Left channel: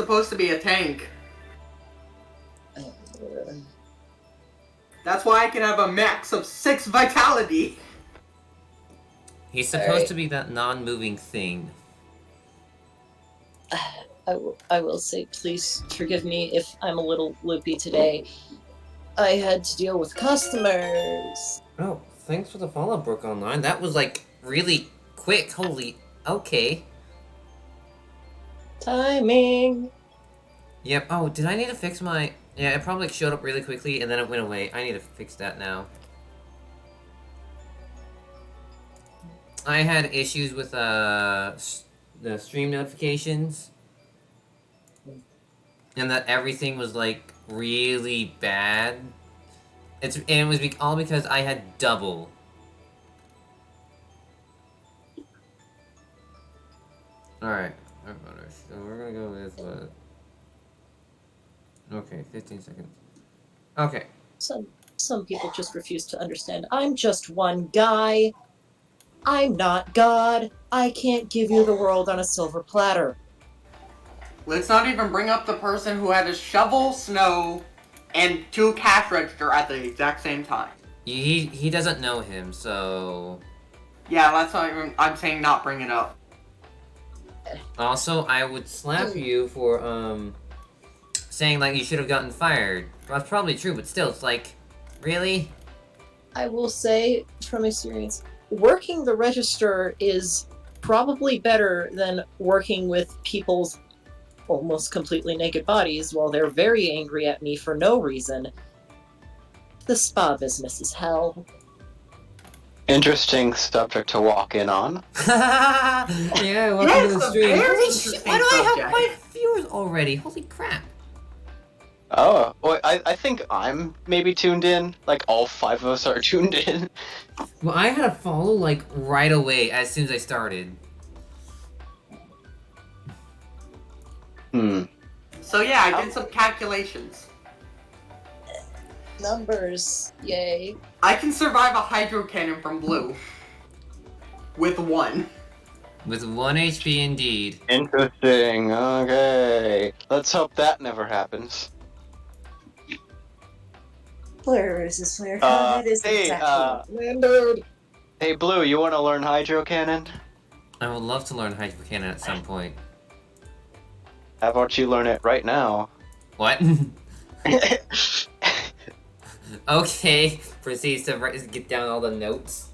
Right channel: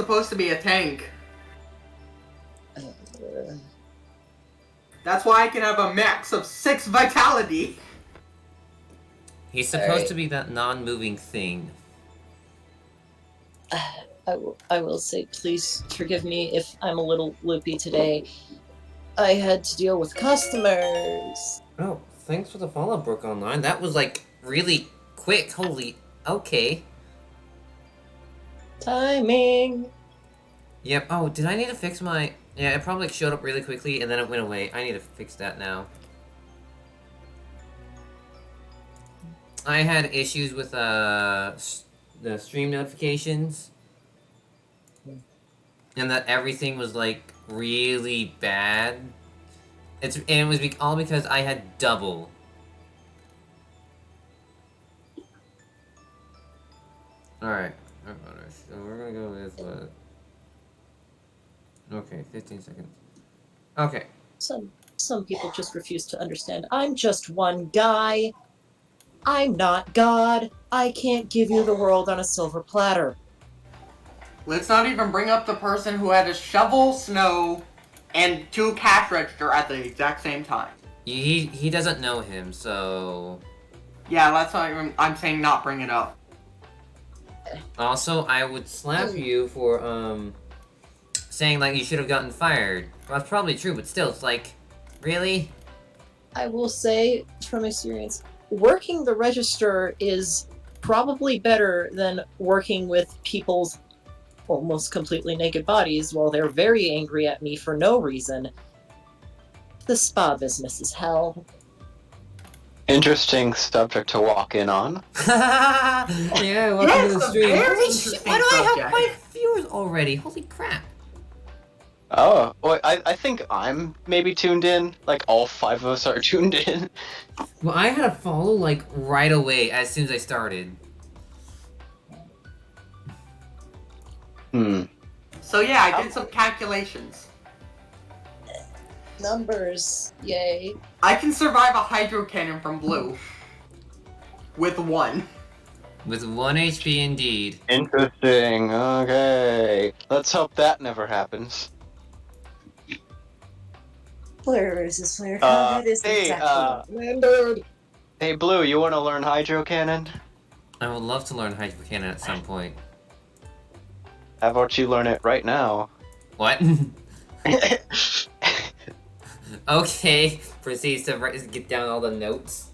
supposed to be a tank. Uh, That's why I can have a max of 6 vitality. He's supposed to be that non-moving thing. I will say, please forgive me if I'm a little loopy today. I had to deal with customers. Oh, thanks for the follow, Brooke Online. That was, like, really quick. Holy... Okay. Timing. Yep. Oh, did I need to fix my... Yeah, it probably showed up really quickly, and then it went away. I need to fix that now. I had issues with, the stream notifications. And that everything was, like, really bad. And it was all because I had double. Alright. So we're gonna go with what? Okay, 15 seconds. Okay. Some people just refuse to understand. I'm just one guy. I'm not God. I can't give you the world on a silver platter. Let's not even bring up the person who had to shovel snow and 2 cash register at the exact same time. He doesn't know him, so... Yeah, that's not even... I'm saying not bring it up. Also, I would slap you for, saying, like, you should have gotten fired. Well, that's probably true, but still, it's like... Really? I will say, from experience, working the register is probably better than working with people's almost completely naked bodies while they're very angry at me for no reason. The spa business is hell. Interesting subject to walk in on. Yeah, welcome to the stream. Holy shit, why do I have 5 viewers already? Holy crap. Oh, well, I think I'm maybe tuned in. Like, all 5 of us are tuned in. Well, I had a follow, like, right away as soon as I started. So yeah, I did some calculations. Numbers, yay. I can survive a hydro cannon from blue. With 1. With 1 HP indeed. Interesting, okay. Let's hope that never happens. Flare versus flare. Hey, Blue, you want to learn Hydro Cannon? I would love to learn Hydro Cannon at some point. How about you learn it right now? What? Okay, proceeds to get down all the notes.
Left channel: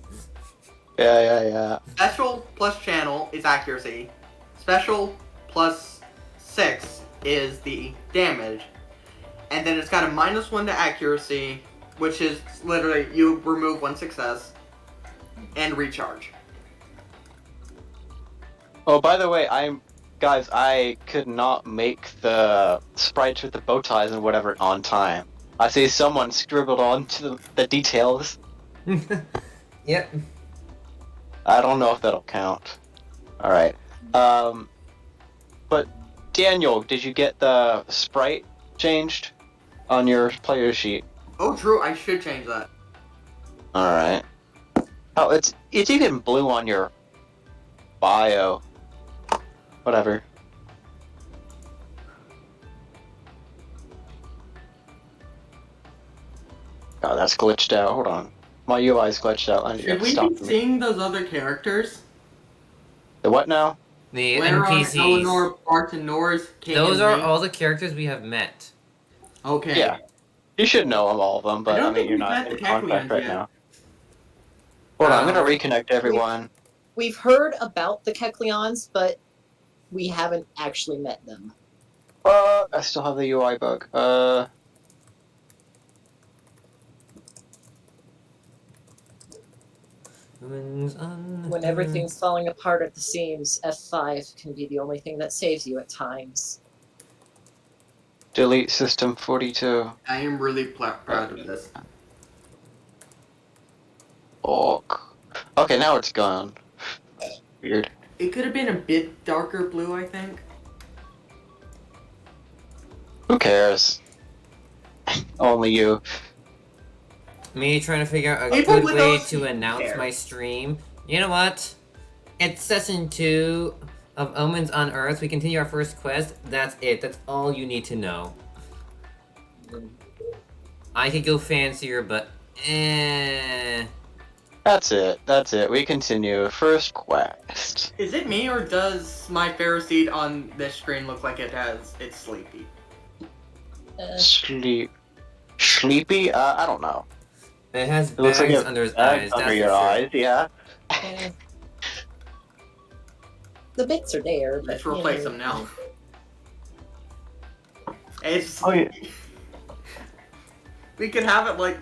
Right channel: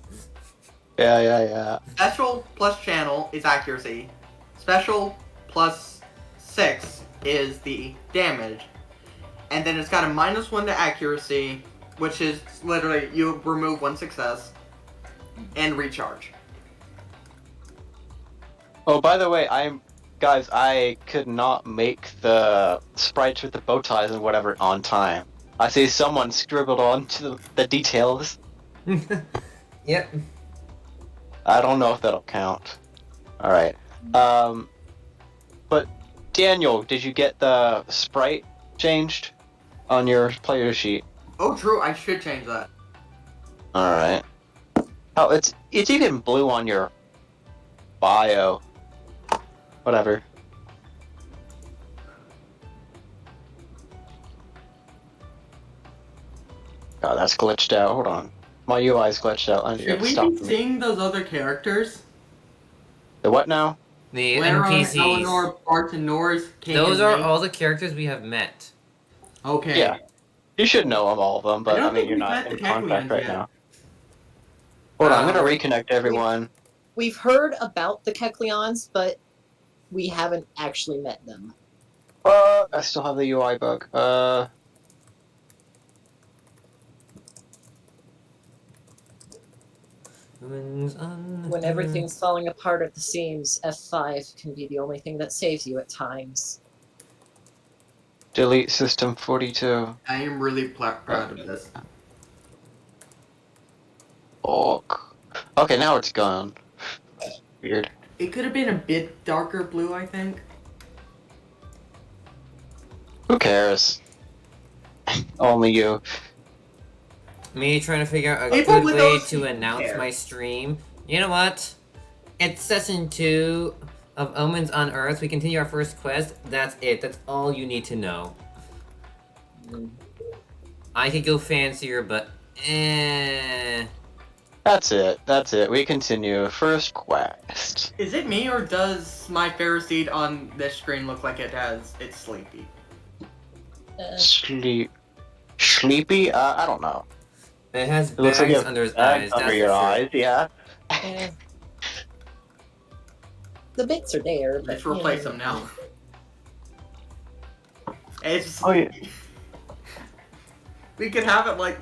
Yeah. Special plus channel is accuracy. Special plus 6 is the damage. And then it's got a -1 to accuracy, which is literally you remove 1 success and recharge. Oh, by the way, guys, I could not make the sprites with the bow ties and whatever on time. I see someone scribbled onto the details. Yep. I don't know if that'll count. Alright. But Daniel, did you get the sprite changed on your player sheet? Oh, true. I should change that. Alright. Oh, it's even blue on your bio. Whatever. Oh, that's glitched out. Hold on. My UI's glitched out. I Should we stop be seeing those other characters? The what now? The Later NPCs. on, Eleanor, Bart, and Norris. Those are all the characters we have met. Okay. Yeah. You should know all of them, but don't I mean, think you're we've not met in the contact Keklians right yet. now. Hold on, I'm gonna reconnect everyone. We've heard about the Keklians, but we haven't actually met them. I still have the UI bug. When everything's falling apart at the seams, F5 can be the only thing that saves you at times. Delete system 42. I am really proud of this. Oh. Okay, now it's gone. Weird. It could have been a bit darker blue, I think. Who cares? Only you. Me trying to figure out a People good with way those to announce care. my stream. You know what? It's session 2 of Omens Unearthed. We continue our first quest. That's it. That's all you need to know. I could go fancier, but That's it. We continue. First quest. Is it me or does my Phariseed on this screen look like it's sleepy? Sleepy? I don't know. It has It looks like bags you have under his bags eyes. under That's your for sure. eyes, yeah. The bits are there, but Let's replace them now. It's Oh, yeah. We could have it like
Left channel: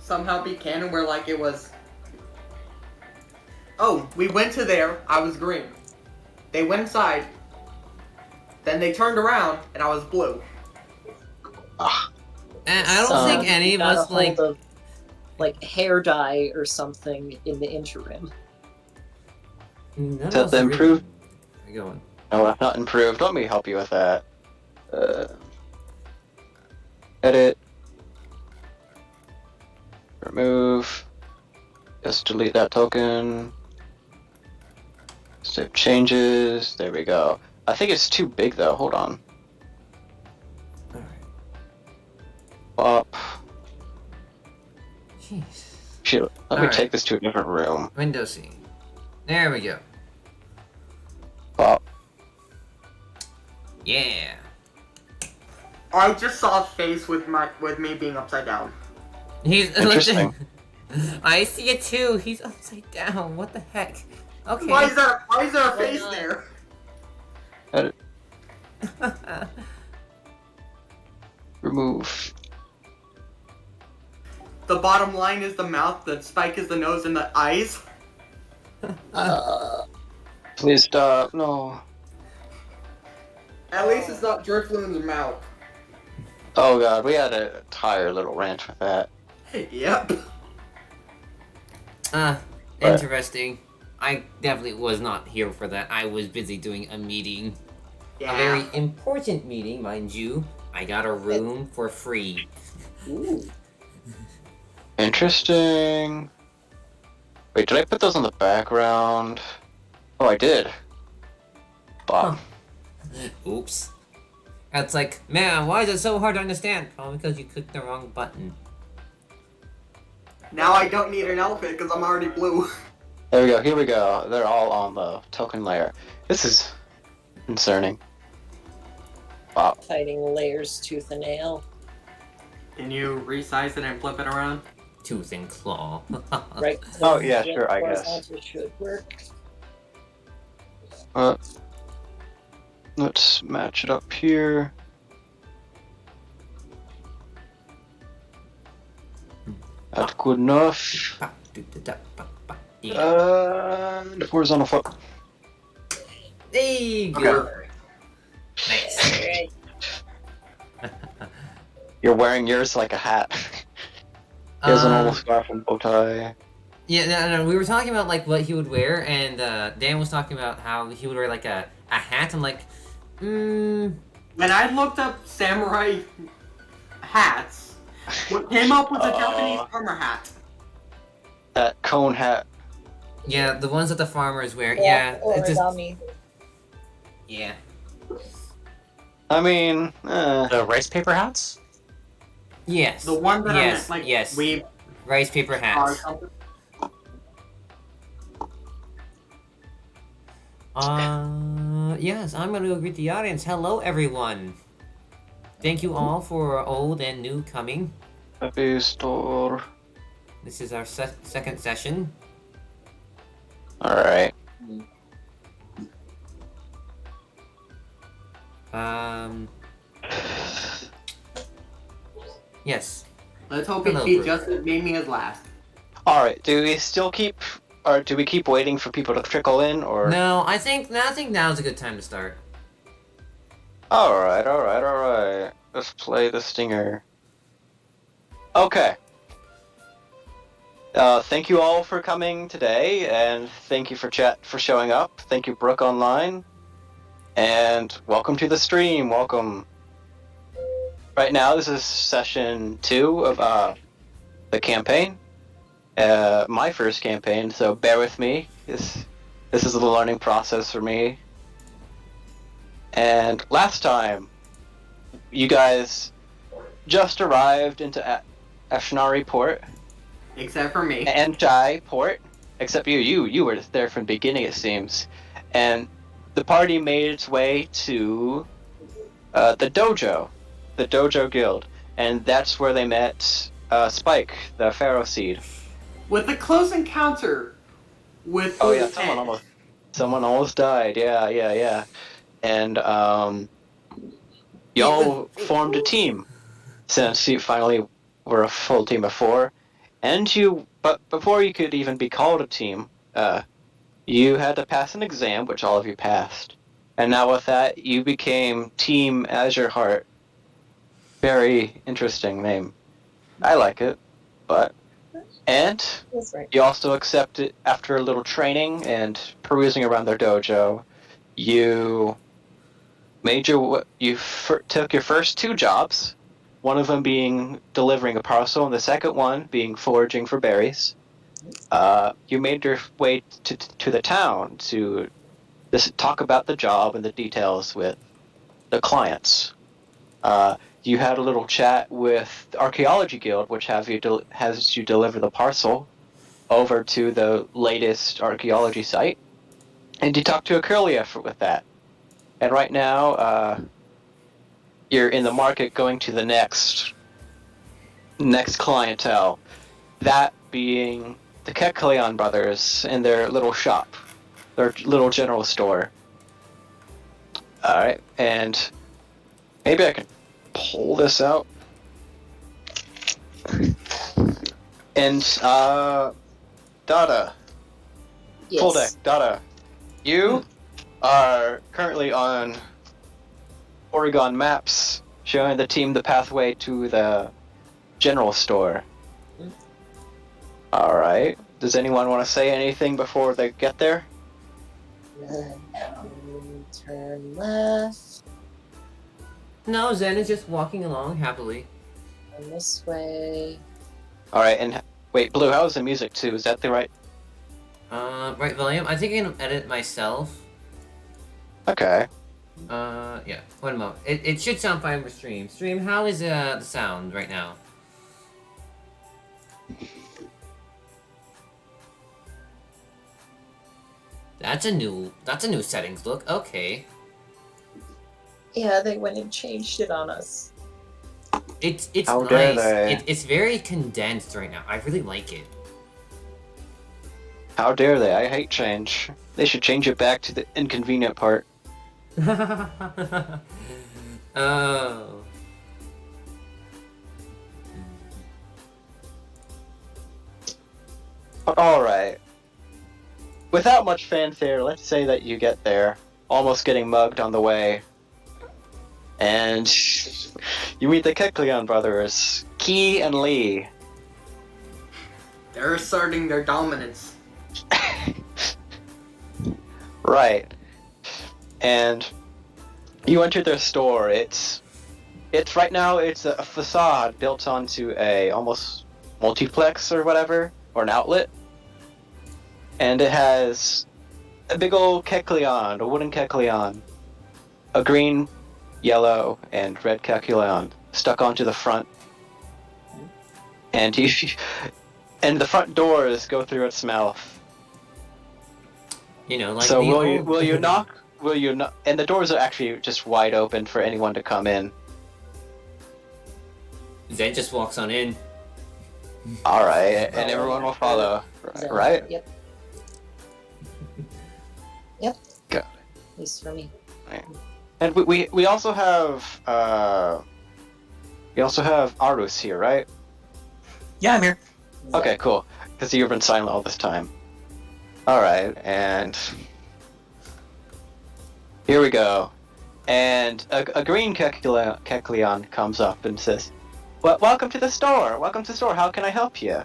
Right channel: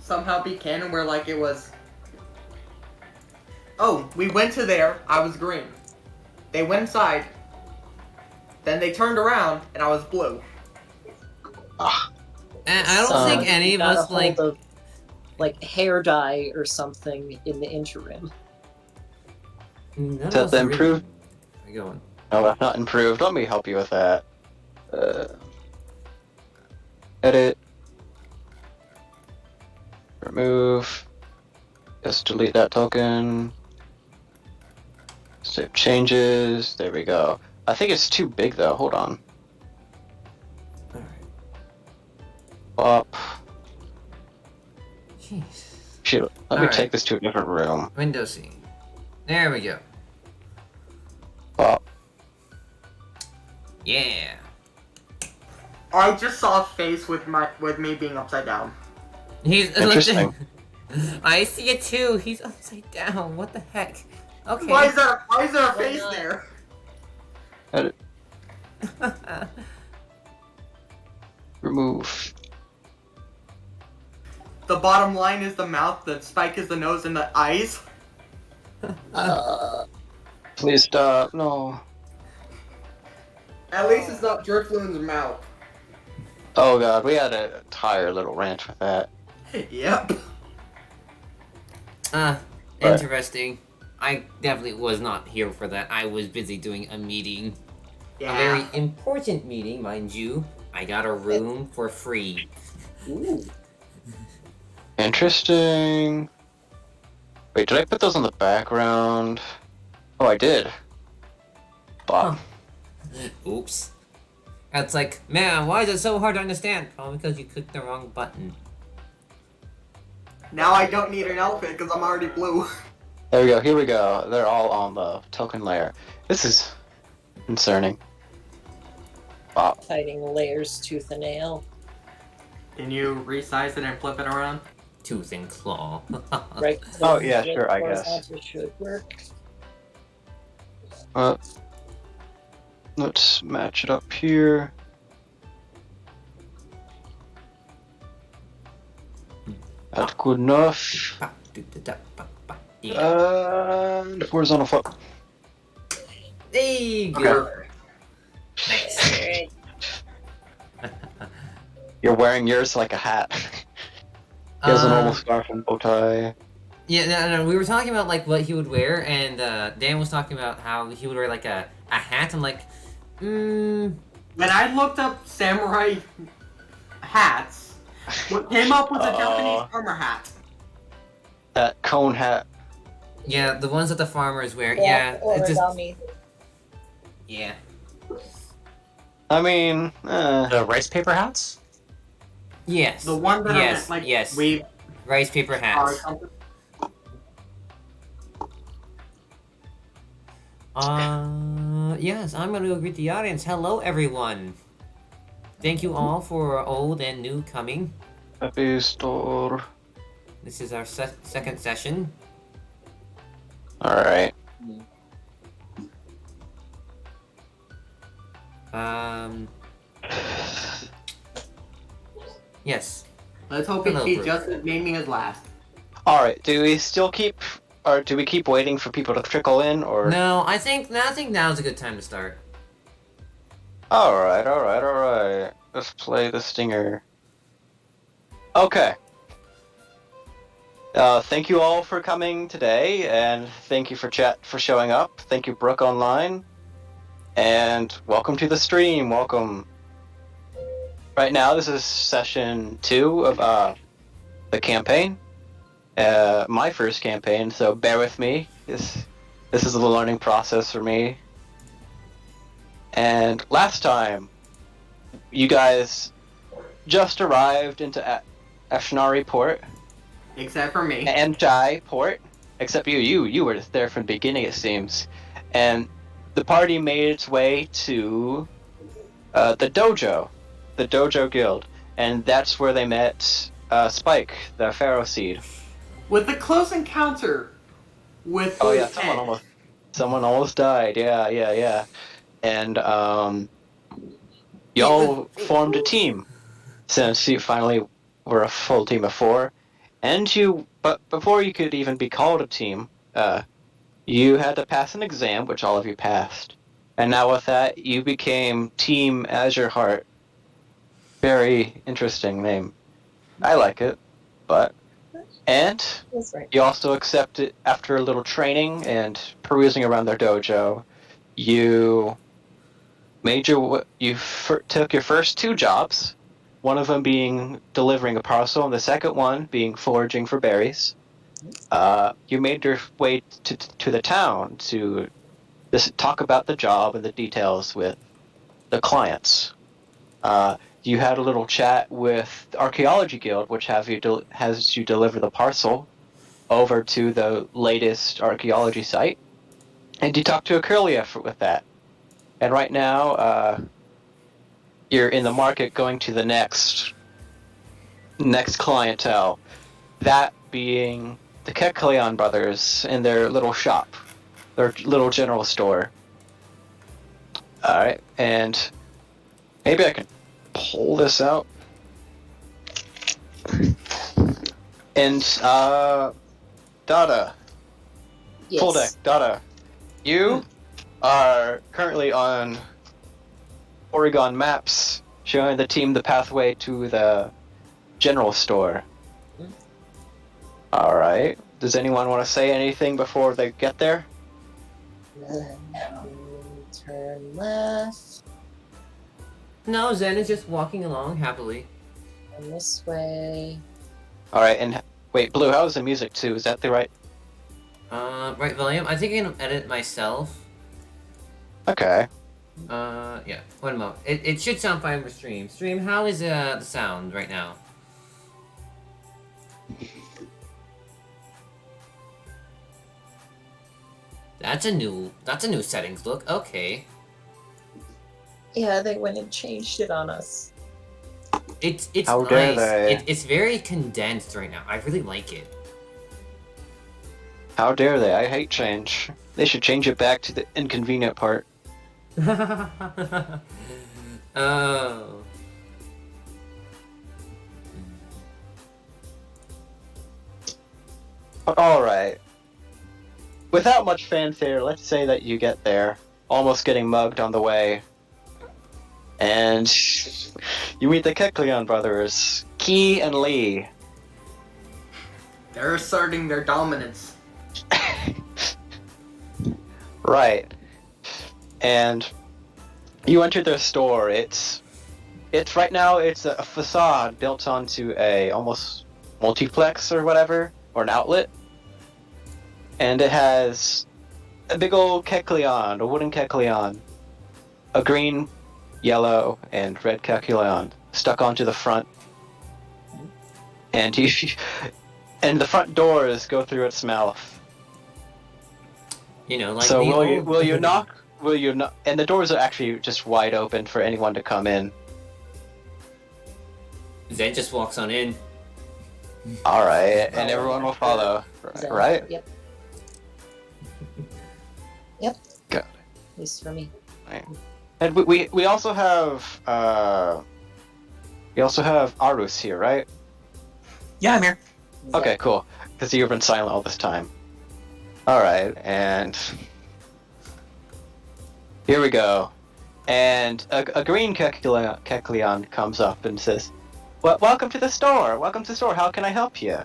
somehow be canon where like it was. Oh, we went to there. I was green. They went inside. Then they turned around and I was blue. And I don't think any of got us a like. hold of, like hair dye or something in the interim. None of Does us that really- improve? Where you going? No, I've not improved. Let me help you with that. Edit. Remove. Just delete that token. Save changes. There we go. I think it's too big though. Hold on. Alright. Up. Jeez. Shoot. Let me Alright. take this to a different room. Window scene. There we go. Up. Yeah. I just saw a face with me being upside down. He's Interesting. I see it too. He's upside down. What the heck? Okay. Why is there a face not? there? Edit. Remove. The bottom line is the mouth, the spike is the nose, and the eyes. Please stop. No. At least it's not Driftloon's mouth. Oh god, we had an entire little rant with that. Yep. Interesting. I definitely was not here for that. I was busy doing a meeting. Yeah. A very important meeting, mind you. I got a room for free. Ooh. Interesting. Wait, did I put those on the background? Oh, I did. Bob. Oops. It's like, man, why is it so hard to understand? Probably because you clicked the wrong button. Now I don't need an elephant because I'm already blue. There we go, here we go. They're all on the token layer. This is concerning. Bob. Fighting layers tooth and nail. Can you resize it and flip it around? Tooth and claw. Right. Oh, yeah, sure, I guess. Horizontal should work. Let's match it up here. That's good enough. Yeah. And horizontal flip. There you go. Nice. You're wearing yours like a hat. He has a normal Um, scarf and bow tie. Yeah, no, we were talking about like what he would wear, and Dan was talking about how he would wear like a hat. I'm like, When I looked up samurai hats, what came up was a Japanese armor hat. That cone hat. yeah, the ones that the farmers wear. Yeah, it's just Origami. yeah. I mean, The rice paper hats? Yes. The one that yes, like yes. we Rice paper are hats. something. Yes, I'm going to go greet the audience. Hello, everyone. Thank you all for old and new coming. happy store. This is our second session. Alright. Yes. Let's hope Hello, he's Brooke. just as naming as last. Alright, do we still keep, or do we keep waiting for people to trickle in, or? No, I think now's a good time to start. Alright. Let's play the stinger. Okay. Thank you all for coming today, and thank you for showing up. Thank you, Brooke Online. And welcome to the stream, welcome. Right now, this is session 2 of the campaign. My first campaign, so bear with me. This is a learning process for me. And last time, you guys just arrived into Ashnari Port Except for me. and Jai Port, except you were there from the beginning, it seems. And the party made its way to the dojo guild, and that's where they met Spike, the Pharaoh Seed. With the close encounter with Oh yeah, his head. someone almost died. Yeah. And It was y'all formed a team since you finally were a full team of 4. But before you could even be called a team, you had to pass an exam, which all of you passed. And now with that, you became Team Azure Heart. Very interesting name. I like it. And That's right. you also accepted, after a little training and perusing around their dojo, you took your first 2 jobs, one of them being delivering a parcel and the second one being foraging for berries. You made your way to the town to talk about the job and the details with the clients. You had a little chat with the Archaeology Guild, which has you deliver the parcel over to the latest archaeology site, and you talked to Akurlia with that. And right now, you're in the market going to the next clientele, that being the Kekleon brothers in their little shop, their little general store. Alright, and maybe I can pull this out. And, Dada, Yes. full deck, Dada, you are currently on Porygon maps, showing the team the pathway to the general store. Alright, does anyone want to say anything before they get there? Turn left. No, Zen is just walking along happily. And this way. Alright, and wait, Blue, how's the music too? Is that the right? Right volume? I think I can edit myself. Okay. Yeah. One moment. It should sound fine for stream. Stream, how is the sound right now? That's a new settings look. Okay. Yeah, they went and changed it on us. It's How dare nice. they. It's very condensed right now. I really like it. How dare they? I hate change. They should change it back to the inconvenient part. Oh. But alright. Without much fanfare, let's say that you get there, almost getting mugged on the way. And you meet the Kekleon brothers, Key and Lee. They're asserting their dominance. Right. And you enter their store. It's right now it's a facade built onto a almost multiplex or whatever, or an outlet. And it has a big old Kekleon, a wooden Kekleon, a green, yellow, and red Kekleon stuck onto the front. And and the front doors go through its mouth. You know, like So the old... will you knock? Will you knock? And the doors are actually just wide open for anyone to come in. Zen just walks on in. All right, and everyone will follow, So, right? Yep. Yep. Got At least for me. And we also have Arus here, right? Yeah, I'm here. Okay, cool. Because you've been silent all this time. All right, and here we go. And a green Kekleon comes up and says, "Well, welcome to the store. Welcome to the store. How can I help you?"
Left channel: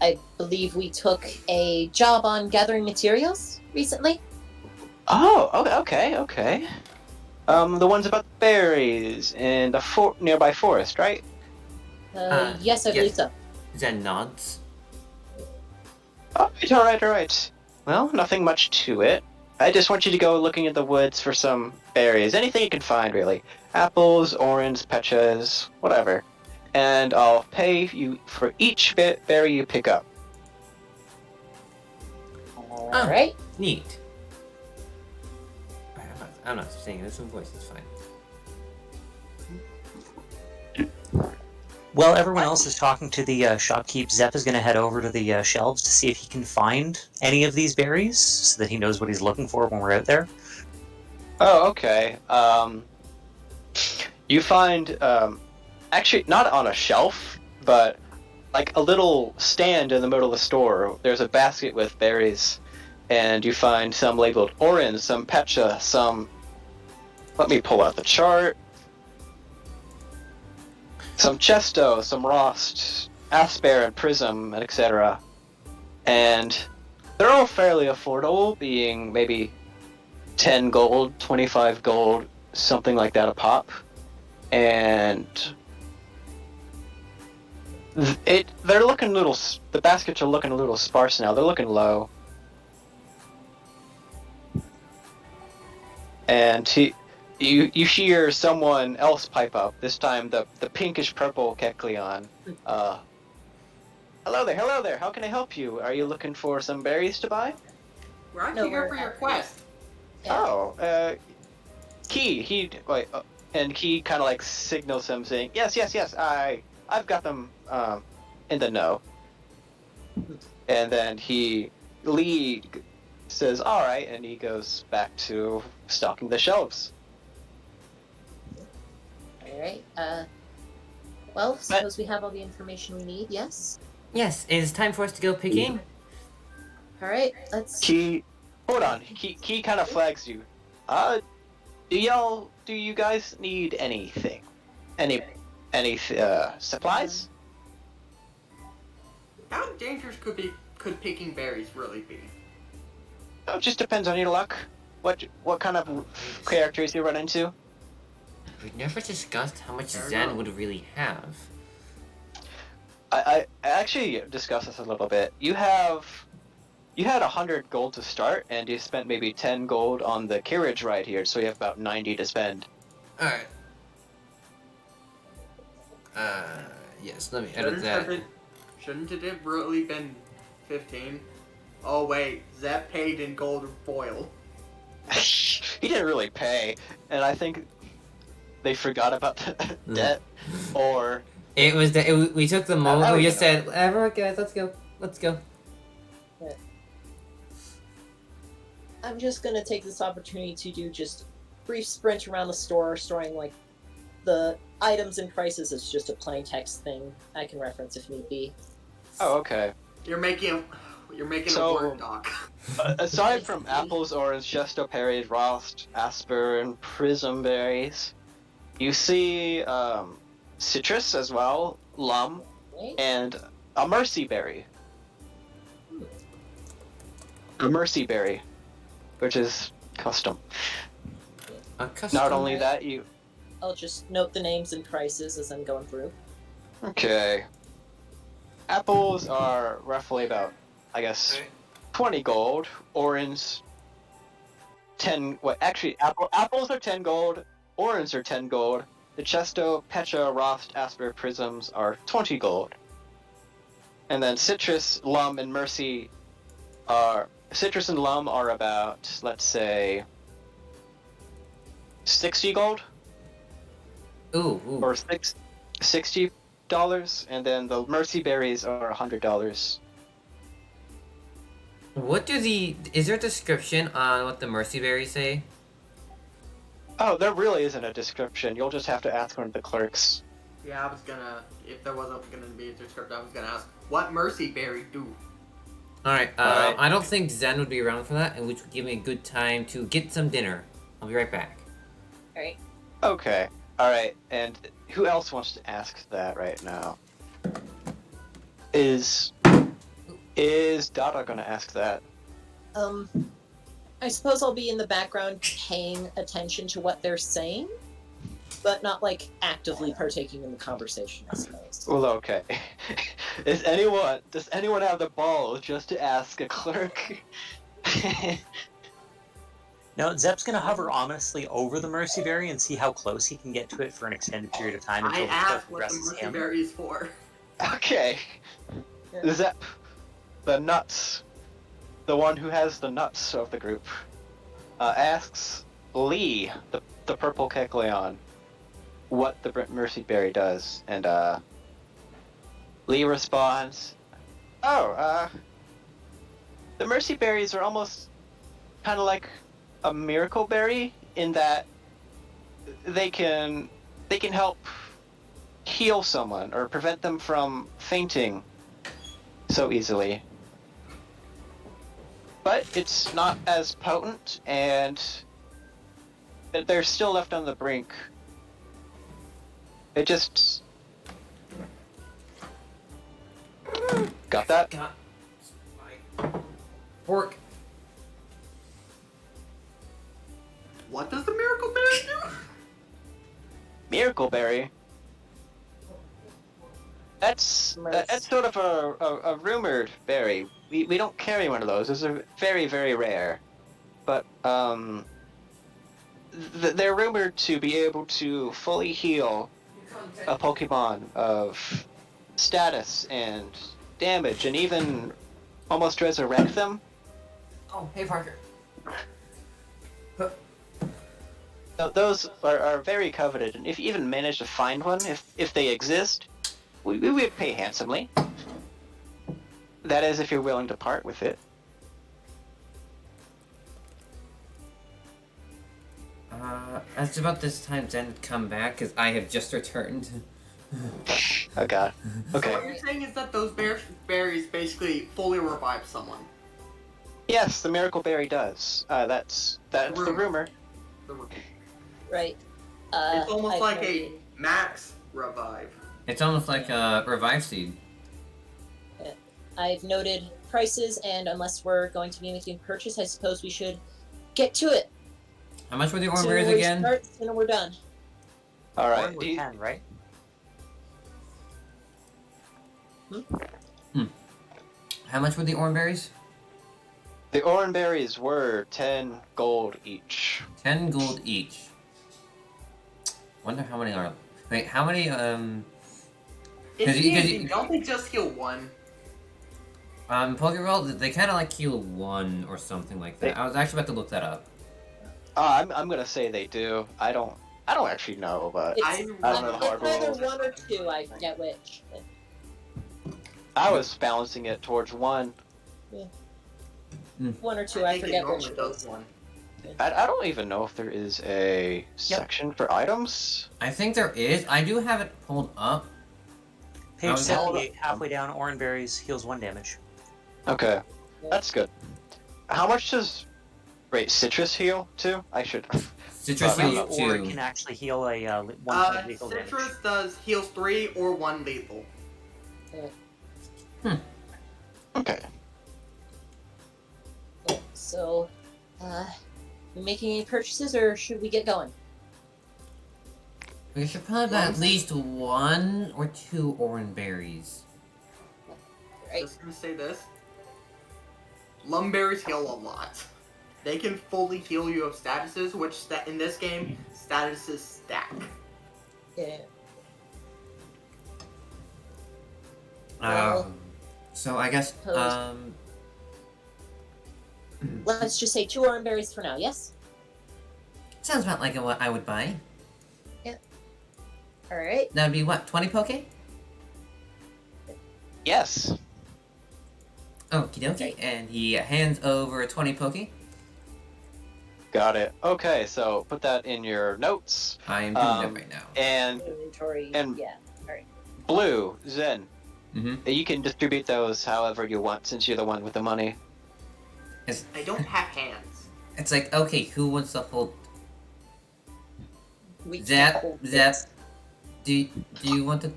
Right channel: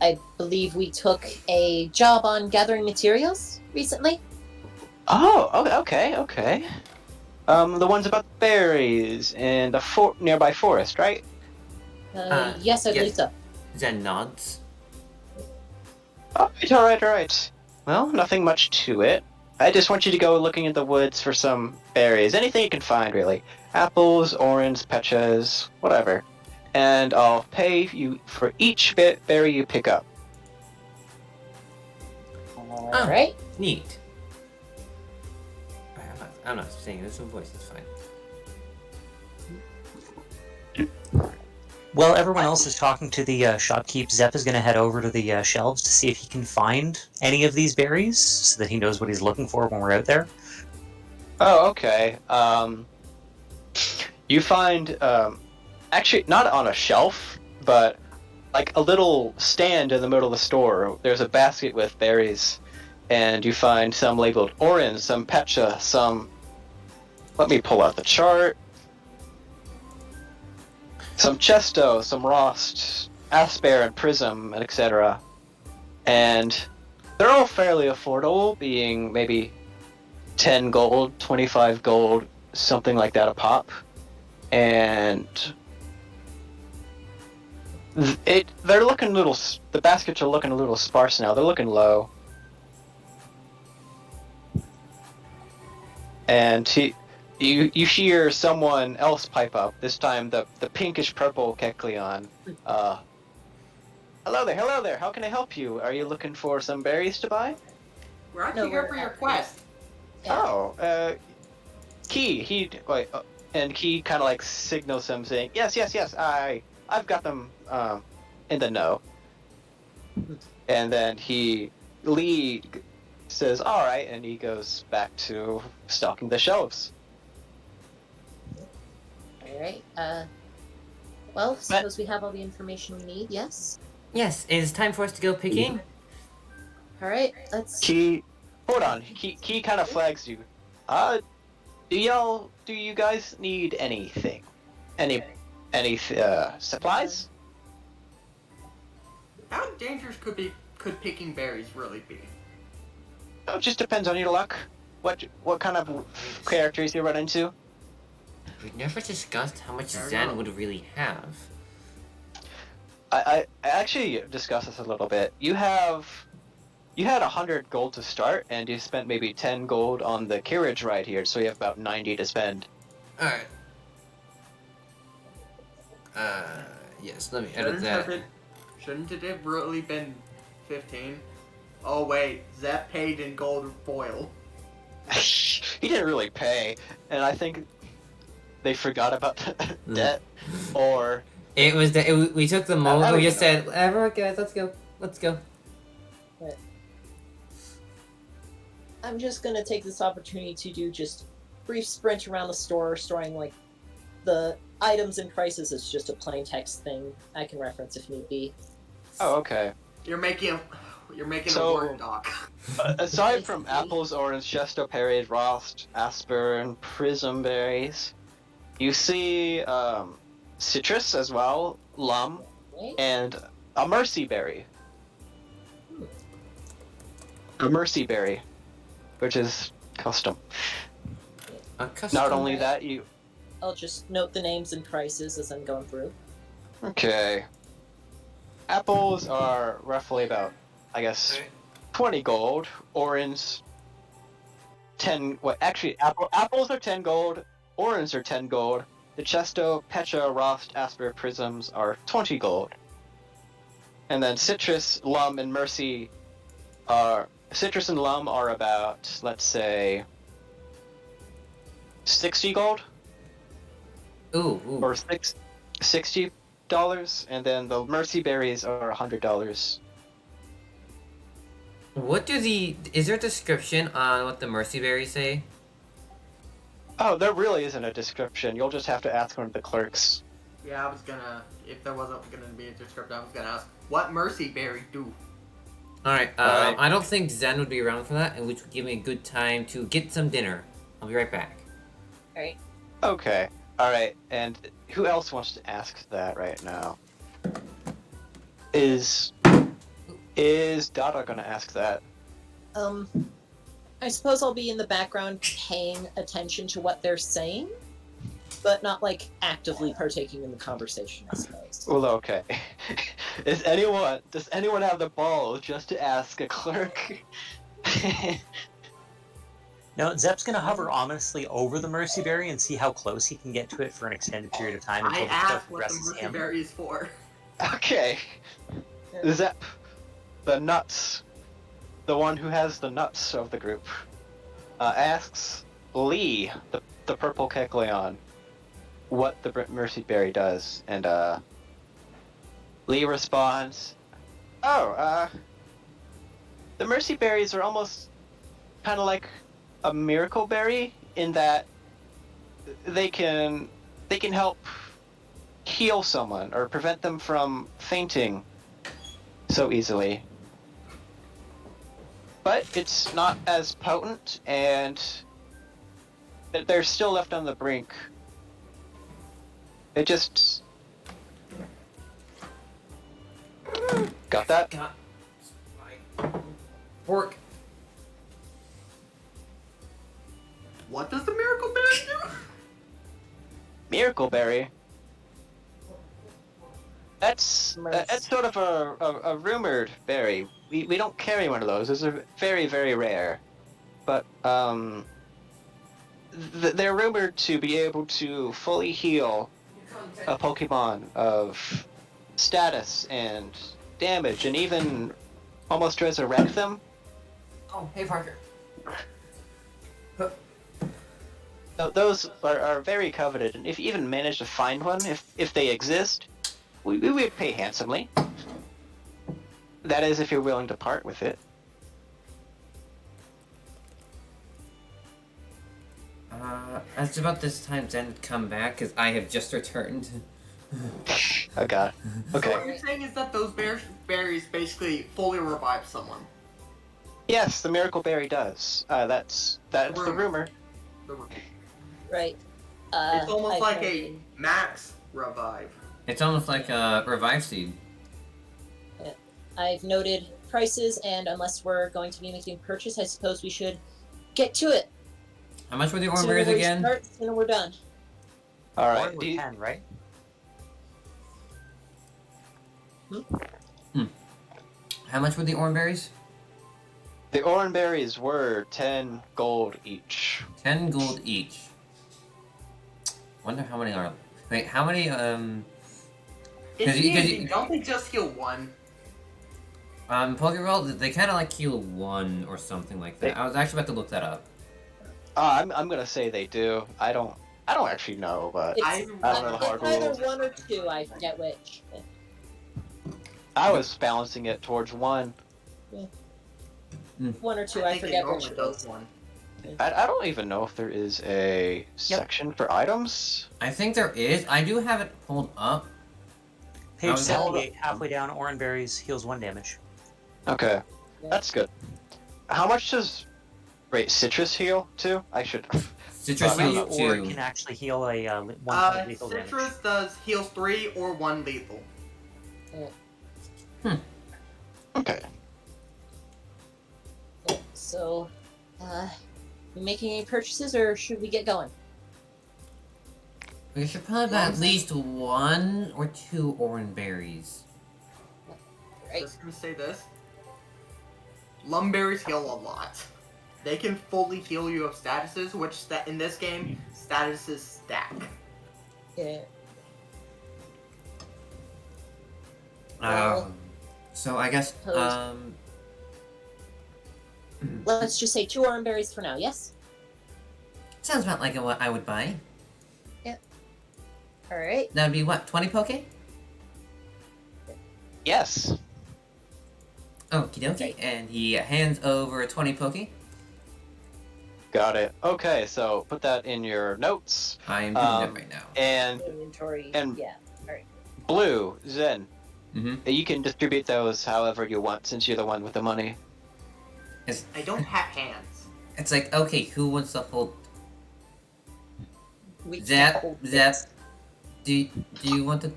I believe we took a job on gathering materials recently. Oh, okay. The ones about the berries and the nearby forest, right? Yes, I believe yes. so. Zen nods. Alright. Well, nothing much to it. I just want you to go looking in the woods for some berries. Anything you can find, really. Apples, oranges, pechas, whatever. And I'll pay you for each berry you pick up. All right. Neat. I'm not saying this in voice. It's fine. While everyone else is talking to the shopkeep, Zep is going to head over to the shelves to see if he can find any of these berries, so that he knows what he's looking for when we're out there. Oh, okay. You find, actually, not on a shelf, but like a little stand in the middle of the store. There's a basket with berries, and you find some labeled orange, some pecha, some... Let me pull out the chart. Some Chesto, some Rost, Asper, and Prism, etc. And they're all fairly affordable, being maybe 10 gold, 25 gold, something like that a pop. And they're looking a little... The baskets are looking a little sparse now. They're looking low. And you hear someone else pipe up, this time the pinkish purple Kecleon. Hello there, how can I help you? Are you looking for some berries to buy? We're actually here for your quest. Yeah. Oh, Key, and Key kind of like signals him saying, yes, I've got them, in the know. And then Lee says, alright, and he goes back to stocking the shelves. All right. Well, suppose we have all the information we need. Yes. Yes, it's time for us to go picking. All right. Let's. Key, hold on. Key kind of flags you. Do you guys need anything? Any supplies? How dangerous could picking berries really be? Oh, it just depends on your luck. What kind of characters you run into? We've never discussed how much Zen would really have. I actually discussed this a little bit. You had 100 gold to start, and you spent maybe 10 gold on the carriage ride here, so you have about 90 to spend. Alright. Yes, let me edit that. Shouldn't it have really been 15? Oh wait, Zep paid in gold foil. He didn't really pay, and I think they forgot about the debt, or... It was we took the moment, we just said, alright guys, let's go. I'm just gonna take this opportunity to do just brief sprint around the store, storing like the items and prices as just a plain text thing I can reference if need be. Oh, okay. You're making So- a word doc. Aside from apples, orange, chesto berries, rost, asper, and prism berries, you see citrus as well, lum, Right? and a mercy berry. A mercy berry, which is custom. A custom. Not only that, you... I'll just note the names and prices as I'm going through. Okay. Apples are roughly about, I guess, 20 gold. Orange, 10... What, actually, apples are 10 gold. Orange are 10 gold. The Chesto, Pecha, Rost, Asper, Prisms are 20 gold. And then Citrus, Lum, and Mercy are... Citrus and Lum are about, let's say, 60 gold? Ooh. Or $60, and then the Mercy Berries are $100. Is there a description on what the mercy berries say? Oh, there really isn't a description. You'll just have to ask one of the clerks. Yeah, I was gonna. If there wasn't gonna be a description, I was gonna ask, what mercy berry do? Alright, Alright. I don't think Zen would be around for that, and which would give me a good time to get some dinner. I'll be right back. Alright. Okay, alright, and who else wants to ask that right now? Is Dada gonna ask that? I suppose I'll be in the background paying attention to what they're saying, but not like actively partaking in the conversation, I suppose. Well, okay. Does anyone have the balls just to ask a clerk? No, Zep's gonna hover ominously over the Mercy Berry and see how close he can get to it for an extended period of time until I the clerk asked what the addresses mercy him. berry is for. Okay. Yeah. Zep, the nuts, the one who has the nuts of the group, asks Lee, the purple Kecleon, what the Mercy Berry does, and Lee responds, "Oh, the Mercy Berries are almost kind of like a miracle berry in that they can help heal someone or prevent them from fainting so easily. But it's not as potent, and they're still left on the brink. It just... Got that? God. Fork. What does the miracle berry do? Miracle berry? That's sort of a rumored berry. We don't carry one of those. Those are very, very rare. But, they're rumored to be able to fully heal a Pokemon of status and damage, and even almost resurrect them. Oh, hey Parker. So those are very coveted, and if you even manage to find one, if they exist, we would pay handsomely. That is, if you're willing to part with it. It's about this time Zen would come back, because I have just returned. Oh god. So Okay. what you're saying is that those berries basically fully revive someone. Yes, the Miracle Berry does. That's the rumor. Right. It's almost I've like noted- a max revive. It's almost like a revive seed. I've noted prices, and unless we're going to be making a purchase, I suppose we should get to it. How much were the orange Sooner berries we again? start, sooner we're done. All Or right. with 10, right? How much were the orange berries? The orange berries were 10 gold each. 10 gold each. Wonder how many are. Wait, how many? In 'Cause you- 'cause D&D, you- don't they just heal one? Pokerole, they kind of like heal one or something like that. I was actually about to look that up. I'm gonna say they do. I don't actually know, but It's, I don't know the hard it's either rules. one or two, I forget which. I was balancing it towards one. One or two, I I think it forget normally which. does one. I don't even know if there is a section for items. I think there is. I do have it pulled up. Page was- 78, halfway down, orange berries heals 1 damage. Okay, Yeah. that's good. How much does citrus heal too? I should. Citrus Three heals Or it 2. can actually heal a 1 point lethal damage. Citrus does heals 3 or 1 lethal. Okay. So, we making any purchases, or should we get going? We should probably buy at least 1 or 2 orange berries. Right. Just gonna say this. Lumberries heal a lot. They can fully heal you of statuses, which in this game, statuses stack. Yeah. So I guess, Let's just say 2 orange berries for now, yes? sounds about like what I would buy. Alright. That would be what, 20 poke? Yes. Okie dokie. And he hands over 20 poke. Got it. Okay, so put that in your notes. I am doing that right now. And Inventory, And- yeah. Blue, Zen, Mm-hmm. you can distribute those however you want since you're the one with the money. I don't have hands. It's like, okay, who wants to hold? We Zap, hold Zap. this. Do you want to?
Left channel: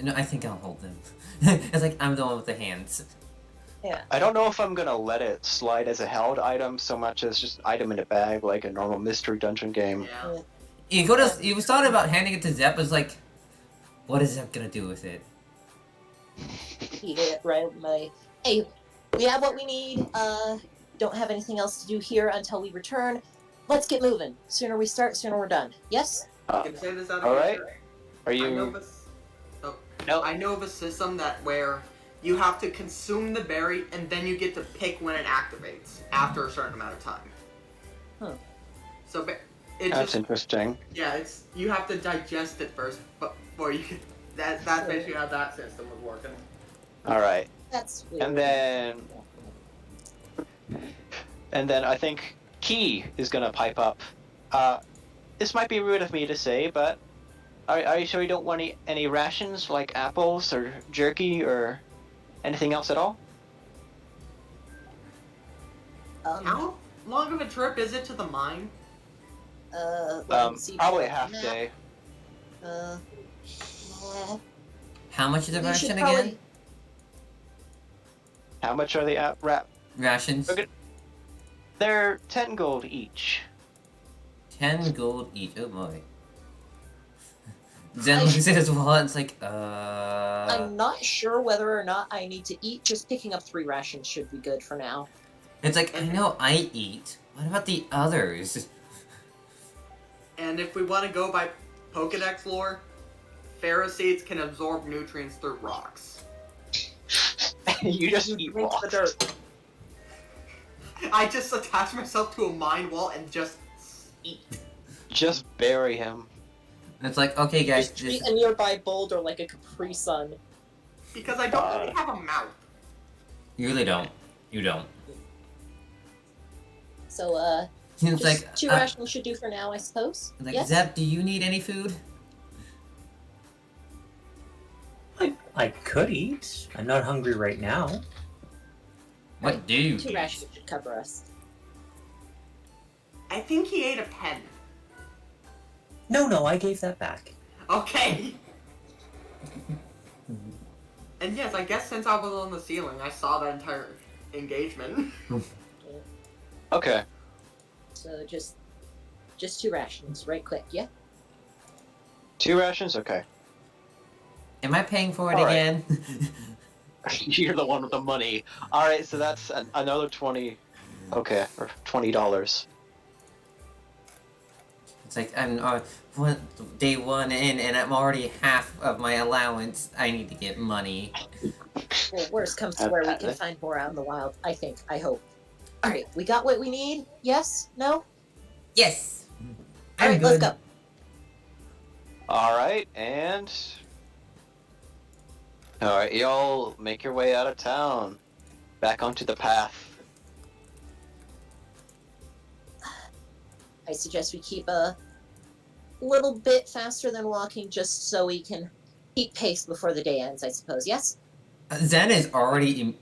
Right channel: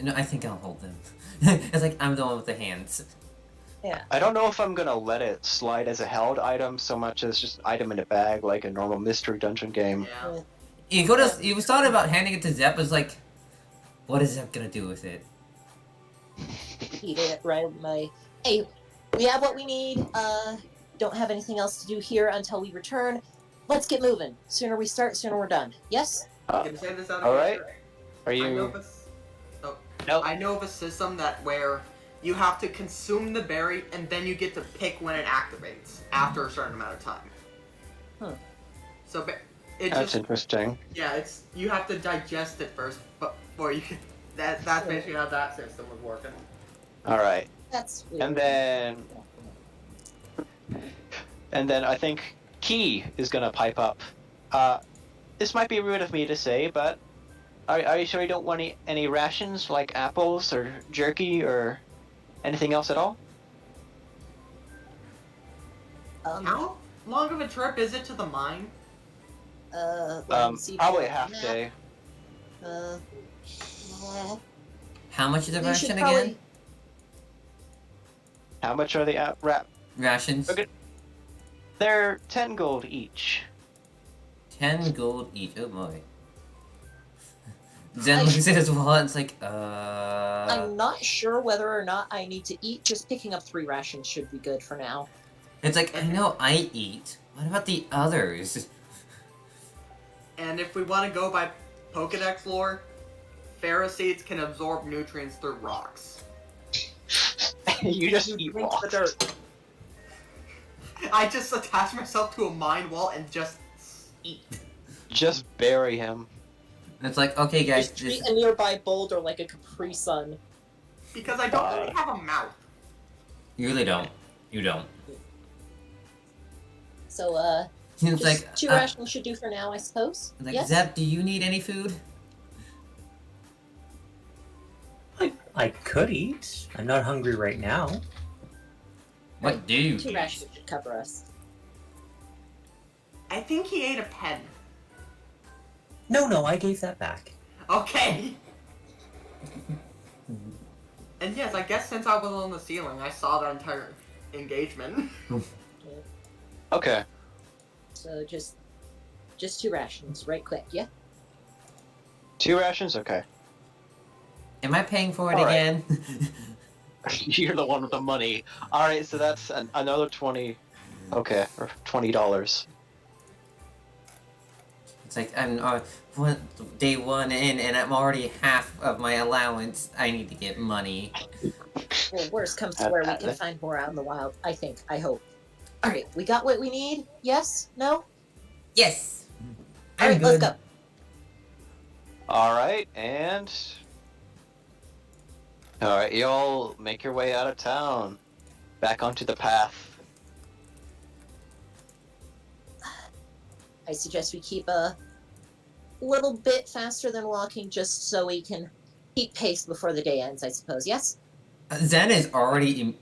No, I think I'll hold them. It's like I'm the one with the hands. I don't know if I'm gonna let it slide as a held item so much as just an item in a bag like a normal mystery dungeon game. Yeah. You could have. You thought about handing it to Zep. It's like, what is Zep gonna do with it? Eat it right away. Hey, we have what we need. Don't have anything else to do here until we return. Let's get moving. Sooner we start, sooner we're done. Yes? Can I say this out of all right. character? Are I know you? of a s- oh, Nope. I know of a system that where you have to consume the berry and then you get to pick when it activates after a certain amount of time. Huh. So it That's just interesting. yeah, it's you have to digest it first before you. That's basically how that system was working. All right. That's weird. And then I think Key is gonna pipe up. This might be rude of me to say, but are you sure you don't want any rations like apples or jerky or anything else at all? How long of a trip is it to the mine? Probably a half day. How much is the You should ration probably- again? How much are the Rations. Okay. They're 10 gold each. 10 gold each. Oh boy. Zen looks at his wallet and it's like, I'm not sure whether or not I need to eat. Just picking up 3 rations should be good for now. It's like, I know I eat. What about the others? And if we want to go by Pokedex lore, Pharisees can absorb nutrients through rocks. You just eat Drink the rocks. dirt. I just attach myself to a mine wall and just eat. Just bury him. It's like, okay guys, Just treat a nearby boulder like a Capri Sun. Because I don't really have a mouth. you really don't. You don't. So, It's just like, 2 rations should do for now, I suppose. like Yes? Zep, do you need any food? I could eat. I'm not hungry right now. What do you 2 eat? rations should cover us. I think he ate a pen. No, I gave that back. Okay. And yes, I guess since I was on the ceiling, I saw the entire engagement. Okay. So just 2 rations, right quick, yeah? 2 rations? Okay. Am I paying for it All right. again? You're the one with the money. Alright, so that's another 20. Okay, or $20. It's like, I'm day 1 in and I'm already half of my allowance. I need to get money. Well, worst comes to where we can find more out in the wild, I think, I hope. Alright, we got what we need? Yes? No? Yes! I'm Alright, good. let's go. Alright, and... Alright, y'all make your way out of town. Back onto the path. I suggest we keep a little bit faster than walking just so we can keep pace before the day ends, I suppose, yes? Zen is already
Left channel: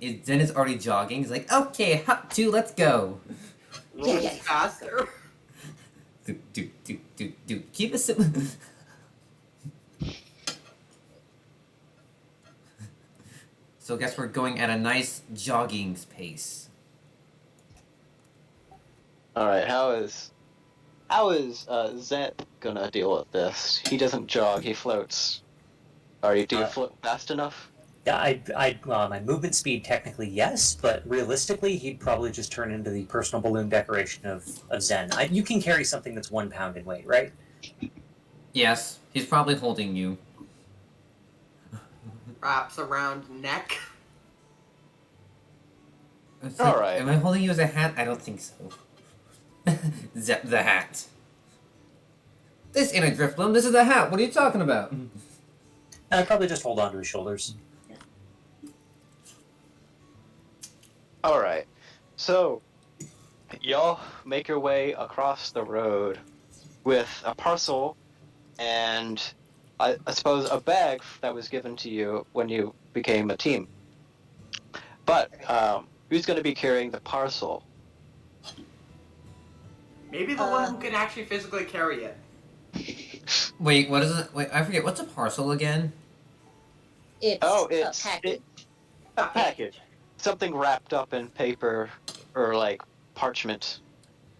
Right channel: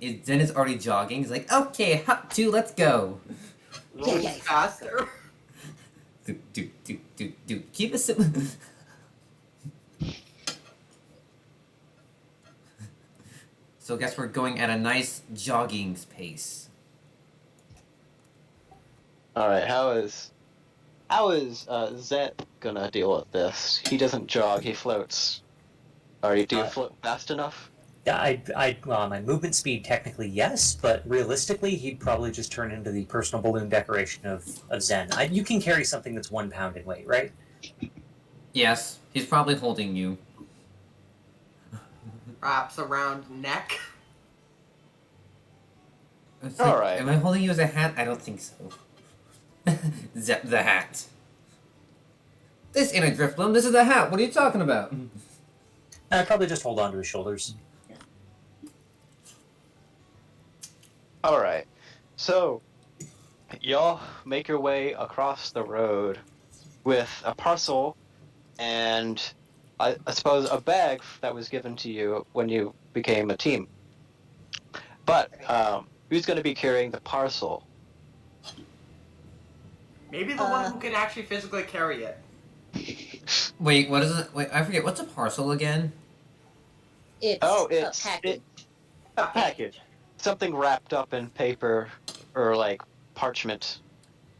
jogging. He's like, okay, hop 2, let's go. Yeah, yeah. Faster. Do. Keep it simple. So I guess we're going at a nice jogging pace. Alright, how is Zet gonna deal with this? He doesn't jog, he floats. Do you float fast enough? Yeah, my movement speed technically yes, but realistically he'd probably just turn into the personal balloon decoration of Zen. You can carry something that's 1 pound in weight, right? Yes, he's probably holding you. Wraps around neck. It's like, Alright. am I holding you as a hat? I don't think so. Zep the hat. This ain't a drift bloom, this is a hat. What are you talking about? I'd probably just hold on to his shoulders. Alright, so y'all make your way across the road with a parcel and I suppose a bag that was given to you when you became a team. But who's going to be carrying the parcel? Maybe the one who can actually physically carry it. Wait, what is it? Wait, I forget. What's a parcel again? It's It's a package. a package. Something wrapped up in paper or like parchment.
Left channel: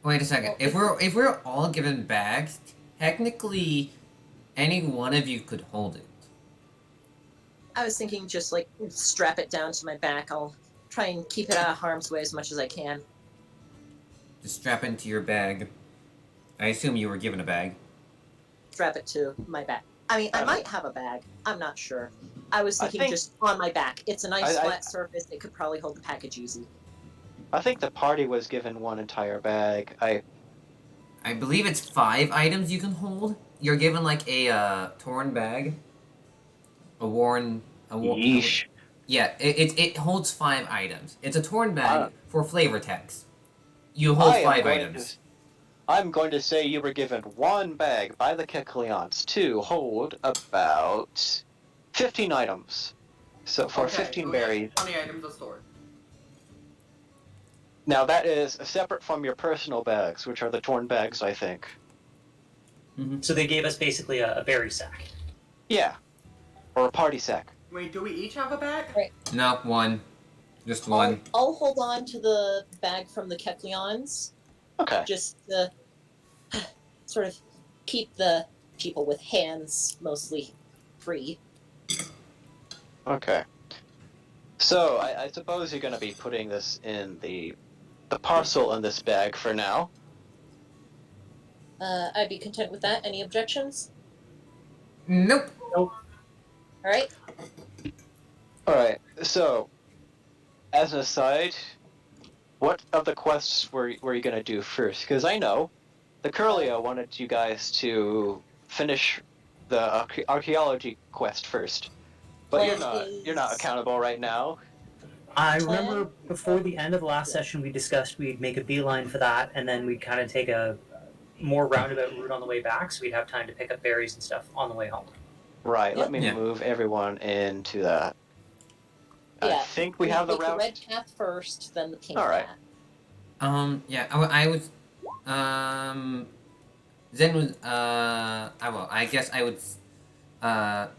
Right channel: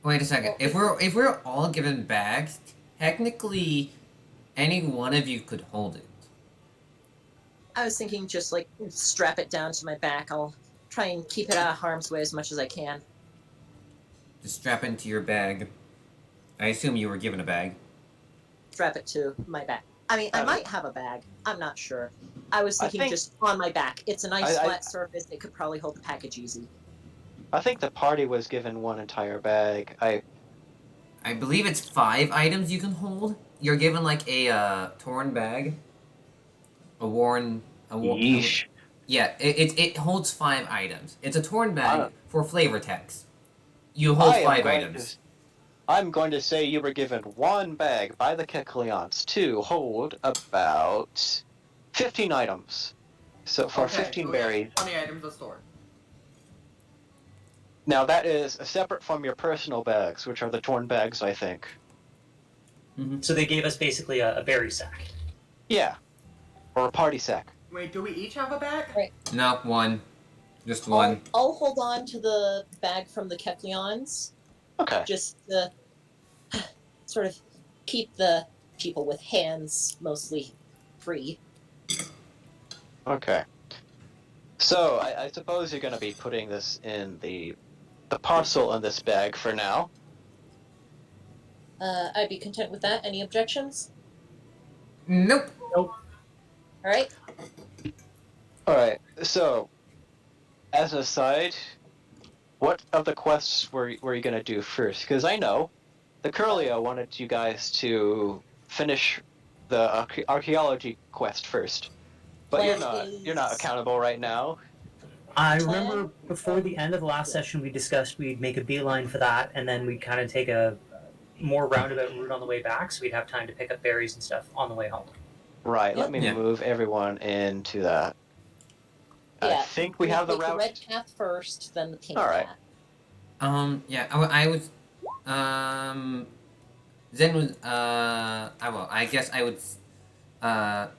Wait a second. If we're all given bags, technically, any one of you could hold it. I was thinking just like strap it down to my back. I'll try and keep it out of harm's way as much as I can. Just strap it into your bag. I assume you were given a bag. Strap it to my back. I mean, I might have a bag. I'm not sure. I was thinking just on my back. It's a nice flat surface. It could probably hold the package easy. I think the party was given one entire bag. I believe it's 5 items you can hold. You're given like a torn bag, Yeesh. Yeah, it holds 5 items. It's a torn bag Wow. for flavor text. You hold I am 5 going items. I'm going to say you were given one bag by the Kekleons to hold about 15 items. So for 15 so we have berries. 20 items of store. Now that is separate from your personal bags, which are the torn bags, I think. So they gave us basically a berry sack. Yeah. Or a party sack. Wait, do we each have a bag? Right. No, one. Just one. I'll hold on to the bag from the Kekleons, Okay. just to sort of keep the people with hands mostly free. Okay. So I suppose you're going to be putting this in the parcel in this bag for now. I'd be content with that. Any objections? Nope. All right. Alright, so, as an aside, what of the quests were you going to do first? Because I know the Curlia wanted you guys to finish the archaeology quest first. But you're not accountable right now. I remember before the end of the last session we discussed we'd make a beeline for that, and then we'd kind of take a more roundabout route on the way back, so we'd have time to pick up berries and stuff on the way home. Right, let Yep. me move everyone into that. I Yeah. think we have the Take route. the red path first, then the pink All right. path. Yeah, I was, Zen was, I guess I would,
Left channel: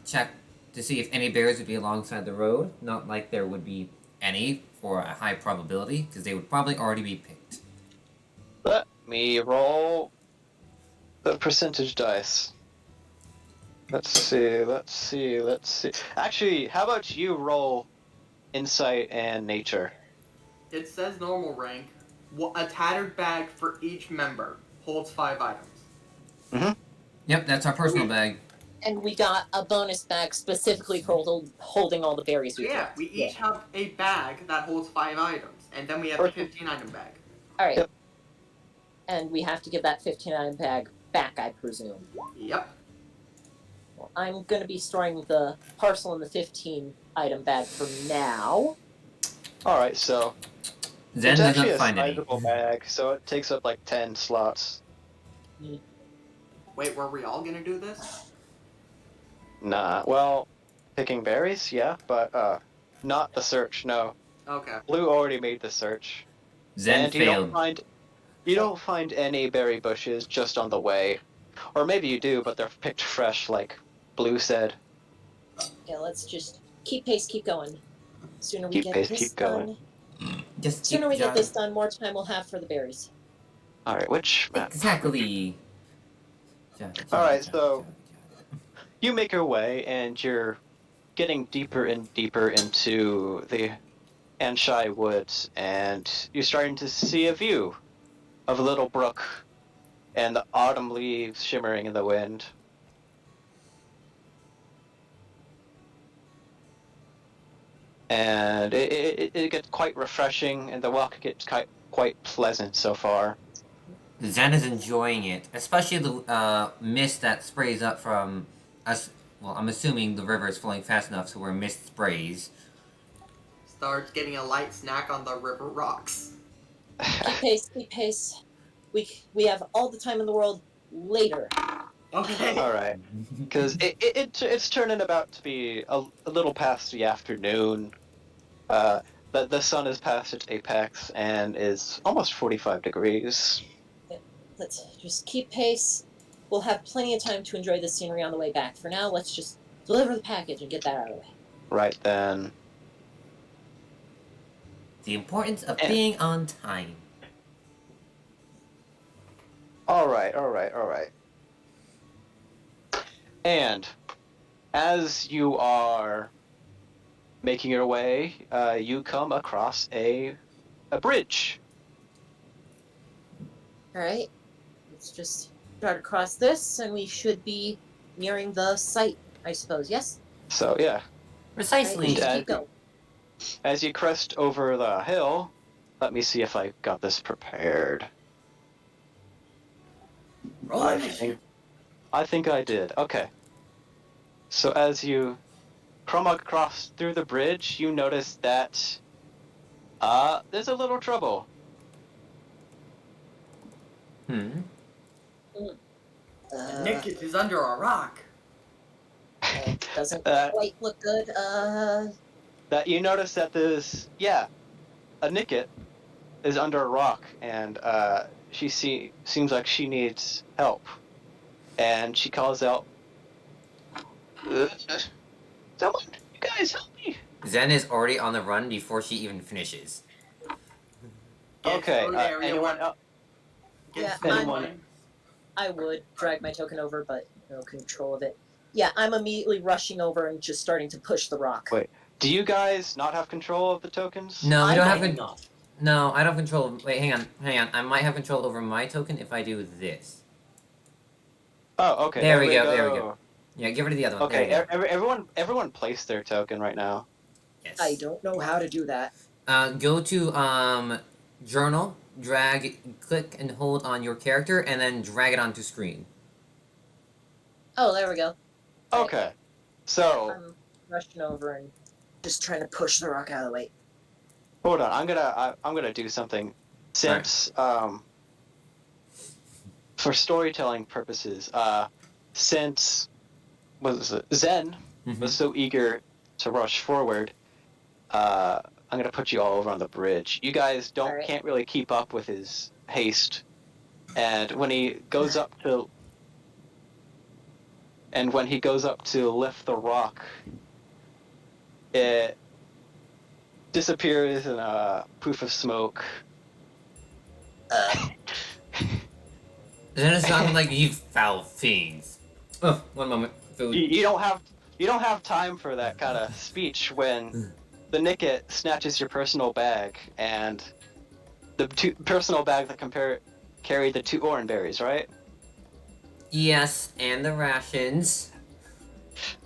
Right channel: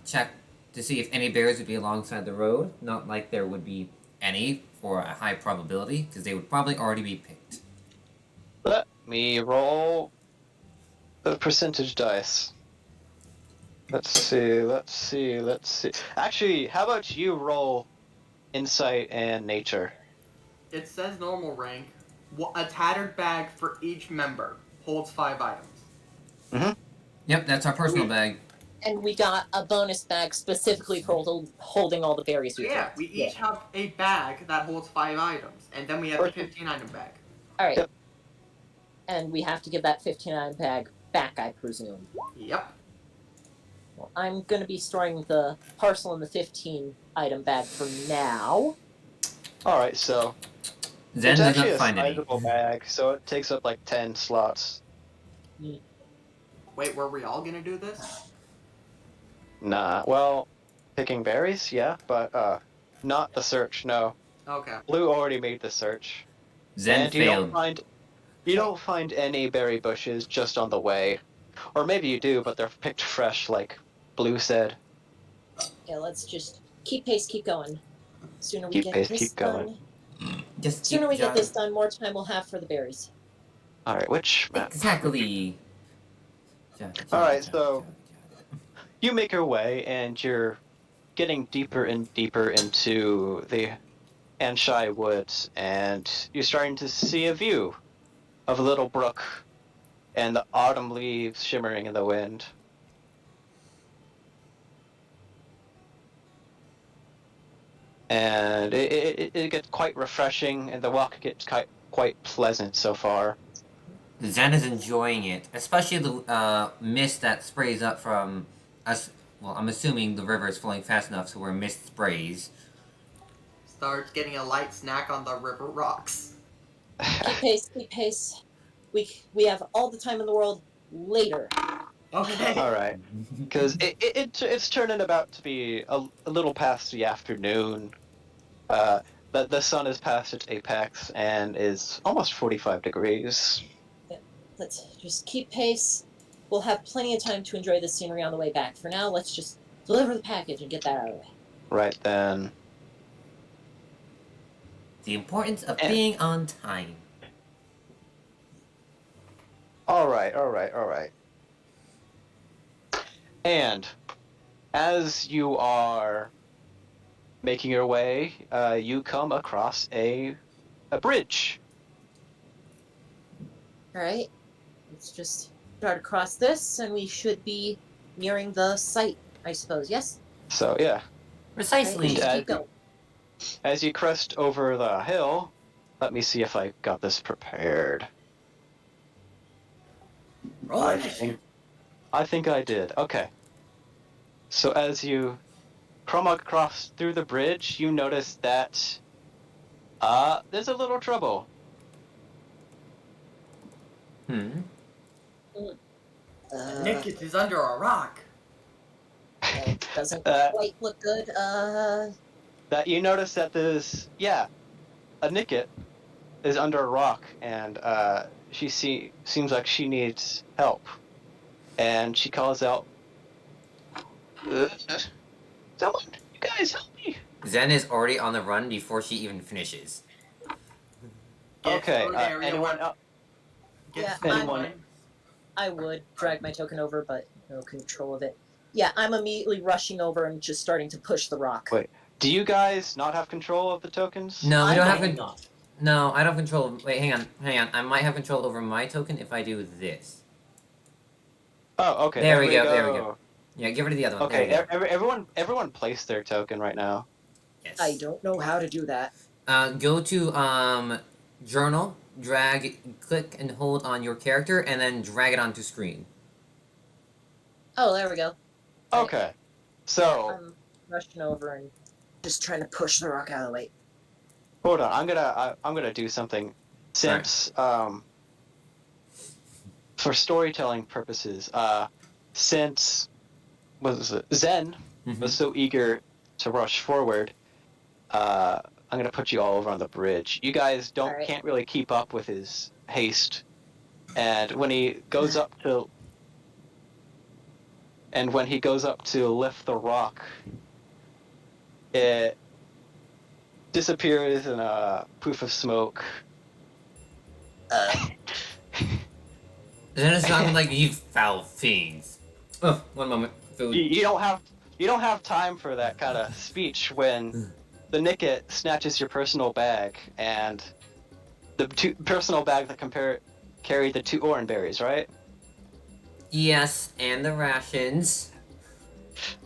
check to see if any bears would be alongside the road. Not like there would be any for a high probability, because they would probably already be picked. Let me roll the percentage dice. Let's see. Actually, how about you roll insight and nature? It says normal rank. A tattered bag for each member holds 5 items. Yep, that's our personal bag. And we got a bonus bag specifically for holding all the berries we Yeah, dropped. we each have a bag that holds 5 items, and then we have a 15-item bag. All right. Yep. And we have to give that 15-item bag back, I presume. Yep. Well, I'm going to be storing the parcel in the 15-item bag for now. All right, so Zen it's does actually not a find any. sizable bag, so it takes up like 10 slots. Wait, were we all gonna do this? Nah, well, picking berries, yeah, but not the search. No, Okay. Blue already made the search. Zen And failed. you don't find any berry bushes just on the way, or maybe you do, but they're picked fresh, like Blue said. Yeah, let's just keep pace, keep going. Sooner we Keep get pace, this keep done. going. Just Sooner keep we get jogging. this done, more time we'll have for the berries. All right, which map? Exactly. Alright, so you make your way, and you're getting deeper and deeper into the Anshai Woods, and you're starting to see a view of a little brook and the autumn leaves shimmering in the wind. And it gets quite refreshing, and the walk gets quite pleasant so far. Zen is enjoying it, especially the mist that sprays up from us. Well, I'm assuming the river is flowing fast enough so where mist sprays. Starts getting a light snack on the river rocks. Keep pace, keep pace. We have all the time in the world later. Okay. All right, because it's turning about to be a little past the afternoon. The sun is past its apex and is almost 45 degrees. Let's just keep pace. We'll have plenty of time to enjoy the scenery on the way back. For now, let's just deliver the package and get that out of the way. Right then. The importance of being on time. All right. And as you are making your way, you come across a bridge. Alright. Let's just start across this, and we should be nearing the site, I suppose. Yes? So yeah, Precisely. Just keep going. as you crest over the hill, let me see if I got this prepared. Roll I initiative. think I did. Okay. So as you come across through the bridge, you notice that there's a little trouble. Nick is under a rock. Doesn't Uh, quite look good. That you notice that there's a Nicket is under a rock, and she seems like she needs help, and she calls out, "Someone, you guys help me!" Zen is already on the run before she even finishes. Get Okay, through the area anyone where- else? Get Yeah, through anyone- mine. I would drag my token over, but no control of it. Yeah, I'm immediately rushing over and just starting to push the rock. Wait. Do you guys not have control of the tokens? No, we I don't have do control. not. No, I don't control. Wait, hang on. I might have control over my token if I do this. Oh, okay. There we go. Yeah, give her to the other one. Okay, There you go. everyone place their token right now. Yes. I don't know how to do that. Go to journal, click and hold on your character, and then drag it onto screen. Oh, there we go. Okay. So I'm rushing over and just trying to push the rock out of the way. hold on. I'm gonna do something. Since for storytelling purposes, since Zen was so eager to rush forward, I'm gonna put you all over on the bridge. You guys can't really keep up with his haste, and when he goes up to lift the rock, it disappears in a poof of smoke. Zen is sounding like you foul fiends. Oh, one moment. Food. You don't have time for that kind of speech when the Nicket snatches your personal bag, and the personal bag that carried the 2 orange berries, right? Yes, and the rations.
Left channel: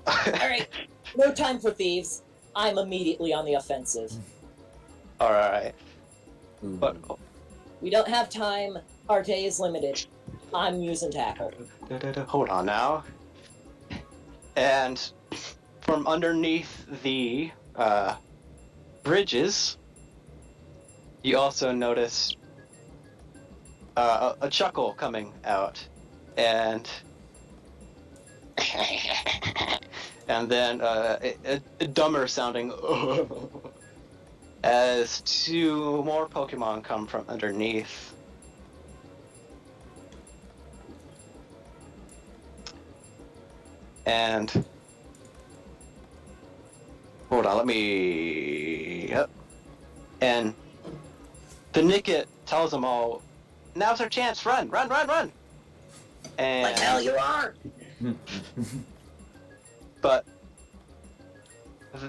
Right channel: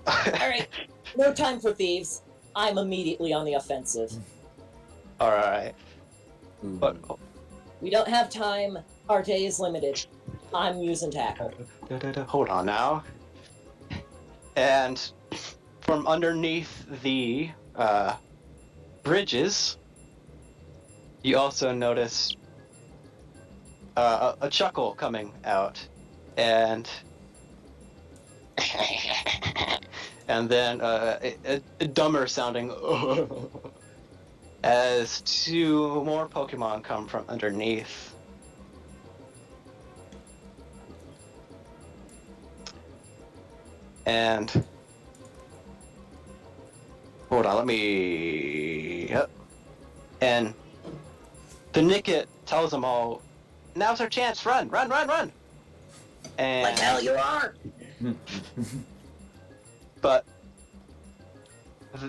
Alright, no time for thieves. I'm immediately on the offensive. All right. Ooh. But We don't have time. Our day is limited. I'm using tackle. hold on now. And from underneath the bridges, you also notice a chuckle coming out, and then a dumber sounding as 2 more Pokemon come from underneath. And hold on, let me. Yep. And the Nicket tells them all, "Now's our chance! Run, run, run, run!" And Like hell you are! but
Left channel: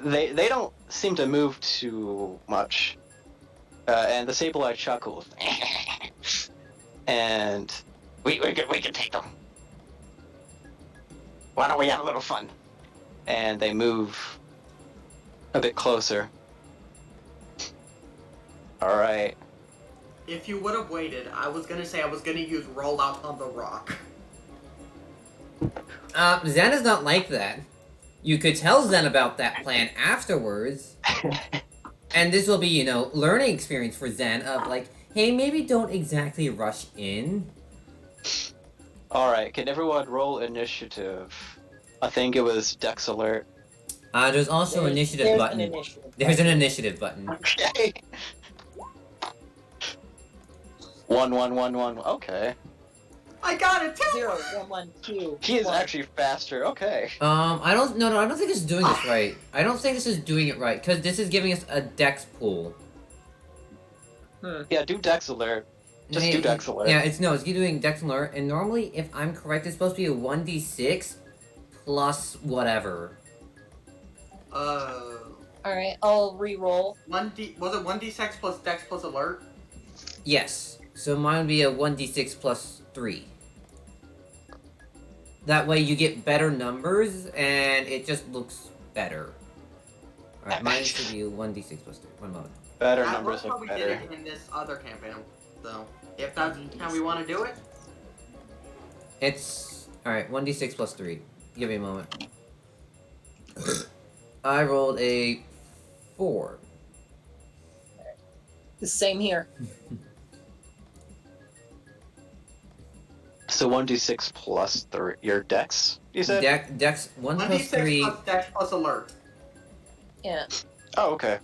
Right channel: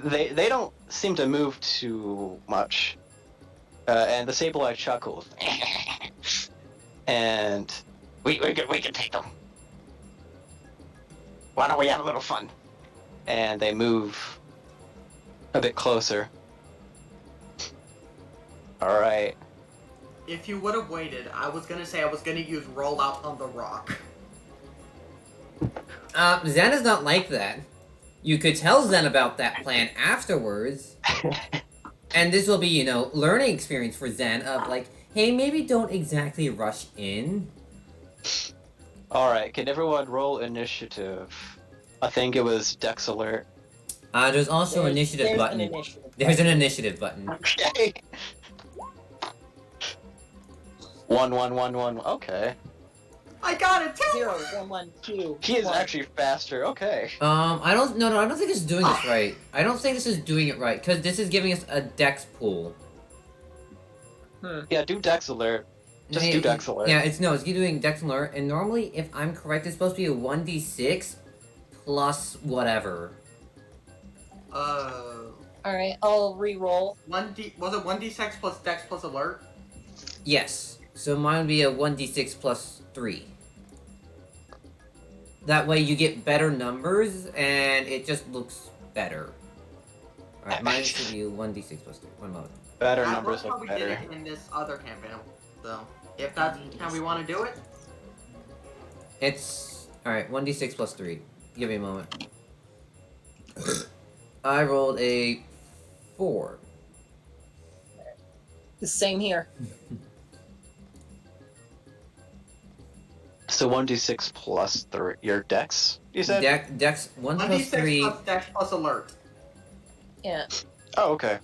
they don't seem to move too much. And the Sableye chuckles, and we can take them. Why don't we have a little fun? And they move a bit closer. All right. If you would have waited, I was gonna say I was gonna use roll out on the rock. Zen is not like that. You could tell Zen about that plan afterwards. And this will be, learning experience for Zen of like, hey, maybe don't exactly rush in. All right. Can everyone roll initiative? I think it was Dex Alert. There's also an initiative button. There's an initiative button. Okay. 1, 1, 1, 1. Okay. I got it. 0, 1, 1, 2. He is 1. actually faster. Okay. I don't think this is doing this right. I don't think this is doing it right, because this is giving us a dex pool. Yeah, do Dex Alert. Just do Dex Alert. Yeah, it's doing dex alert, and normally, if I'm correct, it's supposed to be a 1d6 plus whatever. Alright, I'll re-roll. 1D was it 1d6 plus Dex plus Alert? Yes. So mine would be a 1d6 plus 3. That way you get better numbers and it just looks better. Alright, mine should be 1d6 plus 3. One moment. Better That numbers was how look we did better. it in this other campaign. So if that's how we want to do it, It's alright, 1d6 plus 3. Give me a moment. I rolled a 4. The same here. So 1d6 plus 3. Your dex, you said? Dex 1 plus 1d6 3. plus Dex plus Alert. Yeah. Oh, okay.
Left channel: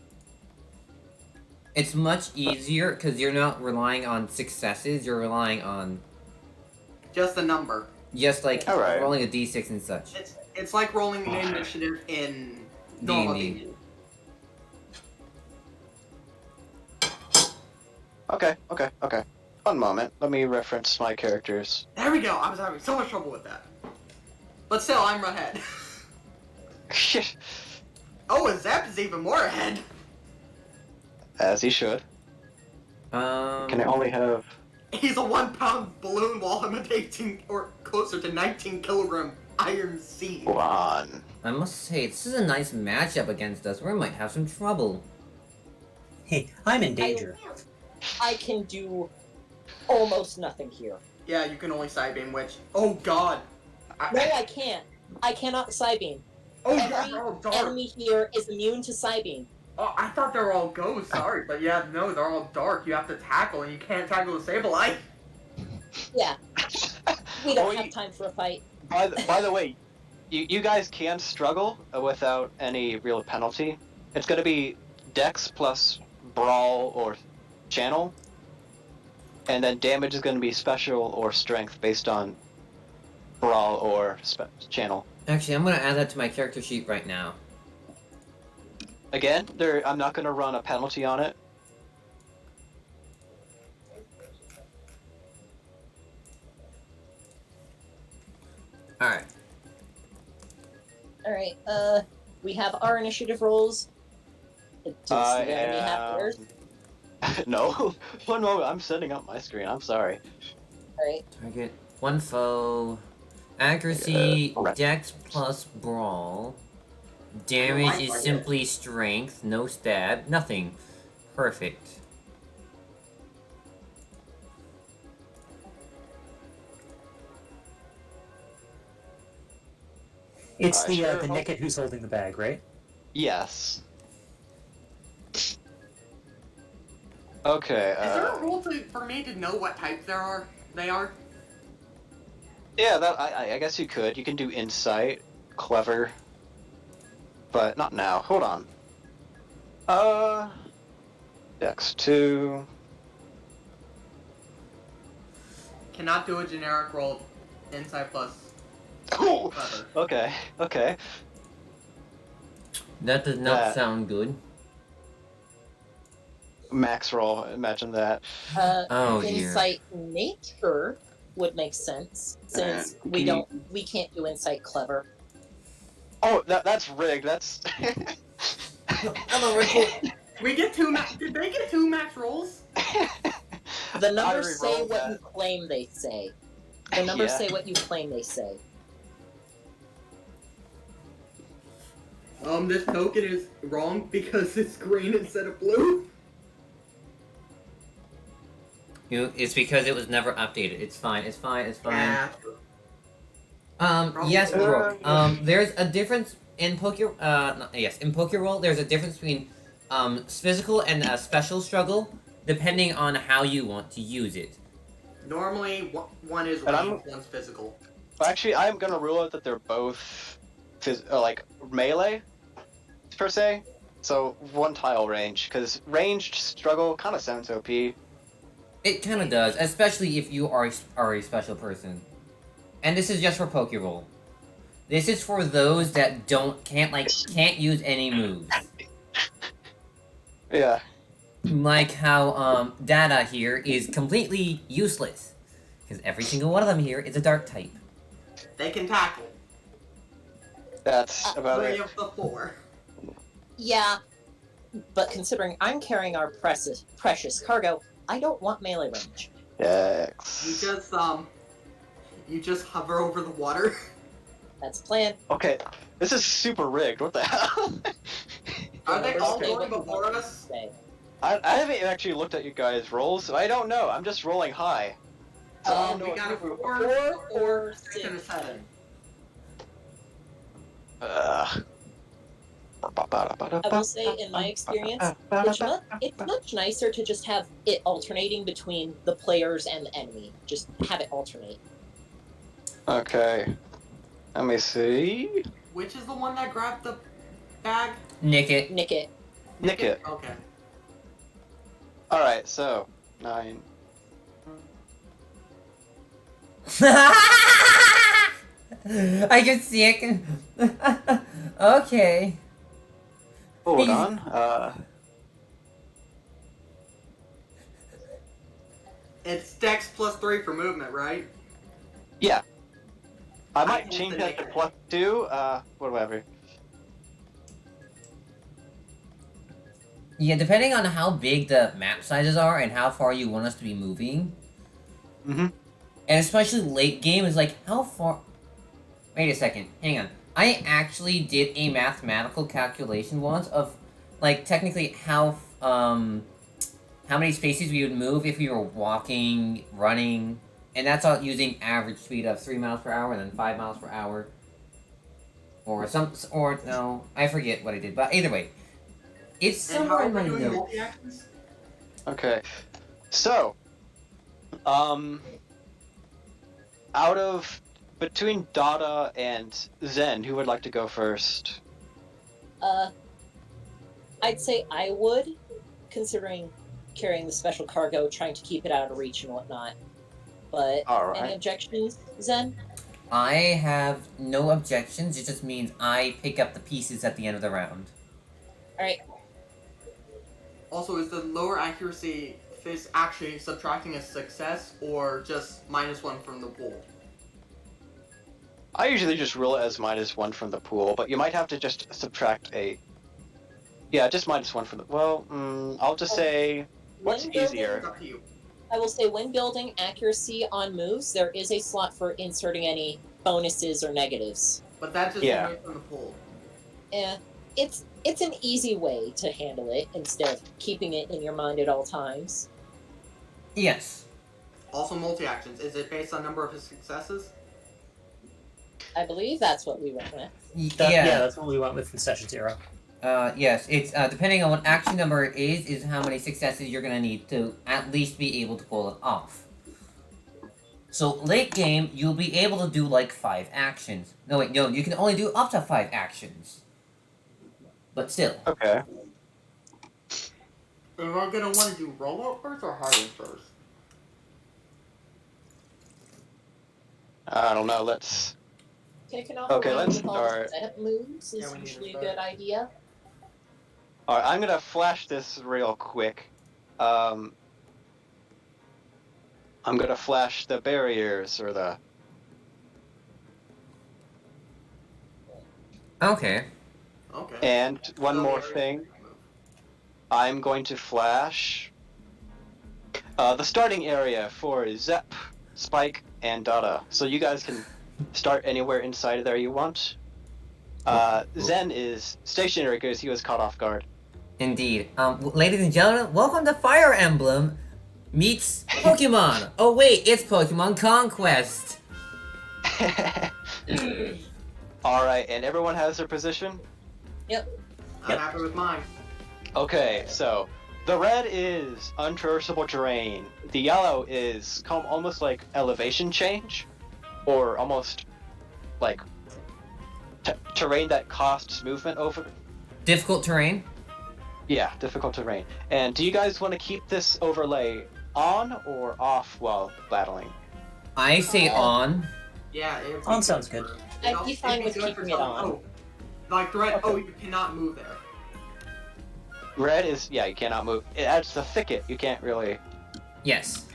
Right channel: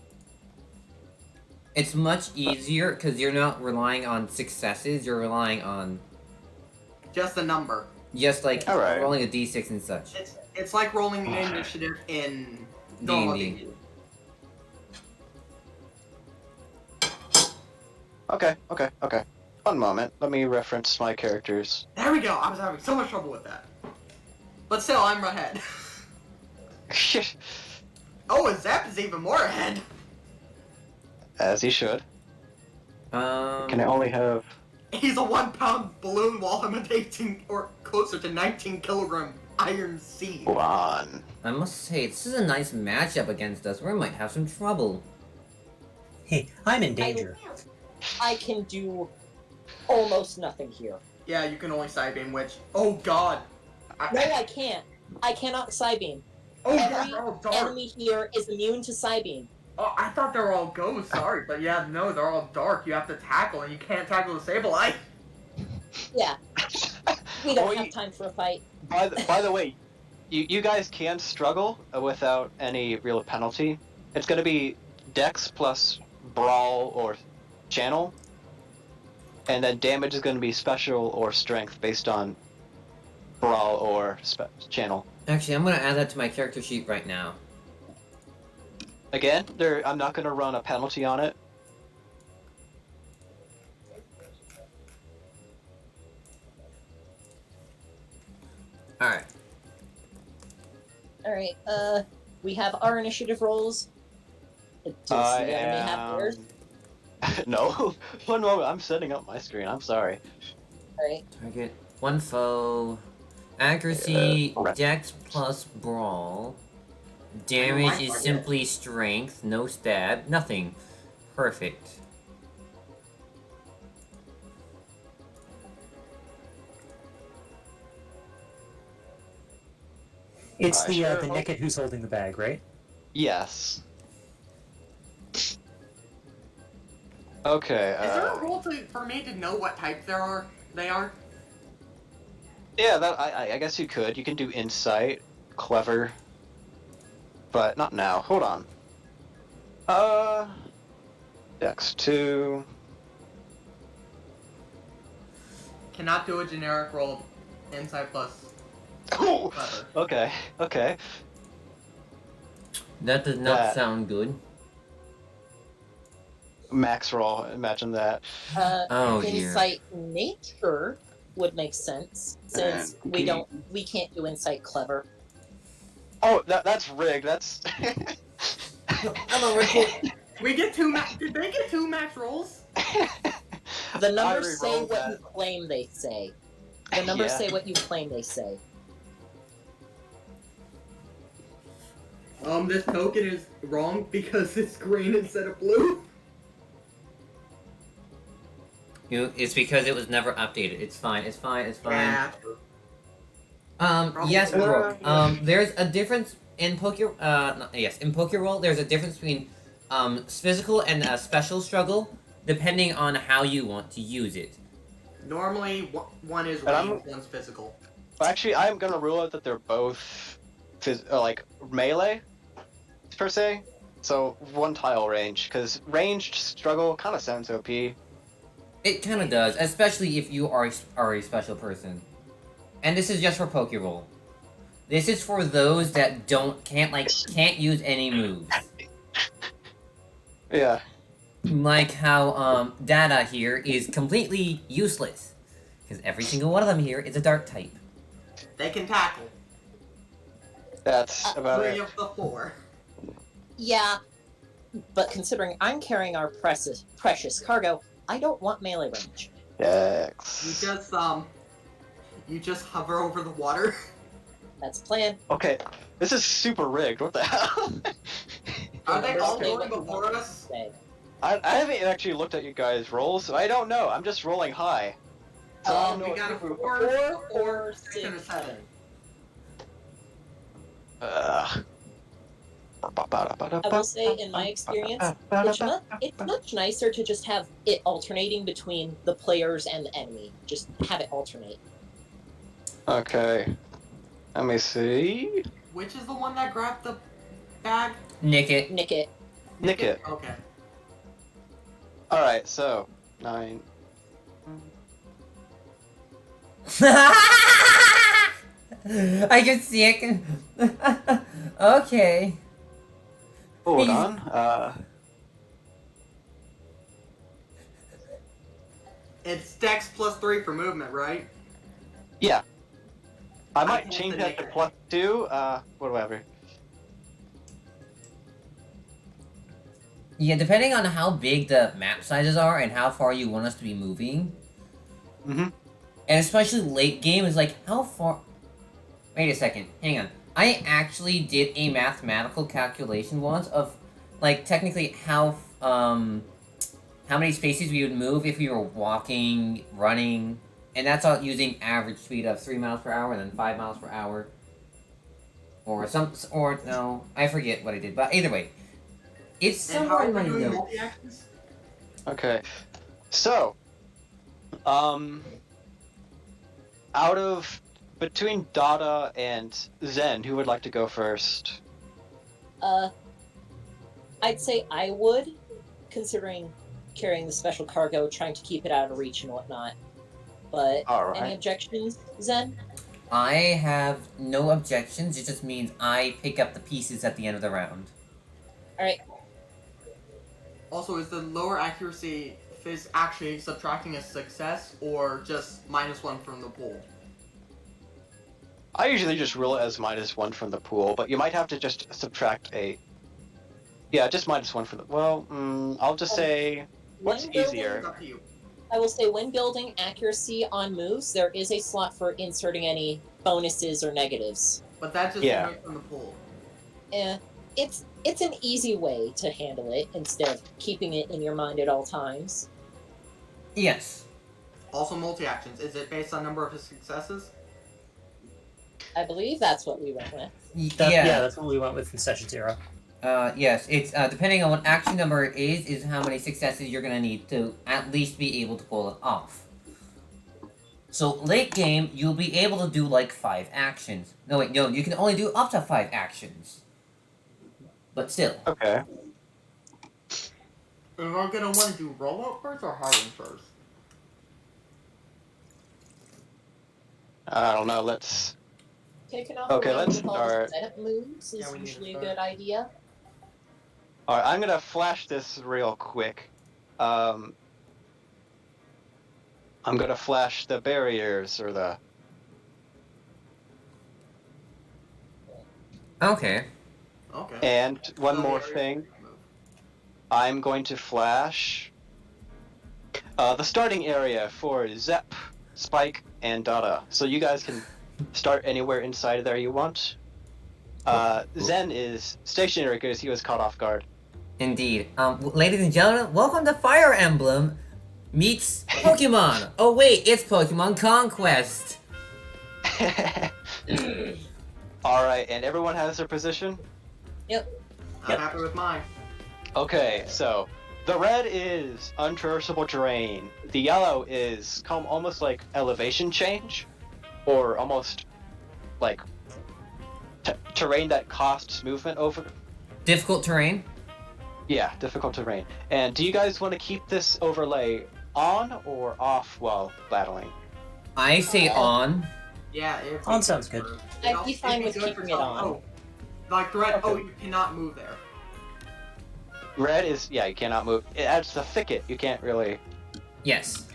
It's much easier because you're not relying on successes, you're relying on Just a number. just like Alright. rolling a d6 and such. It's like rolling an initiative in normal D&D. D&D. Okay. One moment. Let me reference my characters. There we go. I was having so much trouble with that. But still, I'm ahead. Oh, and Zap is even more ahead. As he should. Can I only have... He's a 1 pound balloon while I'm an 18 or closer to 19 kilogram iron seed. Hold on. I must say, this is a nice matchup against us. We might have some trouble. Hey, I'm in danger. I can do almost nothing here. Yeah, you can only side beam, which. Oh god. No, I can't. I cannot Psybeam. Oh, yeah, Every they're all dark. enemy here is immune to Psybeam. Oh, I thought they were all ghosts, sorry. But yeah, no, they're all dark. You have to tackle, and you can't tackle the Sableye. Yeah. We don't Oh, have you- time for a fight. By the way, you guys can struggle without any real penalty. It's gonna be Dex plus Brawl or Channel, and then damage is gonna be Special or Strength based on Brawl or Channel. Actually, I'm gonna add that to my character sheet right now. Again, I'm not gonna run a penalty on it. Alright. Alright, we have our initiative rolls. Does I the enemy have theirs? No. One moment, I'm setting up my screen. I'm sorry. Alright. Target one foe. Accuracy, right. Dex plus Brawl. Damage is simply Strength, no stab, nothing. Perfect. It's the sure. Nickit who's holding the bag, right? Yes. Okay. Is there a rule for me to know what types they are? Yeah, that I guess you could. You can do insight, clever, but not now. Hold on. Dex 2. Cannot do a generic roll. Insight plus. Cool. Clever. Okay. That does not That- sound good. Max roll. Imagine that. Oh dear. Insight nature would make sense since we can't do insight clever. Oh, that's rigged. That's. Hello, Rick. We get two Did they get 2 max rolls? The I numbers say re-rolled what that. you claim they say. The numbers Yeah. say what you claim they say. This token is wrong because it's green instead of blue. It's because it was never updated. It's fine. Yeah. Yes, Probably. Brooke. There's a difference in in Pokerole. There's a difference between physical and special struggle, depending on how you want to use it. Normally, one is And I'm- range, one's physical. Actually, I'm gonna rule out that they're both like melee, per se. So one tile range, because ranged struggle kind of sounds OP. It kind of does, especially if you are a special person. And this is just for Pokerole. This is for those that can't use any moves. Yeah. Like how Data here is completely useless, because every single one of them here is a dark type. They can tackle. That's about 3 it. of the 4. Yeah, but considering I'm carrying our precious cargo, I don't want melee range. Dex. You just hover over the water. That's the plan. Okay, this is super rigged. What the hell? Are they all Say going what you before want to us? say. I haven't actually looked at you guys' rolls, so I don't know. I'm just rolling high. So I don't know We what got a you- 4, 4, 6, and a 6, 7. I will say, in my experience, it's much nicer to just have it alternating between the players and the enemy. Just have it alternate. Okay. Let me see. Which is the one that grabbed the bag? Nick it. Nick it. Nick it. Okay. Alright, so 9. I can see it. Okay. Hold on. It's Dex plus 3 for movement, right? Yeah. I might can't change say that to Nick. +2. Whatever. Yeah, depending on how big the map sizes are and how far you want us to be moving, Mm-hmm. and especially late game is like how far. Wait a second, hang on. I actually did a mathematical calculation once of, like, technically how many spaces we would move if we were walking, running, and that's all using average speed of 3 miles per hour and then 5 miles per hour. Or no, I forget what I did, but either way. It's somewhere in my notes. Multi-actions? Okay. So, out of between Dada and Zen, who would like to go first? I'd say I would, considering carrying the special cargo, trying to keep it out of reach and whatnot. But All any right. objections, Zen? I have no objections. It just means I pick up the pieces at the end of the round. All right. Also, is the lower accuracy phase actually subtracting a success or just -1 from the pool? I usually just roll it as -1 from the pool, but you might have to just subtract a. Yeah, just -1 from the. Well, I'll just say what's When building- easier. It's up to you. I will say when building accuracy on moves, there is a slot for inserting any bonuses or negatives. But that's just Yeah. removed from the pool. It's an easy way to handle it instead of keeping it in your mind at all times. Yes. Also, multi-actions. Is it based on number of successes? I believe that's what we went with. Yeah, that's what we went with in session 0. Yes, it's depending on what action number it is how many successes you're gonna need to at least be able to pull it off. So late game, you'll be able to do like 5 actions. No, wait, no, you can only do up to 5 actions. But still. Okay. And we're gonna want to do rollout first or hiding first? I don't know. Let's. Taking off Okay, a round let's with all the start. setup moves Yeah, is we need to usually a start. good idea. All right, I'm gonna flash this real quick. I'm gonna flash the barriers or the. Okay. Okay. And one So more the- thing. I'm going to flash the starting area for Zep, Spike, and Dada. So you guys can start anywhere inside there you want. Zen is stationary because he was caught off guard. Indeed. Ladies and gentlemen, welcome to Fire Emblem meets Pokemon. Oh wait, it's Pokemon Conquest. Alright, and everyone has their position? I'm happy with mine. Okay, so the red is untraversable terrain. The yellow is almost like elevation change, or almost like terrain that costs movement over. Difficult terrain. Yeah, difficult terrain. And do you guys want to keep this overlay on or off while battling? I say on. Yeah, it'd be On good sounds good. for- I'd it'd be also- fine it'd be with good keeping for it something- on. Oh, like the red. Okay. Oh, you cannot move there. Red is, yeah, you cannot move. It adds the thicket. You can't really. Yes.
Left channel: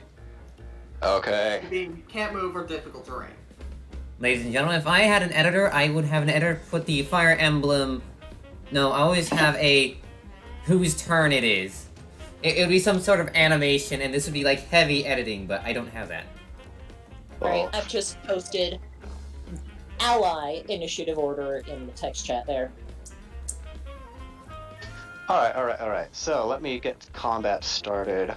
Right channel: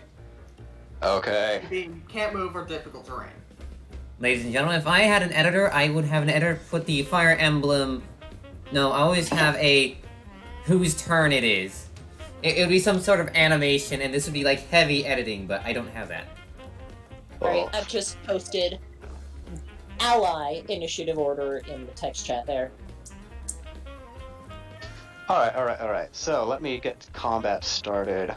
Okay. You can't move or difficult terrain. Ladies and gentlemen, if I had an editor, I would have an editor put the Fire Emblem... No, I always have a... whose turn it is. It would be some sort of animation, and this would be like heavy editing, but I don't have that. Right, I've just posted ally initiative order in the text chat there. Alright. So, let me get combat started.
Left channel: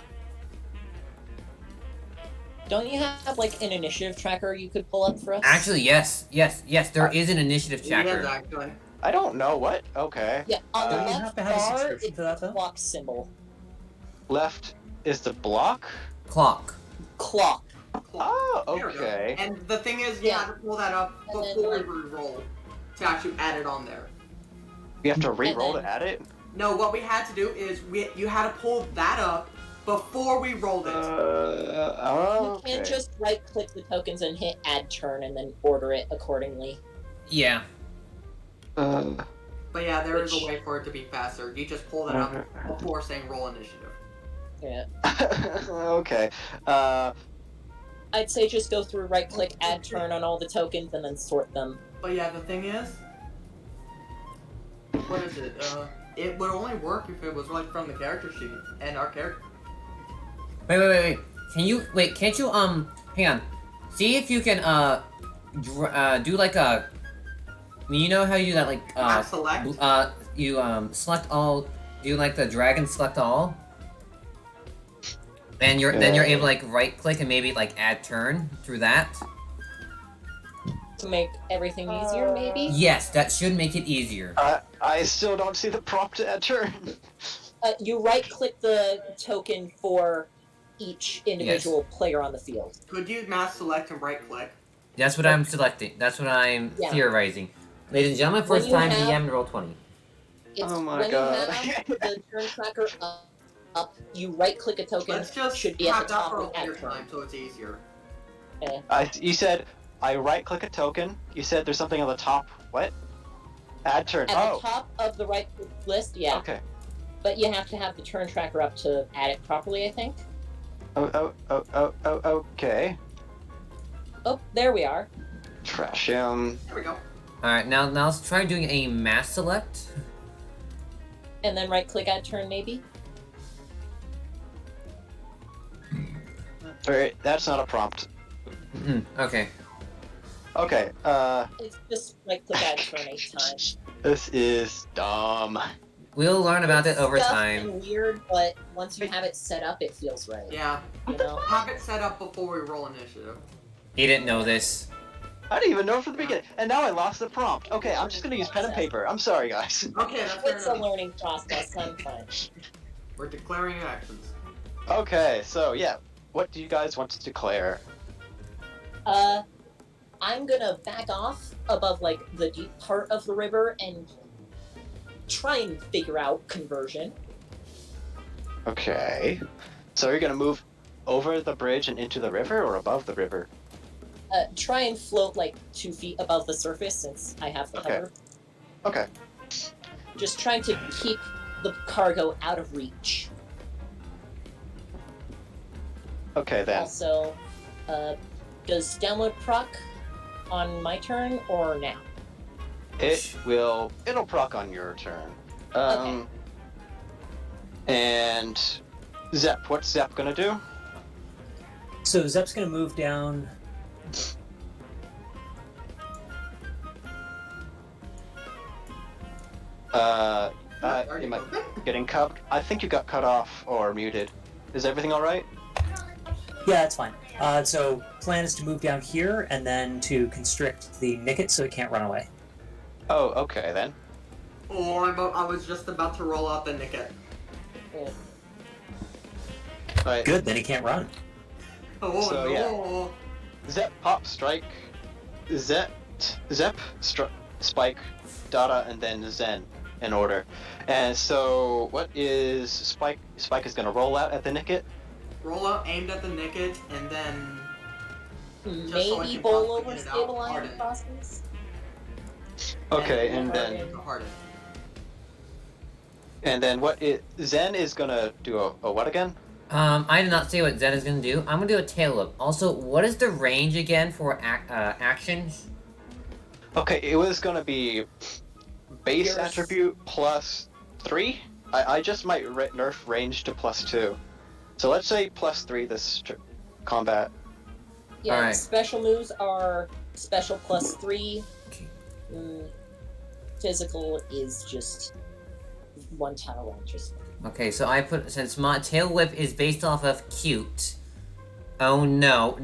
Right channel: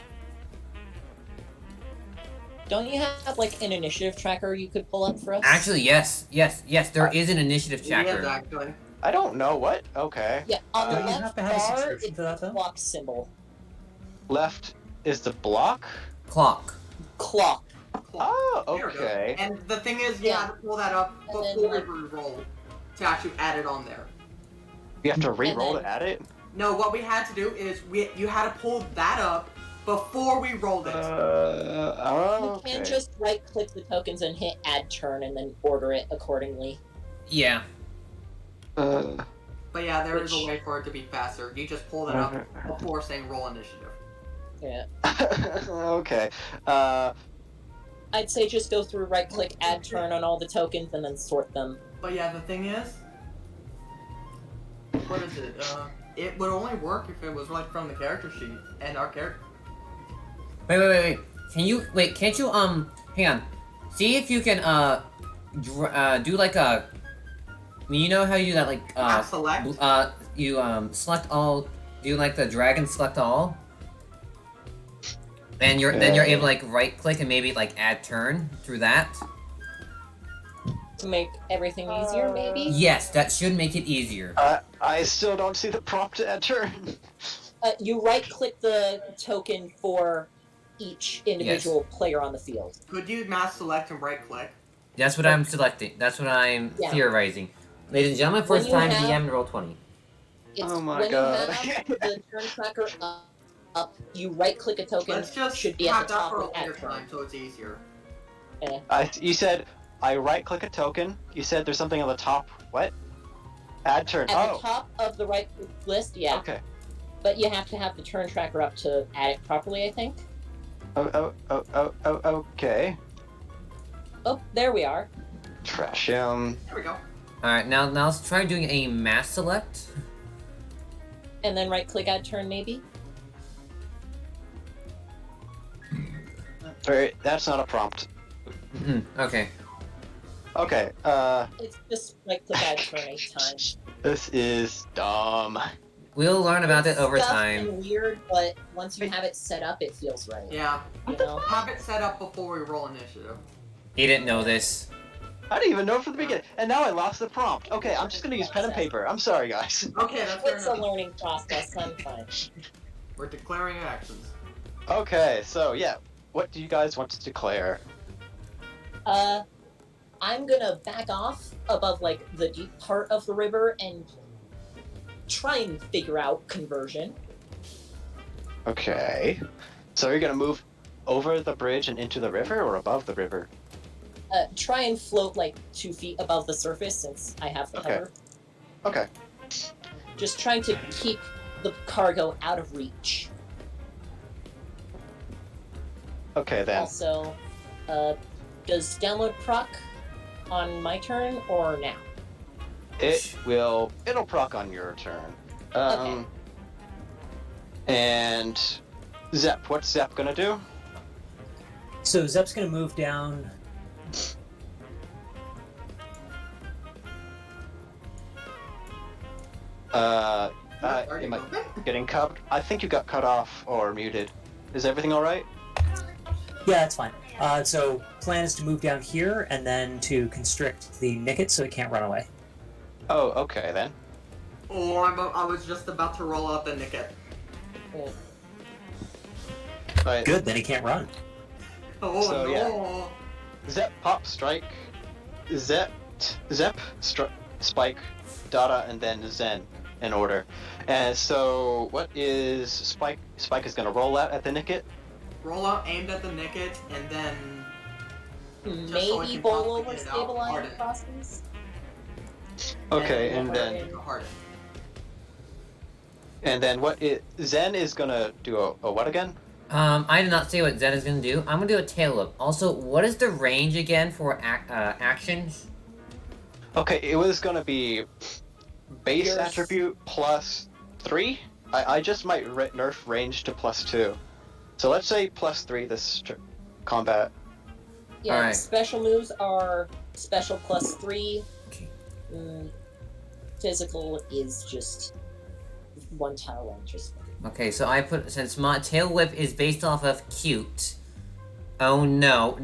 Don't you have like an initiative tracker you could pull up for us? Actually, yes, there is an initiative tracker. Yes, actually. I don't know what? Okay. Yeah, on the Don't you left have to have a bar, subscription it's for that, the though? clock symbol. Left is the block? Clock. Clock. Oh, There we go. okay. And the thing is, you Yeah. have to pull that up And then, before like- we roll to actually add it on there. You have to re-roll then- to add it? No, what we had to do is you had to pull that up before we rolled it. You Okay. can just right-click the tokens and hit add turn and then order it accordingly. Yeah. But yeah, there is Which- a way for it to be faster. You just pull it up before saying roll initiative. Yeah. Okay. I'd say just go through right-click, add turn on all the tokens, and then sort them. But yeah, the thing is, what is it? It would only work if it was like from the character sheet and our character. Wait. Can't you, hang on. See if you can, do like a... I mean, you know how you do that, like, Select. you, select all... Do like the drag and select all? And then you're able to, like, right-click and maybe, like, add turn through that? To make everything easier, maybe? Yes, that should make it easier. I still don't see the prompt to enter. You right-click the token for each individual player on the field. Could you mass select and right click? That's what I'm selecting. That's what I'm Yeah. theorizing. Ladies and gentlemen, When first you time have- DM roll 20. It's Oh my when God. you have the turn tracker up, you right-click a token, Let's just should be at have the that top for a of add later turn. time so it's easier. You said I right-click a token. You said there's something on the top. What? Add turn. At the top of the right list, yeah. Okay. But you have to have the turn tracker up to add it properly, I think. Okay. Oh, there we are. Trash There we go. Alright, now let's try doing a mass select. And then right-click add turn, maybe? That's not a prompt. Okay. Okay. It's just right-click add turn 8 times. This is dumb. We'll learn about it over Stuff time. and weird, but once you have it set up, it feels right. Yeah. You know? Have it set up before we roll initiative. He didn't know this. I didn't even know from the beginning, and now I lost the prompt. Okay, I'm just gonna use pen and paper. I'm sorry, guys. Okay, that's fair It's a enough. learning process. I'm fine. We're declaring actions. Okay, so yeah, what do you guys want to declare? I'm gonna back off above like the deep part of the river and try and figure out conversion. Okay, so you're gonna move over the bridge and into the river, or above the river? Try and float like 2 feet above the surface since I have the Okay. cover. Okay. Just trying to keep the cargo out of reach. Okay then. Also, does download proc on my turn or now? It'll proc on your turn. Okay. And Zep, what's Zep gonna do? So Zep's gonna move down. Are you Am I moving? getting cut? I think you got cut off or muted. Is everything alright? Yeah, that's fine. So plan is to move down here and then to constrict the Nicket so it can't run away. Oh, okay then. Oh, I was just about to roll out the Nicket. Right. Good, then he can't run. Oh So, no. yeah. Zep, pop, strike, Zep, spike, Dada, and then Zen in order. And so, what is Spike? Spike is gonna roll out at the Nicket. Roll out aimed at the Nicket and then Just so I Maybe can bowl possibly over get it out, stabilize harden. the crossings. Okay, and and then harden. what is Zen is gonna do a what again? I did not say what Zen is gonna do. I'm gonna do a tail whip. Also, what is the range again for actions? Okay, it was gonna be base Yours- attribute plus 3. I just might nerf range to plus 2. So let's say plus 3 this combat. Yeah, Alright. special moves are special plus 3. Okay. Physical is just 1 tile range. Okay, so I put, since my tail whip is based off of cute. Oh no,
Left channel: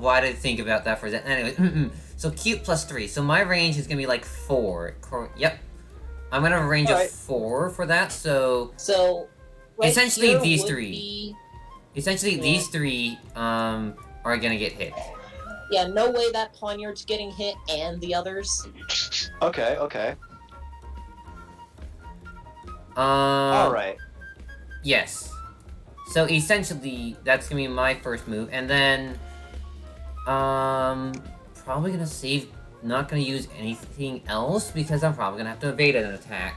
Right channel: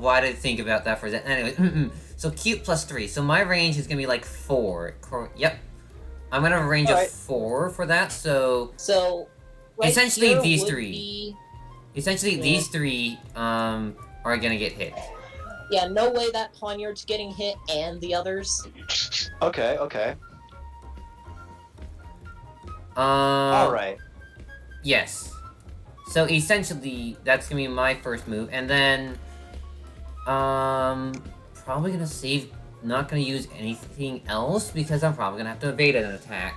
why did I think about that for a second? Anyway, so cute plus 3. So my range is gonna be like 4. Yep. I'm gonna have a range of Alright. 4 for that, so So Essentially, here these would 3. be- essentially Yeah. these 3 are gonna get hit. Yeah, no way that poniard's getting hit and the others. Okay, okay. Alright. Yes. So essentially, that's gonna be my first move, and then, probably gonna save, not gonna use anything else, because I'm probably gonna have to evade an attack.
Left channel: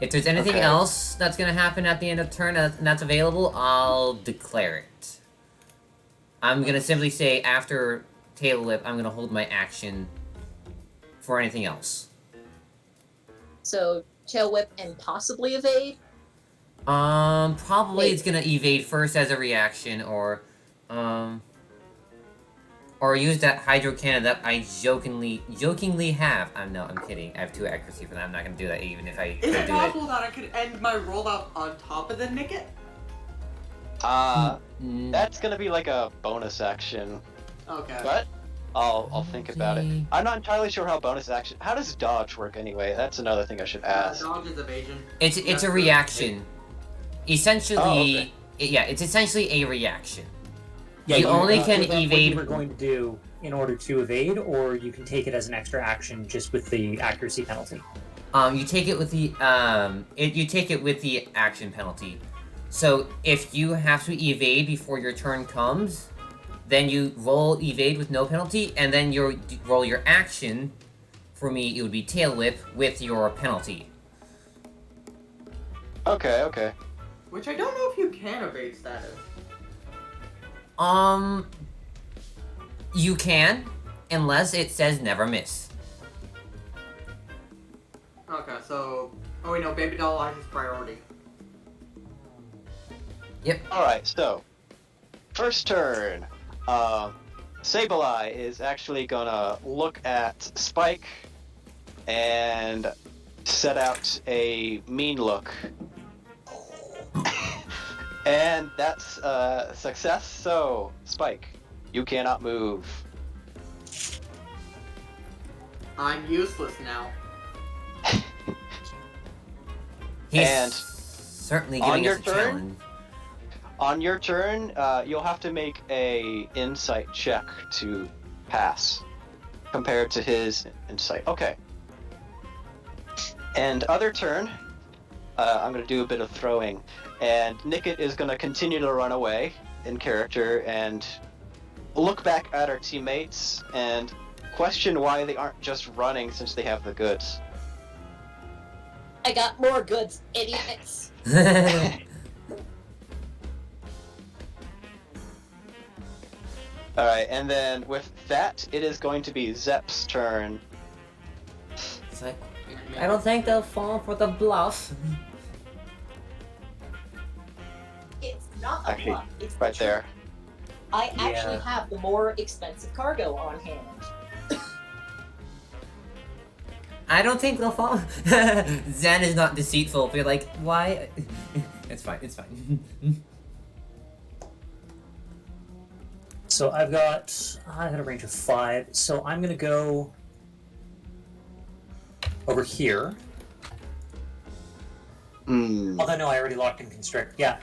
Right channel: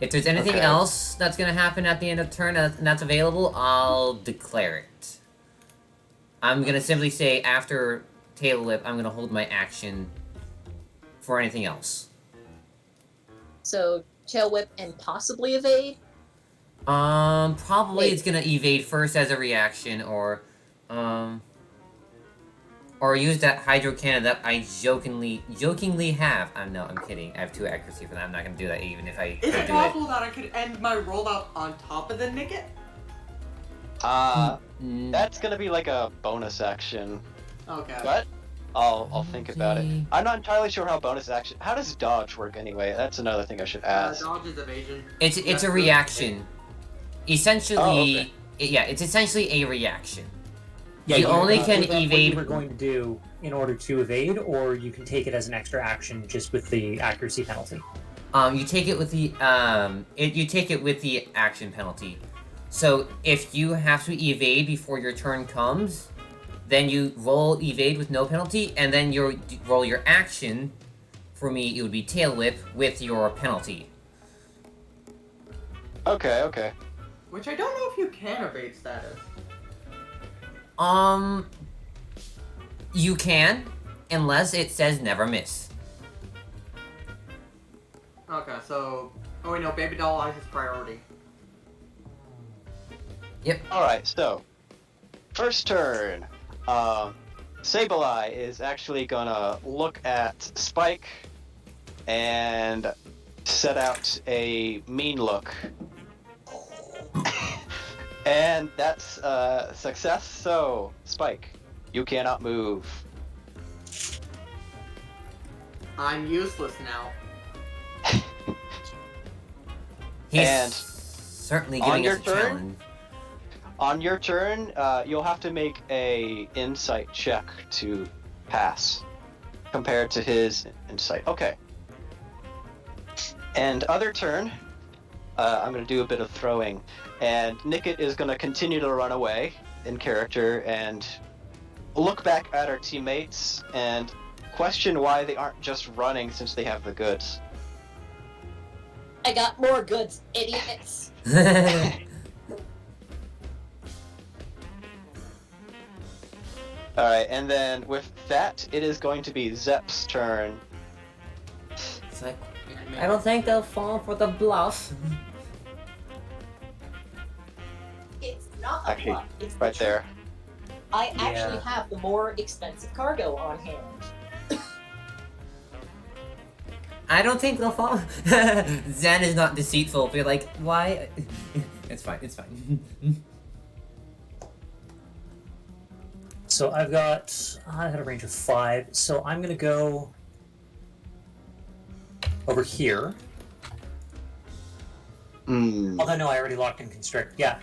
If there's anything Okay. else that's gonna happen at the end of turn and that's available, I'll declare it. I'm gonna simply say, after Tail Whip, I'm gonna hold my action for anything else. So tail whip and possibly evade. Probably Wait. it's gonna evade first as a reaction, or use that hydro cannon that I jokingly have. I'm kidding. I have 2 accuracy for that. I'm not gonna do that even if I Is could it do it. possible that I could end my rollout on top of the Nicket? That's gonna be like a bonus action. Okay. But I'll think about it. Okay. I'm not entirely sure how bonus action. How does dodge work anyway? That's another thing I should ask. Dodge is evasion. It's a reaction. Essentially, Oh, it's essentially a reaction. Yeah, You only can what evade- you were going to do in order to evade, or you can take it as an extra action just with the accuracy penalty. You take it with the you take it with the action penalty. So if you have to evade before your turn comes, then you roll evade with no penalty, and then you roll your action. For me, it would be tail whip with your penalty. Okay, okay. Which I don't know if you can evade status. You can, unless it says never miss. Okay, so... Oh wait, no, Baby Doll Eyes is priority. Alright, so first turn. Sableye is actually gonna look at Spike and set out a mean look. And that's a success, so Spike, you cannot move. I'm useless now. He's And certainly on giving your us a turn? challenge. On your turn, you'll have to make a insight check to pass, compared to his insight. Okay. And other turn, I'm gonna do a bit of throwing, and Nicket is gonna continue to run away in character and look back at our teammates and question why they aren't just running since they have the goods. I got more goods, idiots. Alright, and then with that, it is going to be Zep's turn. It's like, I don't think they'll fall for the bluff. It's not a Actually, bluff. It's right the there. truth. I actually Yeah. have the more expensive cargo on hand. I don't think they'll fall. Zen is not deceitful, but you're like, why? It's fine, it's fine. So I got a range of 5. So I'm gonna go over here. Hmm. Although no, I already locked in constrict. Yeah.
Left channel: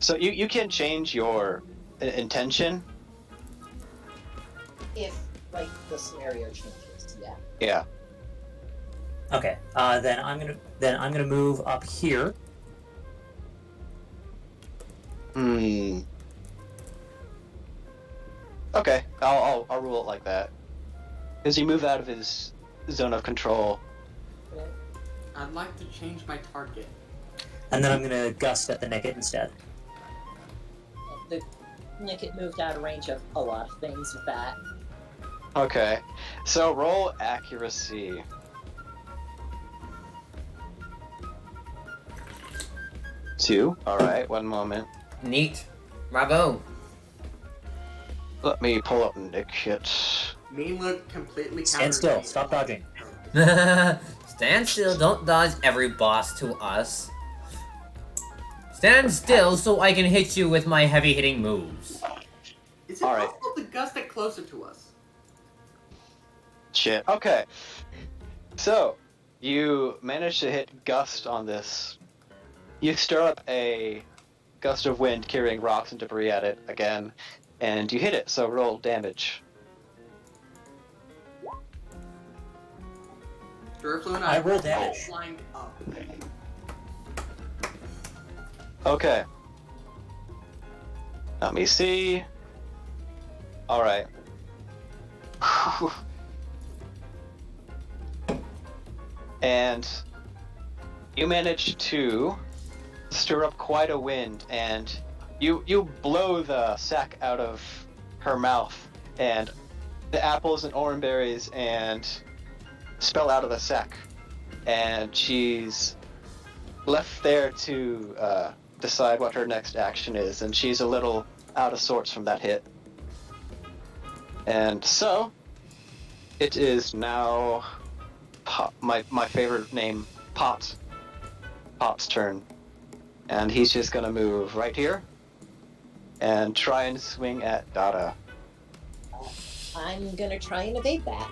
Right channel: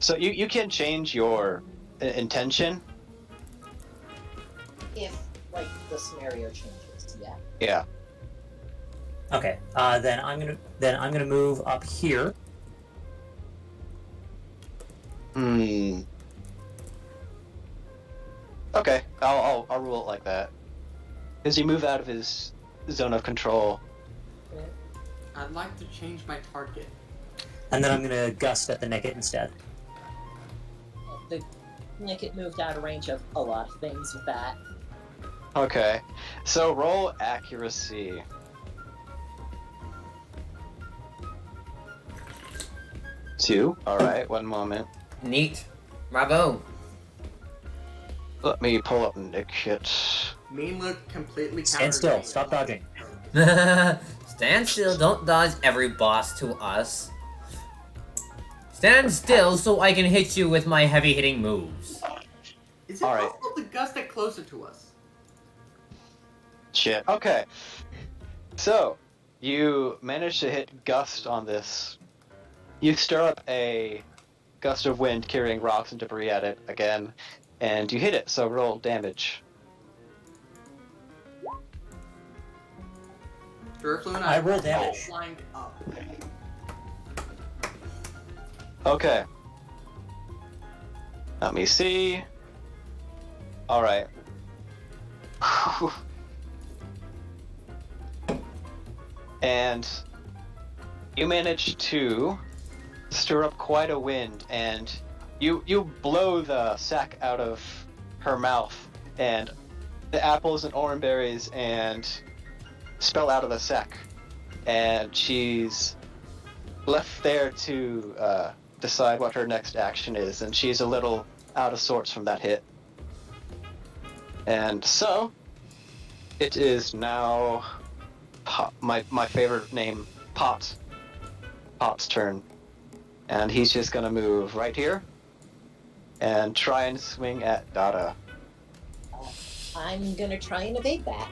So you can change your intention. If, like, the scenario changes, yeah. Yeah. Okay. Then I'm gonna move up here. Hmm. Okay, I'll rule it like that. Because you move out of his zone of control. I'd like to change my target. And then I'm gonna gust at the Nickit instead. The Nickit moved out of range of a lot of things with that. Okay, so roll accuracy. Two. All right, one moment. Neat. Bravo. Let me pull up Nickit. Mean look completely Stand still. Stop dodging. Stand still. Don't dodge every boss to us. Stand still so I can hit you with my heavy hitting moves. Is it Alright. possible to gust it closer to us? Shit. Okay. So, you manage to hit gust on this. You stir up a gust of wind carrying rocks and debris at it again, and you hit it, so roll damage. Duraflu and I roll are damage. all lined up. Okay. Let me see. Alright. And you manage to stir up quite a wind, and you blow the sack out of her mouth, and the apples and orangeberries and spill out of the sack, and she's left there to decide what her next action is, and she's a little out of sorts from that hit. And so, it is now my favorite name, Pot. Pot's turn. And he's just gonna move right here and try and swing at Dada. I'm gonna try and evade that.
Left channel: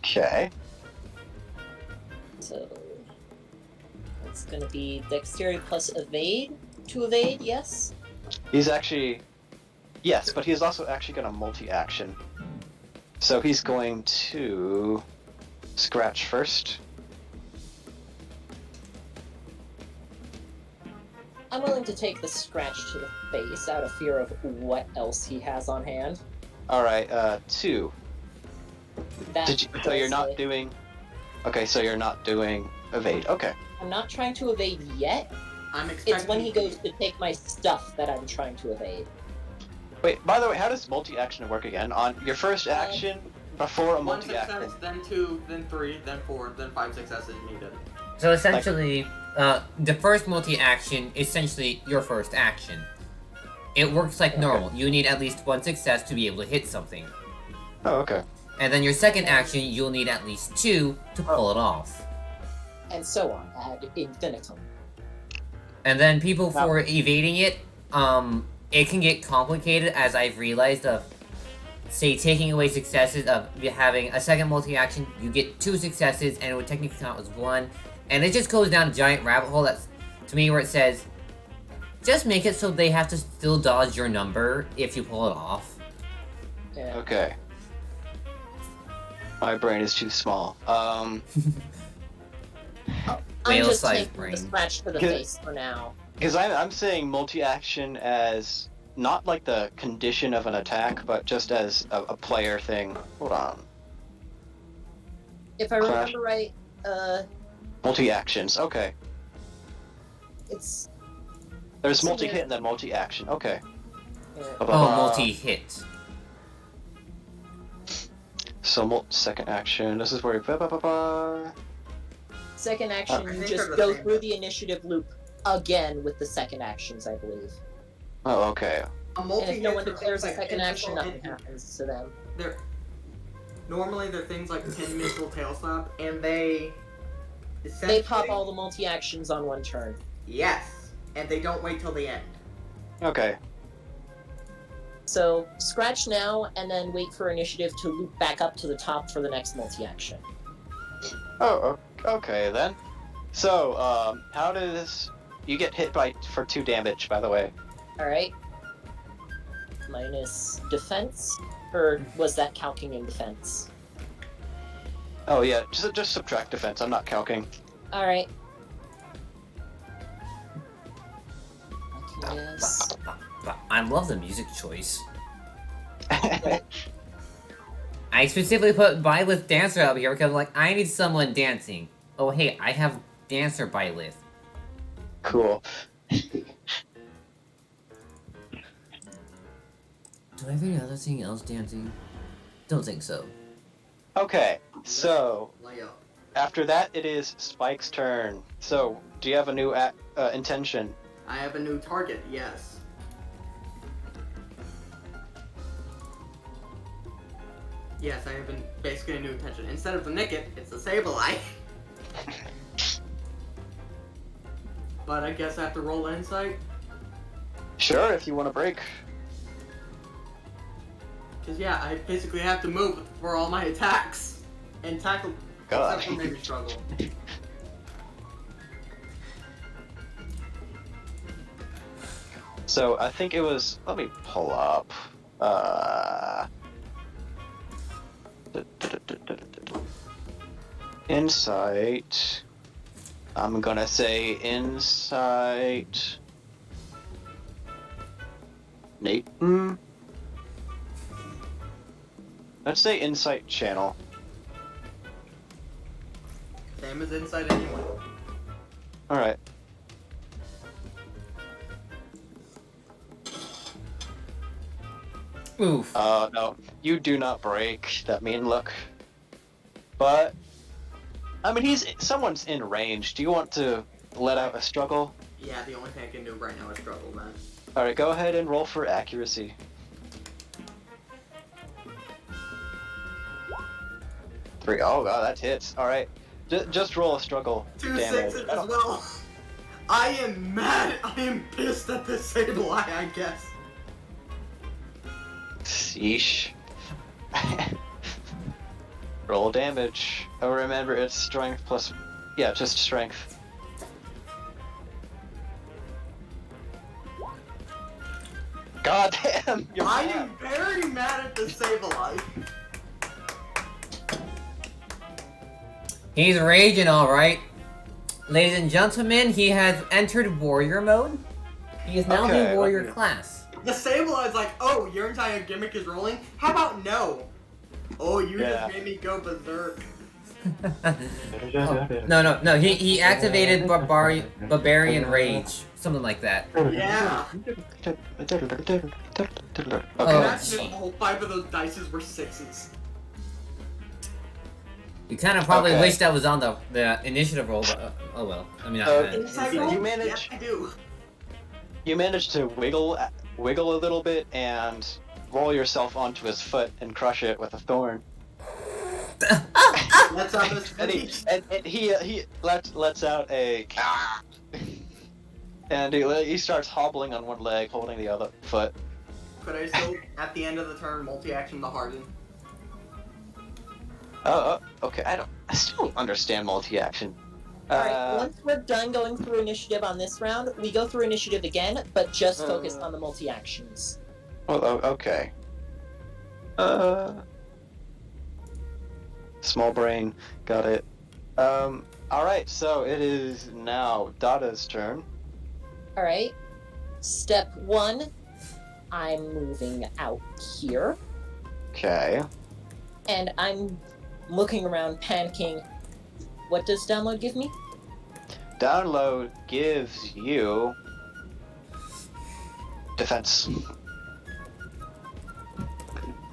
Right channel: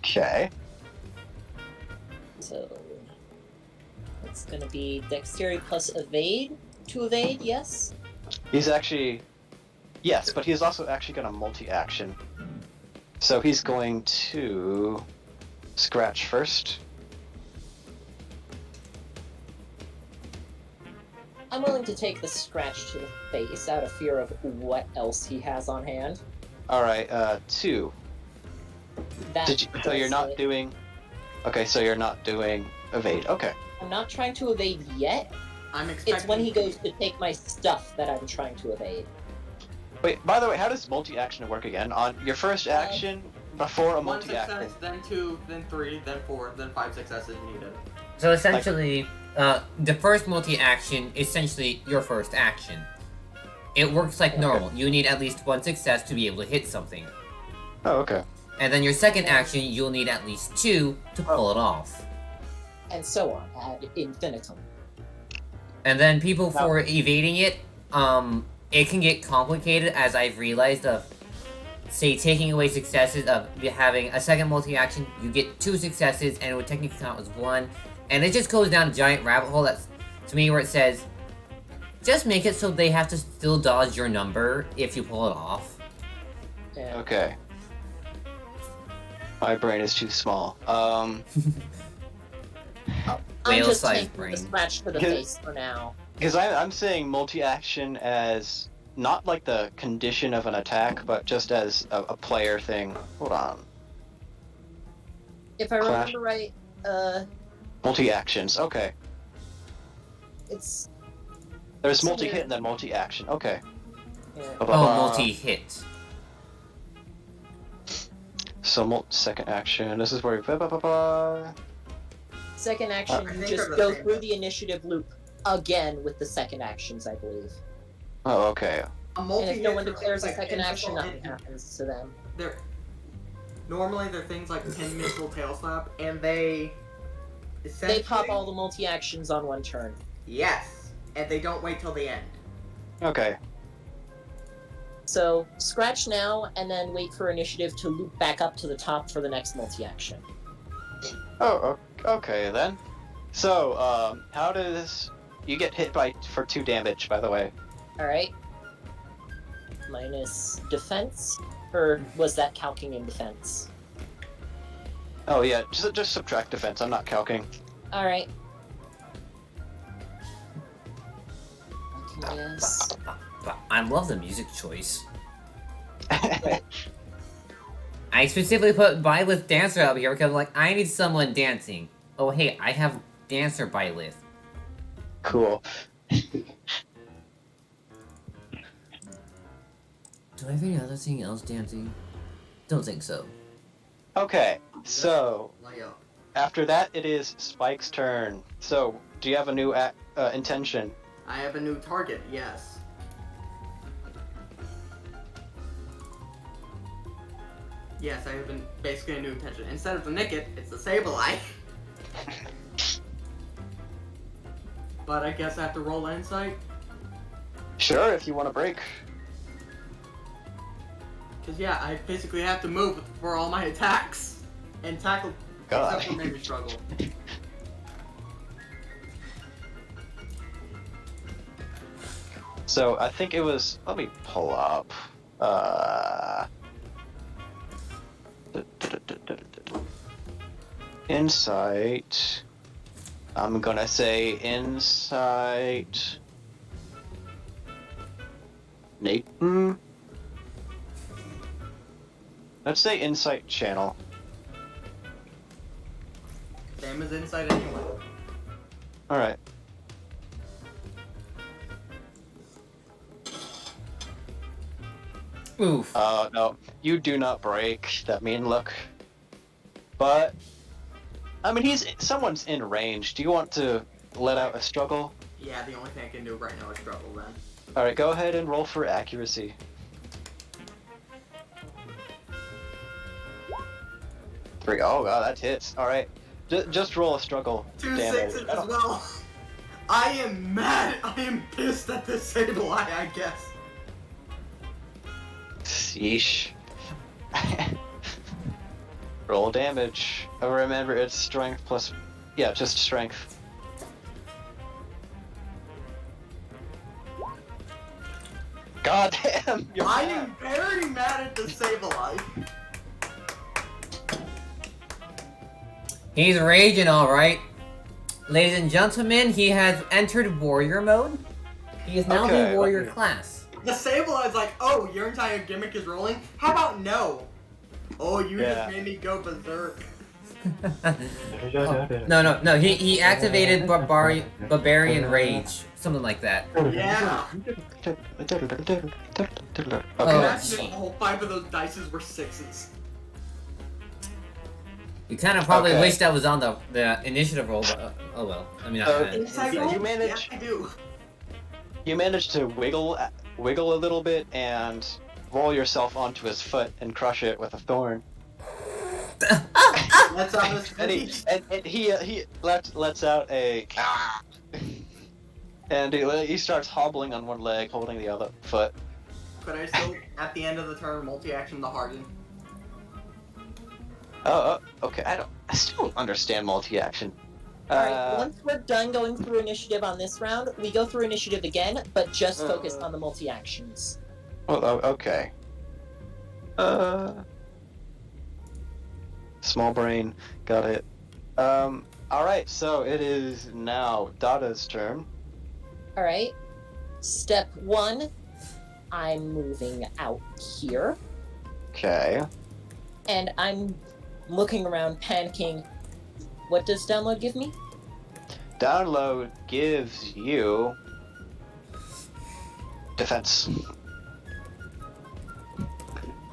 Okay. So it's gonna be dexterity plus evade to evade, yes? He's actually... Yes, but he's also actually got a multi-action. So he's going to scratch first. I'm willing to take the scratch to the face out of fear of what else he has on hand. Alright, 2. That So you're does not it. doing... Okay, so you're not doing evade. Okay. I'm not trying to evade yet. I'm expecting. It's when he goes to take my stuff that I'm trying to evade. Wait, by the way, how does multi-action work again? On your first action, before a One multi-action... success, then 2, then 3, then 4, then 5 successes needed. So essentially, the first multi-action is essentially your first action. It works like normal. You need at least one success to be able to hit something. Oh, okay. And then your second action, you'll need at least 2 to pull it off. And so on, ad infinitum. And then people for evading it, it can get complicated, as I've realized, of, say, taking away successes of having a second multi-action, you get 2 successes, and it would technically count as 1. And it just goes down a giant rabbit hole that's, to me, where it says, just make it so they have to still dodge your number if you pull it off. Yeah. Okay. My brain is too small. I'm Whale-sized just taking brain. the scratch to the Yeah. face for now. Because I'm saying multi-action as not like the condition of an attack, but just as a player thing. Hold on. If I Clash. remember right, Multi-actions, okay. it's There's So multi-hit there- and then multi-action, okay. yeah. Blah, blah, Oh, blah. multi-hit. So second action, this is where you... Blah, blah, blah, blah. Second action, I you think just they're the go same. through the initiative loop again with the second actions, I believe. Oh, okay. A And multi if no one declares a second action, nothing hit. happens to them. Normally they're things like 10 missile tail slap, and they They pop all the multi-actions on one turn. Yes, and they don't wait till the end. Okay. So, scratch now, and then wait for initiative to loop back up to the top for the next multi-action. Oh, okay then. So, how does... You get hit for 2 damage, by the way. Alright. Minus defense? Or was that calcing in defense? Oh yeah, just subtract defense, I'm not calcing. Alright. Yes. I love the music choice. I specifically put Byleth Dancer up here because, like, I need someone dancing. Oh, hey, I have dancer by list. Cool. Do I have any other thing else dancing? Don't think so. Okay, so Lay up. after that, it is Spike's turn. So, do you have a new intention? I have a new target, yes. Yes, I have basically a new intention. Instead of the Nicket, it's the Sableye. But I guess I have to roll insight. Sure, if you want to break. Because, yeah, I basically have to move for all my attacks. And tackle. God. Except for maybe struggle. So, I think it was. Let me pull up. Insight. I'm gonna say insight. Nathan. Let's say insight channel. Same as insight anyway. Alright. Oof. No. You do not break that mean look. But I mean someone's in range. Do you want to let out a struggle? Yeah, the only thing I can do right now is struggle then. Alright, go ahead and roll for accuracy. 3. Oh god, that hits. Alright. Just roll a struggle 2 damage. 6s as well. I am mad. I am pissed at this Sableye, I guess. Sheesh. Roll damage. Oh, remember it's strength plus. Yeah, just strength. God damn! You're I mad. am very mad at this Sableye. He's raging, alright. Ladies and gentlemen, he has entered warrior mode. He is now Okay, the warrior let me- class. The Sableye's like, oh, your entire gimmick is rolling? How about no? Oh, you Yeah. just made me go berserk. No. He activated barbarian rage, something like that. Yeah. Okay. Oh, Imagine gee. all 5 of those dices were 6s. You kind of probably Okay. wish that was on the initiative roll, but oh well. I mean, Inside roll? you manage- Yeah, I do. You managed to wiggle a little bit and roll yourself onto his foot and crush it with a thorn. Let's have this And finish. he lets out a and he starts hobbling on one leg, holding the other foot. Could I still, at the end of the turn, multi-action the Harden? Okay. I still don't understand multi-action. Alright, once we're done going through initiative on this round, we go through initiative again, but just focus on the multi-actions. Okay. Small brain, got it. Alright, so it is now Dada's turn. Alright. Step 1, I'm moving out here, Okay. and I'm looking around, panicking. What does download give me? Download gives you defense.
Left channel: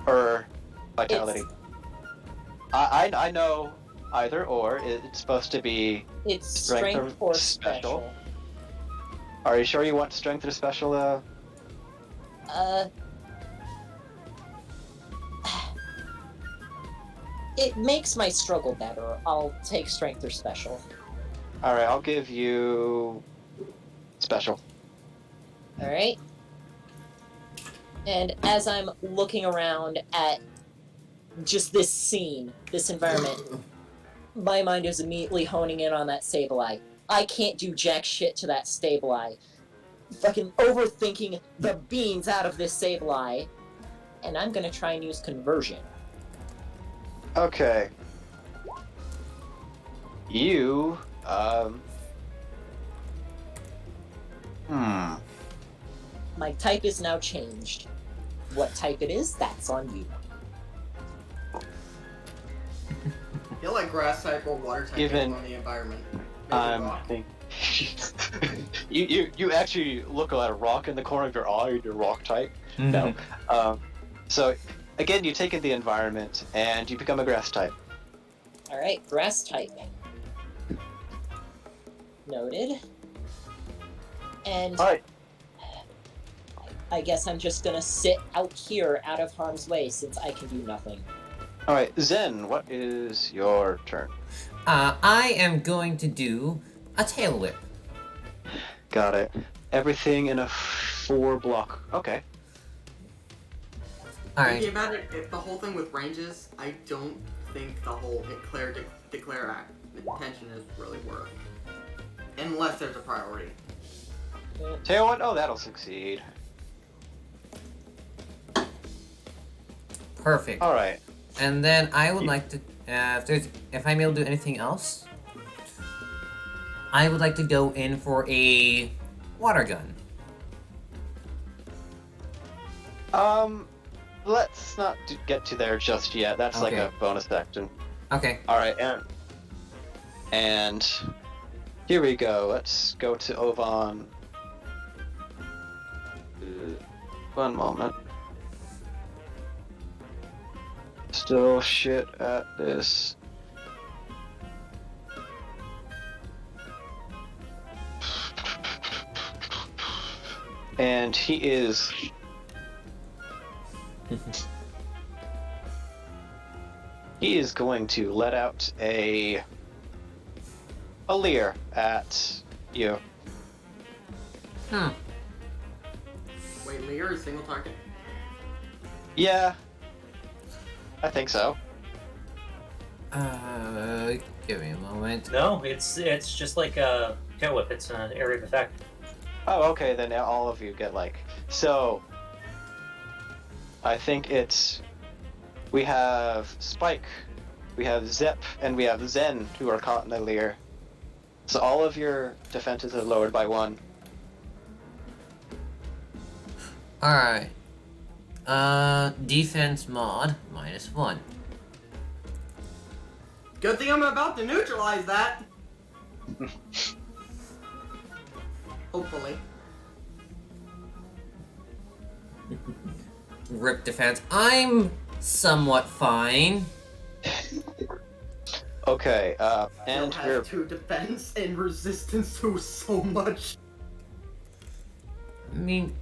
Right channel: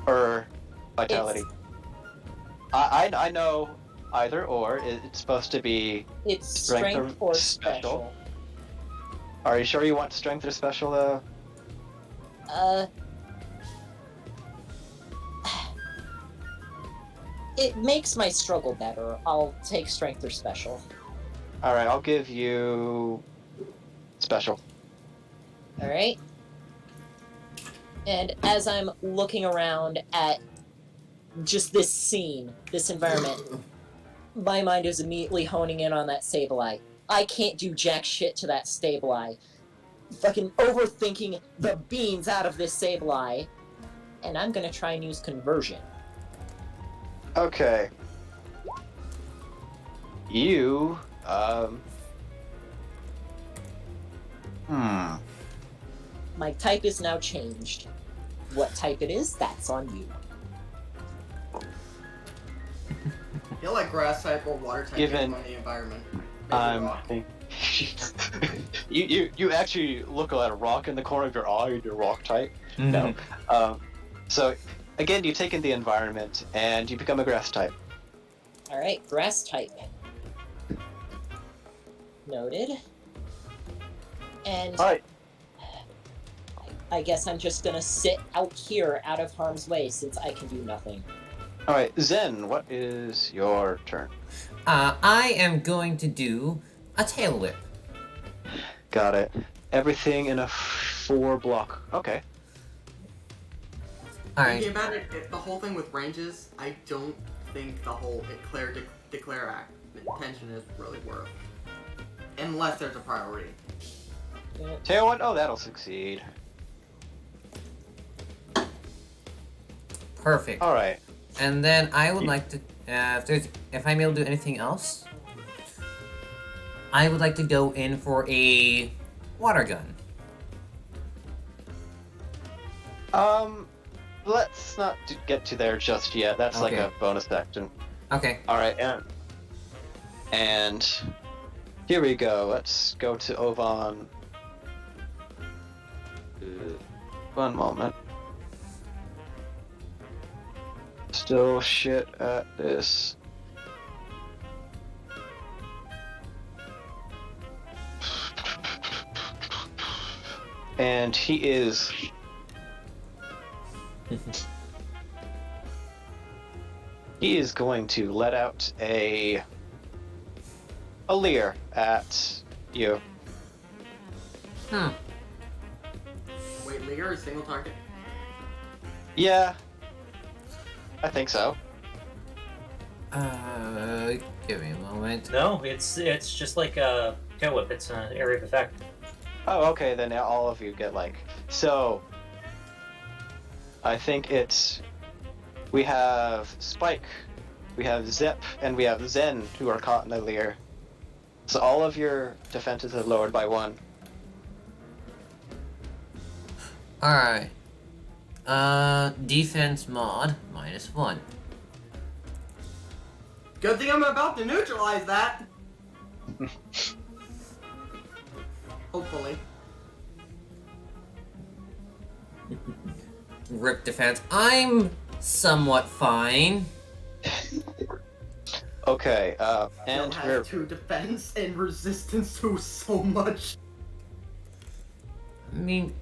Or vitality. I know either or. It's supposed to be. It's Strength strength or or special? special. Are you sure you want strength or special though? It makes my struggle better. I'll take strength or special. Alright, I'll give you special. Alright? And as I'm looking around at just this scene, this environment, my mind is immediately honing in on that Sableye. I can't do jack shit to that Sableye. Fucking overthinking the beans out of this Sableye. And I'm gonna try and use conversion. Okay. You, My type is now changed. What type it is, that's on you. feel like grass type or water type Given- on the environment. Maybe rock. you actually look at a rock in the corner of your eye and you're rock type. No. So again, you take in the environment and you become a grass type. All right, grass type. Noted. And All right. I guess I'm just gonna sit out here, out of harm's way, since I can do nothing. All right, Zen, what is your turn? I am going to do a tail whip. Got it. Everything in a 4-block. Okay. Alright. Thinking about it, if the whole thing with ranges, I don't think the whole declare act intention is really worth. Unless there's a priority. Tail what? Oh, that'll succeed. Perfect. All right. And then I would like to, if I'm able to do anything else, I would like to go in for a water gun. Let's not get to there just yet. That's like Okay. a bonus action. Okay. All right, and here we go. Let's go to Ovan. One moment. Still shit at this. And he is. He is going to let out a leer at you. Hmm. Wait, Lear is single target? Yeah, I think so. Give me a moment. No, it's just like a tail whip. It's an area of effect. Oh, okay, then all of you get like. So, I think it's. We have Spike, we have Zep, and we have Zen who are caught in the leer. So all of your defenses are lowered by 1. Alright. Defense mod, -1. Good thing I'm about to neutralize that! Hopefully. Rip defense. I'm somewhat fine. Okay, And and we're. has 2 defense and resistance to so much. I mean...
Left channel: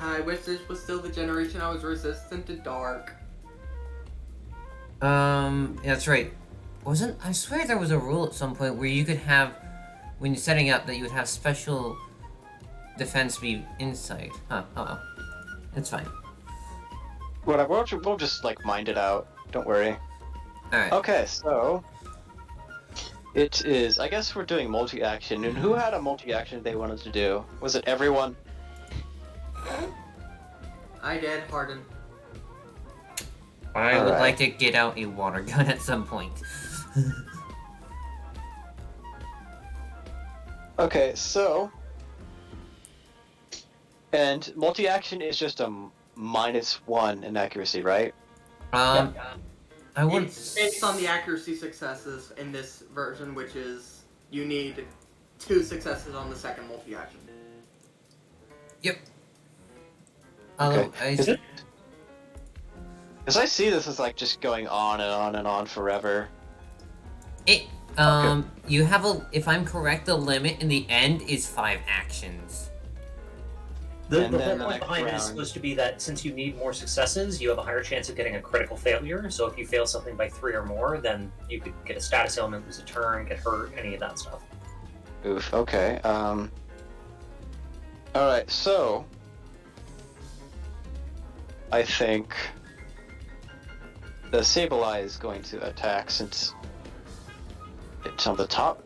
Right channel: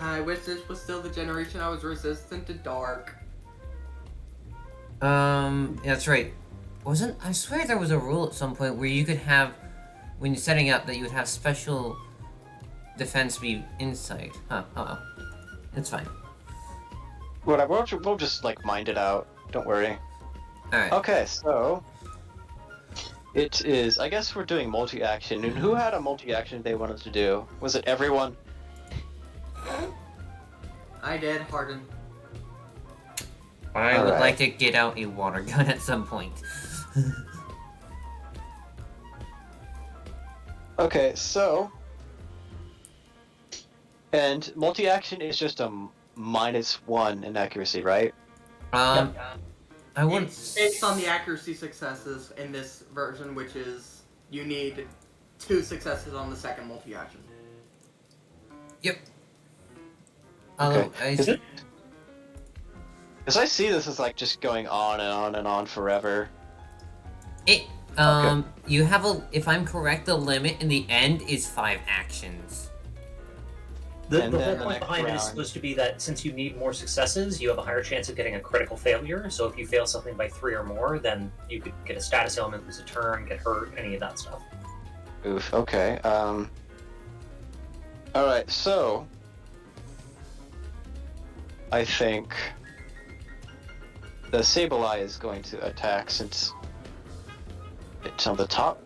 I wish this was still the generation I was resistant to dark. Yeah, that's right. I swear there was a rule at some point where you could have, when you're setting up, that you would have special defense be insight. Huh, oh well. It's fine. Whatever, we'll just like mind it out. Don't worry. Alright. Okay, so. It is. I guess we're doing multi action. And who had a multi action they wanted to do? Was it everyone? I did, Harden. I would Alright. like to get out a water gun at some point. Okay, so. And multi action is just a -1 in accuracy, right? I wouldn't... It's based on the accuracy successes in this version, which is you need 2 successes on the second multi-action. Yep. Although, Because I see this as like just going on and on and on forever. you have if I'm correct, the limit in the end is 5 actions. The And whole then the point next behind it is round. supposed to be that since you need more successes, you have a higher chance of getting a critical failure. So if you fail something by 3 or more, then you could get a status element, lose a turn, get hurt, any of that stuff. Oof, okay. Alright, so. I think. The Sableye is going to attack since. It's on the top.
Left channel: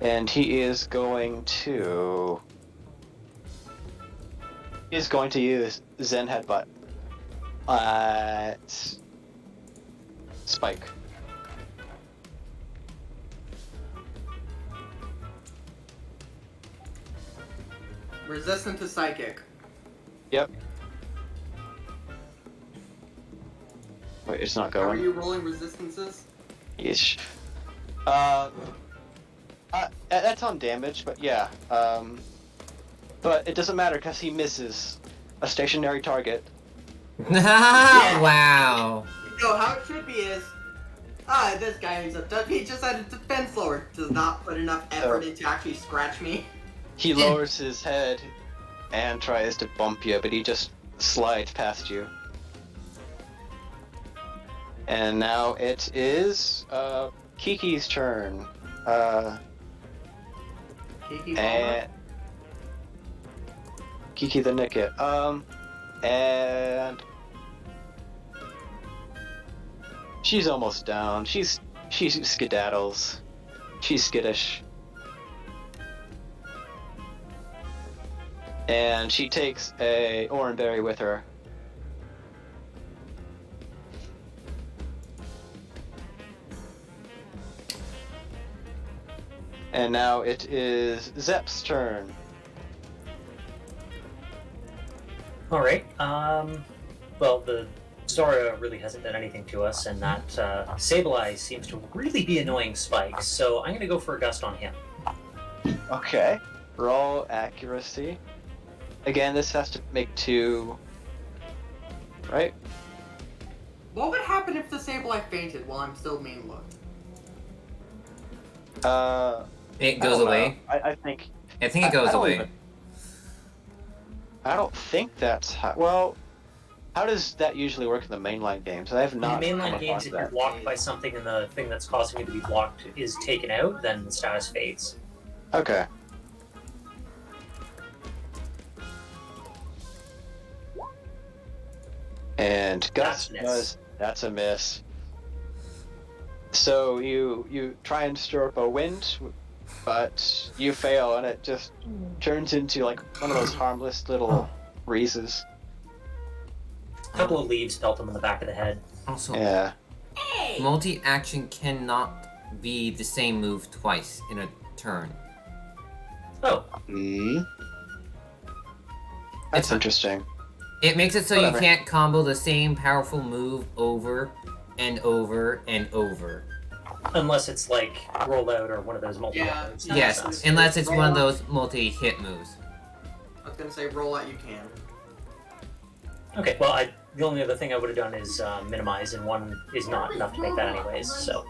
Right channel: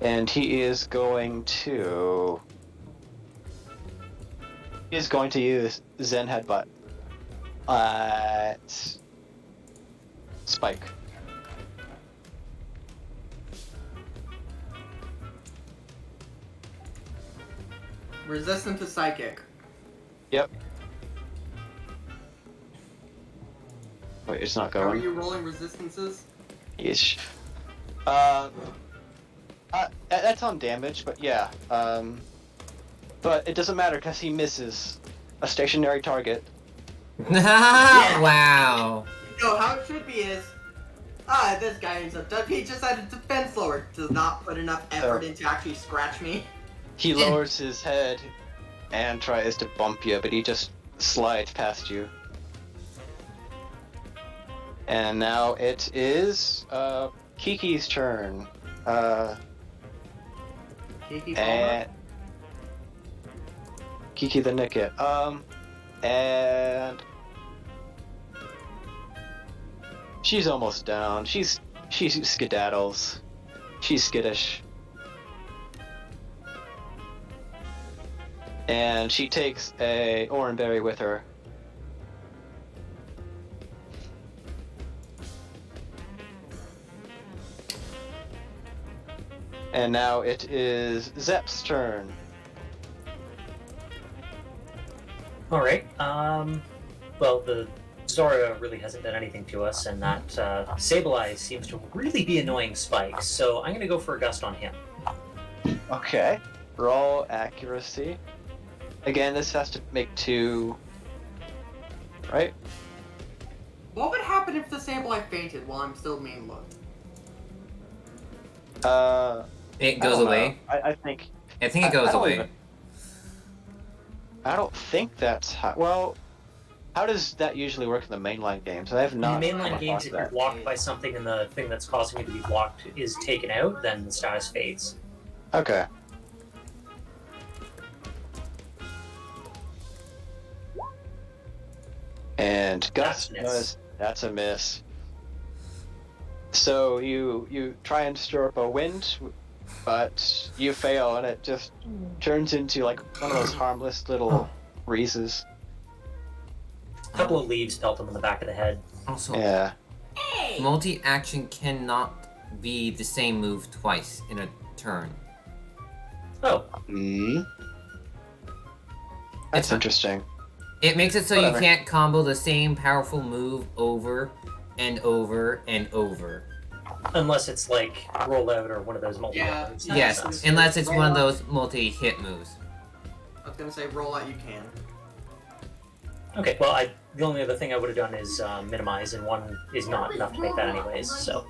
And he is going to. He's going to use Zen Headbutt at Spike. Resistant to psychic. Yep. Wait, it's not How are going. you rolling resistances? Yeesh. That's on damage, but yeah. But it doesn't matter because he misses a stationary target. Wow. No, how it should be is, this guy is he just had a defense lower. Does not put enough effort into actually scratch me. He lowers his head and tries to bump you, but he just slides past you. And now it is Kiki's turn. Kiki And Kiki the Nicket. And she's almost down. She's skedaddles. She's skittish. And she takes a oranberry with her. And now it is Zep's turn. All right. Well, the Zora really hasn't done anything to us, and that Sableye seems to really be annoying Spike. So I'm gonna go for a gust on him. Okay. Roll accuracy. Again, this has to make 2. Right? What would happen if the Sableye fainted while I'm still mean look? It goes away. I think. I think it goes I don't away. even- I don't think that's how. Well, how does that usually work in the mainline games? I have not. In the come mainline games, across if you're that. blocked by something and the thing that's causing you to be blocked is taken out, then the status fades. Okay. And Gus that's a miss. So you try and stir up a wind, but you fail, and it just turns into like one of those harmless little breezes. A couple of leaves pelt him in the back of the head. Also, Yeah. multi-action cannot be the same move twice in a turn. Oh, Mm. That's It's- interesting. It makes it so Whatever. you can't combo the same powerful move over and over and over. unless it's like roll out or one of those multi. Yeah. Yes, unless it's one of those multi-hit moves. I was gonna say roll out you can. Okay, well, the only other thing I would have done is minimize, and 1 is not enough to make that anyways, so.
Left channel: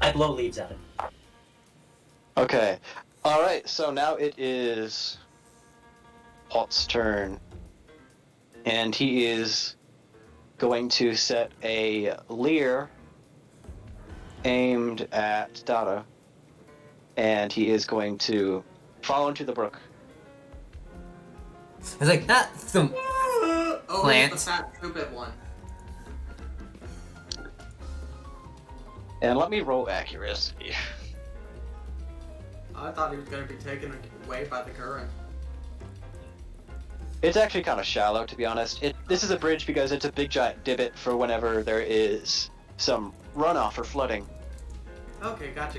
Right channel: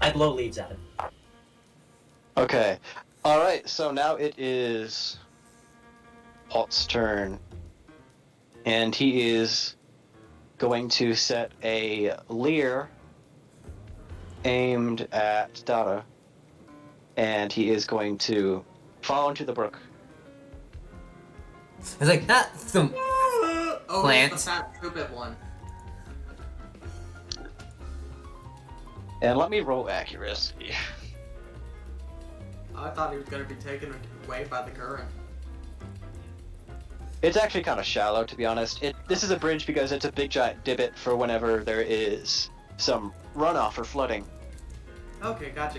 I blow leaves at him. Okay. Alright, so now it is Halt's turn. And he is going to set a leer aimed at Dada. And he is going to fall into the brook. It's like, thump. Oh, Plant. it's the fat stupid one. And let me roll accuracy. I thought he was gonna be taken away by the current. It's actually kind of shallow, to be honest. This is a bridge because it's a big giant divot for whenever there is some runoff or flooding. Okay, gotcha.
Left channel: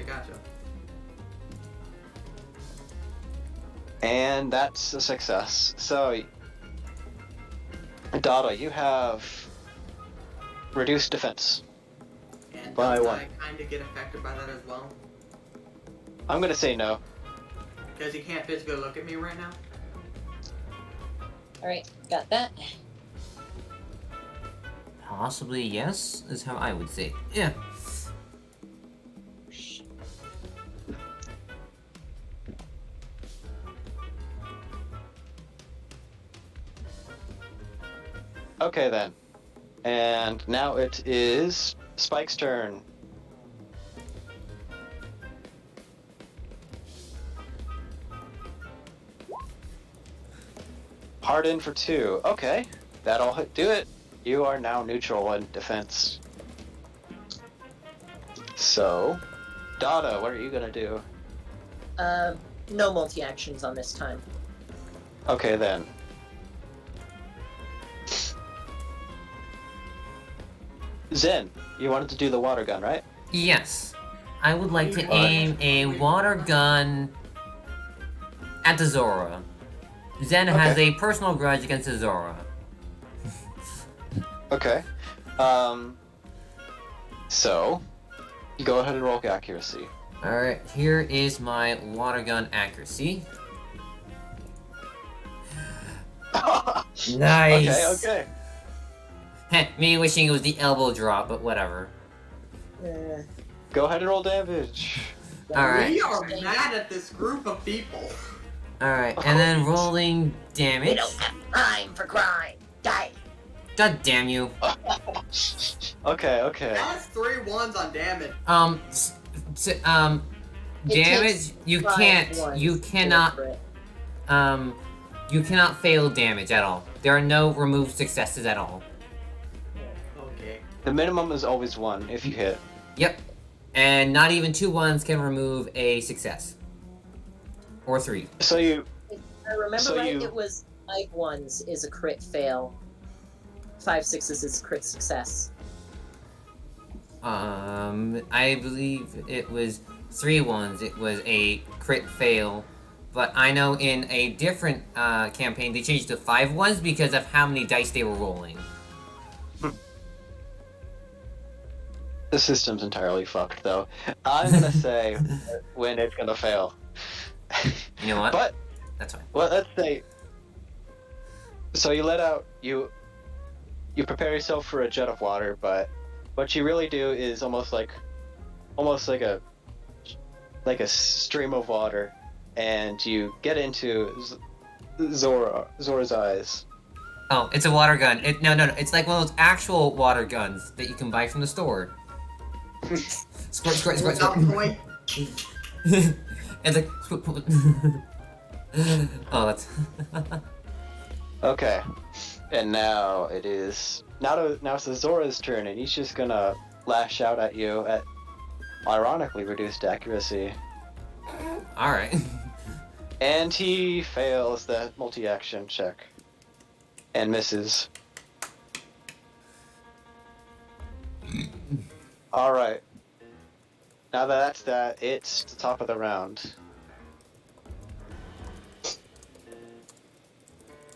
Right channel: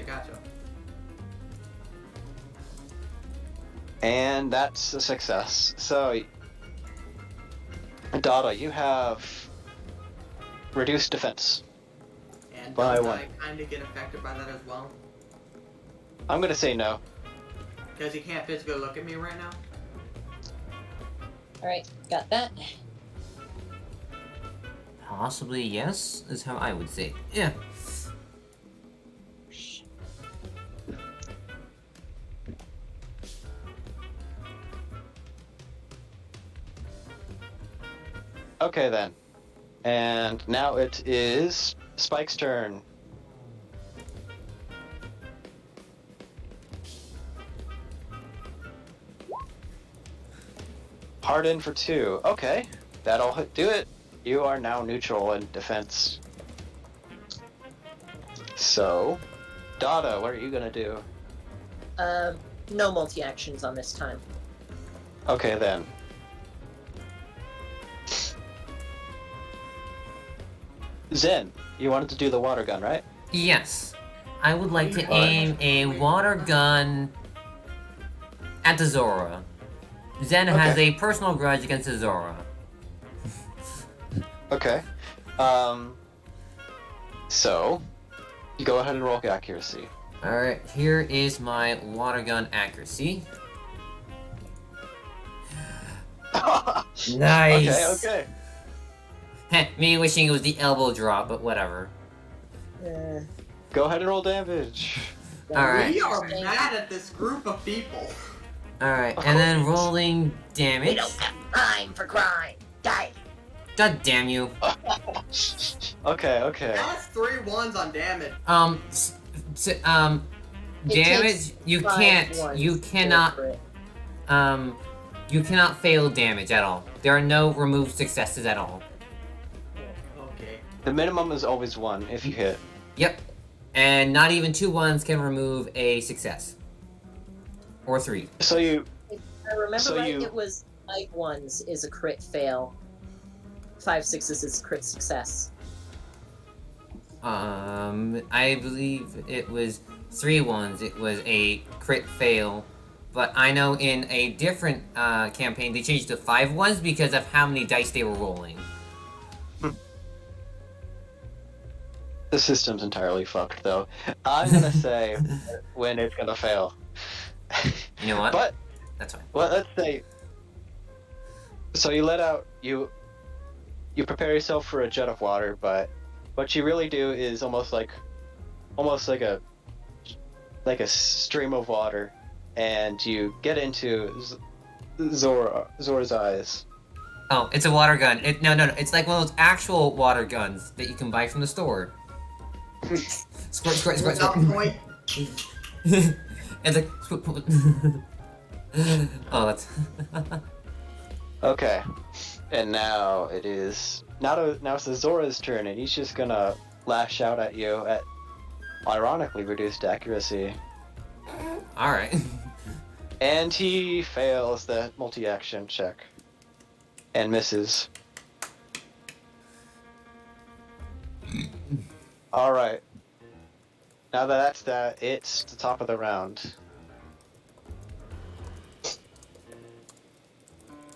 And that's a success. So, Dada, you have reduced defense. And By does one. I kind of get affected by that as well? I'm gonna say no. Because he can't physically look at me right now? Alright, got that. Possibly yes, is how I would say. Yeah. Okay then. And now it is Spike's turn. Hard in for 2. Okay, that'll do it. You are now neutral in defense. So, Dada, what are you gonna do? No multi-actions on this time. Okay then. Zen, you wanted to do the water gun, right? Yes. I would like to aim a water gun at the Zora. Zen has a personal grudge against the Zora. Okay. So, you go ahead and roll accuracy. Alright, here is my water gun accuracy. Nice! Okay. Heh, me wishing it was the elbow drop, but whatever. Go ahead and roll damage. Alright. We are mad at this group of people. Alright, and then rolling damage. We don't have time for crime. Die. God damn you. Okay. That's 3 ones on damage. Damage, you can't, you cannot, you cannot fail damage at all. There are no removed successes at all. Okay. The minimum is always 1 if you hit. Yep. And not even 2 ones can remove a success. Or 3. So you... If I remember So right, you- it was 5 ones is a crit fail. 5 sixes is crit success. I believe it was 3 ones. It was a crit fail. But I know in a different campaign they changed to 5 ones because of how many dice they were rolling. The system's entirely fucked, though. I'm gonna say when it's gonna fail. You know what? But, That's fine. well, let's say... So you let out... You prepare yourself for a jet of water, but what you really do is almost like a stream of water, and you get into Zora's eyes. Oh, it's a water gun. No. It's like one of those actual water guns that you can buy from the store. Squirt. Boy. It's like... Oh, that's... Okay, and now it's the Zora's turn, and he's just gonna lash out at you at ironically reduced accuracy, Alright. and he fails the multi-action check and misses. All right. Now that's that, it's the top of the round.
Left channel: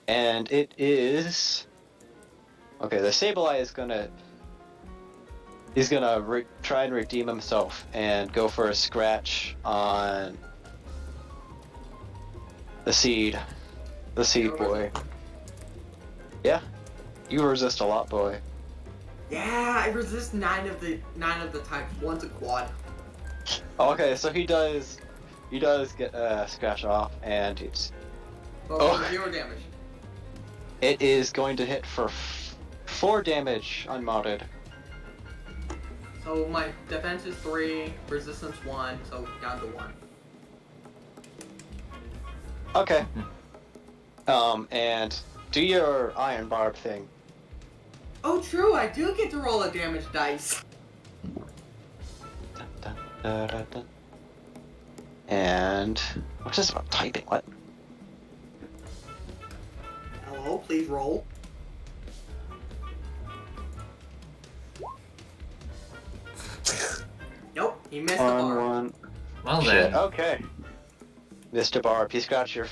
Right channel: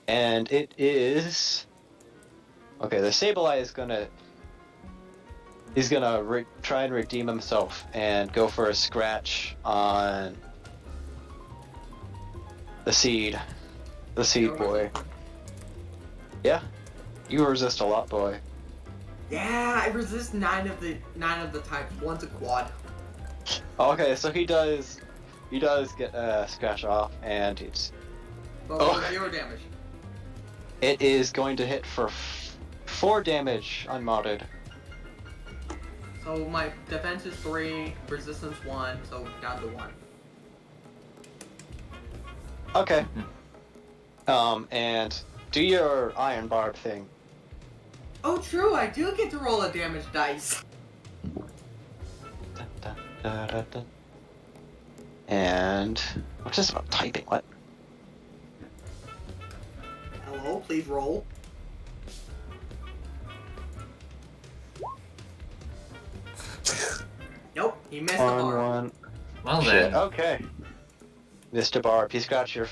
And it is... Okay, the Sableye is gonna... He's gonna try and redeem himself and go for a scratch on... the seed. The seed boy. Yeah. You resist a lot, boy. Yeah, I resist 9 of the types. One's a quad. Okay, so he does get scratch off, and it's... Oh, 0 damage. It is going to hit for 4 damage unmodded. So my defense is 3, resistance 1, so down to 1. Okay. And do your iron barb thing. Oh, true, I do get to roll a damage dice. And what's this about typing? What? Hello, please roll. Nope, you missed the bar. One. Well Shit, then. okay. Mr. Barb, you scratched your...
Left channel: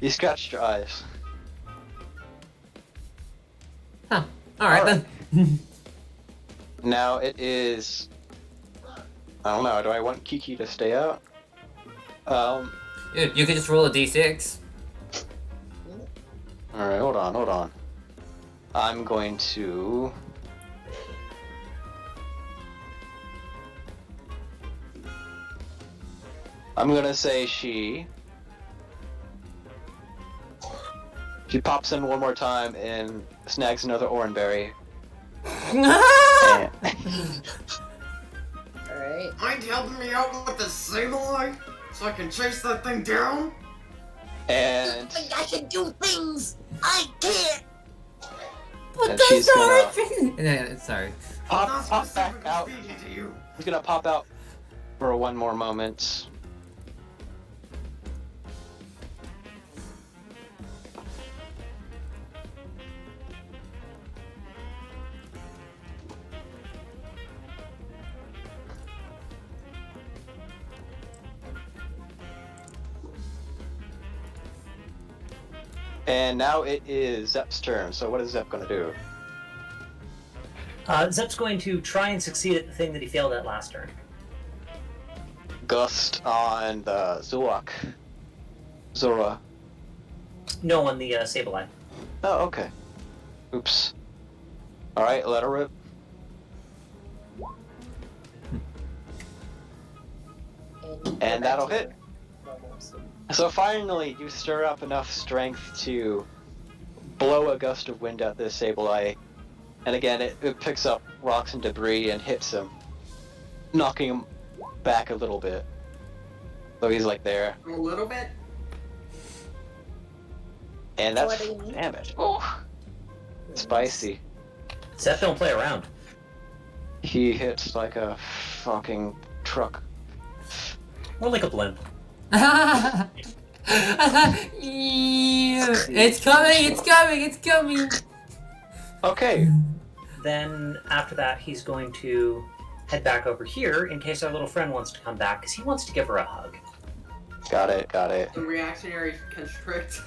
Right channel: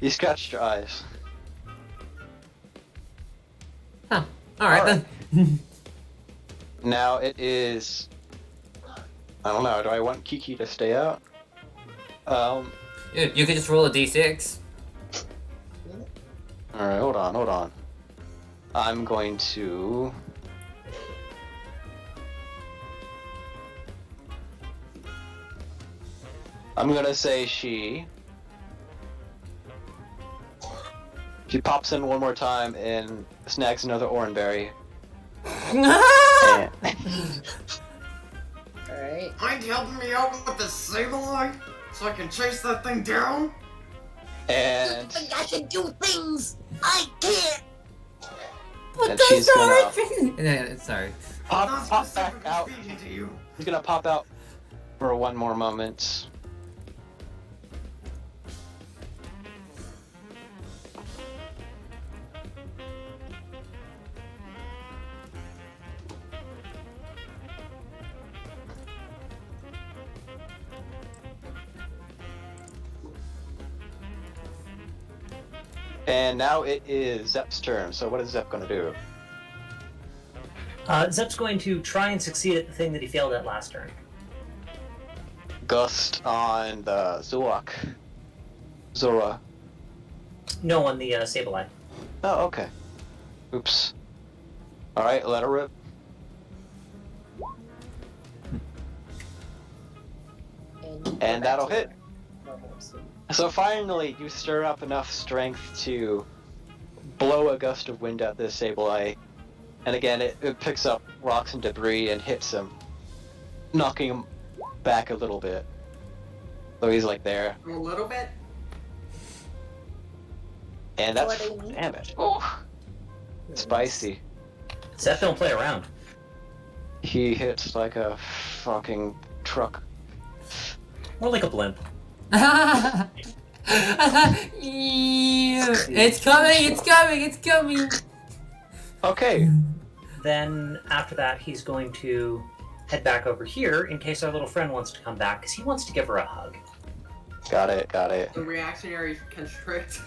you scratched your eyes. Huh. Alright Alright. then. Now it is... I don't know, do I want Kiki to stay out? Dude, you could just roll a d6. Alright, hold on. I'm going to... I'm gonna say she pops in one more time and snags another oranberry. Alright. Mind helping me out with the Sableye so I can chase that thing down? And I can do things I can't. But And she's gonna- Yeah, sorry. I'm pop not back specifically out. speaking to you. He's gonna pop out for one more moment. And now it is Zep's turn. So what is Zep gonna do? Zep's going to try and succeed at the thing that he failed at last turn. Gust on the Zulak. Zora. No, on the Sableye. Oh, okay. Oops. Alright, let her rip. And that'll hit. So finally, you stir up enough strength to blow a gust of wind at this Sableye. And again, it picks up rocks and debris and hits him, knocking him back a little bit. So he's like there. A little bit? And that's 20. damage. Oh, spicy. Zep don't play around. He hits like a fucking truck. More like a blimp. It's coming! It's coming! It's coming! Okay. Then after that, he's going to head back over here in case our little friend wants to come back, because he wants to give her a hug. Got it, got it. The reactionary constrict.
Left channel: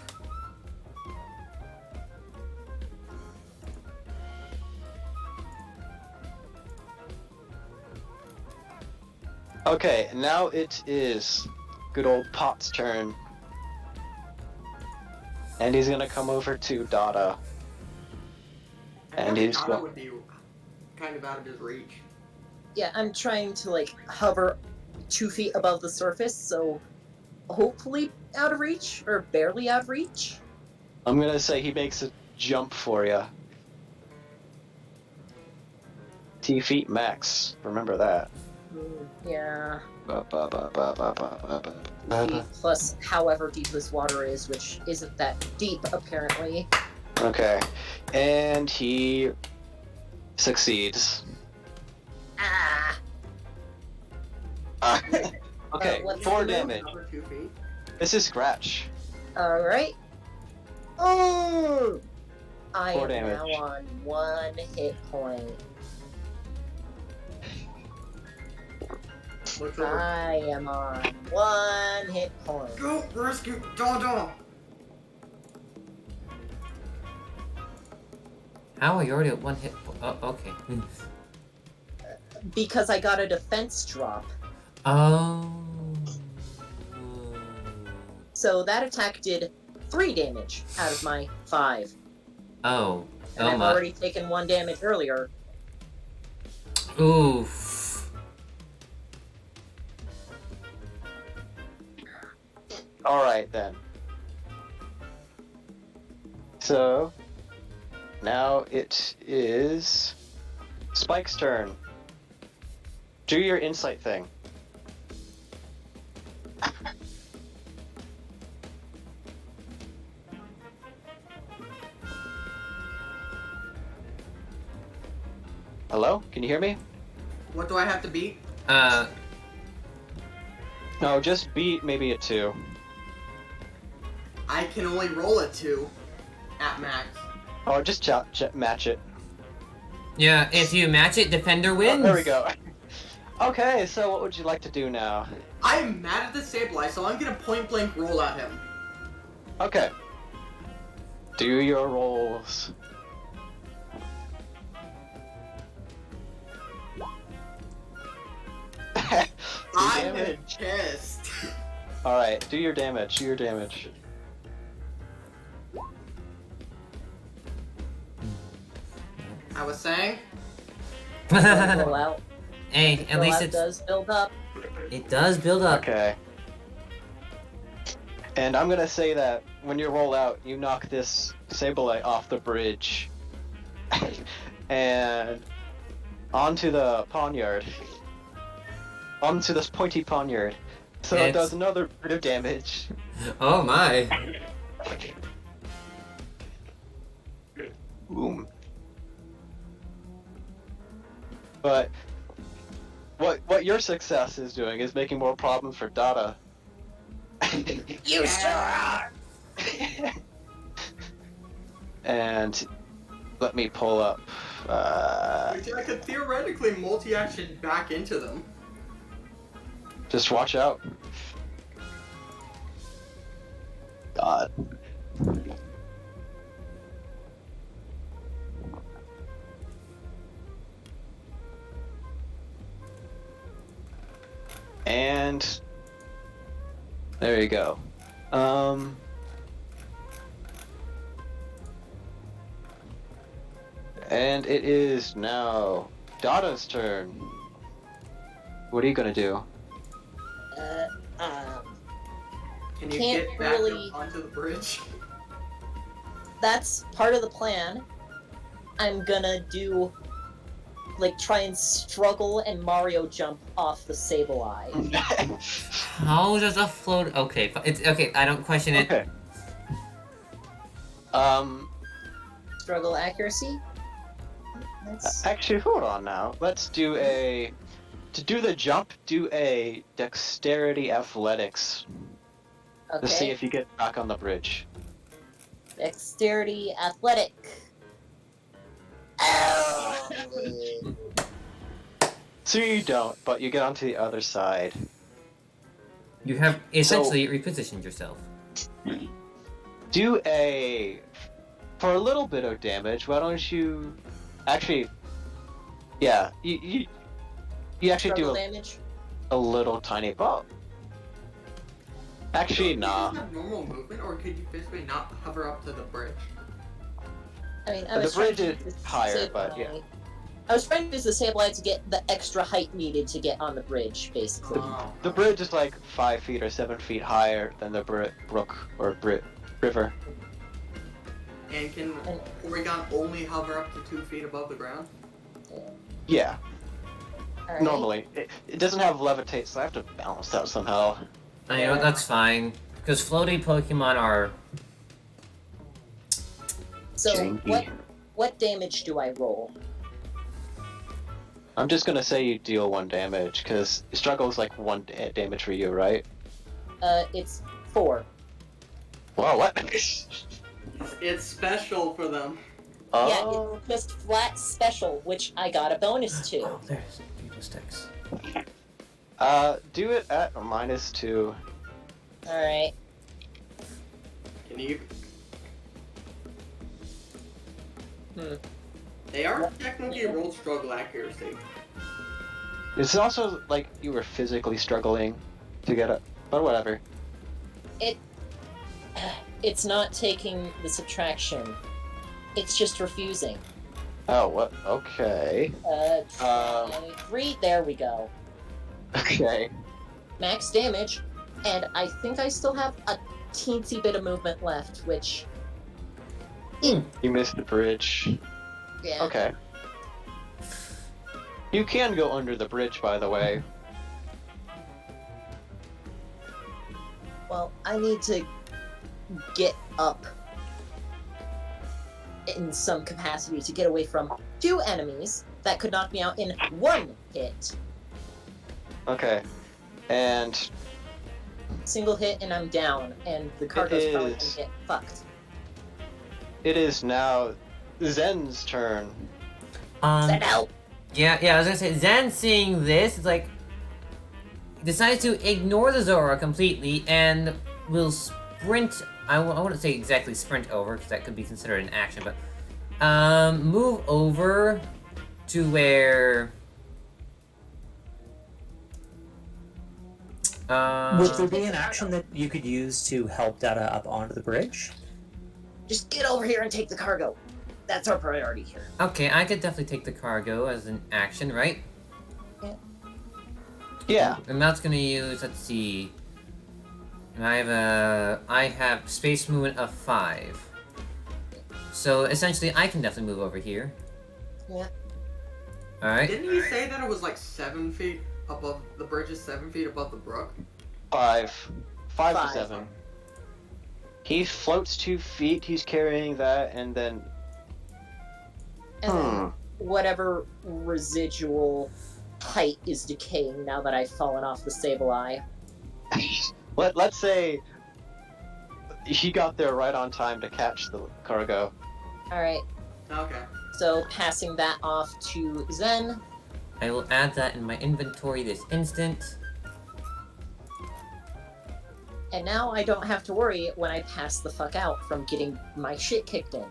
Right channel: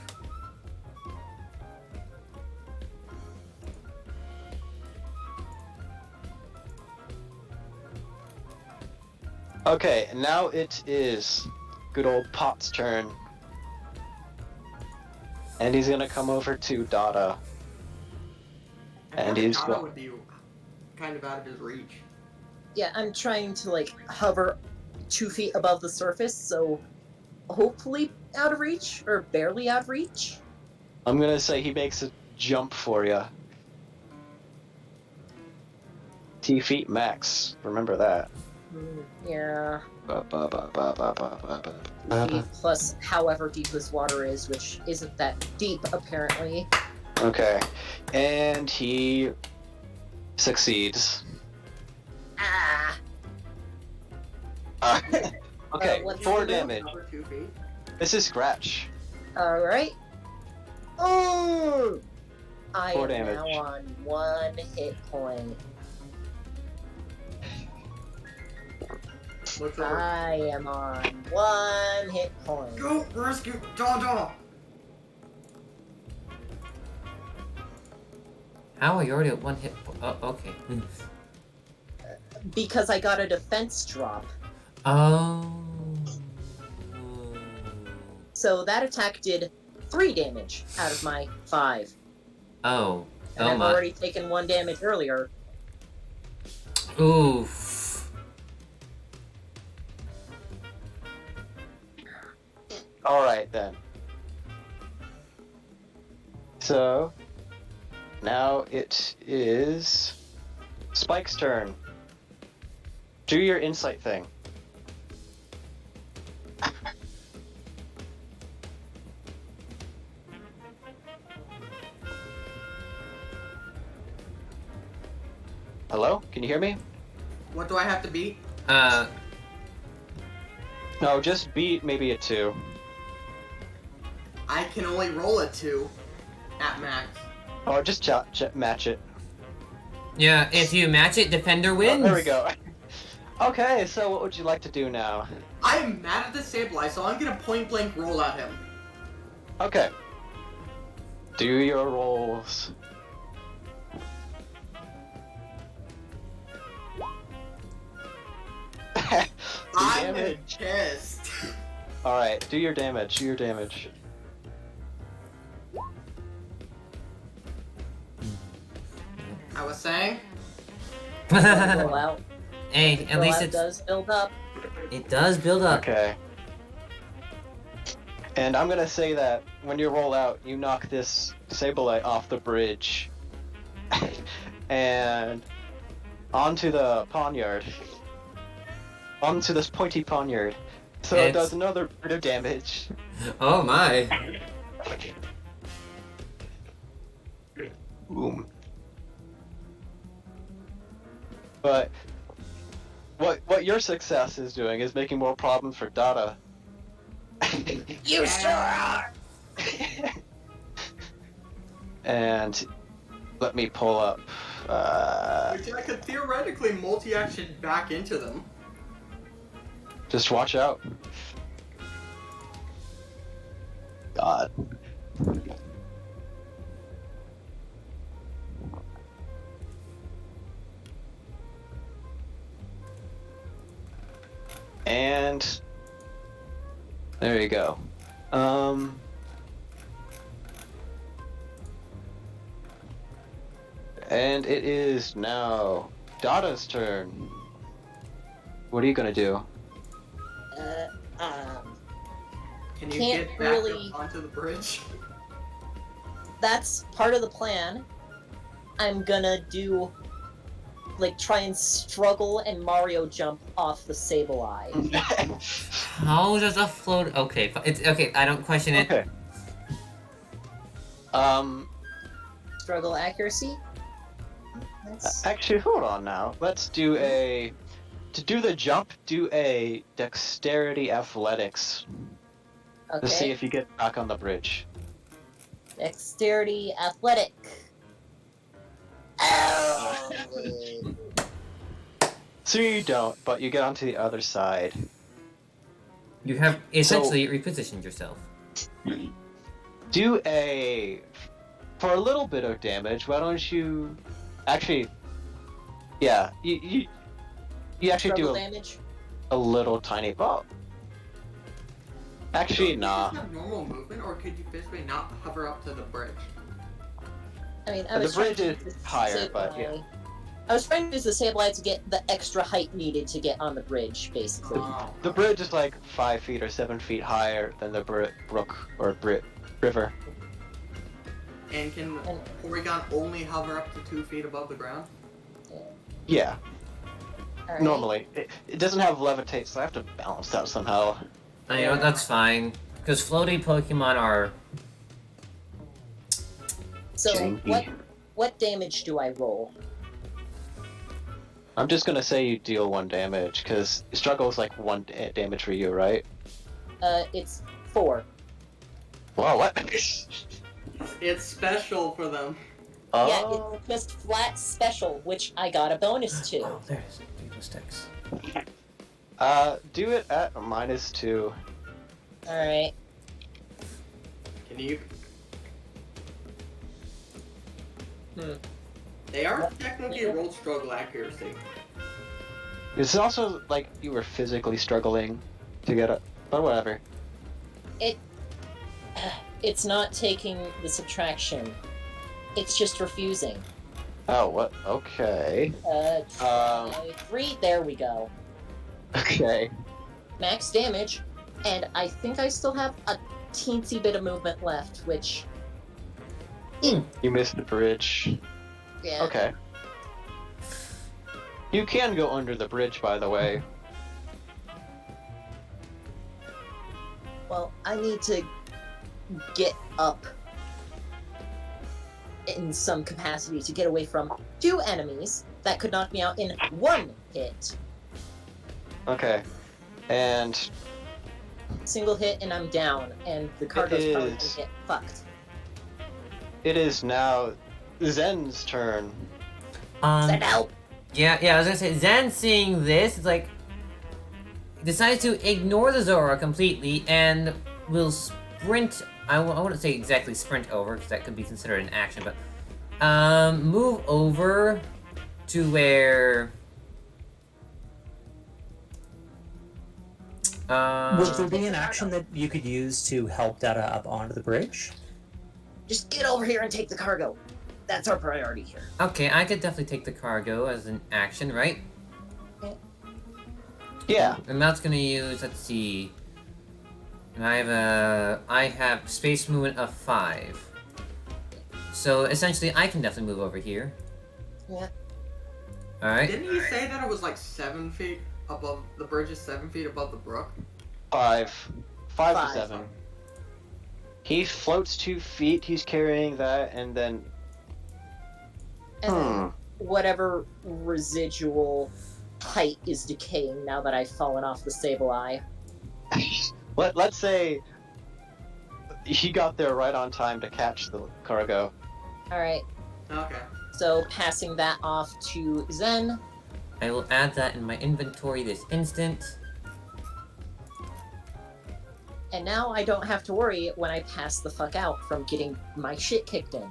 Okay, now it is good old Pot's turn. And he's gonna come over to Dada. And he's Dada go- would be kind of out of his reach. Yeah, I'm trying to like hover 2 feet above the surface, so hopefully out of reach or barely out of reach. I'm gonna say he makes a jump for you. T feet max. Remember that. Yeah. Ba, ba, ba, ba, ba, ba, ba, ba, ba. Feet plus however deep this water is, which isn't that deep apparently. Okay. And he succeeds. Ah. Okay, what's 4 the move? damage. Another 2 feet. This is scratch. All right. Oh. I 4 am damage. now on 1 hit point. What's over? I am on 1 hit point. Go rescue Dada! How are you already at 1 hit? Oh, okay. Because I got a defense drop. Oh. So that attack did 3 damage out of my 5. Oh. And Oh I've my. already taken 1 damage earlier. Oof. Alright then. So, now it is Spike's turn. Do your insight thing. Hello? Can you hear me? What do I have to beat? No, just beat maybe a 2. I can only roll a 2 at max. Or just match it. Yeah, if you match it, defender Oh, wins. there we go. Okay, so what would you like to do now? I am mad at the Sableye, so I'm gonna point blank roll at him. Okay. Do your rolls. I'm Damage. pissed. Alright, do your damage, do your damage. I was saying, Roll out. Hey, at Roll least out it's does build up. it does build up. Okay. And I'm gonna say that when you roll out, you knock this Sableye off the bridge. And onto the poniard. Onto this pointy poniard. So it It's- does another bit of damage. Oh my. Boom. But what your success is doing is making more problems for Dada. You sure are! And let me pull up. I could theoretically multi-action back into them. Just watch out. God. And there you go. And it is now Dada's turn. What are you gonna do? Can you Can't get back really- up onto the bridge? That's part of the plan. I'm gonna do, like, try and struggle and Mario jump off the Sableye. How does a float? Okay, it's okay. I don't question it. Okay. Struggle accuracy? That's... Actually, hold on now. Let's do a... To do the jump, do a dexterity athletics to see Okay. if you get back on the bridge. Dexterity athletic. Oh. So you don't, but you get onto the other side. You have essentially repositioned yourself. Do a... For a little bit of damage, why don't you... Actually... Yeah, you actually Struggle do damage? a little tiny... Oh. Actually, nah. Could you just have normal movement, or could you physically not hover up to the bridge? I mean, I The was trying bridge to is use the higher, but yeah. Sableye. I was trying to use the Sableye to get the extra height needed to get on the bridge, basically. Oh. The bridge is like 5 feet or 7 feet higher than the brook or river. And can Porygon only hover up to 2 feet above the ground? Yeah, Alright. normally. It doesn't have levitate, so I have to balance that somehow. You know, that's fine. Because floaty Pokemon are... So, Janky. what damage do I roll? I'm just gonna say you deal 1 damage, because struggle is like 1 damage for you, right? It's 4. Wow, what? It's special for them. Yeah, Oh. it's just flat special, which I got a bonus to. Oh, there's people sticks. Do it at -2. Alright. Can you? Hmm. They are technically rolled struggle accuracy. It's also like you were physically struggling to get it, but whatever. It's not taking the subtraction. It's just refusing. Oh, what? Okay. 3, there we go. Okay. Max damage, and I think I still have a teensy bit of movement left, which, You missed the bridge. yeah. Okay. You can go under the bridge, by the way. Well, I need to get up in some capacity to get away from 2 enemies that could knock me out in 1 hit. Okay. And Single hit and I'm down, and the cargo's probably gonna is- get fucked. it is now Zen's turn. Send help! Yeah, I was gonna say, Zen seeing this, is like... decides to ignore the Zora completely, and will sprint... I wouldn't say exactly sprint over, because that could be considered an action, but... move over to where... Would there be an action that you could use to help Dada up onto the bridge? Just get over here and take the cargo. That's our priority here. Okay, I could definitely take the cargo as an action, right? Yeah. And that's gonna use, let's see... I have space movement of 5. So essentially I can definitely move over here. Yeah. Alright. Didn't he say that it was like 7 feet above the bridge? Is 7 feet above the brook? 5 to Five. 7. He floats 2 feet, he's carrying that, and then... And then whatever residual height is decaying now that I've fallen off the Sableye. Let's say he got there right on time to catch the cargo. Alright, Okay. so passing that off to Zen. I will add that in my inventory this instant. And now I don't have to worry when I pass the fuck out from getting my shit kicked in.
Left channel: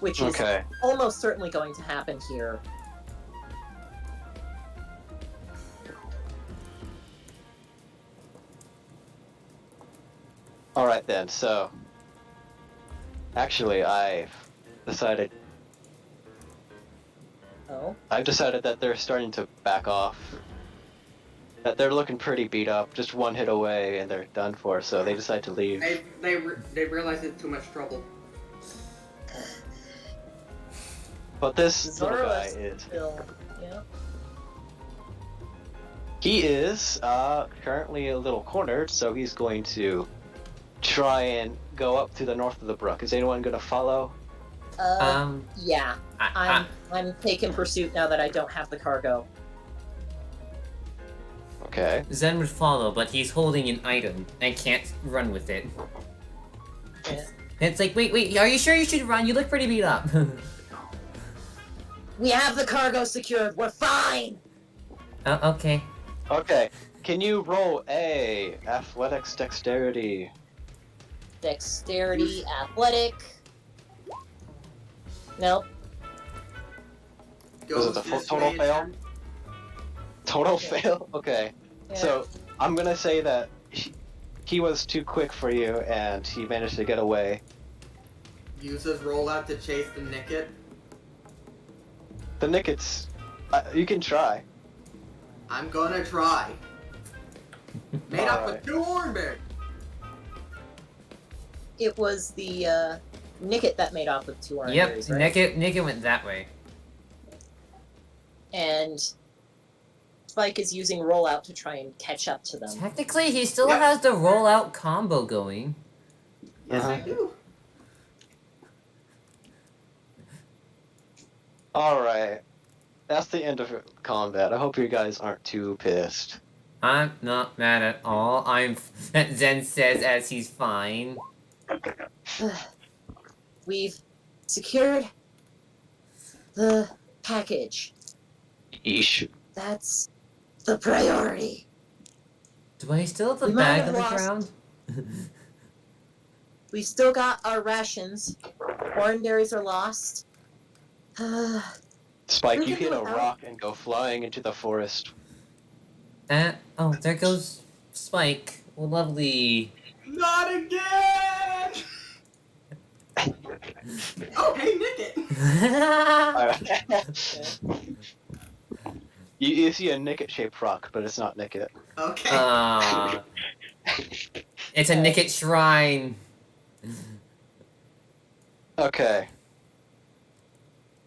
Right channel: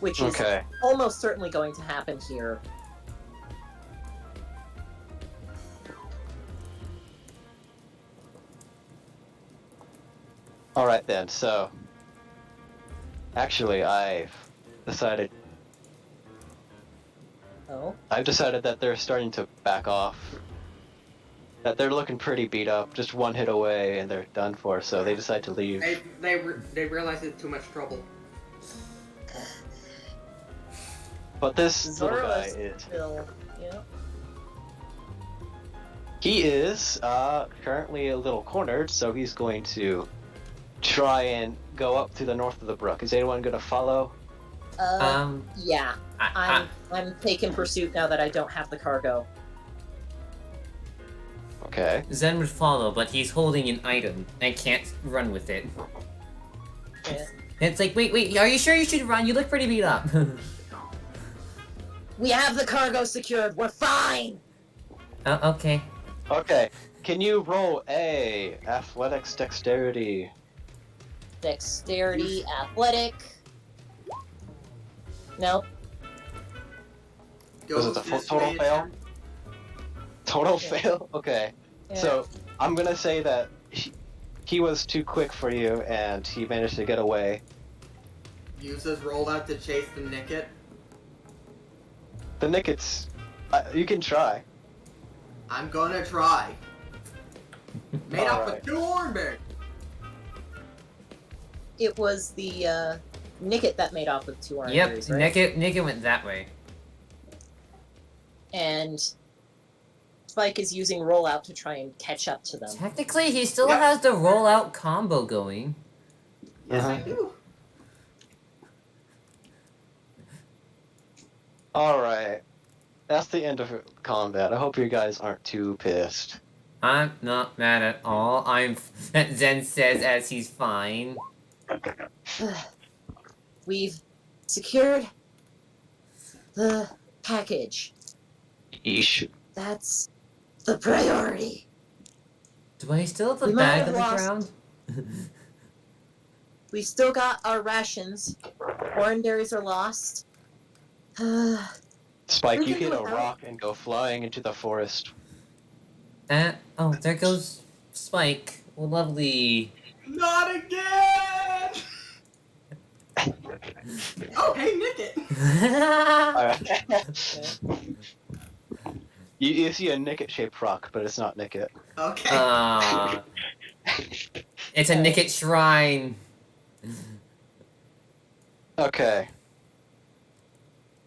Which is Okay. almost certainly going to happen here. then. So, actually, decided Oh. I've decided that they're starting to back off. That they're looking pretty beat up, just one hit away, and they're done for. So they decide to leave. They realize it's too much trouble. But this little guy Zoro's is. still, yeah. He is currently a little cornered, so he's going to try and go up to the north of the brook. Is anyone going to follow? Yeah. I'm taking pursuit now that I don't have the cargo. Okay. Zen would follow, but he's holding an item and can't run with it. Yeah. It's like, wait, are you sure you should run? You look pretty beat up. We have the cargo secured. We're fine. Oh, okay. Okay. Can you roll a athletics dexterity? Dexterity, athletic. Nope. Was it the total fail? Total Yeah. fail? Okay. Yeah. So, I'm gonna say that he was too quick for you, and he managed to get away. Use his rollout to chase the Nicket. The Nickets, you can try. I'm gonna try. Made up Alright. with 2 orange. It was the Nicket that made off with 2 orange Yep, berries, right? Nicket went that way. And Spike is using rollout to try and catch up to them. Technically, he still Yep. has the rollout combo going. Yes, I Uh-huh. do. Alright. That's the end of combat. I hope you guys aren't too pissed. I'm not mad at all. Zen says as he's fine. We've secured the package. Yeesh. That's the priority. Do I still have the We might bag have on the lost- ground? We still got our rations. Oranberries are lost. Spike, We you can hit do a without. rock and go flying into the forest. Oh, there goes Spike. Well, lovely. Not again! Oh, hey, Nicket! You see a Nicket-shaped rock, but it's not Nicket. Okay. It's a Nicket shrine. Okay.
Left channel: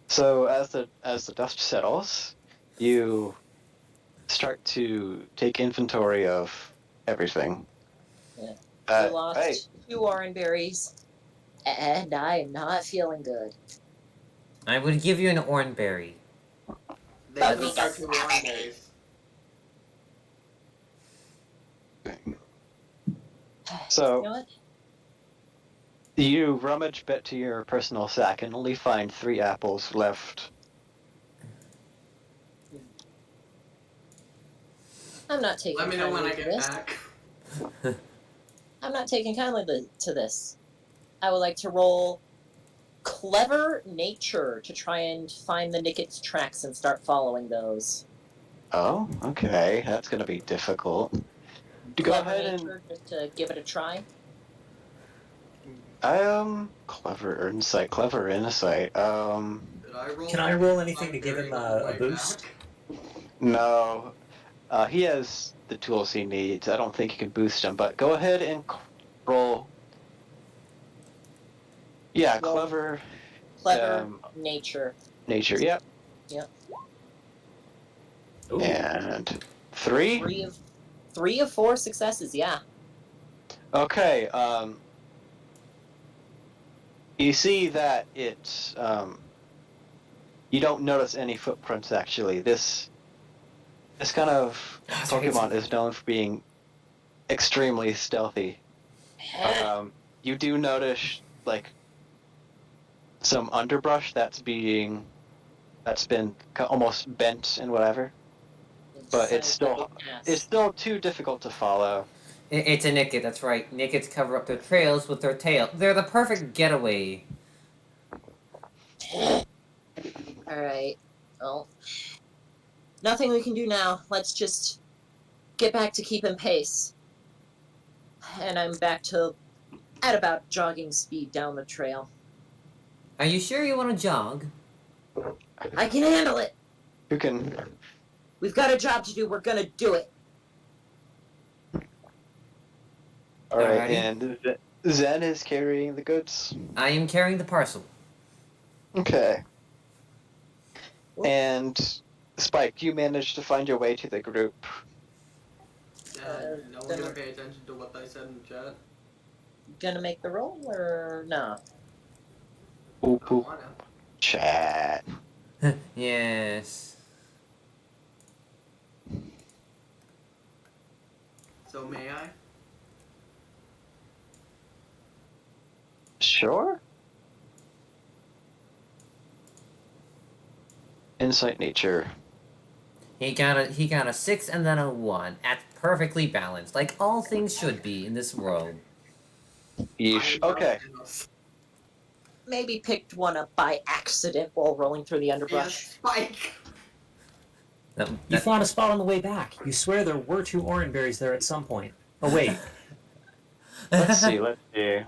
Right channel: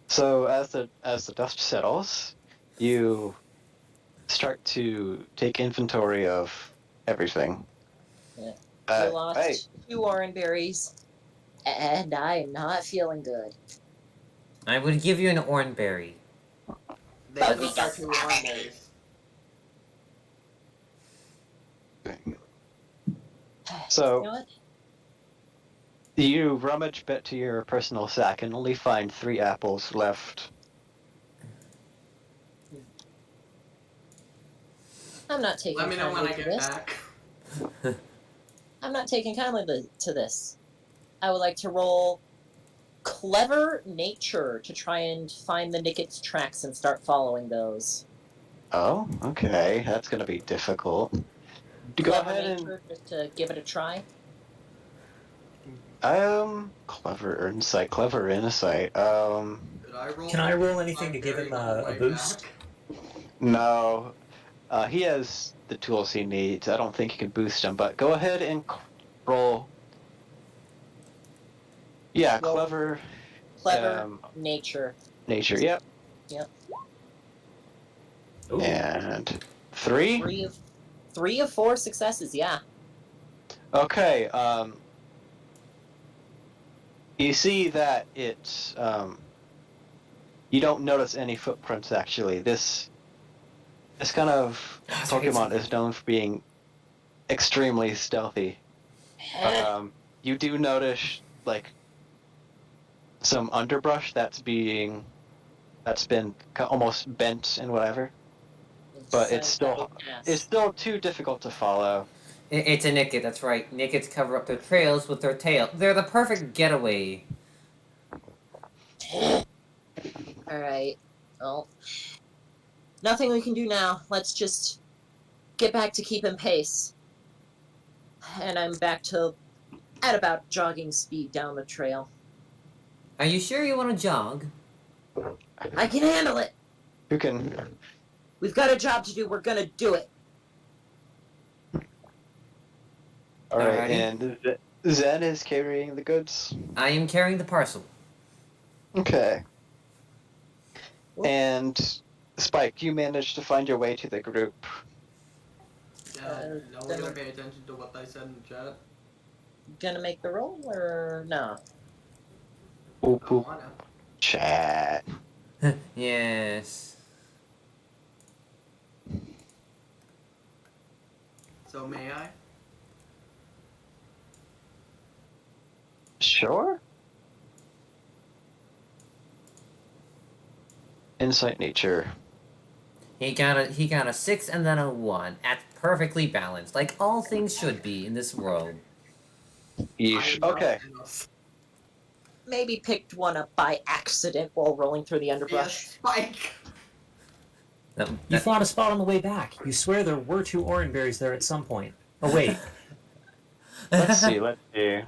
So as the dust settles, you start to take inventory of everything. Yeah. Uh, We lost hey, 2 oranberries, and I am not feeling good. I would give you an oranberry. They But just we are got 2 oranges. So- You know what? you rummage bit to your personal sack and only find 3 apples left. I'm not taking Let me know when kindly I to get this. back. I'm not taking kindly to this. I would like to roll clever nature to try and find the Nicket's tracks and start following those. Oh, okay. That's gonna be difficult. Go Clever ahead and nature, just to give it a try. clever insight. Did I roll? Can I roll anything to give him a boost? No. He has the tools he needs. I don't think you can boost him, but go ahead and roll. Yeah, Roll. clever Clever nature. nature. Yep. Ooh. And 3. 3 of 4 successes, yeah. Okay. You see that it's you don't notice any footprints actually. This kind of That's right. Pokemon is known for being extremely stealthy. You do notice like some underbrush that's been almost bent and whatever, but it's Sounds like an ass. still too difficult to follow. It's a Nicket, that's right. Nickets cover up their trails with their tail. They're the perfect getaway. Alright. Well, nothing we can do now. Let's just get back to keeping pace. And I'm back to at about jogging speed down the trail. Are you sure you want to jog? I can handle it. Who can? We've got a job to do. We're gonna do it. All right, Alrighty. and Zen is carrying the goods. I am carrying the parcel. Okay. Whoop. And Spike, you managed to find your way to the group. Yeah, no one's then- gonna pay attention to what I said in the chat. Gonna make the roll or no? Oop, I oop, wanna. chat. Yes. So may I? Sure. Insight nature. He got a 6 and then a 1. That's perfectly balanced, like all things should be in this world. Yeesh. I know Okay. Thanos. Maybe picked one up by accident while rolling through the Yeah, underbrush. Spike. You That- found a spot on the way back. You swear there were 2 orange berries there at some point. Oh wait, Let's see. Let's see.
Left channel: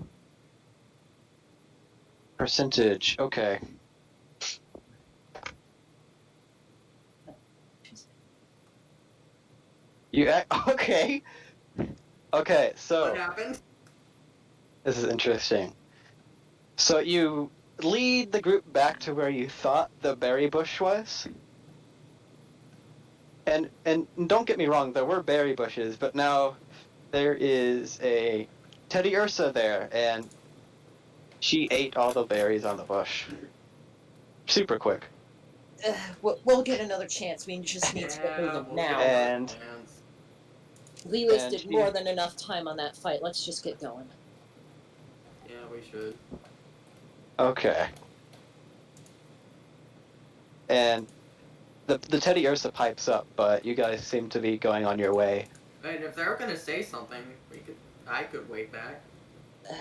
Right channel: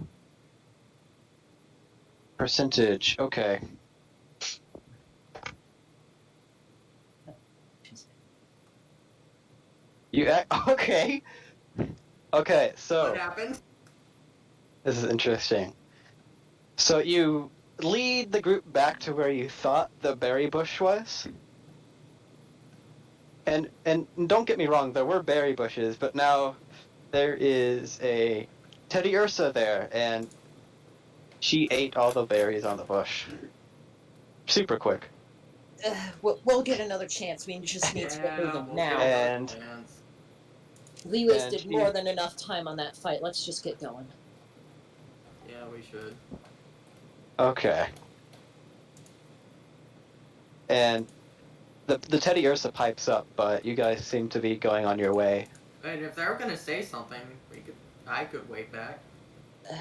Percentage. Okay. Okay. Okay. So What happened? this is interesting. So you lead the group back to where you thought the berry bush was. And don't get me wrong, there were berry bushes, but now there is a Teddy Ursa there, and she ate all the berries on the bush. Super quick. We'll get another chance. We just need to get Yeah, moving we'll now. get And- another chance. We wasted and more he- than enough time on that fight. Let's just get going. Yeah, we should. Okay. And the Teddy Ursa pipes up, but you guys seem to be going on your way. Wait, if they were gonna say something, I could wait back. I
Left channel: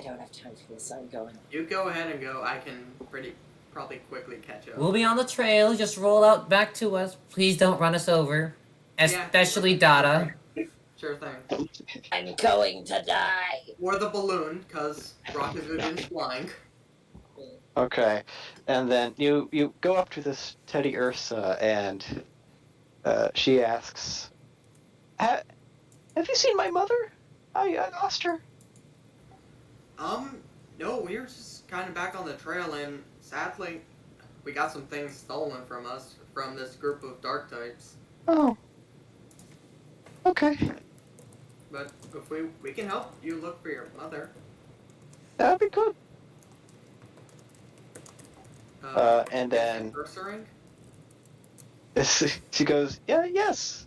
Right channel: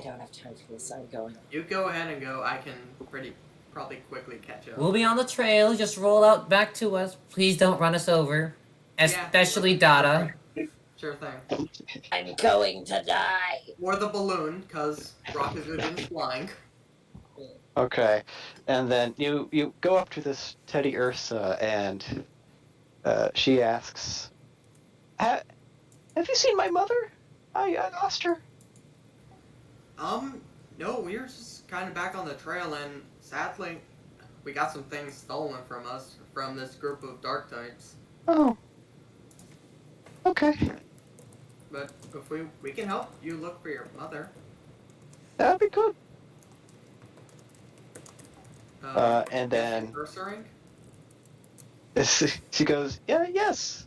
don't have time for this. I'm going. You go ahead and go. I can probably quickly catch up. We'll be on the trail. Just roll out back to us. Please don't run us over. Especially Dada. Sure thing. I'm going to die. Or the balloon, cause rockets are getting flying. Okay. And then you go up to this Teddy Ursa, and she asks, Have you seen my mother? I lost her. No, we were just kind of back on the trail, and sadly, we got some things stolen from us from this group of dark types. Oh. Okay. But if we can help you look for your mother. That'd be good. And is then- it Ursaring? She goes, yes.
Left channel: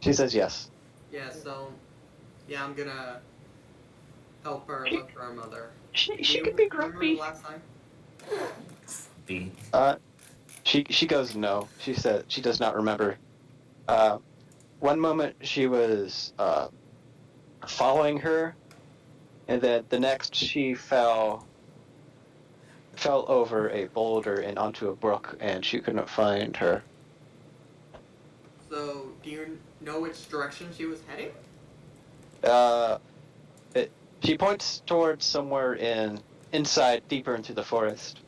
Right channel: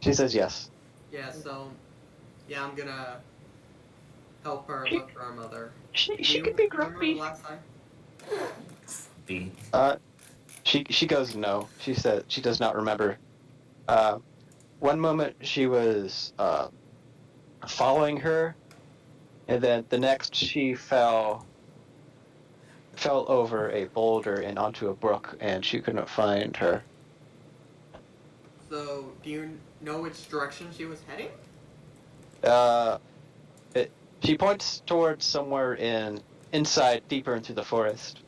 She says yes. Yeah, so yeah, I'm gonna help her She- look for her mother. She You can be remember grumpy. the last time? B. She goes no. She said she does not remember. One moment she was following her, and then the next she fell over a boulder and onto a brook, and she couldn't find her. So, do you know which direction she was heading? She points towards somewhere inside, deeper into the forest.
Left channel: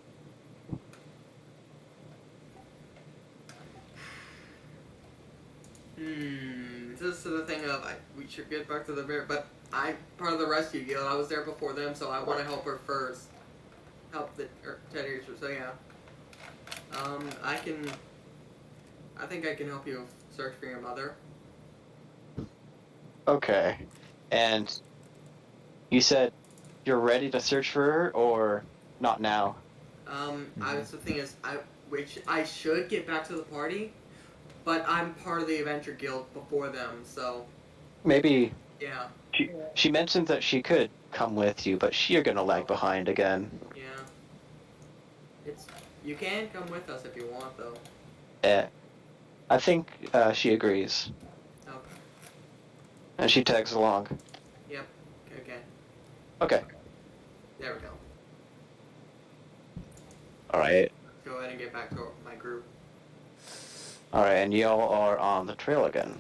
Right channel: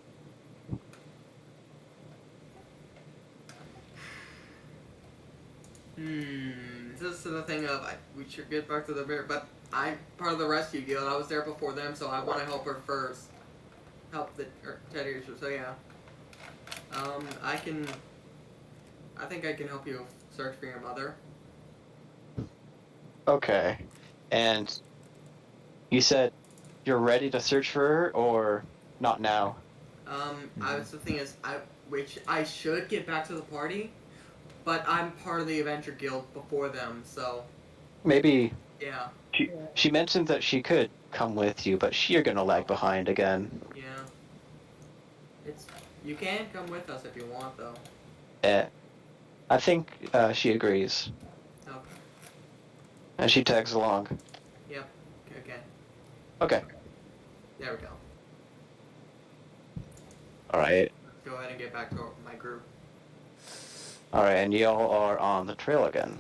This is the thing of we should get back to the bear, but I'm part of the rescue guild. I was there before them, so I want to help her first. Help the Teddy Ursa. So yeah, I think I can help you search for your mother. Okay. And you said you're ready to search for her, or not now? The thing is, I should get back to the party, but I'm part of the adventure guild before them, so Maybe yeah, she mentioned that she could come with you, but you're gonna lag behind again. yeah. You can come with us if you want, though. I think she agrees, Okay. and she tags along. Yep. Okay. Okay. There we go. All right. Go ahead and get back to my group. All right, and y'all are on the trail again.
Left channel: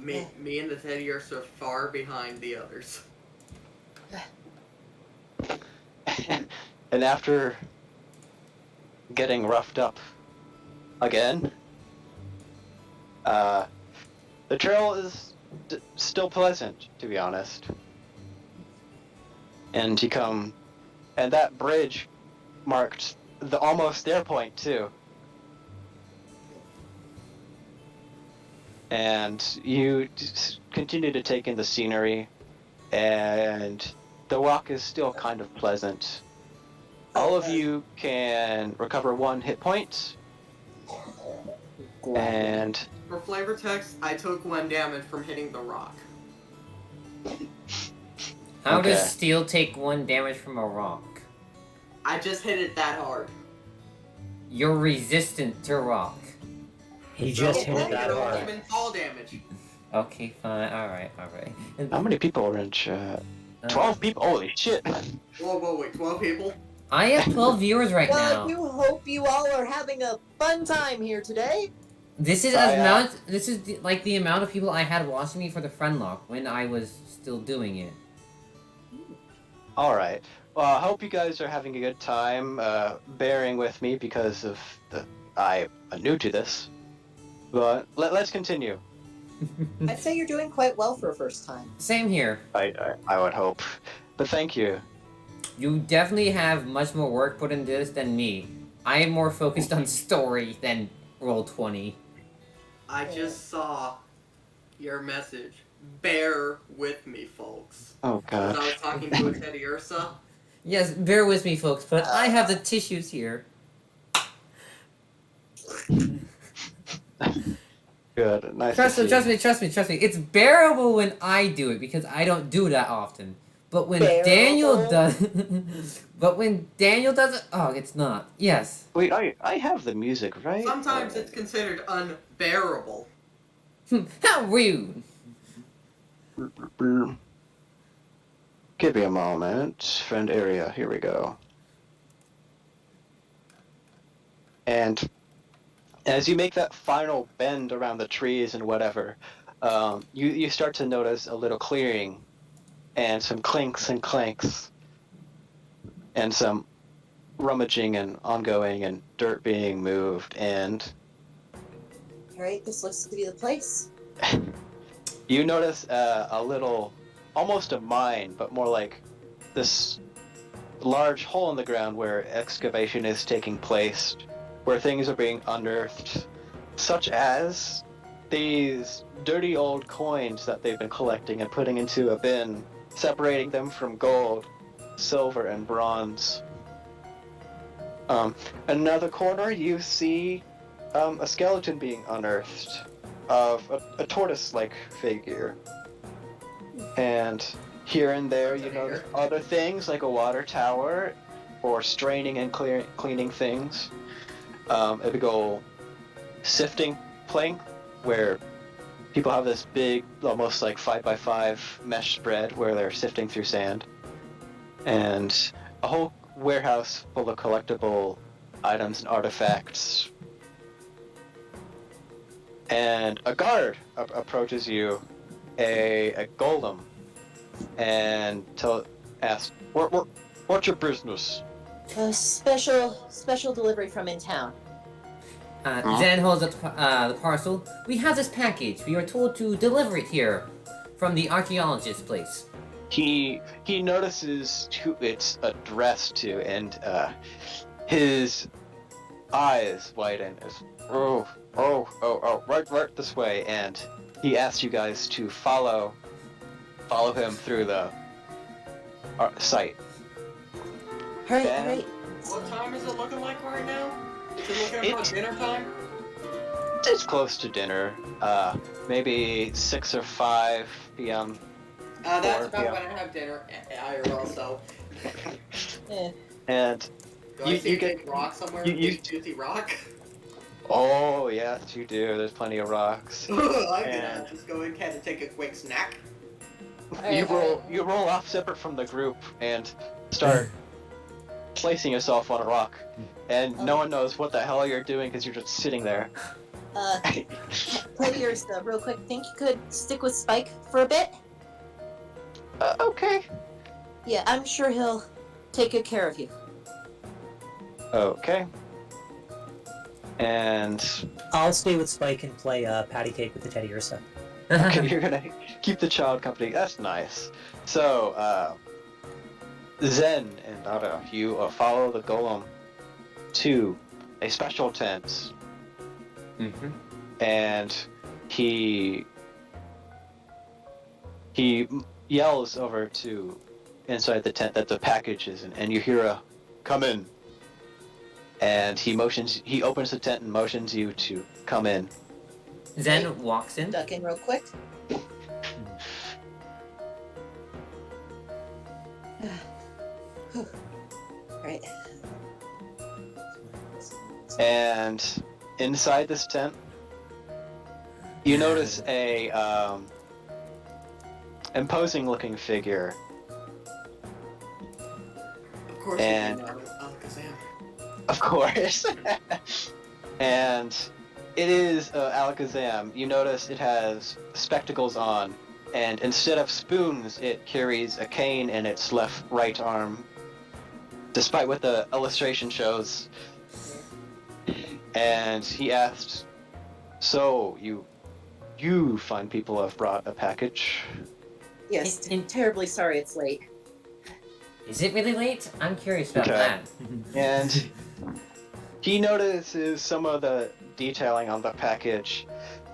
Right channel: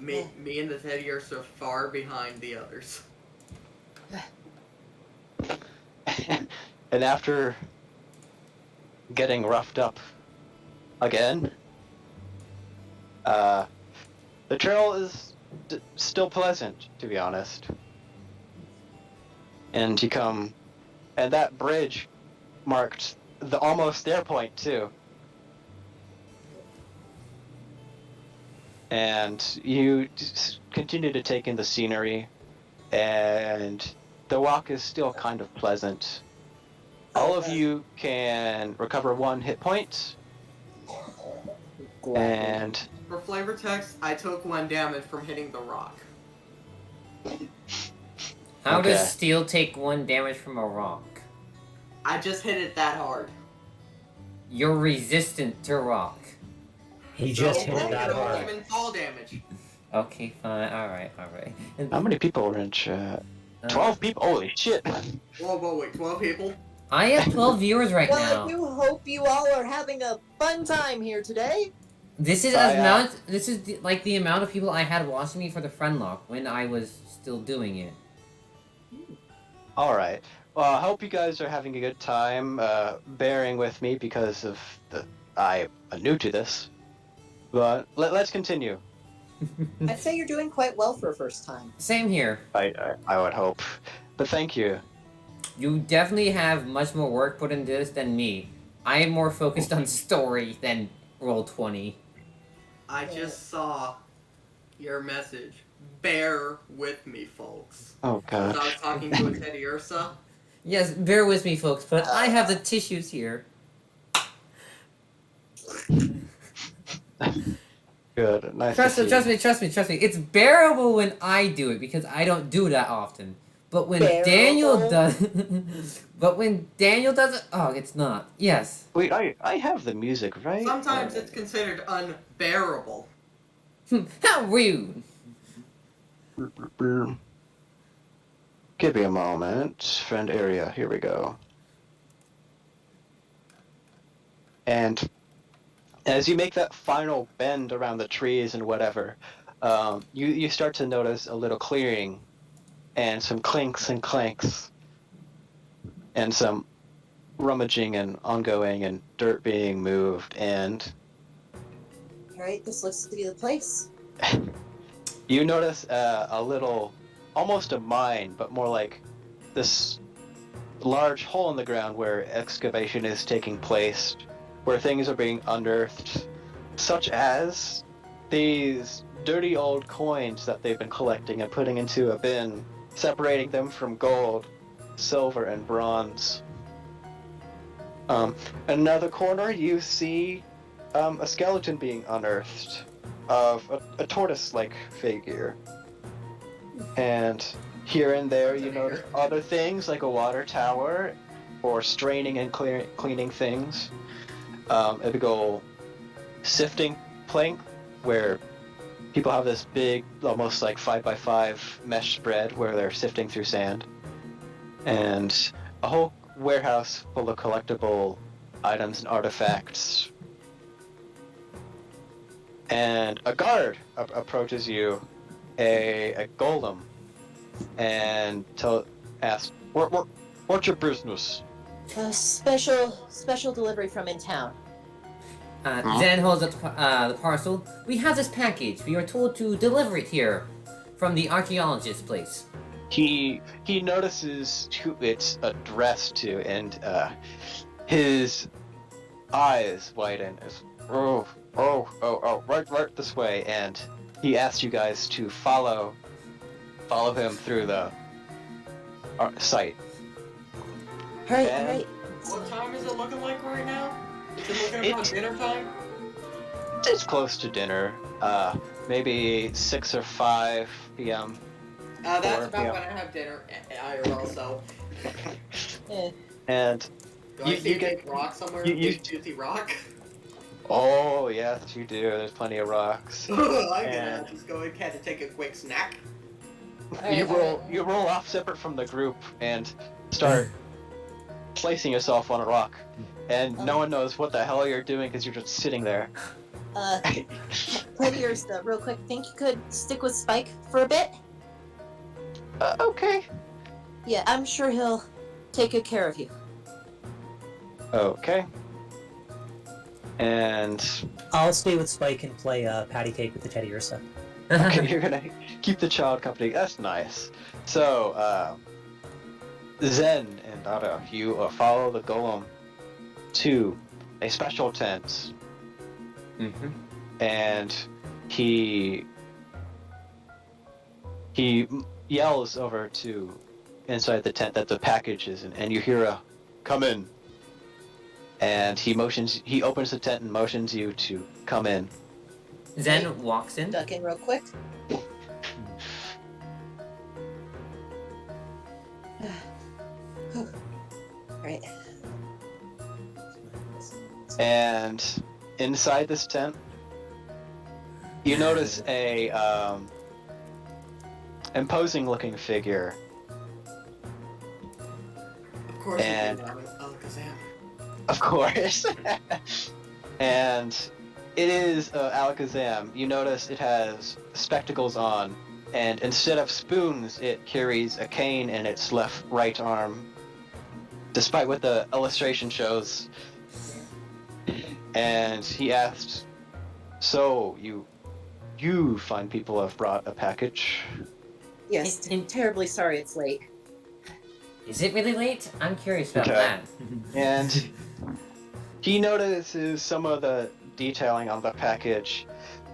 Me and the teddy are so far behind the others. And after getting roughed up again, the trail is still pleasant, to be honest. And and that bridge marked the almost their point too. And you just continue to take in the scenery, and the walk is still kind of pleasant. All of you can recover 1 hit point, and For flavor text, I took 1 damage from hitting the rock. How Okay. does steel take 1 damage from a rock? I just hit it that hard. You're resistant to rock. He just So, hit it that don't hard. even fall damage. Okay, fine. Alright. And, how many people are in chat? 12 people? Holy shit! Whoa, wait, 12 people? I have 12 viewers right Well, I now. do hope you all are having a fun time here today. This is Try out. like the amount of people I had watching me for the friend lock when I was still doing it. Alright. Well, I hope you guys are having a good time, bearing with me because of I'm new to this. But let's continue. I'd say you're doing quite well for a first time. Same here. I would hope. But thank you. You definitely have much more work put into this than me. I am more focused on story than Roll20. I just saw your message. Bear with me, folks. Oh As god. I was talking to a Teddy Ursa. Yes, bear with me, folks, but I have the tissues here. Good. Nice Trust to me, see trust me. It's bearable when I do it because I don't do that often. But when Daniel Bearable? does, it, oh, it's not. Yes. Wait, I have the music, right? Sometimes it's considered unbearable. How rude. Give me a moment. Friend area, here we go. And as you make that final bend around the trees and whatever, you start to notice a little clearing and some clinks and clanks and some rummaging and ongoing and dirt being moved, and Right, this looks to be the place. you notice a little, almost a mine, but more like this large hole in the ground where excavation is taking place, where things are being unearthed, such as these dirty old coins that they've been collecting and putting into a bin, separating them from gold, silver, and bronze. Another corner, you see a skeleton being unearthed of a tortoise-like figure. And here and there you notice other things like a water tower or straining and cleaning things. A big old sifting plank where people have this big, almost like 5x5 mesh spread where they're sifting through sand. And a whole warehouse full of collectible items and artifacts. And a guard approaches you, a golem, and asks, "What's your business?" A special delivery from in town. Zen holds up the parcel. We have this package. We are told to deliver it here from the archaeologist's place. He notices who it's addressed to, and his eyes widen. Right this way, and he asks you guys to follow him through the site. Hurry, Ben? hurry. What time is it looking like right now? Is it looking about dinner time? It's close to dinner. Maybe 6 or 5 p.m. That's 4 about p.m. when I have dinner. IRL, so. And Do I You- see you a get- big rock somewhere? you- Big juicy rock? oh yes, you do. There's plenty of rocks. I'm gonna And- just go ahead and take a quick snack. You roll off separate from the group and start placing yourself on a rock, and no one knows what the hell you're doing because you're just sitting there. Teddy Ursa, real quick, think you could stick with Spike for a bit? Okay. Yeah, I'm sure he'll take good care of you. Okay. And I'll stay with Spike and play patty cake with the Teddy Ursa. okay, you're gonna keep the child company. That's nice. So, Zen and Dada, you follow the golem to a special tent, Mm-hmm. and he yells over to inside the tent that the package is in, and you hear a "come in," and he opens the tent and motions you to come in. Zen walks in. Duck in real quick. Right. And inside this tent, you notice a imposing-looking figure. Of course. And- Alakazam. Of course. And it is Alakazam. You notice it has spectacles on, and instead of spoons, it carries a cane in its right arm, despite what the illustration shows. And he asked, "So, you fine people have brought a package?" Yes, I'm terribly sorry it's late. Is it really late? I'm curious about Okay. that. And he notices some of the detailing on the package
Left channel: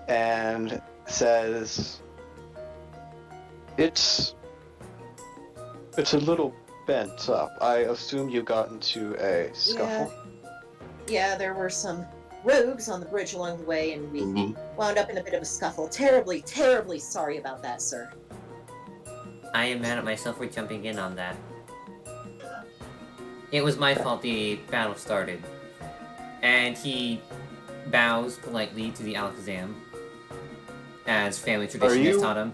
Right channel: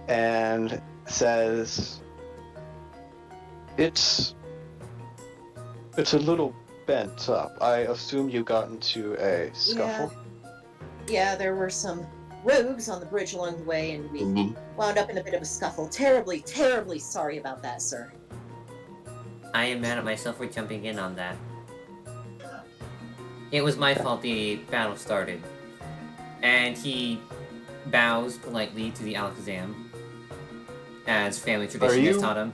and says, It's a little bent up. I assume you got into a scuffle?" Yeah, there were some rogues on the bridge along the way, and we Mhm. wound up in a bit of a scuffle. Terribly, terribly sorry about that, sir. I am mad at myself for jumping in on that. It was my fault the battle started. And he bows politely to the Alakazam, as family tradition has you- taught him.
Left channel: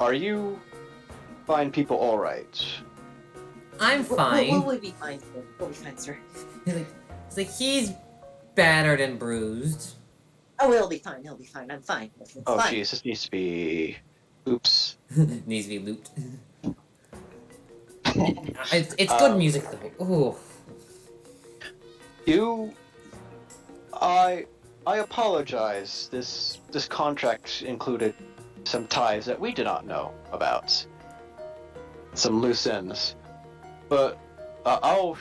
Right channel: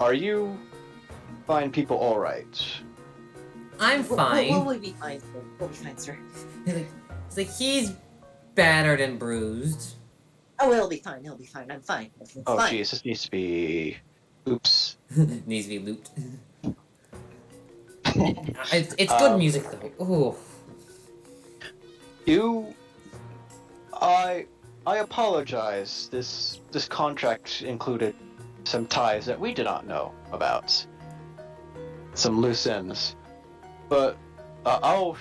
Are you fine people alright? I'm fine. We'll be fine, sir. We'll be fine, sir. It's like he's battered and bruised. Oh, he'll be fine. He'll be fine. I'm fine. It's Oh fine. jeez, this needs to be... Oops. Needs to be looped. It's good music though. Ooh. I apologize. This contract included some ties that we did not know about. Some loose ends. But I'll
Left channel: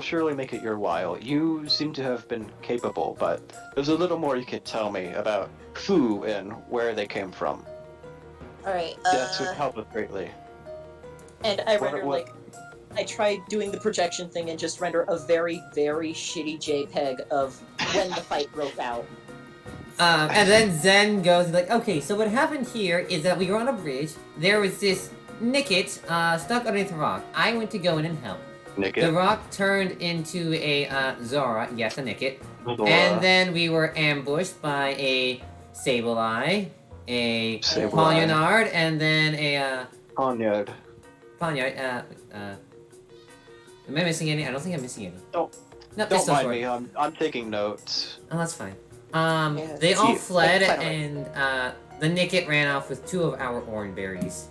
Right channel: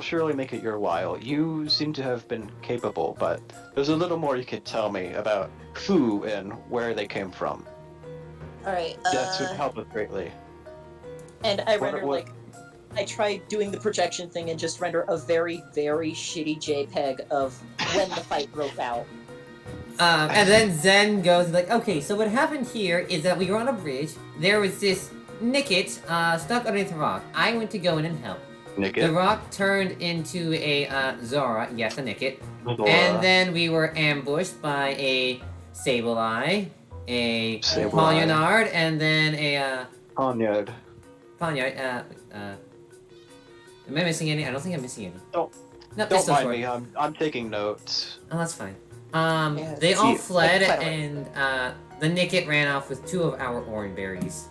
surely make it your while. You seem to have been capable, but there's a little more you could tell me about who and where they came from. All right. That would help us greatly. And I What- render what- I tried doing the projection thing and just render a very, very shitty JPEG of when the fight broke out. And then Zen goes like, okay, so what happened here is that we were on a bridge. There was this Nicket stuck underneath a rock. I went to go in and help. Nick The rock turned into a Zora, yes, a Nicket. And then we were ambushed by a Sableye, a Sableye. Polyonard, and then a Poniard. Ponyard. Am I missing any? I don't think I'm missing any. Don't- No, Don't it's still mind short. me. I'm taking notes. Oh, that's fine. Yeah, They all you. fled, Silent. and the Nicket ran off with 2 of our orange berries.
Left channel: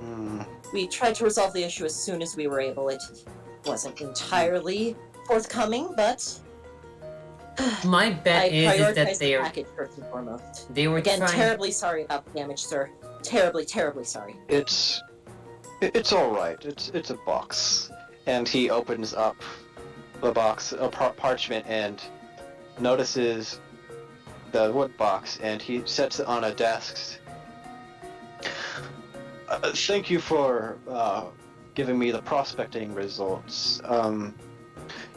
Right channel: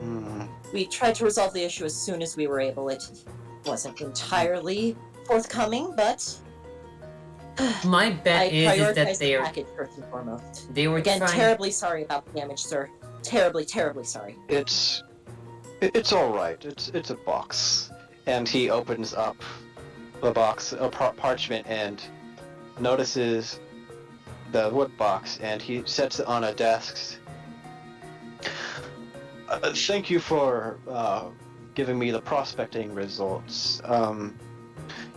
Hmm. We tried to resolve the issue as soon as we were able. It wasn't entirely forthcoming, but My I bet is that prioritized the they package first and foremost. were Again, trying. terribly sorry about the damage, sir. Terribly, terribly sorry. It's all right. It's a box, and he opens up the box, a parchment, and notices the wood box, and he sets it on a desk. Thank you for giving me the prospecting results.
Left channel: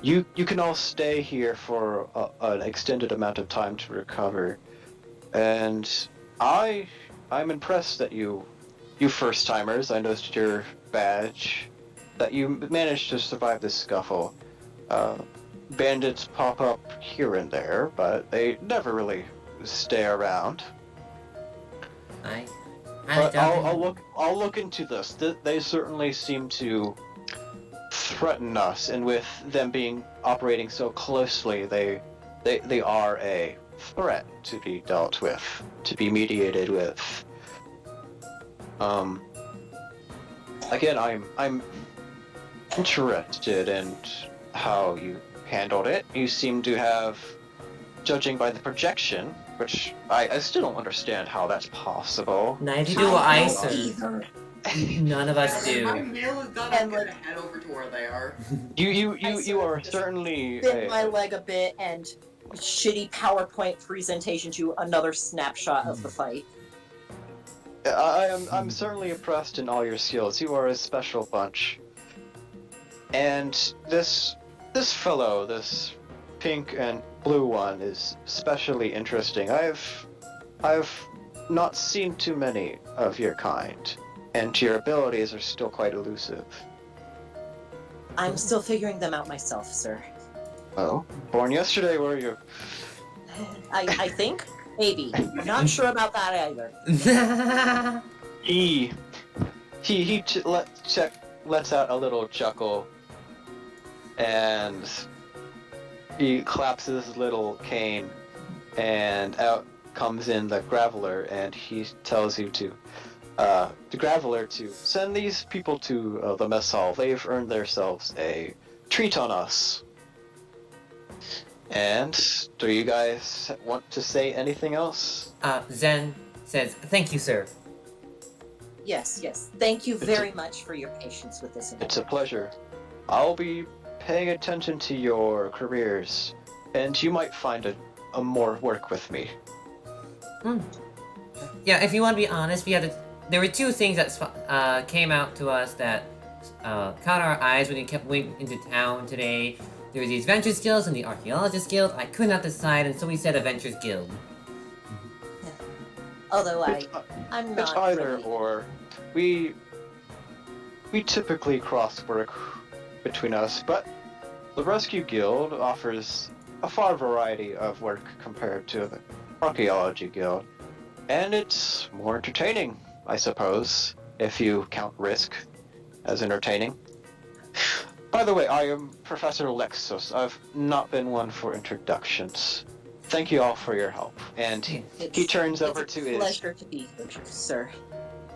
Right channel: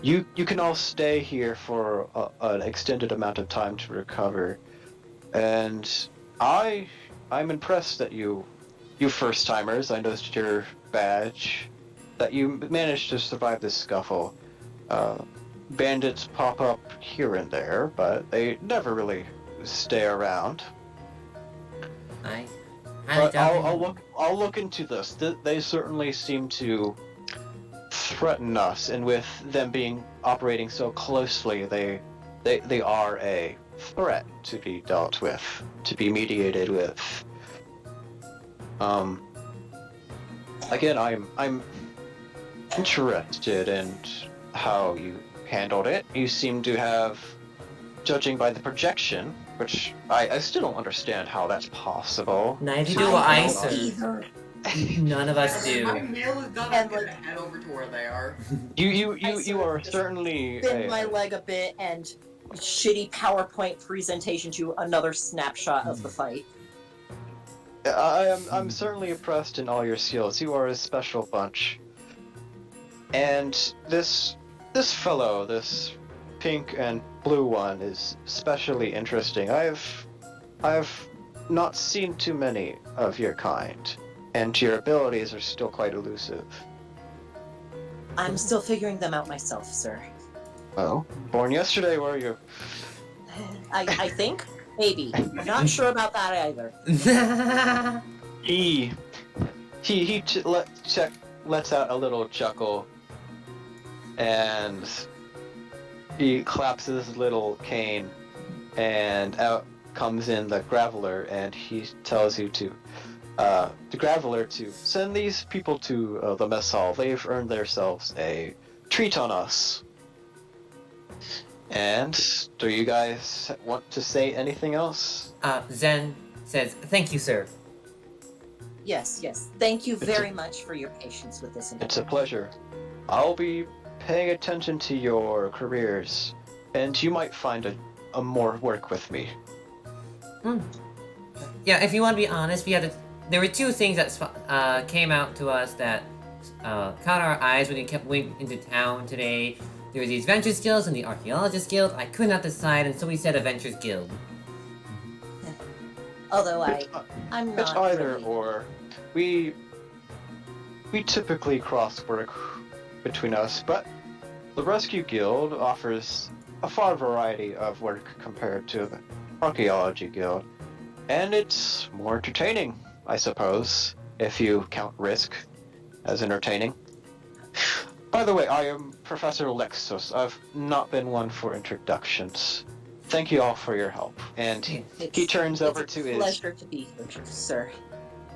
You can all stay here for an extended amount of time to recover, and I'm impressed that you first timers. I noticed your badge, that you managed to survive this scuffle. Bandits pop up here and there, but they never really stay around. I highly But doubt I'll look into this. They certainly seem to threaten us, and with them operating so closely, they they are a threat to be dealt with, to be mediated with. Again, I'm interested in how you handled it. You seem to have, judging by the projection, which I still don't understand how that's possible. Neither do I, don't sir. either. None of us My do. meal is done. And, I'm gonna like- head over to where they are. You are certainly Bend my leg a bit and shitty PowerPoint presentation to another snapshot of the fight. I'm certainly impressed in all your skills. You are a special bunch. And this fellow, this pink and blue one, is especially interesting. I've not seen too many of your kind, and your abilities are still quite elusive. I'm still figuring them out myself, sir. Oh, born yesterday, were you? I think? Maybe. Not sure about that either. He lets out a little chuckle, and he claps his little cane, and out comes in the Graveler, and he tells you to, the Graveler, to send these people to the mess hall. They've earned themselves a treat on us. And do you guys want to say anything else? Zen says, "Thank you, sir." Yes, yes. Thank you very much for your patience with this. It's a pleasure. I'll be paying attention to your careers, and you might find a more work with me. Yeah, if you want to be honest, there were two things that came out to us that caught our eyes when we kept going into town today. There were the Adventures Guild and the Archaeologist Guild. I could not decide, and so we said Adventures Guild. Although I'm not It's either really... or. We typically cross work between us, but the Rescue Guild offers a far variety of work compared to the Archaeology Guild, and it's more entertaining, I suppose, if you count risk as entertaining. By the way, I am Professor Lexus. I've not been one for introductions. Thank you all for your help. And he turns over to his... It's a pleasure to be here, sir.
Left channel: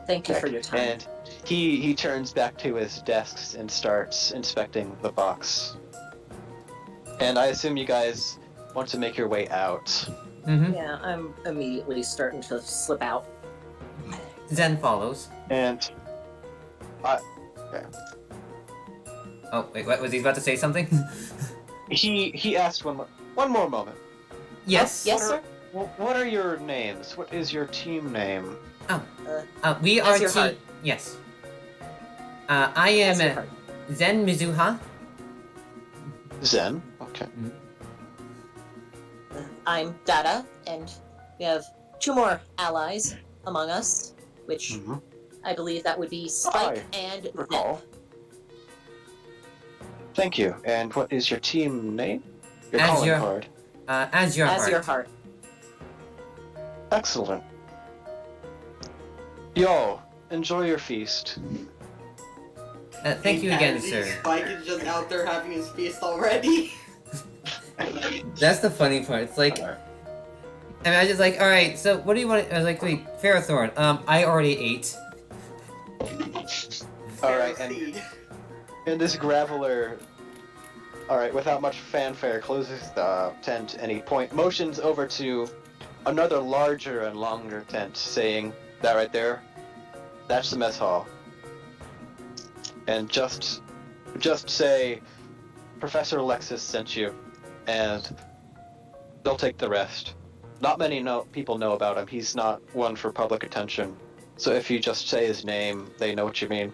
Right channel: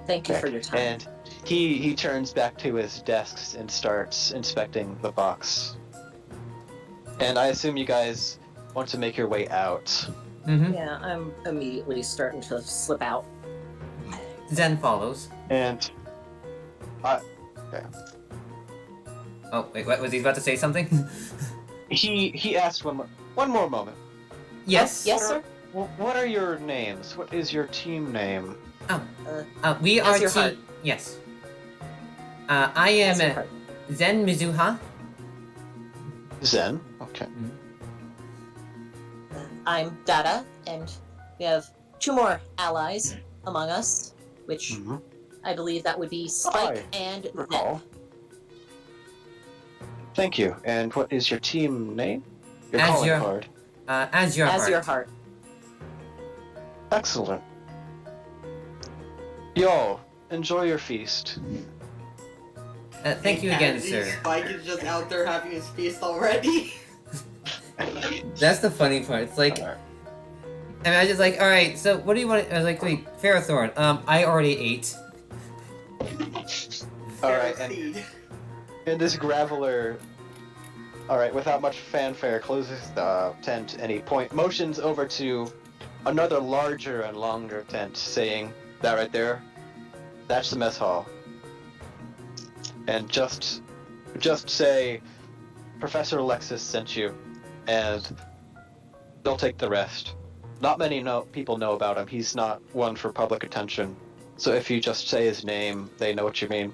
Thank you for your time. And he turns back to his desks and starts inspecting the box. And I assume you guys want to make your way out. Mm-hmm. Yeah, I'm immediately starting to slip out. Zen follows. And... Oh, wait, what? Was he about to say something? He asked one more moment. Yes. Yes, sir? What are your names? What is your team name? We are As your heart. Yes. I am As your heart. Zen Mizuha. Zen? Okay. I'm Dada, and we have two more allies among us, which Mm-hmm. I believe that would be Spike Hi. and Recall. Zep. Thank you. And what is your team name? Your As calling your- card. As your As heart. your heart. Excellent. Yo, enjoy your feast. Thank you again, sir. Spike is just out there having his feast already. That's the funny part. It's like, and I just like, all right. So what do you want? I was like, wait, Ferrothorn. I already ate. Alright, Seed. and this Graveler, alright, without much fanfare, closes the tent and he motions over to another larger and longer tent, saying, that right there, that's the mess hall. And just say, Professor Alexis sent you, and they'll take the rest. Not many people know about him. He's not one for public attention. So if you just say his name, they know what you mean.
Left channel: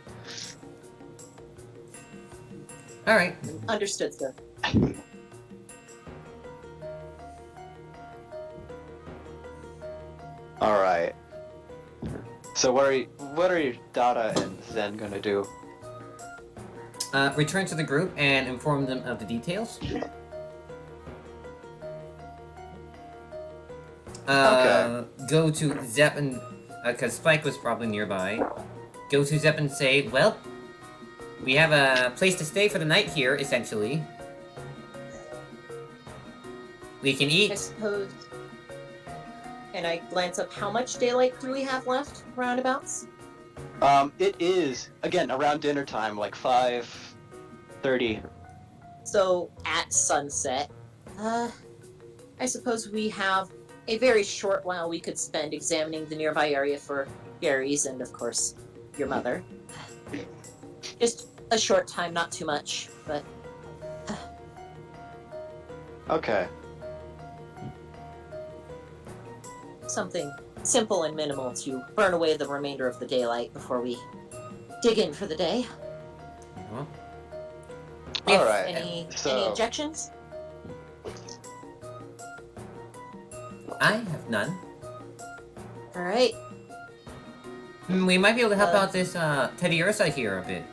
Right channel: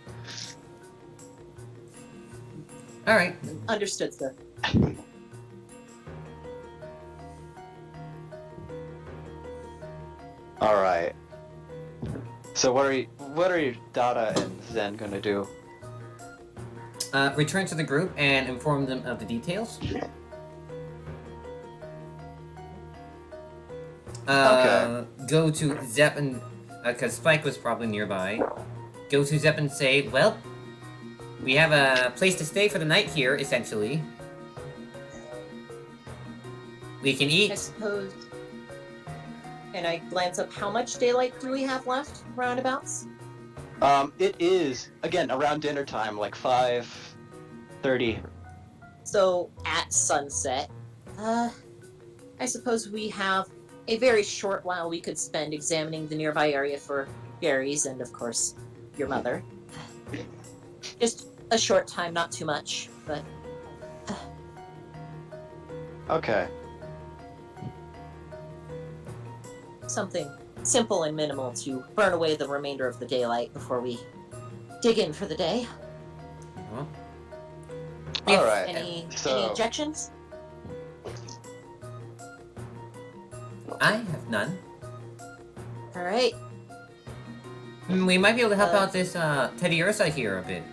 All right. Understood, sir. All right. So what are you Dada and Zen gonna do? Return to the group and inform them of the details. Go to Zep and because Spike was probably nearby. Go to Zep and say, well, we have a place to stay for the night here, essentially. We can I eat. suppose. And I glance up. How much daylight do we have left, roundabouts? It is again around dinner time, like 5:30. So at sunset, I suppose we have a very short while we could spend examining the nearby area for berries and, of course, your mother. Just a short time, not too much, but Okay. something simple and minimal to burn away the remainder of the daylight before we dig in for the day. Well, All right. Any So objections? I have none. All right. We might be able to help out this Teddy Ursa here a bit.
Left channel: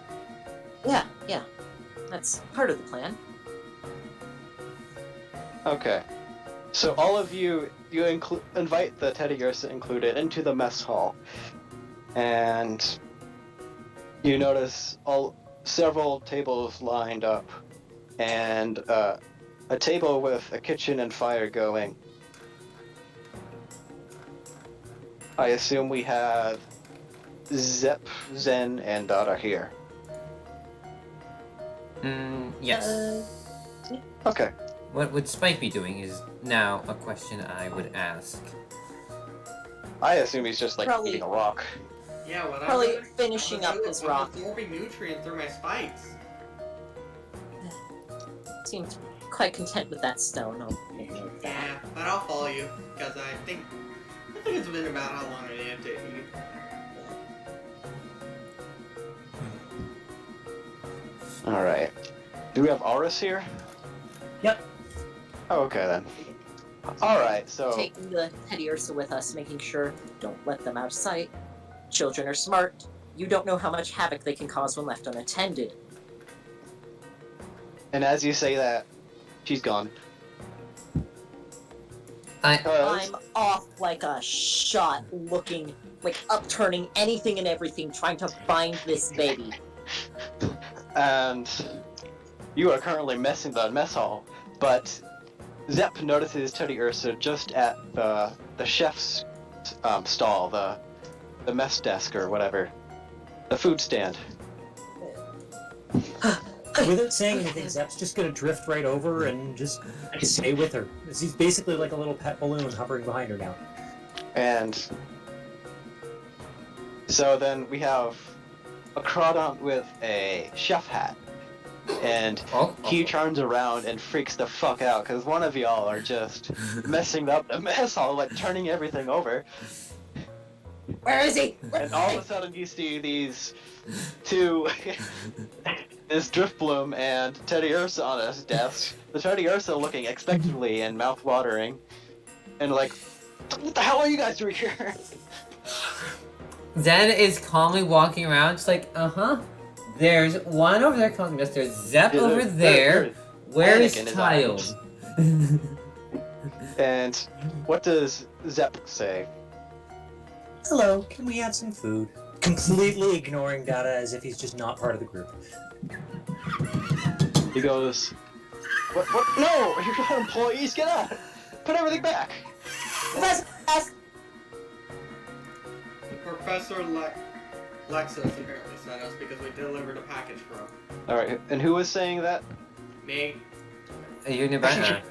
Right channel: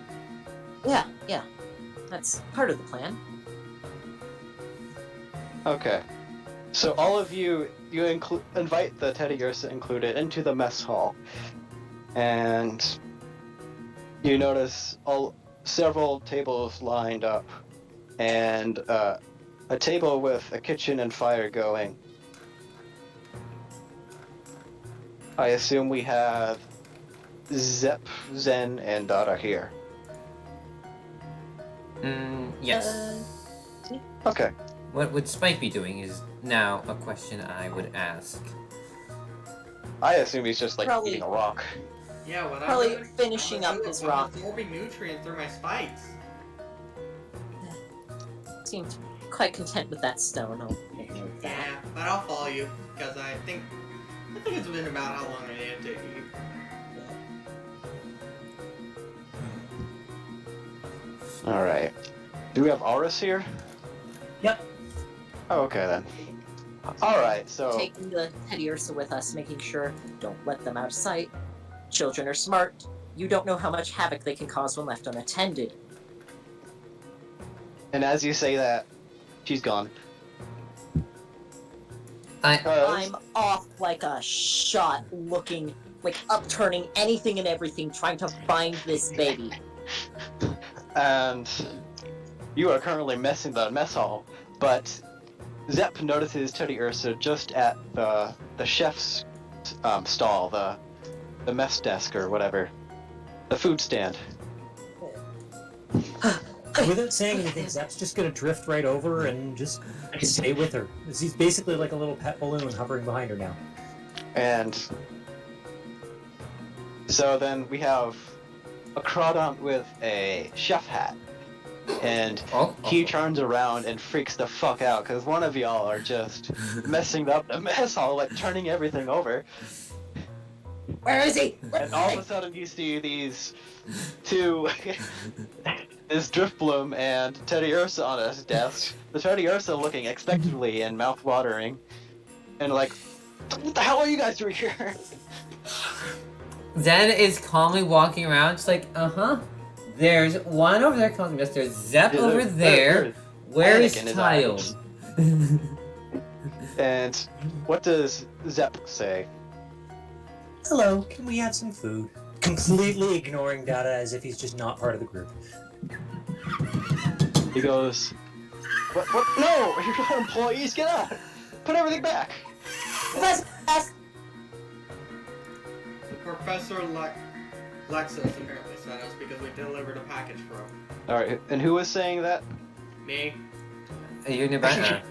Yeah. That's part of the plan. okay. So all of you invite the Teddy Ursa included into the mess hall, and you notice several tables lined up, and a table with a kitchen and fire going. I assume we have Zep, Zen, and Dada here. Yes. Okay. What would Spike be doing is now a question I would ask. I assume he's just like Probably- eating a rock. Yeah, what Probably finishing up his rock. I'm absorbing nutrient through my spikes. Seemed quite content with that stone. I'll admit Yeah, that. but I'll follow you because I think it's been about how long I needed to eat. All right. Do we have Aurus here? Yep. Oh, okay then. All right. So Taking the Teddy Ursa with us, making sure don't let them out of sight. Children are smart. You don't know how much havoc they can cause when left unattended. and as you say that, she's gone. I I'm off like a shot, looking, like upturning anything and everything, trying to find this baby. And you are currently messing the mess hall, but Zep notices Teddy Ursa just at the chef's stall, the mess desk or whatever, the food stand. Without saying anything, Zep's just gonna drift right over and just stay with her. He's basically like a little pet balloon hovering behind her now. And so then we have a Crawdont with a chef hat. And he turns around and freaks the fuck out because one of y'all are just messing up the mess hall, like turning everything over. Where is he? And all of a sudden you see these two, this Driftbloom and Teddy Ursa on his desk. The Teddy Ursa looking expectantly and mouth-watering. And like, what the hell are you guys doing here? Zen is calmly walking around, just like, There's one over there calling us. There's Zep Yeah, over there's there. Where panic is in his Child? And what does Zep say? Hello, can we have some food? Completely ignoring Dada as if he's just not part of the group. He goes, what? No, you're not employees, get out! Put everything back! Professor Lexus apparently sent us because we delivered a package for him. Alright, and who was saying that? Me. You're nearby.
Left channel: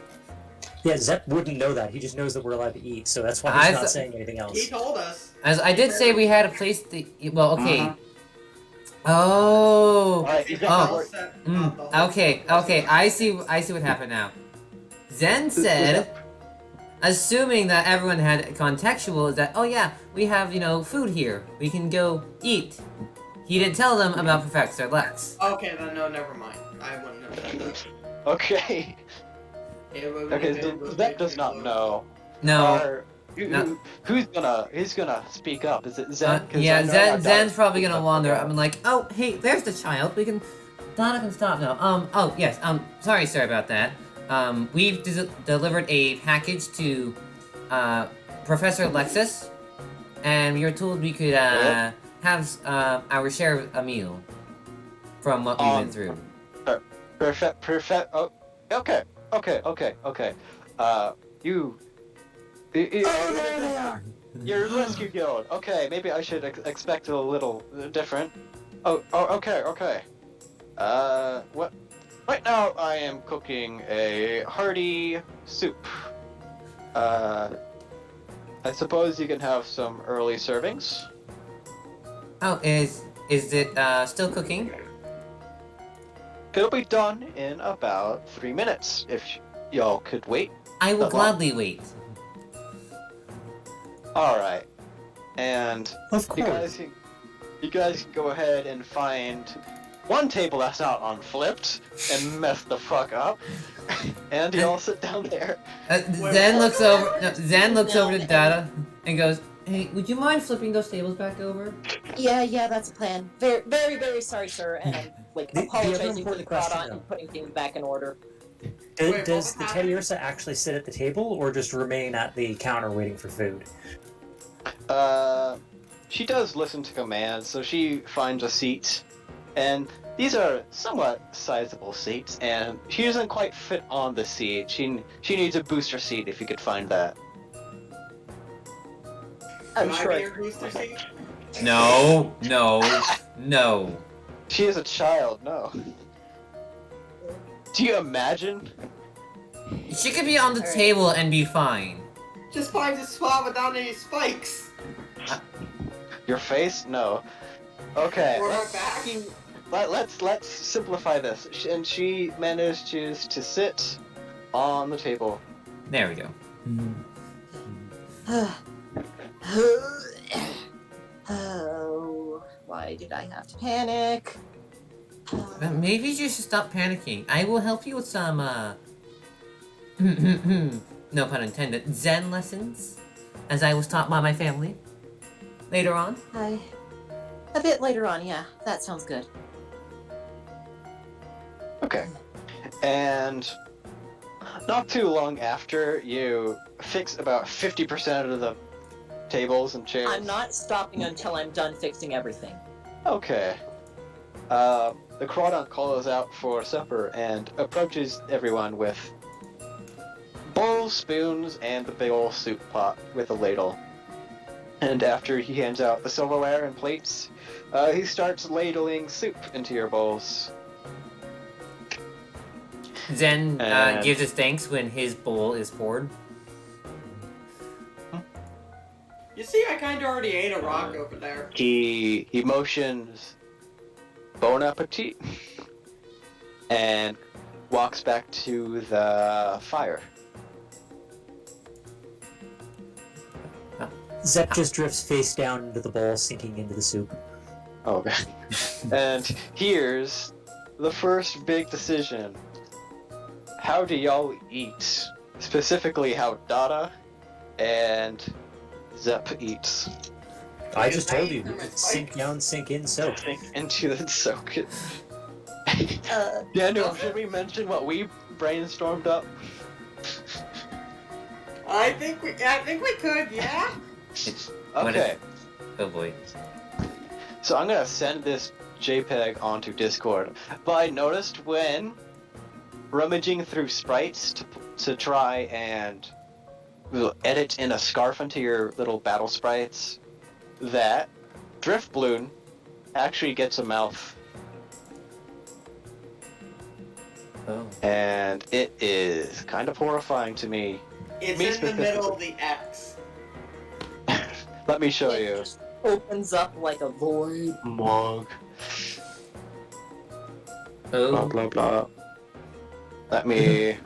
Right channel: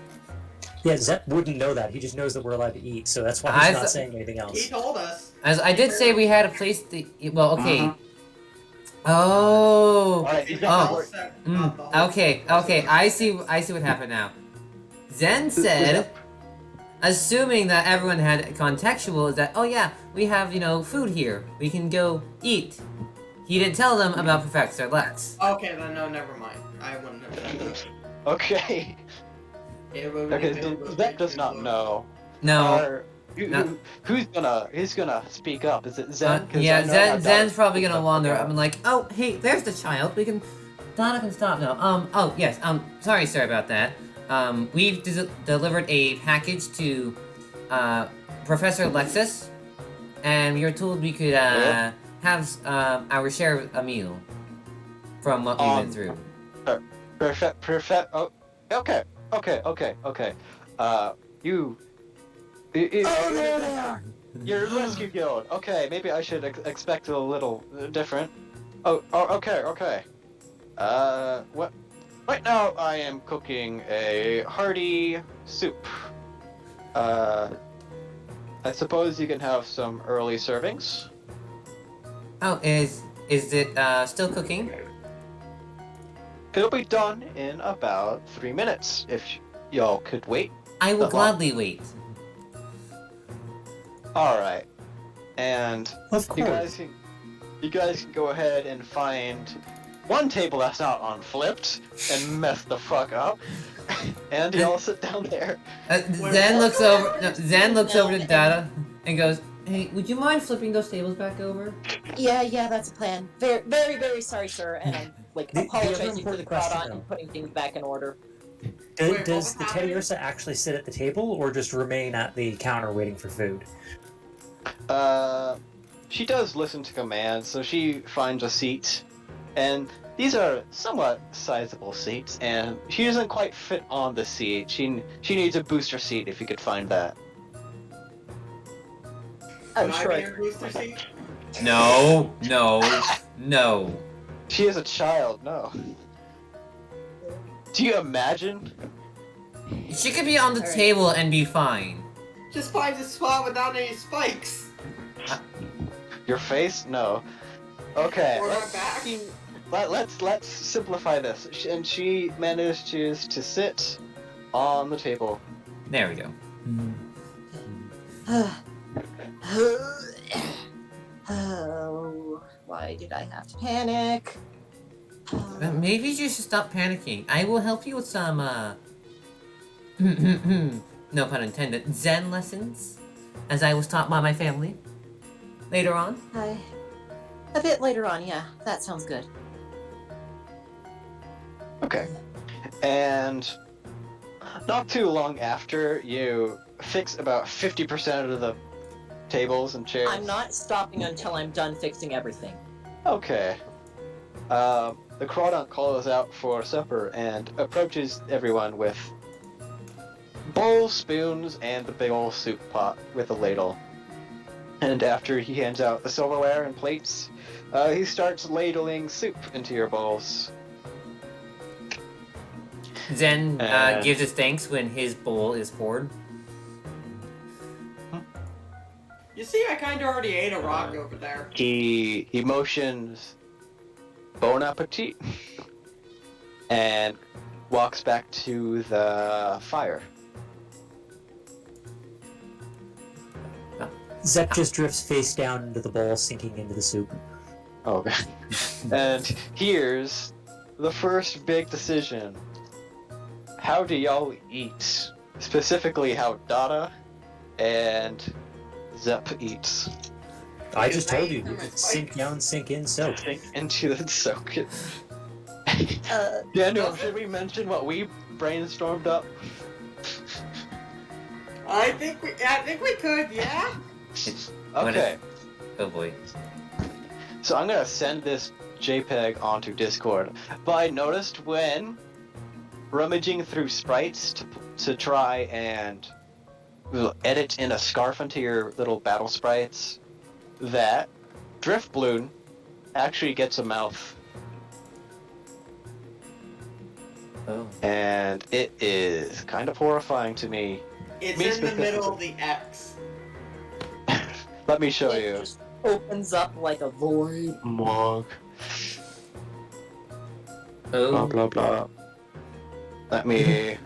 Yeah, Zep wouldn't know that. He just knows that we're allowed to eat, so that's why I he's not th- saying anything He else. told us. As I did say, we had a place to. Well, okay. Oh. Alright, he's Oh. got Okay. I see what happened now. Zen said, assuming that everyone had contextual, is that, oh yeah, we have, food here. We can go eat. He didn't tell them about Professor Lex. Okay, then no, never mind. I wouldn't have said that. Okay. Okay, so Zep does not know. No. Or, who's gonna speak up? Is it Zen? 'Cause I Yeah, know Zen's Dada's probably gonna speaking up. wander. I'm like, oh, hey, there's the child. Donna can stop now. Oh, yes, sorry, sir, about that. We've delivered a package to, Professor Lexus, and we were told we could, have, our share of a meal from what we went through. Perfect. Oh, okay. You. Oh, there they are. You're rescue guild. Okay, maybe I should expect a little different. Oh, okay. What? Right now I am cooking a hearty soup. I suppose you can have some early servings. Oh, is it still cooking? It'll be done in about 3 minutes, if y'all could wait. I will Not long. gladly wait. Alright. And Of you course. guys can go ahead and find one table that's not unflipped and mess the fuck up. And y'all sit down there. Zen looks over. No, Zen looks over to Data and goes, "Hey, would you mind flipping those tables back over?" Yeah, that's a plan. Very, very, very sorry, sir. And I'm like The other apologizing for important the crowd question, on and putting things back in order. Wait, Does what the happened? Teddy Ursa actually sit at the table, or just remain at the counter waiting for food? She does listen to commands, so she finds a seat. And these are somewhat sizable seats, and she doesn't quite fit on the seat. She needs a booster seat if you could find that. I'm Can sure. I be your booster seat? No. She is a child, no. Do you imagine? She could be on the Alright. table and be fine. Just find a spot without any spikes. Your face? No. Okay, Or my back. let's simplify this. And she manages to sit on the table. There we go. Oh, why did I have to panic? Maybe you should stop panicking. I will help you with some, no pun intended, Zen lessons, as I was taught by my family. Later on. A bit later on, yeah. That sounds good. Okay. And not too long after, you fix about 50% of the tables and chairs. I'm not stopping until I'm done fixing everything. Okay. The Crawdont calls out for supper and approaches everyone with bowls, spoons, and the big old soup pot with a ladle. And after he hands out the silverware and plates, he starts ladling soup into your bowls. Zen And- gives his thanks when his bowl is poured. You see, I kinda already ate a rock over there. He motions bon appetit and walks back to the fire. Zep just drifts face down into the bowl, sinking into the soup. Oh, okay. And here's the first big decision. How do y'all eat? Specifically, how Dada and Zep eats. I just told you, Because I you eat could sink spikes. down, sink in, soak. Sink into the soak. Uh, Daniel, should we mention what we brainstormed up? I think we could, yeah? What Okay, Oh boy. so I'm gonna send this JPEG onto Discord. But I noticed when rummaging through sprites to try and edit in a scarf into your little battle sprites, that Drift Balloon actually gets a mouth. Oh. And it is kind of horrifying to me. It's Me in the middle of the X. Let me show it you. just opens up like a void. Mog. Blah Oh. blah blah. Let me.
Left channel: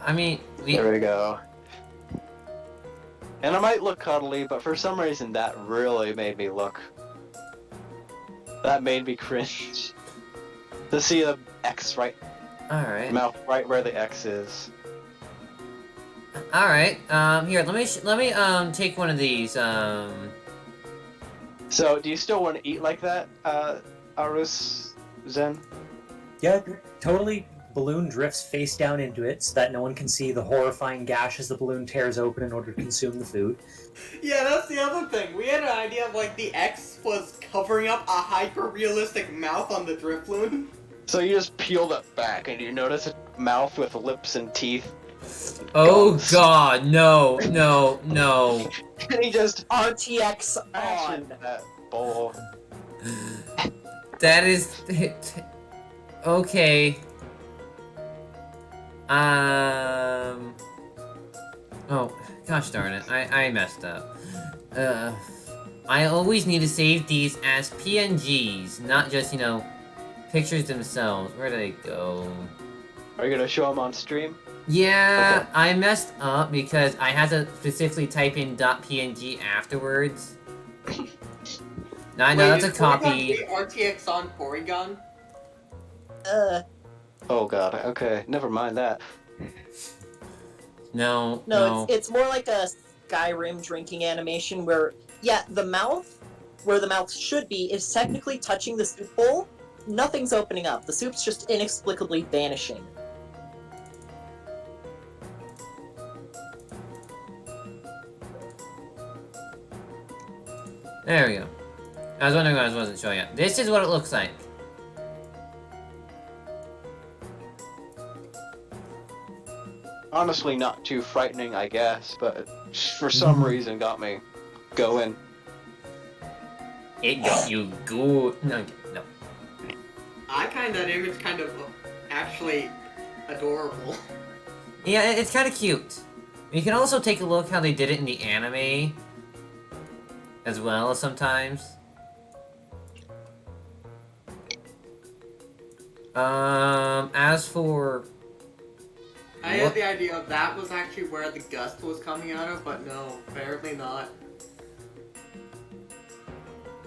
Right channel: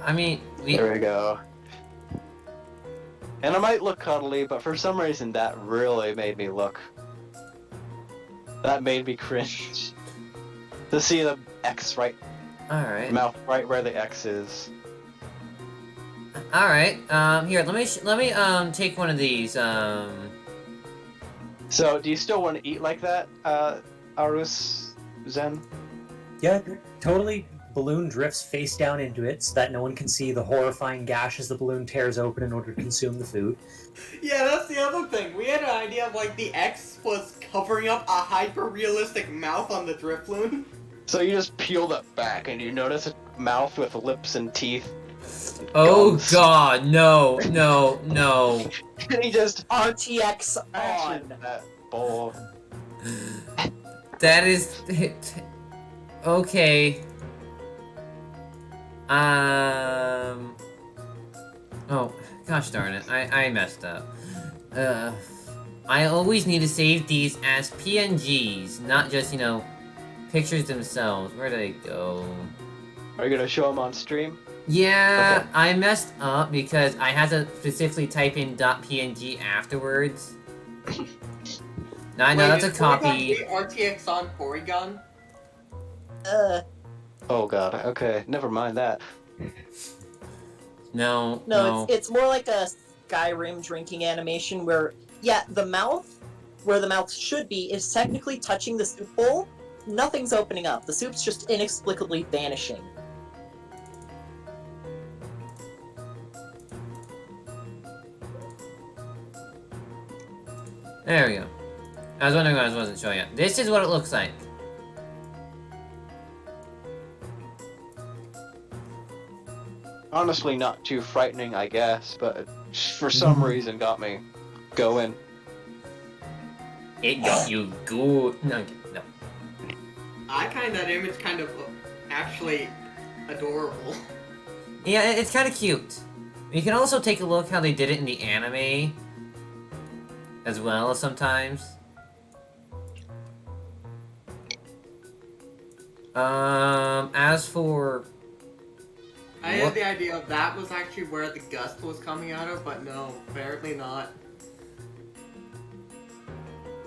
I mean, There we go. And it might look cuddly, but for some reason that really made me look. That made me cringe. To see the X right, Alright. mouth right where the X is. Alright. Here, let me take one of these, So, do you still want to eat like that, Arus Zen? Yeah, totally. Balloon drifts face down into it so that no one can see the horrifying gash as the balloon tears open in order to consume the food. Yeah, that's the other thing. We had an idea of like the X was covering up a hyper-realistic mouth on the Drift Balloon. So you just peel that back and you notice a mouth with lips and teeth Oh Guns. god, no, no, no. And he just RTX smashes on. that bowl. That is... Okay. Oh, gosh darn it. I messed up. I always need to save these as PNGs, not just, you know, pictures themselves. Where did they go? Are you gonna show him on stream? Yeah, Okay. I messed up because I had to specifically type in .png afterwards. Now I know that's a copy. RTX on Porygon? Oh god, okay, never mind that. No, No, it's more like a Skyrim drinking animation where, yeah, the mouth, where the mouth should be, is technically touching the soup bowl. Nothing's opening up. The soup's just inexplicably vanishing. There we go. I was wondering why I wasn't showing it. This is what it looks like. Honestly, not too frightening, I guess, but for some reason got me going. It got you good. No, no. I find that image kind of actually adorable. Yeah, it's kind of cute. You can also take a look how they did it in the anime as well sometimes. As for... I had the idea that was actually where the gust was coming out of, but no, apparently not.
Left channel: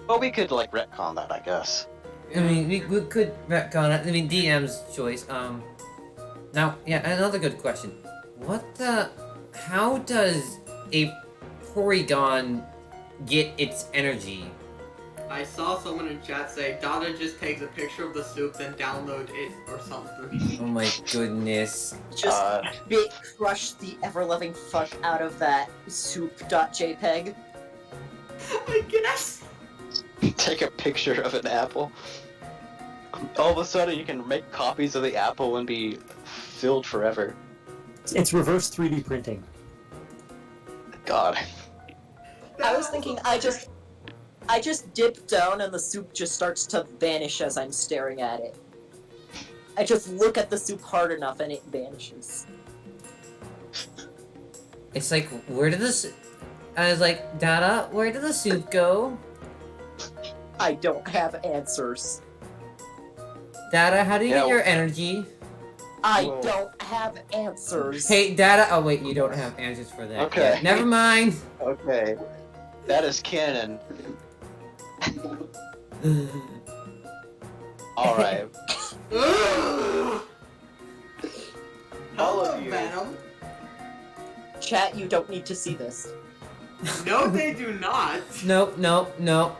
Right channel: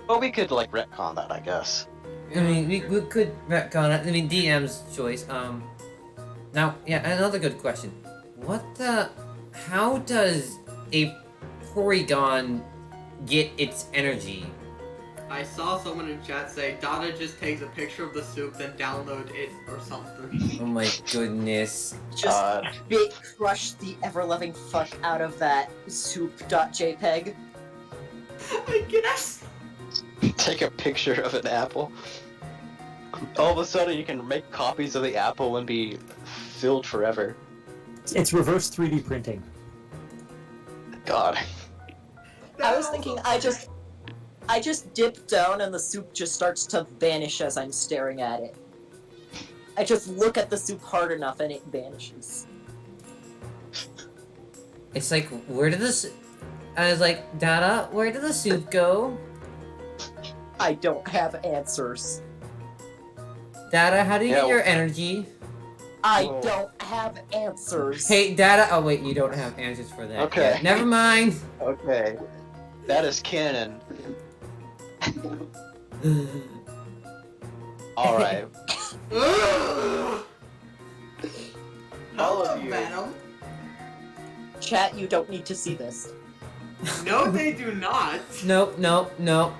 Well, we could, like, retcon that, I guess. I mean, we could retcon it. I mean, DM's choice. Now, yeah, another good question. What the... How does a Porygon get its energy? I saw someone in chat say, Dada just takes a picture of the soup, then download it or something. Oh my goodness. Just bit crush the ever-loving fuck out of that soup.jpg. I guess. Take a picture of an apple. All of a sudden, you can make copies of the apple and be filled forever. It's reverse 3D printing. God. I was thinking I just dip down and the soup just starts to vanish as I'm staring at it. I just look at the soup hard enough and it vanishes. It's like, where did this... I was like, Dada, where did the soup go? I don't have answers. Dada, how do you get Yeah, your energy? I Whoa. don't have answers. Hey, Dada... Oh, wait, you don't have answers for that Okay. yet. Never mind. Okay. That is canon. Alright. All Hello, of you. Venom. Chat, you don't need to see this. No, they do not. Nope, nope, nope.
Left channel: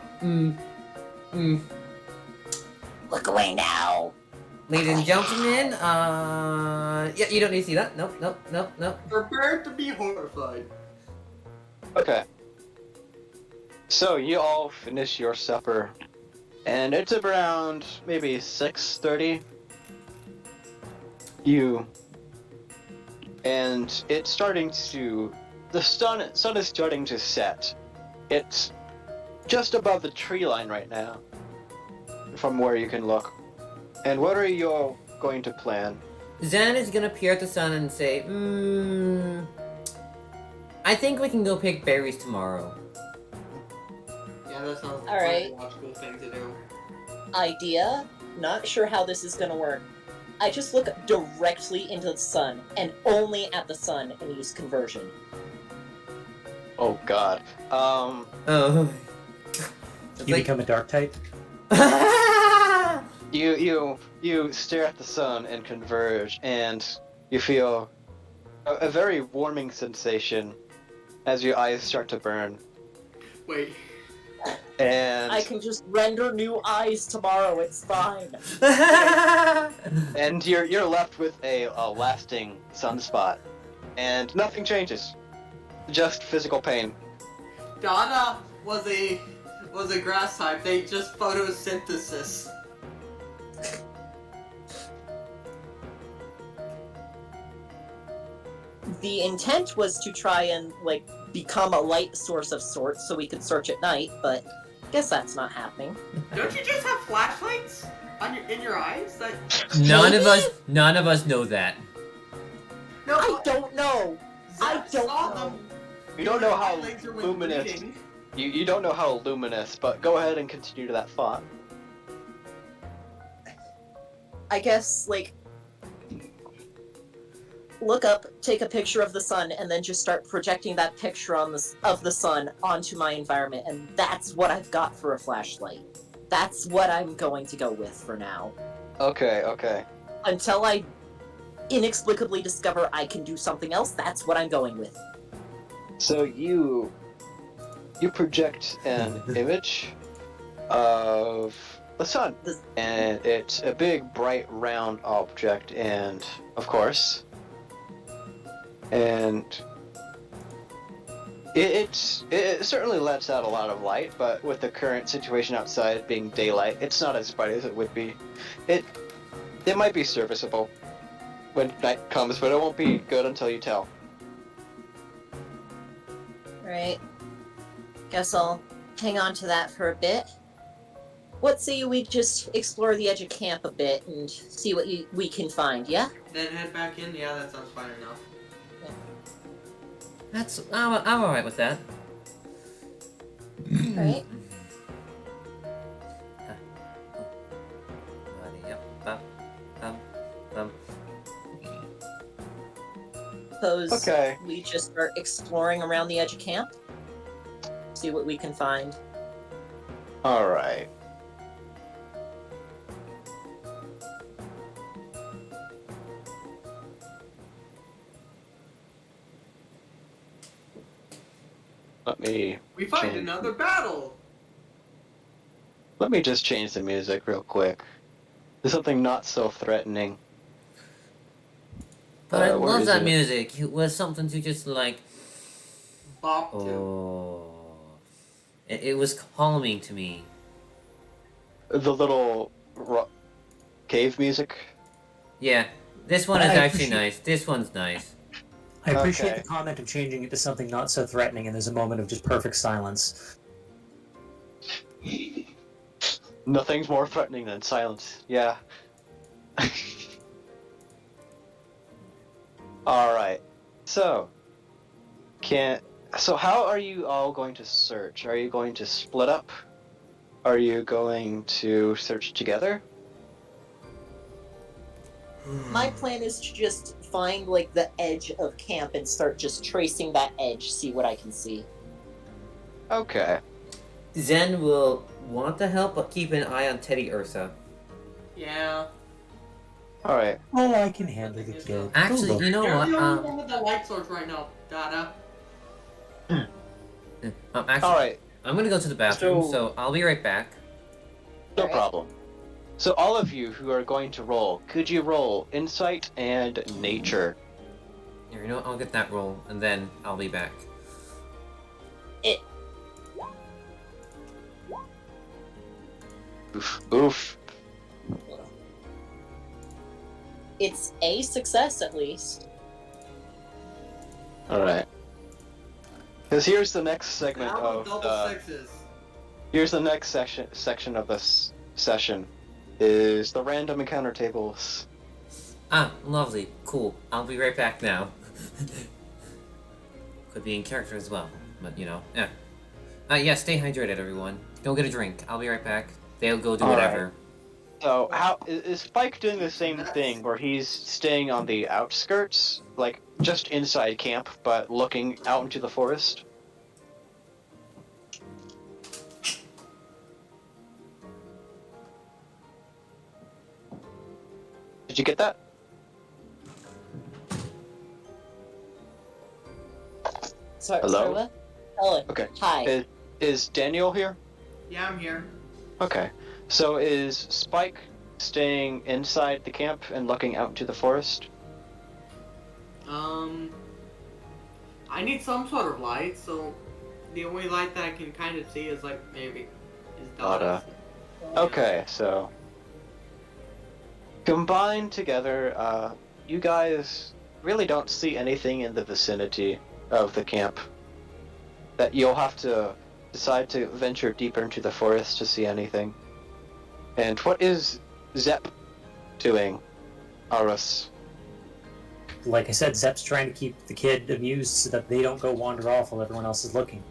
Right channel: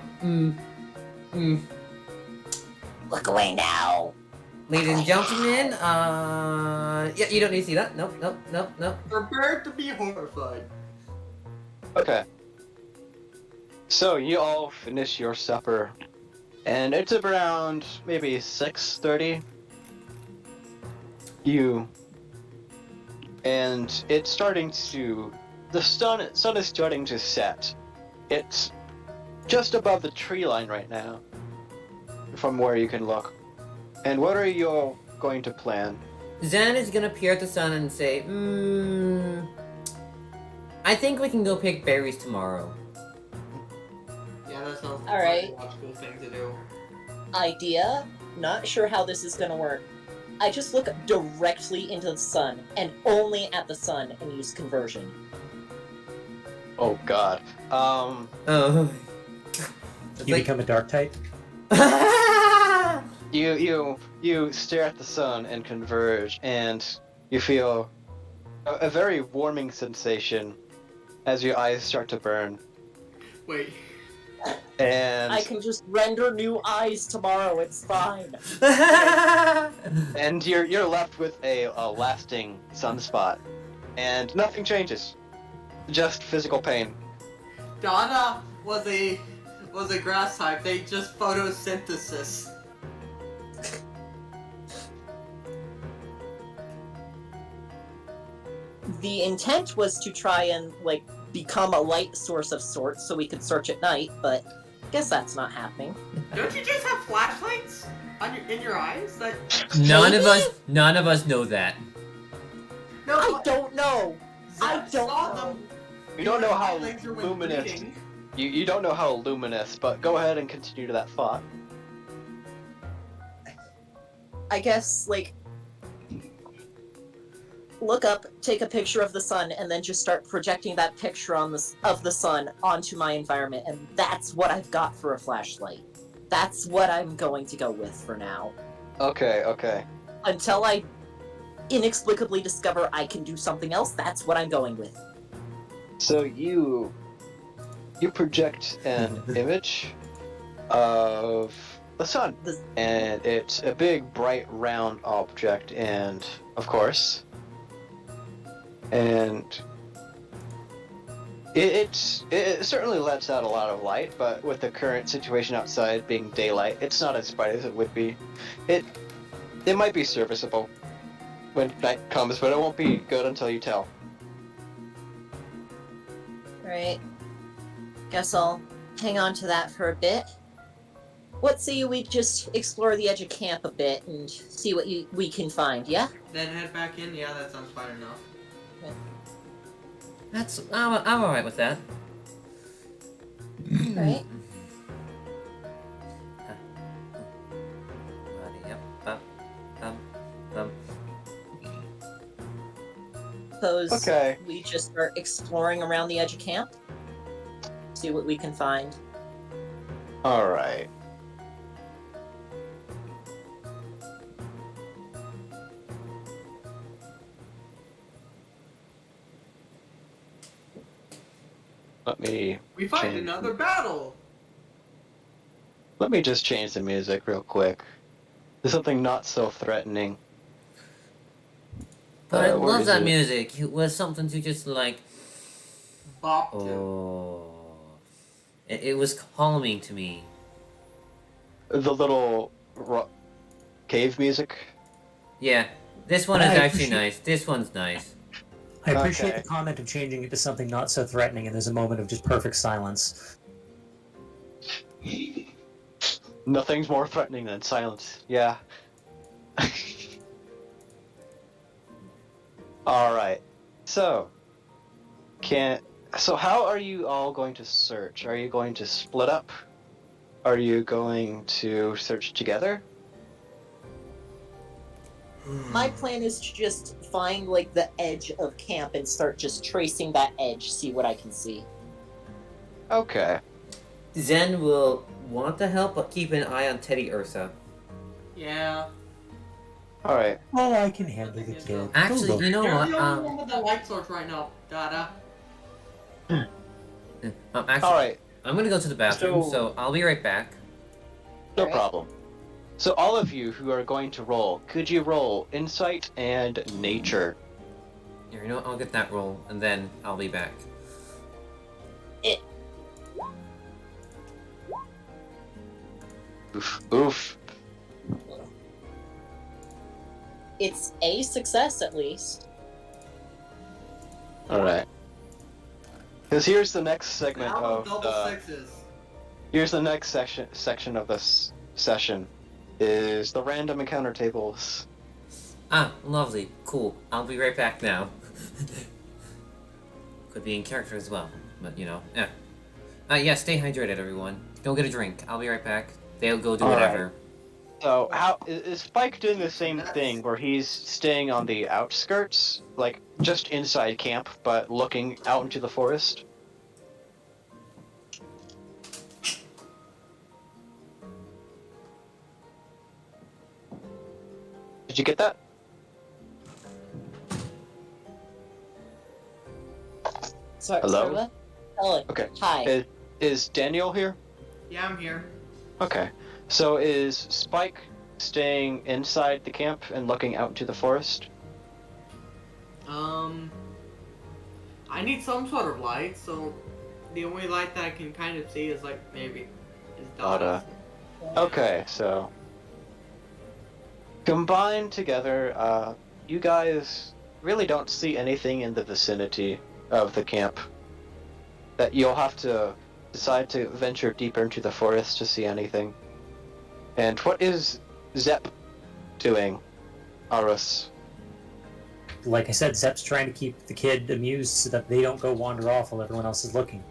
Look away now. Ladies and gentlemen, yeah, you don't need to see that. Nope, nope, nope, nope. Prepare to be horrified. Okay. So you all finish your supper, and it's around maybe 6:30. And it's starting to, the sun is starting to set. It's just above the tree line right now, from where you can look. And what are you all going to plan? Zen is gonna peer at the sun and say, I think we can go pick berries tomorrow. Yeah, that sounds All right. like a logical thing to do. Idea? Not sure how this is gonna work. I just look directly into the sun, and only at the sun, and use conversion. Oh God. Oh. It's You like... become a dark type. You stare at the sun and converge, and you feel a very warming sensation as your eyes start to burn. Wait. And I can just render new eyes tomorrow, it's fine. and you're left with a lasting sunspot, and nothing changes, just physical pain. Dada was a grass type. They just photosynthesis. the intent was to try and, like, become a light source of sorts so we could search at night, but I guess that's not happening. Don't you just have flashlights in your eyes? None of us know that. No, I don't know! I don't saw know. them. You don't know how Highlights are when luminous. reading. You don't know how luminous, but go ahead and continue to that thought. I guess, like, look up, take a picture of the sun, and then just start projecting that picture of the sun onto my environment, and that's what I've got for a flashlight. That's what I'm going to go with for now. Okay. Until I inexplicably discover I can do something else, that's what I'm going with. So you project an image of the sun, and it's a big, bright, round object, and of course, and it certainly lets out a lot of light, but with the current situation outside being daylight, it's not as bright as it would be. It might be serviceable when night comes, but it won't be good until you tell. Alright. Guess I'll hang on to that for a bit. What say we just explore the edge of camp a bit and see what we can find, yeah? Then head back in. Yeah, that sounds fine enough. I'm alright with that. Right? Suppose Okay. we just start exploring around the edge of camp? See what we can find. Alright. We find another battle. Let me just change the music real quick. There's something not so threatening. But I where love is that it? music. It was something to just like, Bop to. oh, it was calming to me. The little cave music. Yeah, this one is I actually appreciate- nice. This one's nice. I appreciate Okay. the comment of changing it to something not so threatening, and there's a moment of just perfect silence. Nothing's more threatening than silence. Yeah. Alright. So how are you all going to search? Are you going to split up? Are you going to search together? My plan is to just find, like, the edge of camp and start just tracing that edge, see what I can see. Okay. Zen will want to help, but keep an eye on Teddy Ursa. Yeah. Alright. Oh, I can handle the kid. Actually, Oh, you know You're what? the only one with the light source right now, Dada. Actually, Alright. I'm gonna go to the bathroom, So- so I'll be right back. No Alright. problem. So all of you who are going to roll, could you roll insight and nature? Here, you know what? I'll get that roll, and then I'll be back. Oof. It's a success, at least. Alright. Because here's the next segment Now of double the... sixes. Here's the next section of this session. Is the random encounter tables. Ah, lovely. Cool. I'll be right back now. Could be in character as well, but you know, yeah. Yeah, stay hydrated, everyone. Go get a drink. I'll be right back. They'll go do All right. whatever. So how is Spike doing the same thing where he's staying on the outskirts, like just inside camp, but looking out into the forest? Did you get that? Sorry, Hello? sorry, what? Hello. Okay. Hi. Is Daniel here? Yeah, I'm here. Okay. So is Spike staying inside the camp and looking out into the forest? I need some sort of light, so the only light that I can kind of see is like maybe his Dada. daughter. Okay, so combined together, you guys really don't see anything in the vicinity of the camp. That you'll have to decide to venture deeper into the forest to see anything. And what is Zep doing, Arus? Like I said, Zep's trying to keep the kid amused so that they don't go wander off while everyone else is looking.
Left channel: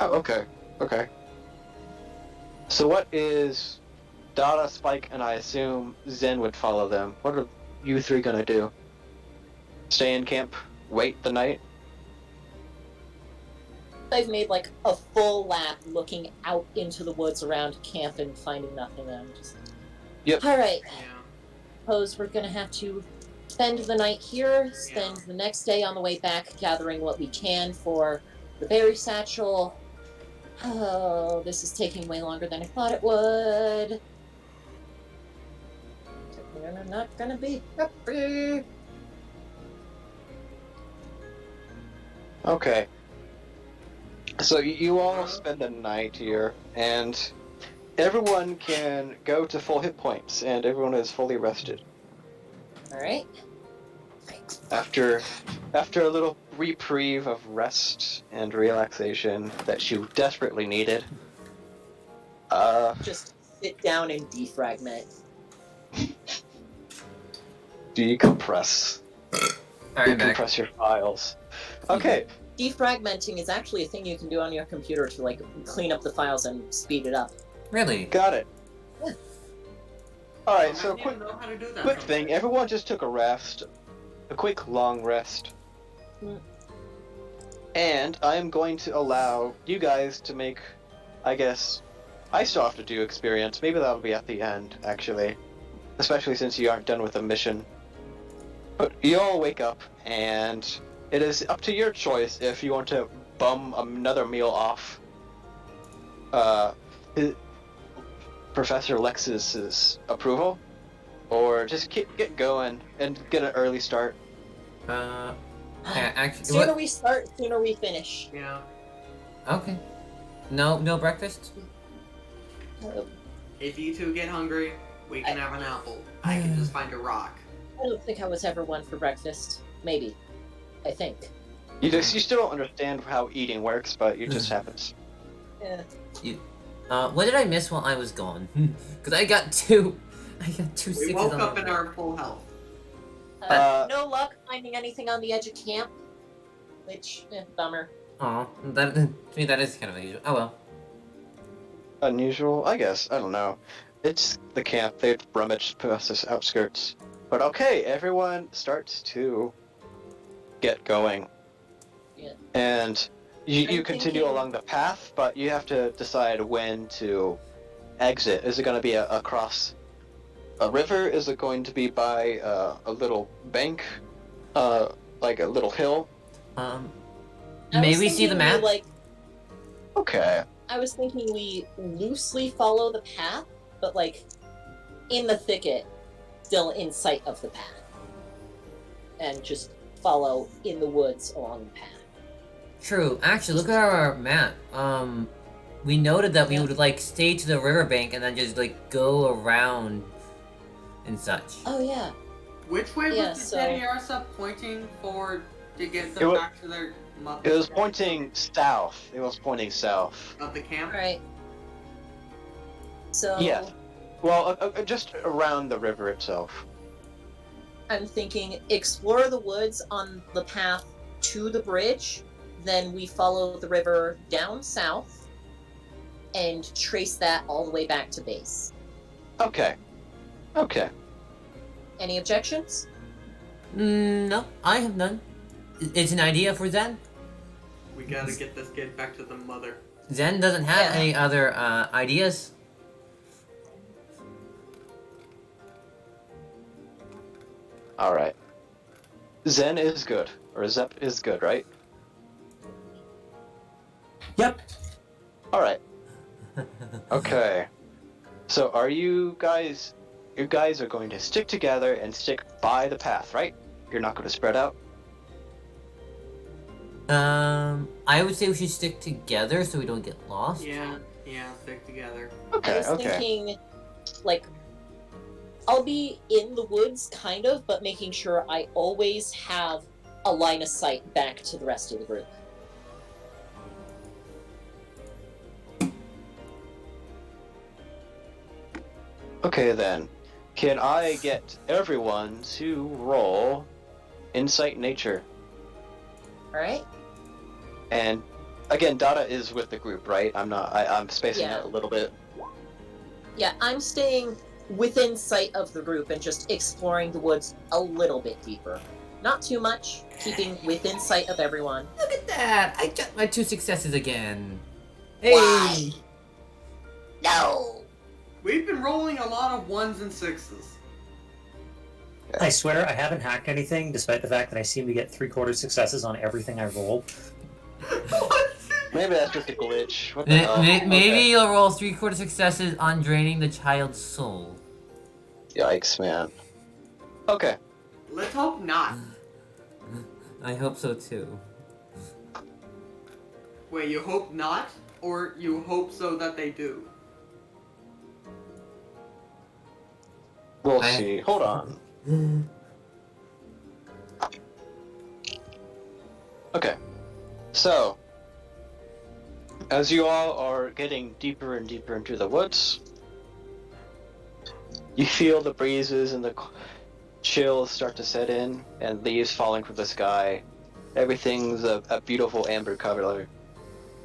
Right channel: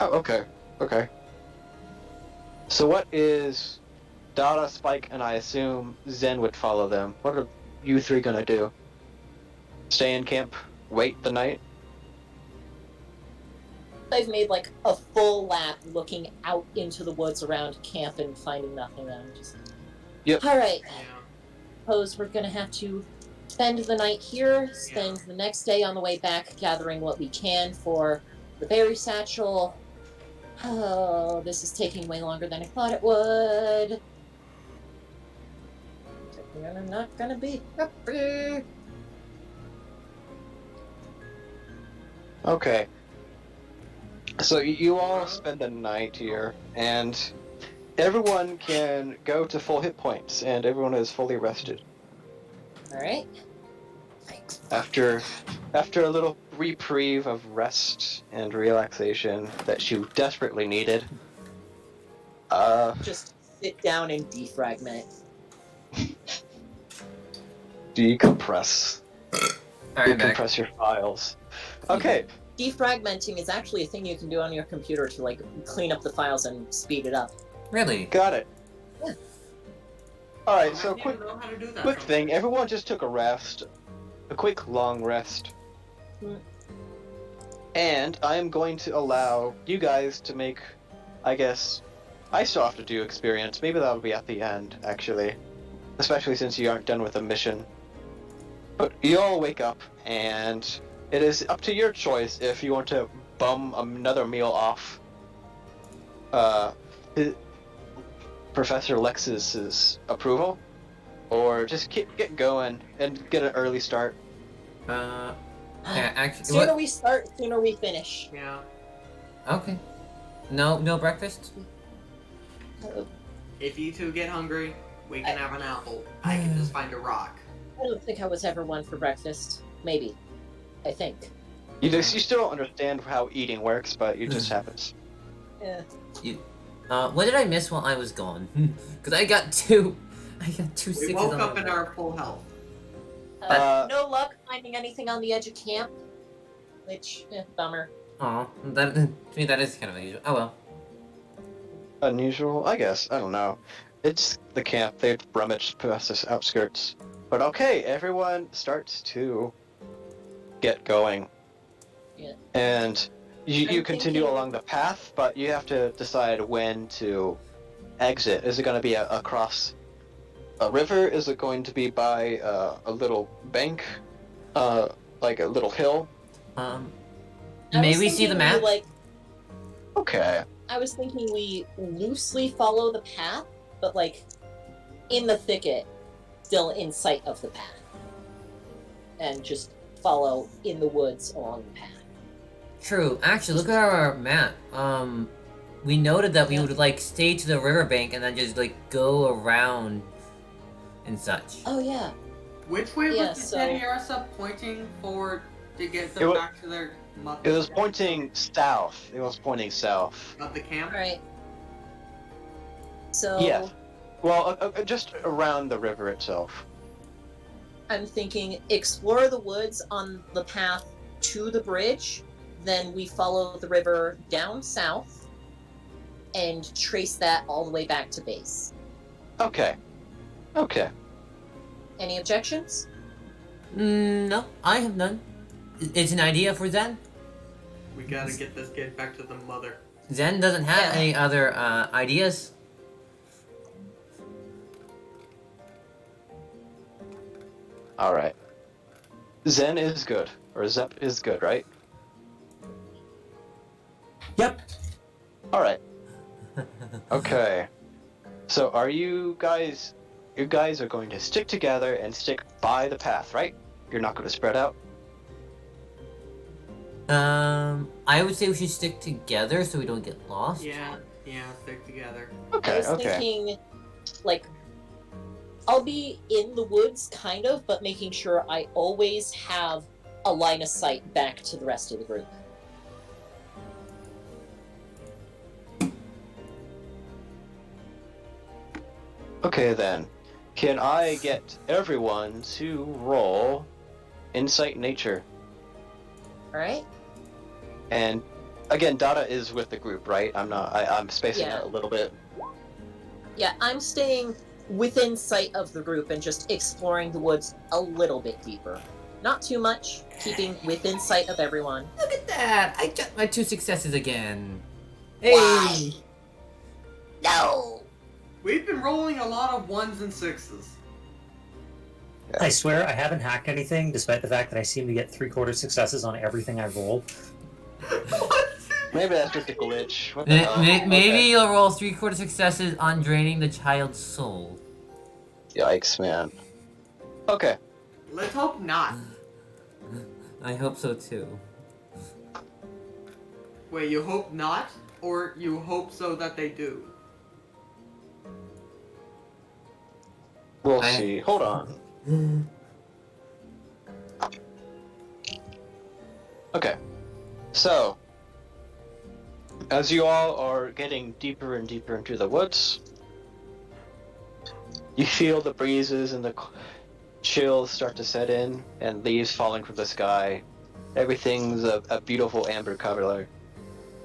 Oh, okay. Okay. So what is Dada, Spike, and I assume Zen would follow them. What are you three gonna do? Stay in camp? Wait the night? I've made like a full lap looking out into the woods around camp and finding nothing. I'm just... Yep. Alright, Yeah. suppose we're gonna have to spend the night here, spend the next day on the way back gathering what we can for the berry satchel. Oh, this is taking way longer than I thought it would. I'm not gonna be happy. Okay. So you all spend the night here, and everyone can go to full hit points, and everyone is fully rested. Alright. After a little reprieve of rest and relaxation that you desperately needed, Just sit down and defragment. decompress. Alright, I'm back. Decompress your files. Okay. Defragmenting is actually a thing you can do on your computer to like clean up the files and speed it up. Really? Got it. Yeah. Alright, I so didn't quick even know how to do that quick from thing, there. everyone just took a rest. A quick long rest. Mm. And I am going to allow you guys to make, I guess, I still have to do experience. Maybe that'll be at the end, actually. Especially since you aren't done with the mission. But you all wake up, and it is up to your choice if you want to bum another meal off Professor Lexus's approval, or just get going and get an early start. Yeah, actually, Sooner what? we start, sooner we finish. Yeah. Okay. No breakfast? If you two get hungry, we can have an apple. I can just find a rock. I don't think I was ever one for breakfast. Maybe. I think. You still don't understand how eating works, but it just happens. Yeah. What did I miss while I was gone? Because I got two We sixes woke on up my in our full health. No luck finding anything on the edge of camp. Which, bummer. Aw, that to me that is kind of unusual. Oh well. Unusual, I guess. I don't know. It's the camp. They'd rummaged past the outskirts. But okay, everyone starts to get going. Yeah. And you I'm continue thinking- along the path, but you have to decide when to exit. Is it going to be across a river? Is it going to be by a little bank? Like a little hill? I May was we see the thinking map? Okay. I was thinking we loosely follow the path, but like in the thicket, still in sight of the path. And just follow in the woods along the path. True. Actually, look at our map. We noted that we would like stay to the riverbank and then just like go around and such. Oh yeah. Which way Yeah, was the so- Teddy Arsa pointing forward to get It them wa- back to their It was pointing south. It was pointing south. of the camp? Alright. So Yeah. Well, just around the river itself. I'm thinking explore the woods on the path to the bridge, then we follow the river down south and trace that all the way back to base. Okay. Okay. Any objections? No, I have none. It's an idea for Zen. We gotta get this kid back to the mother. Zen doesn't have Yeah. any other ideas. Alright. Zen is good. Or Zep is good, right? Yep. Alright. Okay. So are you guys are going to stick together and stick by the path, right? You're not going to spread out? I would say we should stick together so we don't get lost. Yeah, stick together. I Okay, was okay. thinking, like, I'll be in the woods, kind of, but making sure I always have a line of sight back to the rest of the group. Okay then. Can I get everyone to roll Insight Nature? Alright? And again, Dada is with the group, right? I'm spacing Yeah. out a little bit. Yeah, I'm staying within sight of the group and just exploring the woods a little bit deeper. Not too much, keeping within sight of everyone. Look at that! I got my 2 successes again. Hey! Why? No! We've been rolling a lot of 1s and 6s. I swear I haven't hacked anything, despite the fact that I seem to get 3/4 successes on everything I roll. What? Maybe that's just a glitch. What the hell? Maybe Okay. you'll roll 3/4 successes on draining the child's soul. Yikes, man. Okay. Let's hope not. I hope so too. Wait, you hope not? Or you hope so that they do? We'll I- see. Hold on. Okay. So, as you all are getting deeper and deeper into the woods, you feel the breezes and the chills start to set in, and leaves falling from the sky. Everything's a beautiful amber color,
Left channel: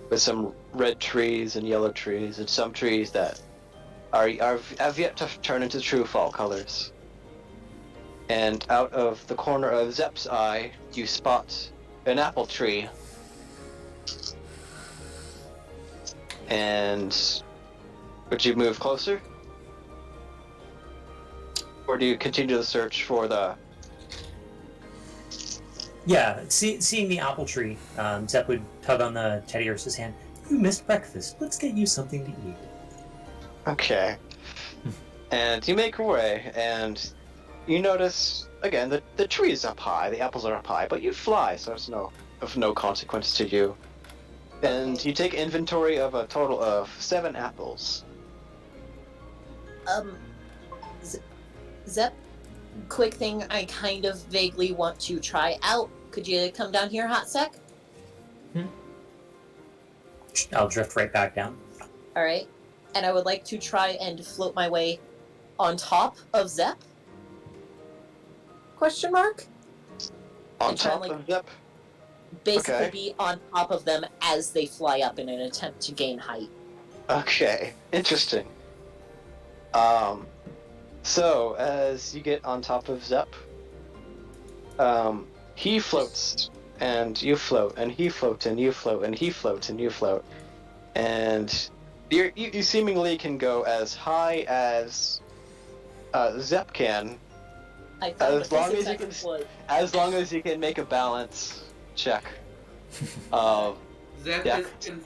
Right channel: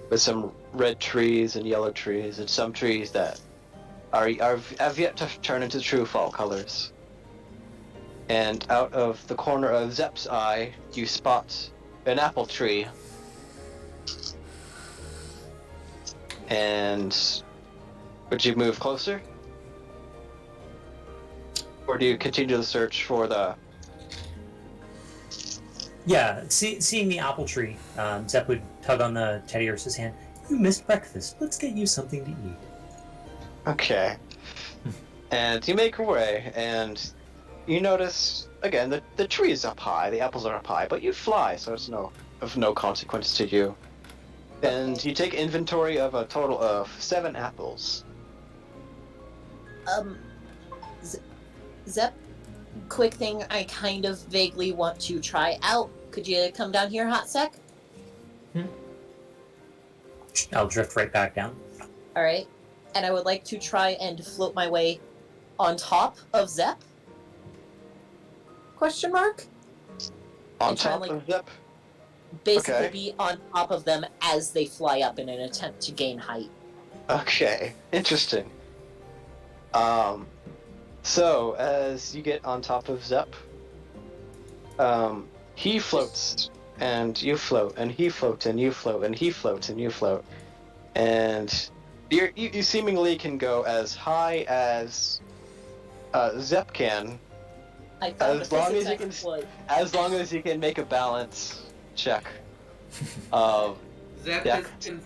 with some red trees and yellow trees, and some trees that have yet to turn into true fall colors. And out of the corner of Zep's eye, you spot an apple tree. And would you move closer? Or do you continue the search for the... Yeah, seeing the apple tree, Zep would tug on the teddy ursa's hand. You missed breakfast. Let's get you something to eat. Okay. And you make your way, and you notice, again, the tree is up high, the apples are up high, but you fly, so it's of no consequence to you. And you take inventory of a total of 7 apples. Zep, quick thing I kind of vaguely want to try out. Could you come down here, hot sec? I'll drift right back down. Alright. And I would like to try and float my way on top of Zep? Question mark? On And try top and, of Zep? basically Okay. be on top of them as they fly up in an attempt to gain height. Okay, interesting. So as you get on top of Zep, he floats, and you float, and he floats, and you float, and he floats, and you float, and you seemingly can go as high as Zep can, I found As the long physics as you can exploit. as long as you can make a balance check of Zep Dex. is...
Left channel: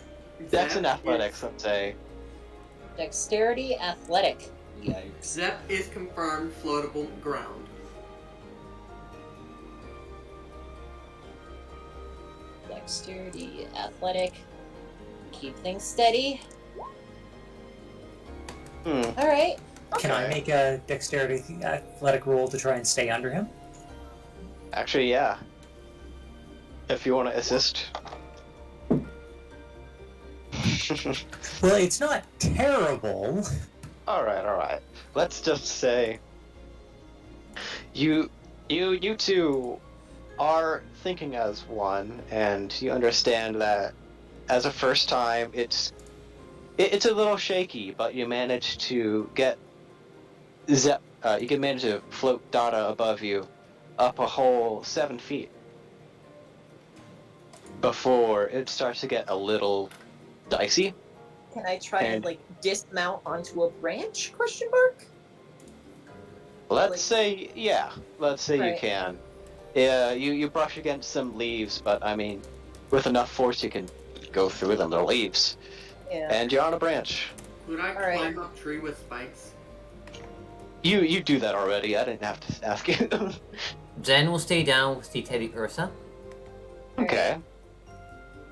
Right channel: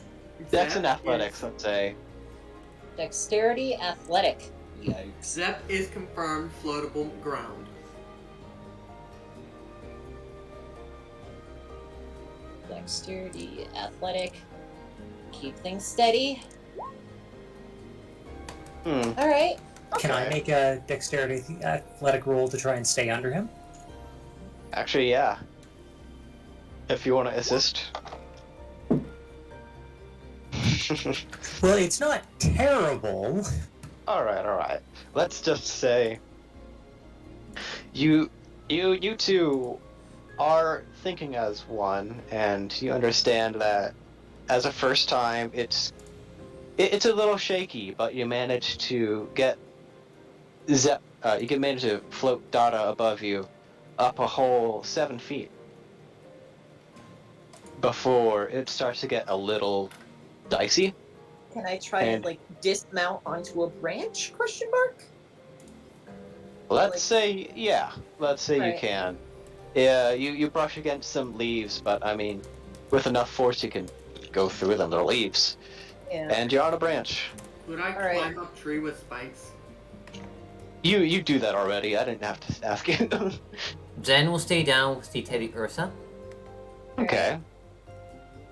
Dex Zep and athletics, is- let's say. Dexterity, athletic. Yikes. Zep is confirmed floatable ground. Dexterity, athletic. Keep things steady. Alright. Can I make a dexterity athletic roll to try and stay under him? Actually, yeah. If you want to assist. Well, it's not terrible. Alright. Let's just say you two are thinking as one, and you understand that as a first time it's a little shaky, but you manage to get Zep, you can manage to float Dada above you up a whole 7 feet before it starts to get a little dicey. Can I try And- and dismount onto a branch? Question mark? Let's say you Right. can. Yeah, you brush against some leaves, but I mean, with enough force you can go through them, the leaves. Yeah. And you're on a branch. Could I Alright. climb up tree with spikes? You do that already, I didn't have to ask you. Jen will stay down with the Teddy Ursa. Okay.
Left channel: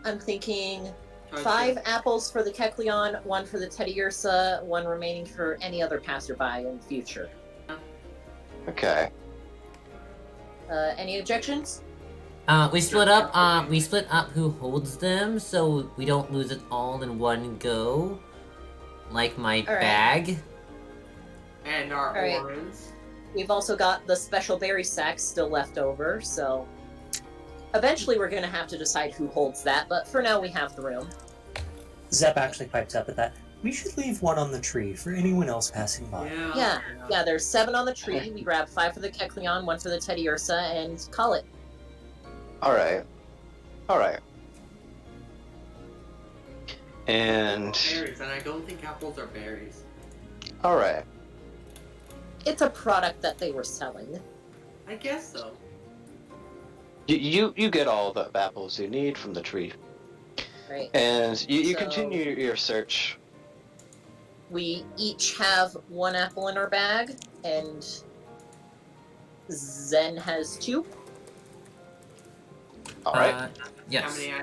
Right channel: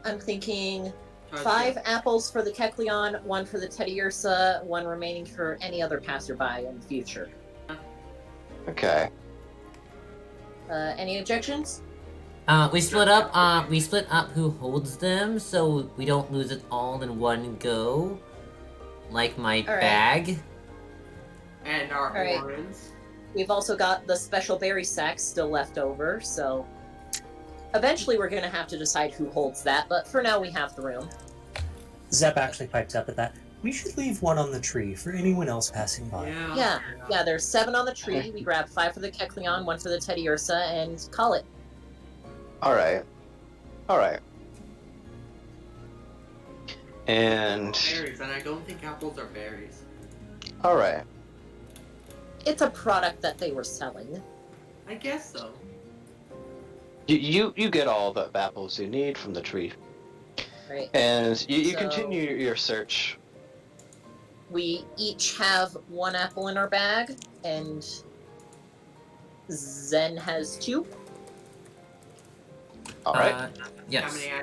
I'm thinking Try to- 5 apples for the Kecleon, 1 for the Teddy Ursa, 1 remaining for any other passerby in the future. Okay. Any objections? We split up. We split up who holds them, so we don't lose it all in one go. Like my All right. bag. And our All right. orens. We've also got the special berry sacks still left over, so eventually we're going to have to decide who holds that, but for now we have the room. Zep actually pipes up at that. We should leave one on the tree for anyone else passing by. Yeah, there's 7 on the tree. We grab 5 for the Kecleon, 1 for the Teddy Ursa, and call it. Alright. And... Berries, and I don't think apples are berries. Alright. It's a product that they were selling. I guess so. You get all the apples you need from the tree. Right. And you So- continue your search. We each have 1 apple in our bag, and Zen has 2. Alright. How Yes. many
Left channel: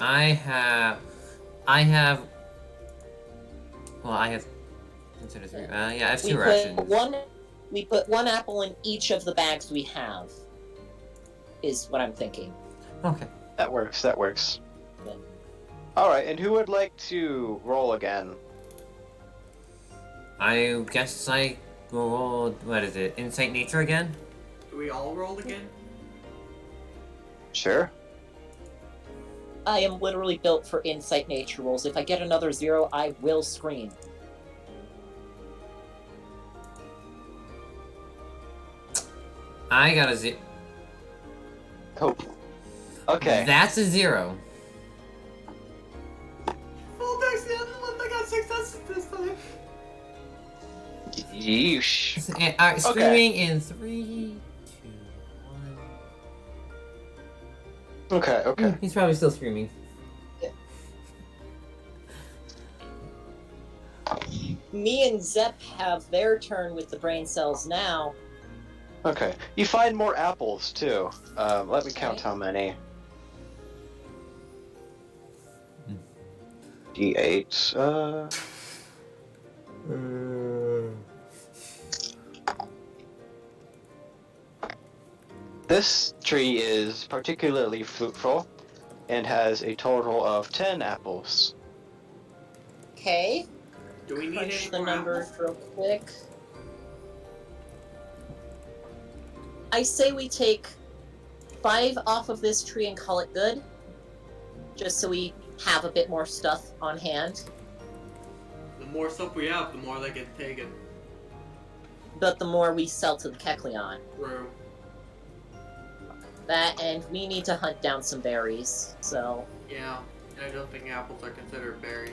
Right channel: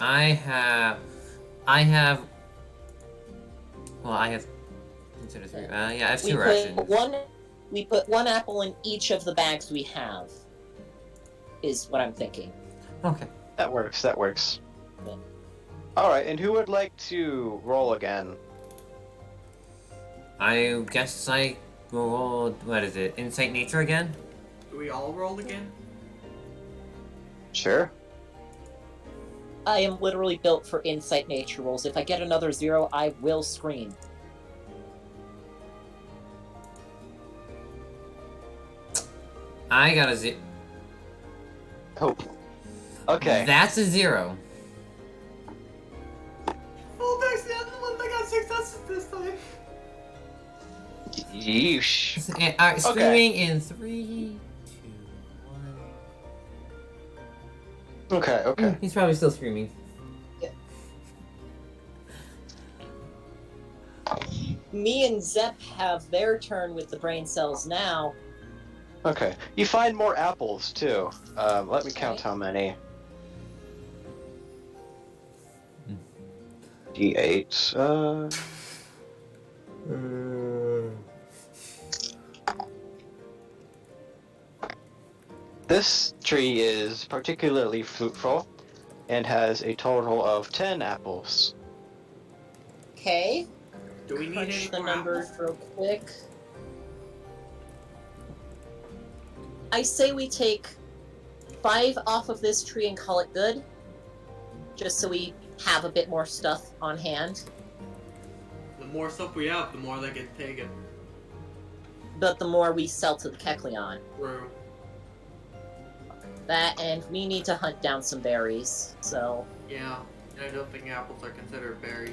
I have? I have. Well, I have. Consider 3. Yeah, I have 2 rations. We put 1 apple in each of the bags we have. Is what I'm thinking. Okay. That works. Yeah. Alright, and who would like to roll again? I guess I rolled. What is it? Insight Nature again? Do we all roll again? Sure. I am literally built for insight nature rolls. If I get another 0, I will scream. I got a 0. Oh. Okay. That's a 0. Full dice, the other one that got successes this time. Yeesh. Alright, screaming in 3, 2, 1. Okay. He's probably still screaming. Me and Zep have their turn with the brain cells now. Okay. You find more apples, too. Let me count how many. D8, This tree is particularly fruitful and has a total of 10 apples. Okay. Do we need Crunch any the more numbers apples? real quick. I say we take 5 off of this tree and call it good. Just so we have a bit more stuff on hand. The more stuff we have, the more they get taken. But the more we sell to the Kecleon. True. That, and we need to hunt down some berries, so... Yeah, I don't think apples are considered berries.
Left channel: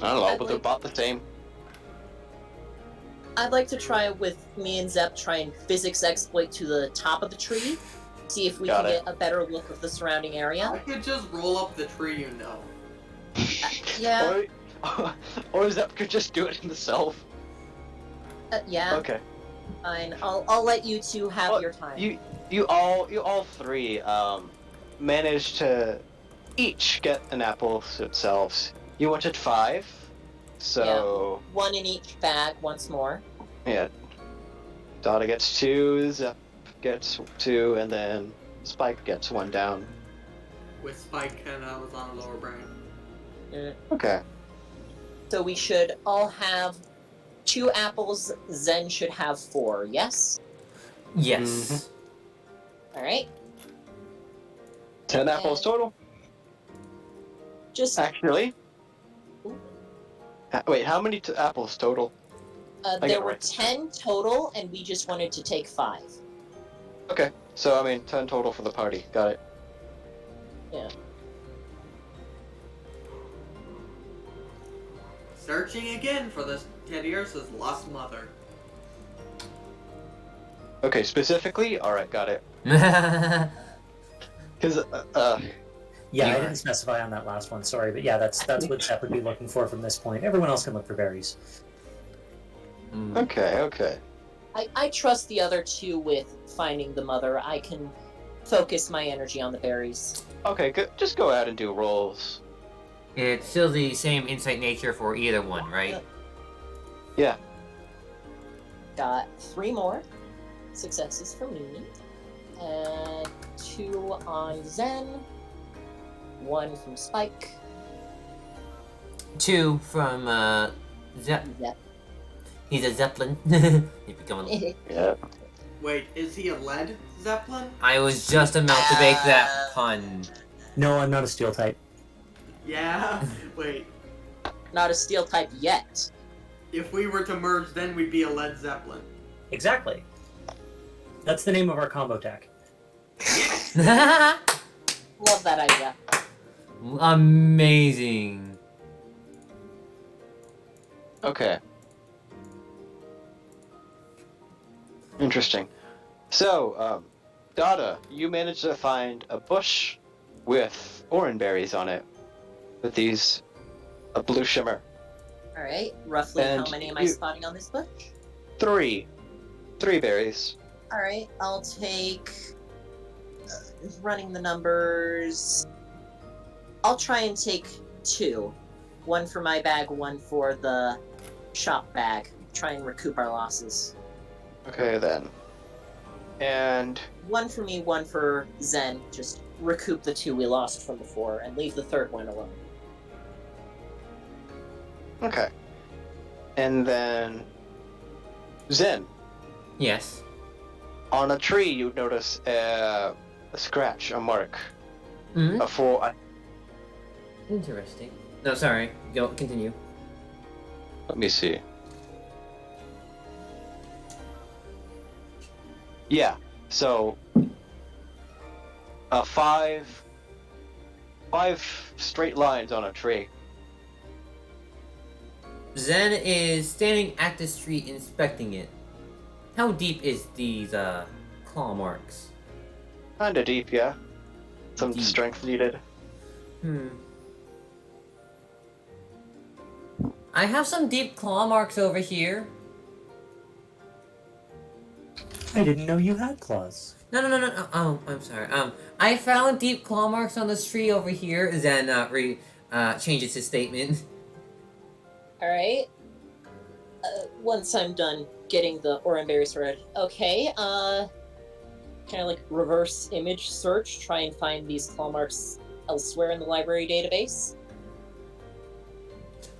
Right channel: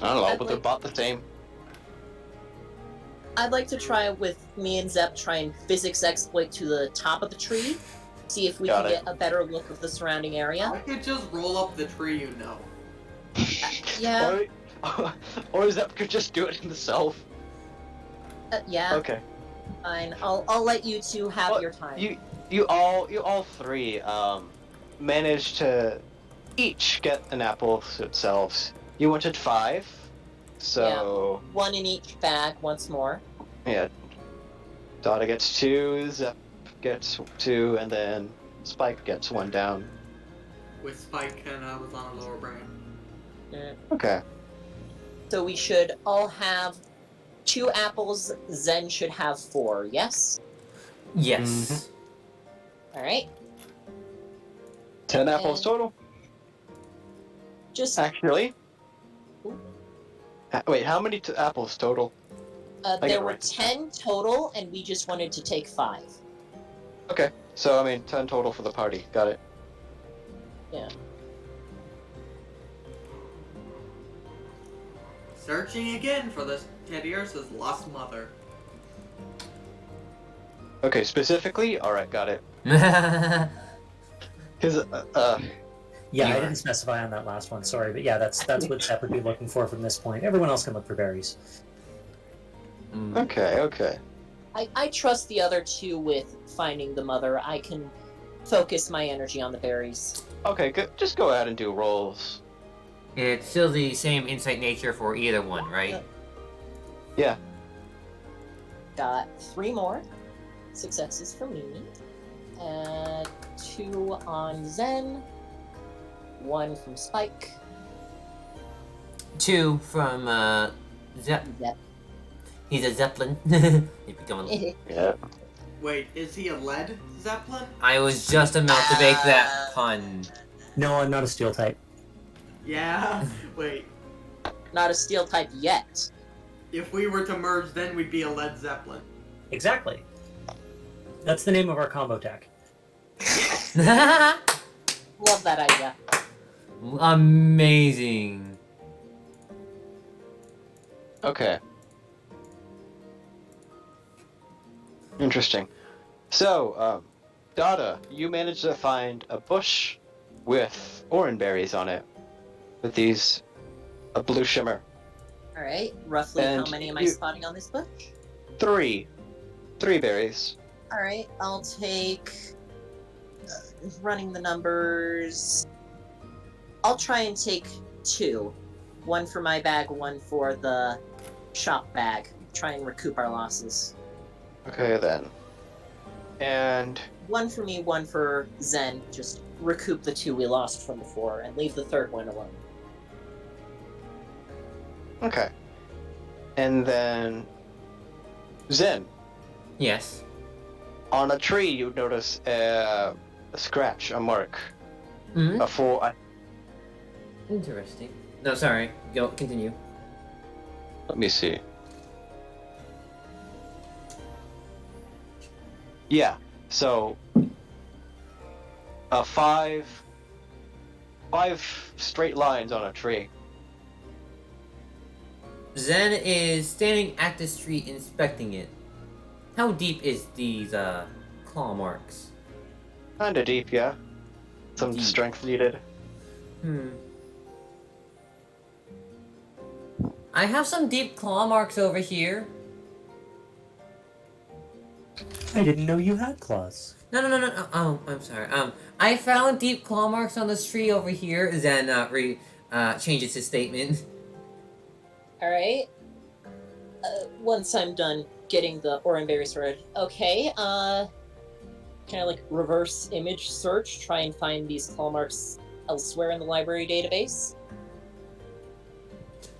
I don't know, but they're about the same. I'd like to try with me and Zep try and physics exploit to the top of the tree. See if we Got can it. get a better look of the surrounding area. I could just roll up the tree, you know. Yeah, Or Zep could just do it himself. yeah, Okay. fine. I'll let you two have Well, your time. You all 3 managed to each get an apple themselves. You wanted 5, so 1 in each bag once more. yeah. Dada gets 2, Zep gets 2, and then Spike gets 1 down. With Spike and I was on a lower brain. Okay. So we should all have 2 apples. Zen should have 4, yes? Yes. Alright. 10 apples total. Just, Actually. Ooh. Wait, how many apples total? I there gotta were write this down. 10 total, and we just wanted to take 5. Okay, so I mean 10 total for the party. Got it. Yeah. Searching again for this Teddy Ursa's lost mother. Okay, specifically. All right, got it. Mm. Because Yeah, I Yeah. didn't specify on that last one. Sorry, but yeah, that's what Zep would be looking for from this point. Everyone else can look for berries. okay. I trust the other 2 with finding the mother. I can focus my energy on the berries. Okay, good. Just go ahead and do rolls. It's still the same Insight Nature for either one, right? Got 3 more successes for me. And 2 on Zen. 1 from Spike. 2 from Zep. He's a Zeppelin. He's becoming. Yeah. Wait, is he a lead zeppelin? I was just about to make that pun. No, I'm not a steel type. Yeah. Wait. Not a steel type yet. If we were to merge, then we'd be a lead zeppelin. Exactly. That's the name of our combo tech. Love that idea. Amazing. Okay. Interesting. So, Dada, you managed to find a bush with orange berries on it, with these a blue shimmer. Alright, roughly And how many am I you- spotting on this bush? 3 berries. Alright, I'll take. Running the numbers. I'll try and take 2. 1 for my bag, 1 for the shop bag. Try and recoup our losses. Okay then. And 1 for me, 1 for Zen. Just recoup the 2 we lost from before and leave the third one alone. okay. And then Zen, Yes. on a tree you notice a scratch, a mark, Hmm. a full. Interesting. No, sorry. Go. Continue. Let me see. Yeah. So, five straight lines on a tree. Zen is standing at the street inspecting it. How deep is these claw marks? Kinda deep, yeah. Some Deep. strength needed. I have some deep claw marks over here. I didn't know you had claws. No. Oh, I'm sorry. I found deep claw marks on this tree over here. Zen changes his statement. Alright. Once I'm done getting the Oranberry sorted. Okay, kind of like reverse image search, try and find these claw marks elsewhere in the library database.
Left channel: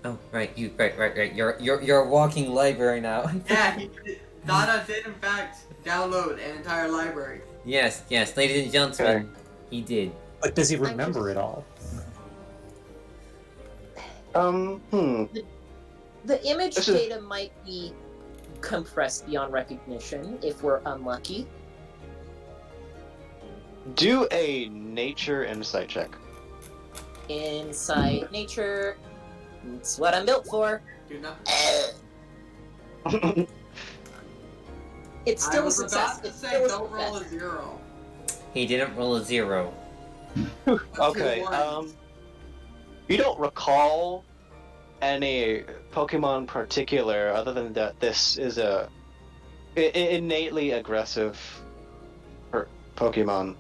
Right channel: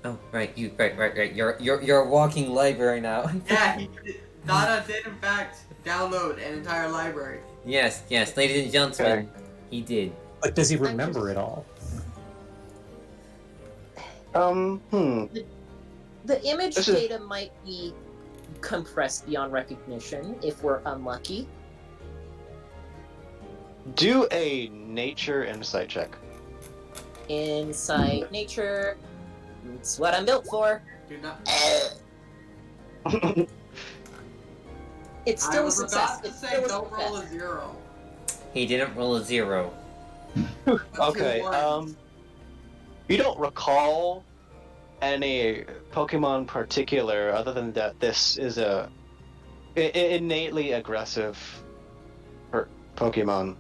Oh, right. Right. You're a walking library now. Yeah, Dada did in fact download an entire library. Yes, ladies and gentlemen, he did. But does he remember it all? The image This is- data might be compressed beyond recognition if we're unlucky. Do a nature insight check. Inside nature. It's what I'm built for. Do not. It's I still a was success. about to It's say, still a don't roll success. a 0. He didn't roll a 0. Okay, ones. you don't recall any Pokemon particular other than that this is a innately aggressive Pokemon.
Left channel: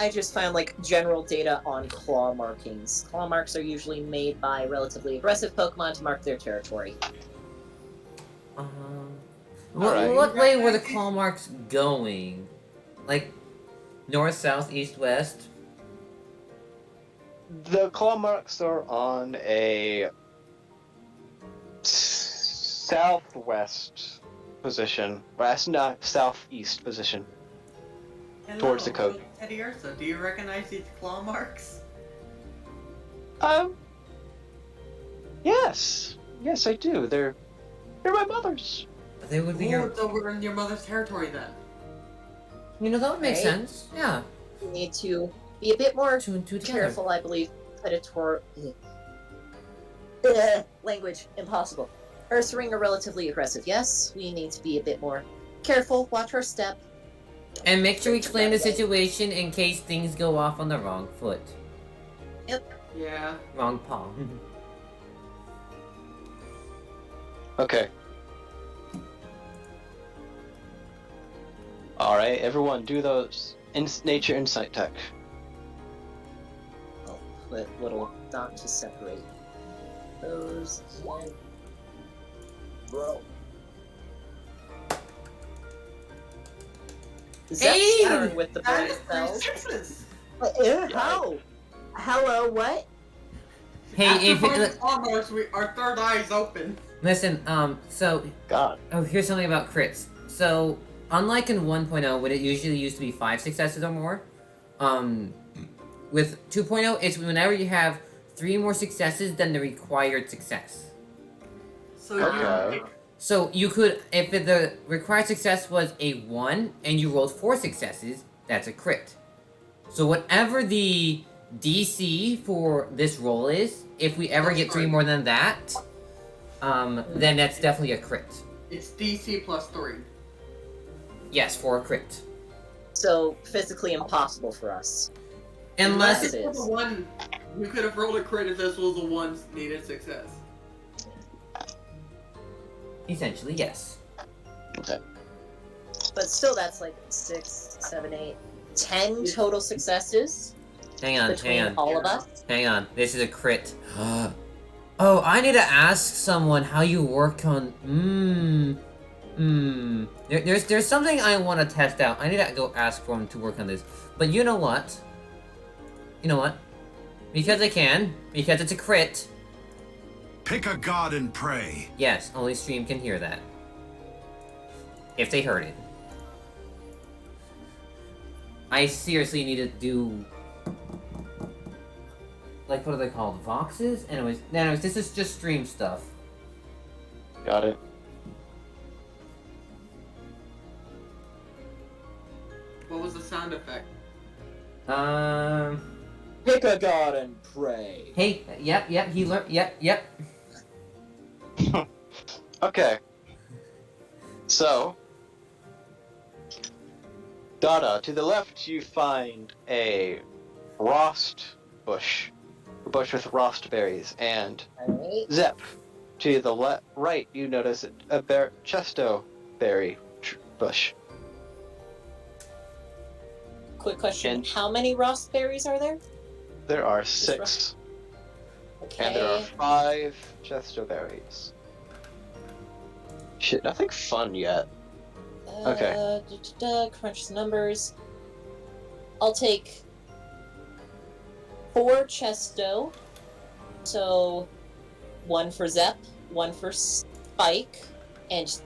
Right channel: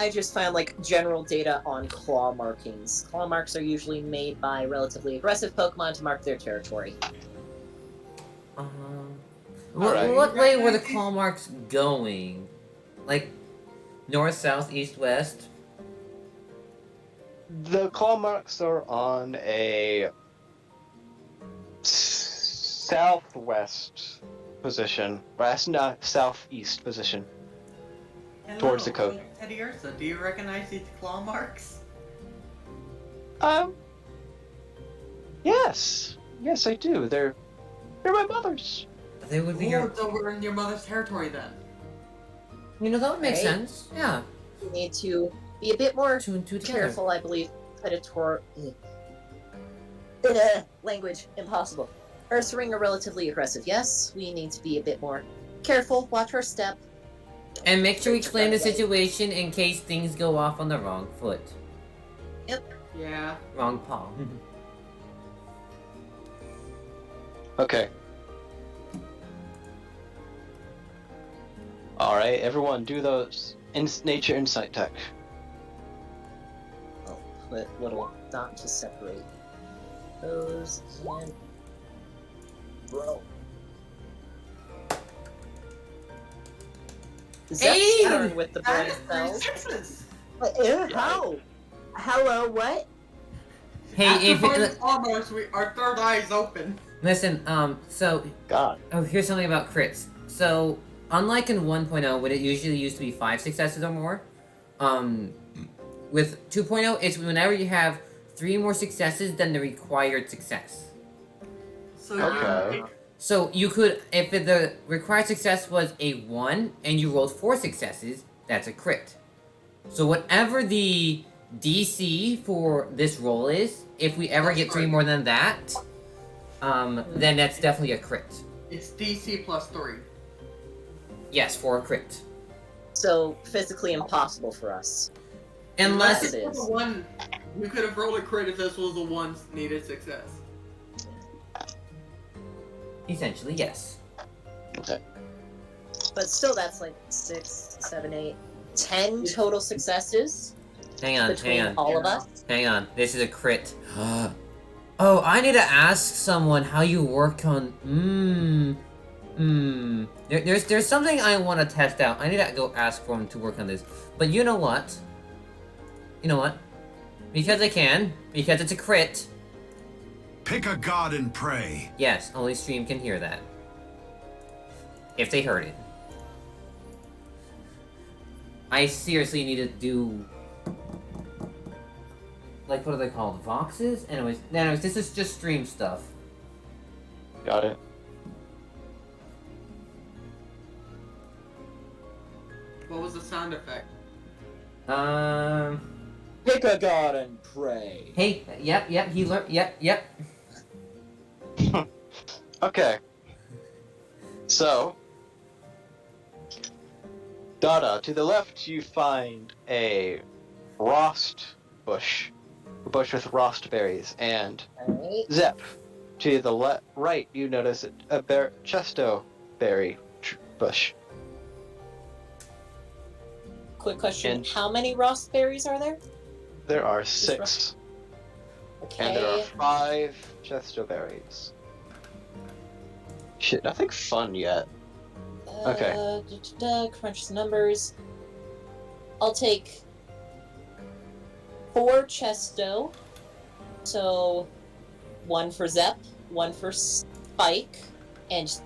I just found like general data on claw markings. Claw marks are usually made by relatively aggressive Pokemon to mark their territory. Alright. What way were the claw marks going? Like, north, south, east, west? The claw marks are on a southwest position, or not southeast position. Hello, Towards the coast. Teddy Ursa, do you recognize these claw marks? Yes, I do. They're my mother's. They would be Oh, your... so we're in your mother's territory then. You know, that would make Right. sense. Yeah. We need to be a bit more 2 and 2 together. careful, I believe. Predator. Language impossible. Ursaring are relatively aggressive. Yes, we need to be a bit more careful. Watch our step. And make sure we explain the situation in case things go off on the wrong foot. Yeah. Wrong paw. Okay. All right, everyone, do those nature insight tech. I'll put little dot to separate those and roll. Zep's Hey! turn with the That brain is 3 cells. sixes. How? Hello, what? Hey, After fighting if almost, our third eye is open. listen, so God. here's something about crits. So unlike in 1.0, when it usually used to be 5 successes or more, with 2.0, it's whenever you have 3 more successes than the required success. So Okay. So you could, if the required success was a 1 and you rolled 4 successes, that's a crit. So whatever the DC for this roll is, if we ever get 3 more than that, then that's definitely a crit. it's DC plus 3. Yes, for a crit. So physically impossible for us. Unless it it was is. a 1, you could have rolled a crit if this was a 1 needed success. essentially, yes. But still, that's like 6, 7, 8, 10 total successes Hang on, between hang on, all of us. hang on. This is a crit. Oh, I need to ask someone how you work on. There's something I want to test out. I need to go ask for him to work on this. But you know what? You know what? Because I can. Because it's a crit. Pick a god and pray. Yes, only stream can hear that. If they heard it. I seriously need to do... Like, what are they called? Voxes? Anyways, this is just stream stuff. Got it. What was the sound effect? Pick a god and pray. Hey, yep, he learned, yep. Okay. So, Dada, to the left you find a rost bush. A bush with rost berries. And Alright. Zep, to the right you notice a chesto berry bush. Quick question. And- How many raspberries are there? There are 6. Okay. And there are 5 chesto berries. Shit, nothing fun yet. Okay. Crunch the numbers. I'll take 4 chesto. So 1 for Zep, 1 for Spike, and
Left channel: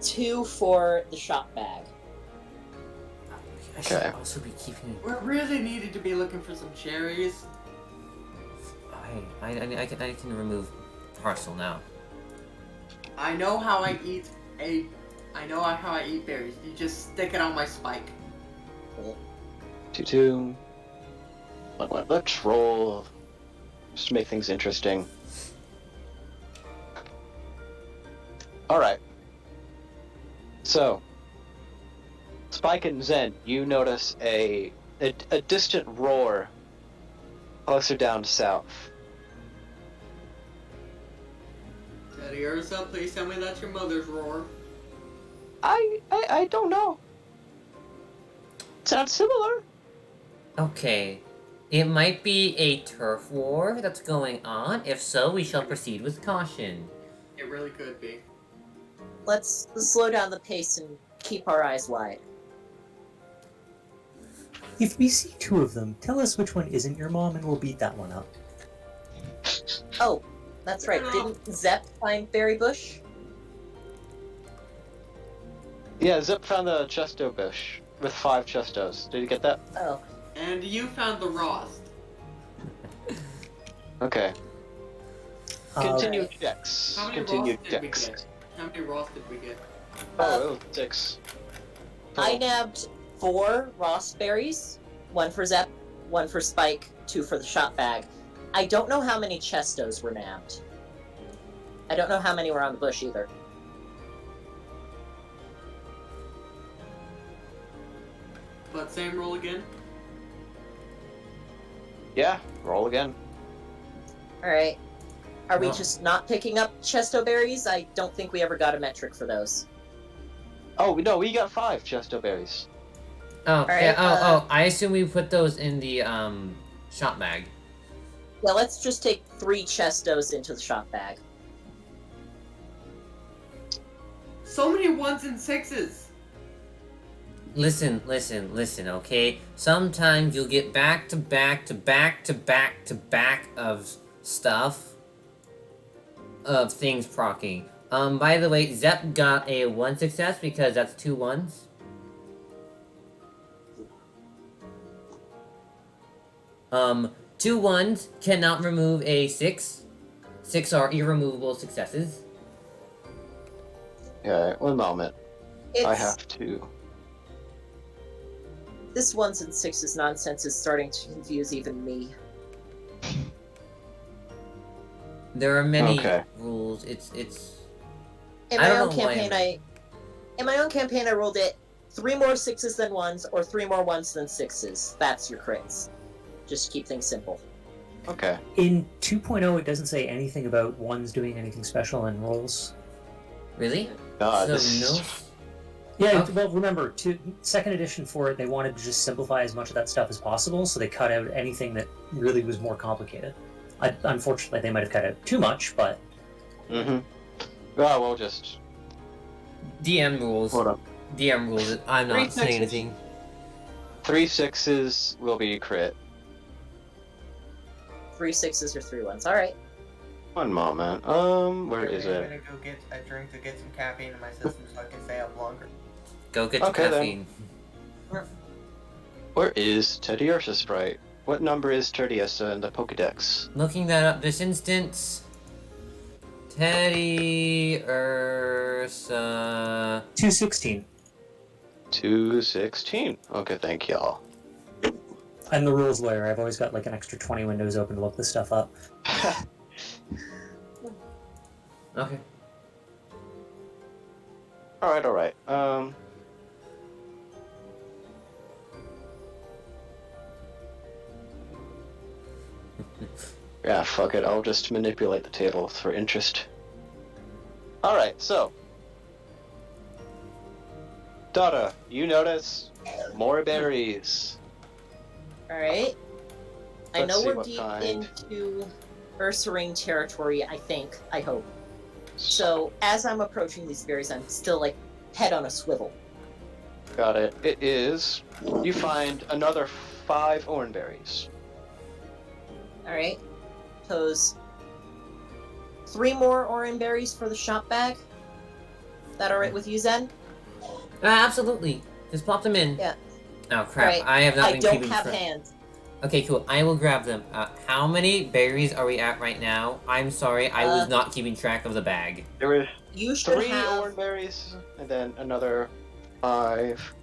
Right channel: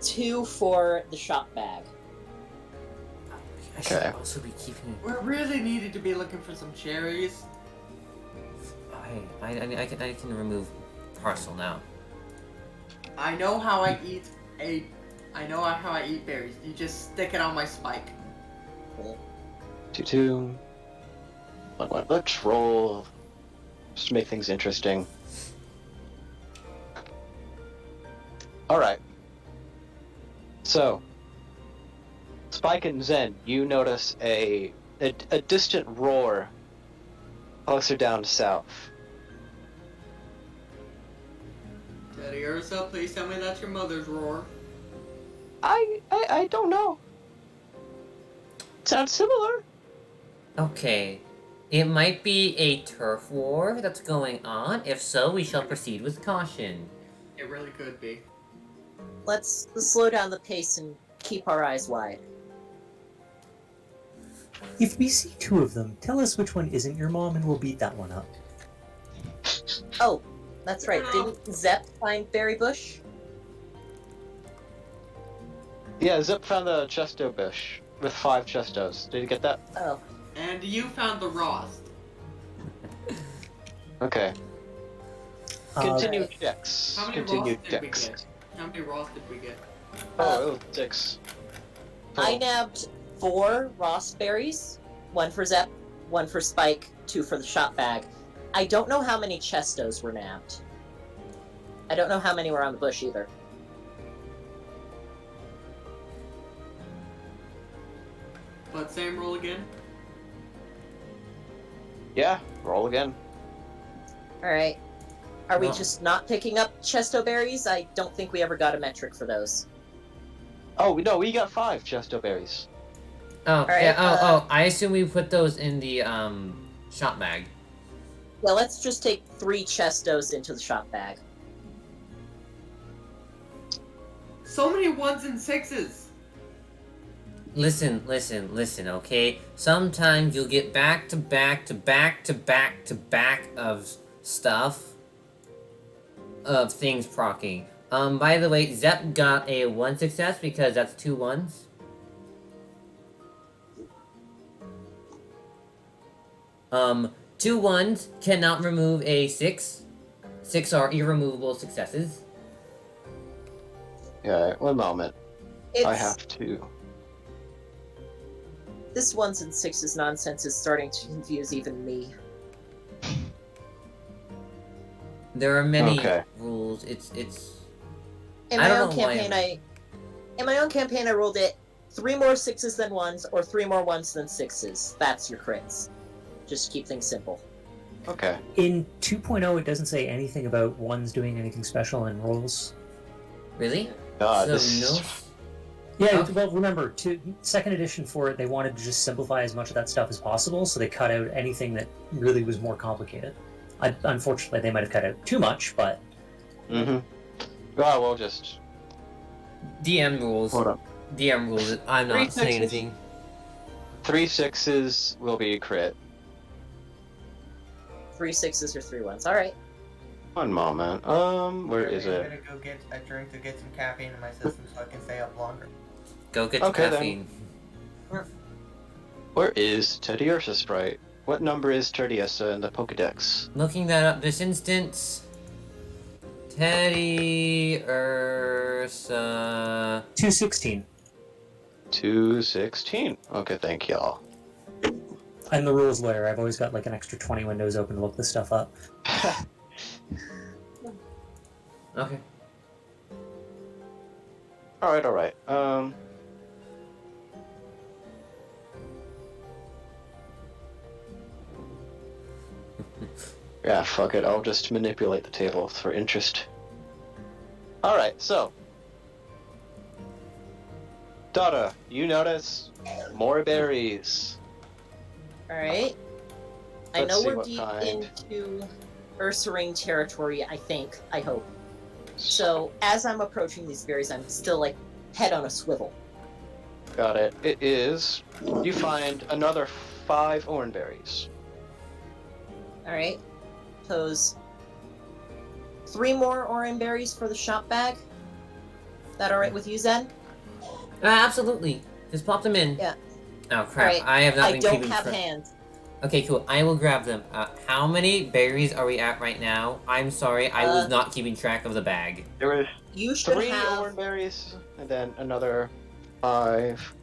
2 for the shop bag. I should Okay. also be keeping... We really needed to be looking for some cherries. I can remove parcel now. I know how I eat berries. You just stick it on my spike. 2-2. 1-1. Let's roll. Just to make things interesting. Alright. So, Spike and Zen, you notice a distant roar closer down south. Teddy Ursa, please tell me that's your mother's roar. I don't know. Sounds similar. Okay. It might be a turf war that's going on. If so, we shall proceed with caution. It really could be. Let's slow down the pace and keep our eyes wide. If we see 2 of them, tell us which one isn't your mom and we'll beat that one up. Oh, that's right. Didn't Zep find Berry Bush? Yeah, Zip found the chesto bush with 5 chestos. Did you get that? Oh. And you found the Rost. Okay. Continue Alright. checks. How many Continue Rost did we checks. get? How many Rost did we get? Oh, it was 6. I Total. nabbed 4 raspberries, 1 for Zep, 1 for Spike, 2 for the shop bag. I don't know how many chestos were nabbed. I don't know how many were on the bush either. But same roll again. Yeah, roll again. Alright. Are we Oh. just not picking up chesto berries? I don't think we ever got a metric for those. Oh, no, we got 5 chesto berries. Oh, Alright, yeah, I assume we put those in the, shop bag. Yeah, let's just take 3 chestos into the shop bag. So many 1s and 6s. Listen, okay? Sometimes you'll get back to back to back to back to back of stuff. Of things procking. By the way, Zep got a 1 success because that's 2 ones. Two ones cannot remove a 6. 6 are irremovable successes. Yeah, one moment. It's, I have to. This 1s and 6s nonsense is starting to confuse even me. There are many Okay. rules. It's. In I my don't own know why campaign, in my own campaign, I rolled it 3 more 6s than 1s, or 3 more 1s than 6s. That's your crits. Just keep things simple. Okay. In 2.0, it doesn't say anything about ones doing anything special in rolls. Really? God, So this... no. Yeah, Okay. well, remember, second edition for it, they wanted to just simplify as much of that stuff as possible, so they cut out anything that really was more complicated. Unfortunately, they might have cut out too much, but... Mm-hmm. Well, we'll just... DM rules. Hold on. DM rules. I'm not 3 saying sixes. anything. 3 6s will be a crit. 3 6s or 3 1s. Alright. One moment. Where is I'm it? gonna go get a drink to get some caffeine in my system so I can stay up longer. Go get your Okay, then. caffeine. Where is Teddy Ursa Sprite? What number is Teddy Ursa in the Pokedex? Looking that up this instance. Teddy Ursa. 216. 216. Okay, thank y'all. I'm the rules lawyer. I've always got like an extra 20 windows open to look this stuff up. Okay. Alright. Yeah, fuck it. I'll just manipulate the table for interest. Alright, so. Dada, you notice more berries. Alright. I Let's know see we're what deep kind. into Ursaring territory, I think. I hope. So, as I'm approaching these berries, I'm still, like, head on a swivel. Got it. It is. You find another 5 oranberries. Alright. Pose 3 more orange berries for the shop bag. That alright with you, Zen? Absolutely. Just pop them in. Yeah. Oh crap! Right. I have not I been don't keeping have track. hands. Okay, cool. I will grab them. How many berries are we at right now? I'm sorry, I was not keeping track of the bag. There was You should 3 have... oranberries, and then another 5.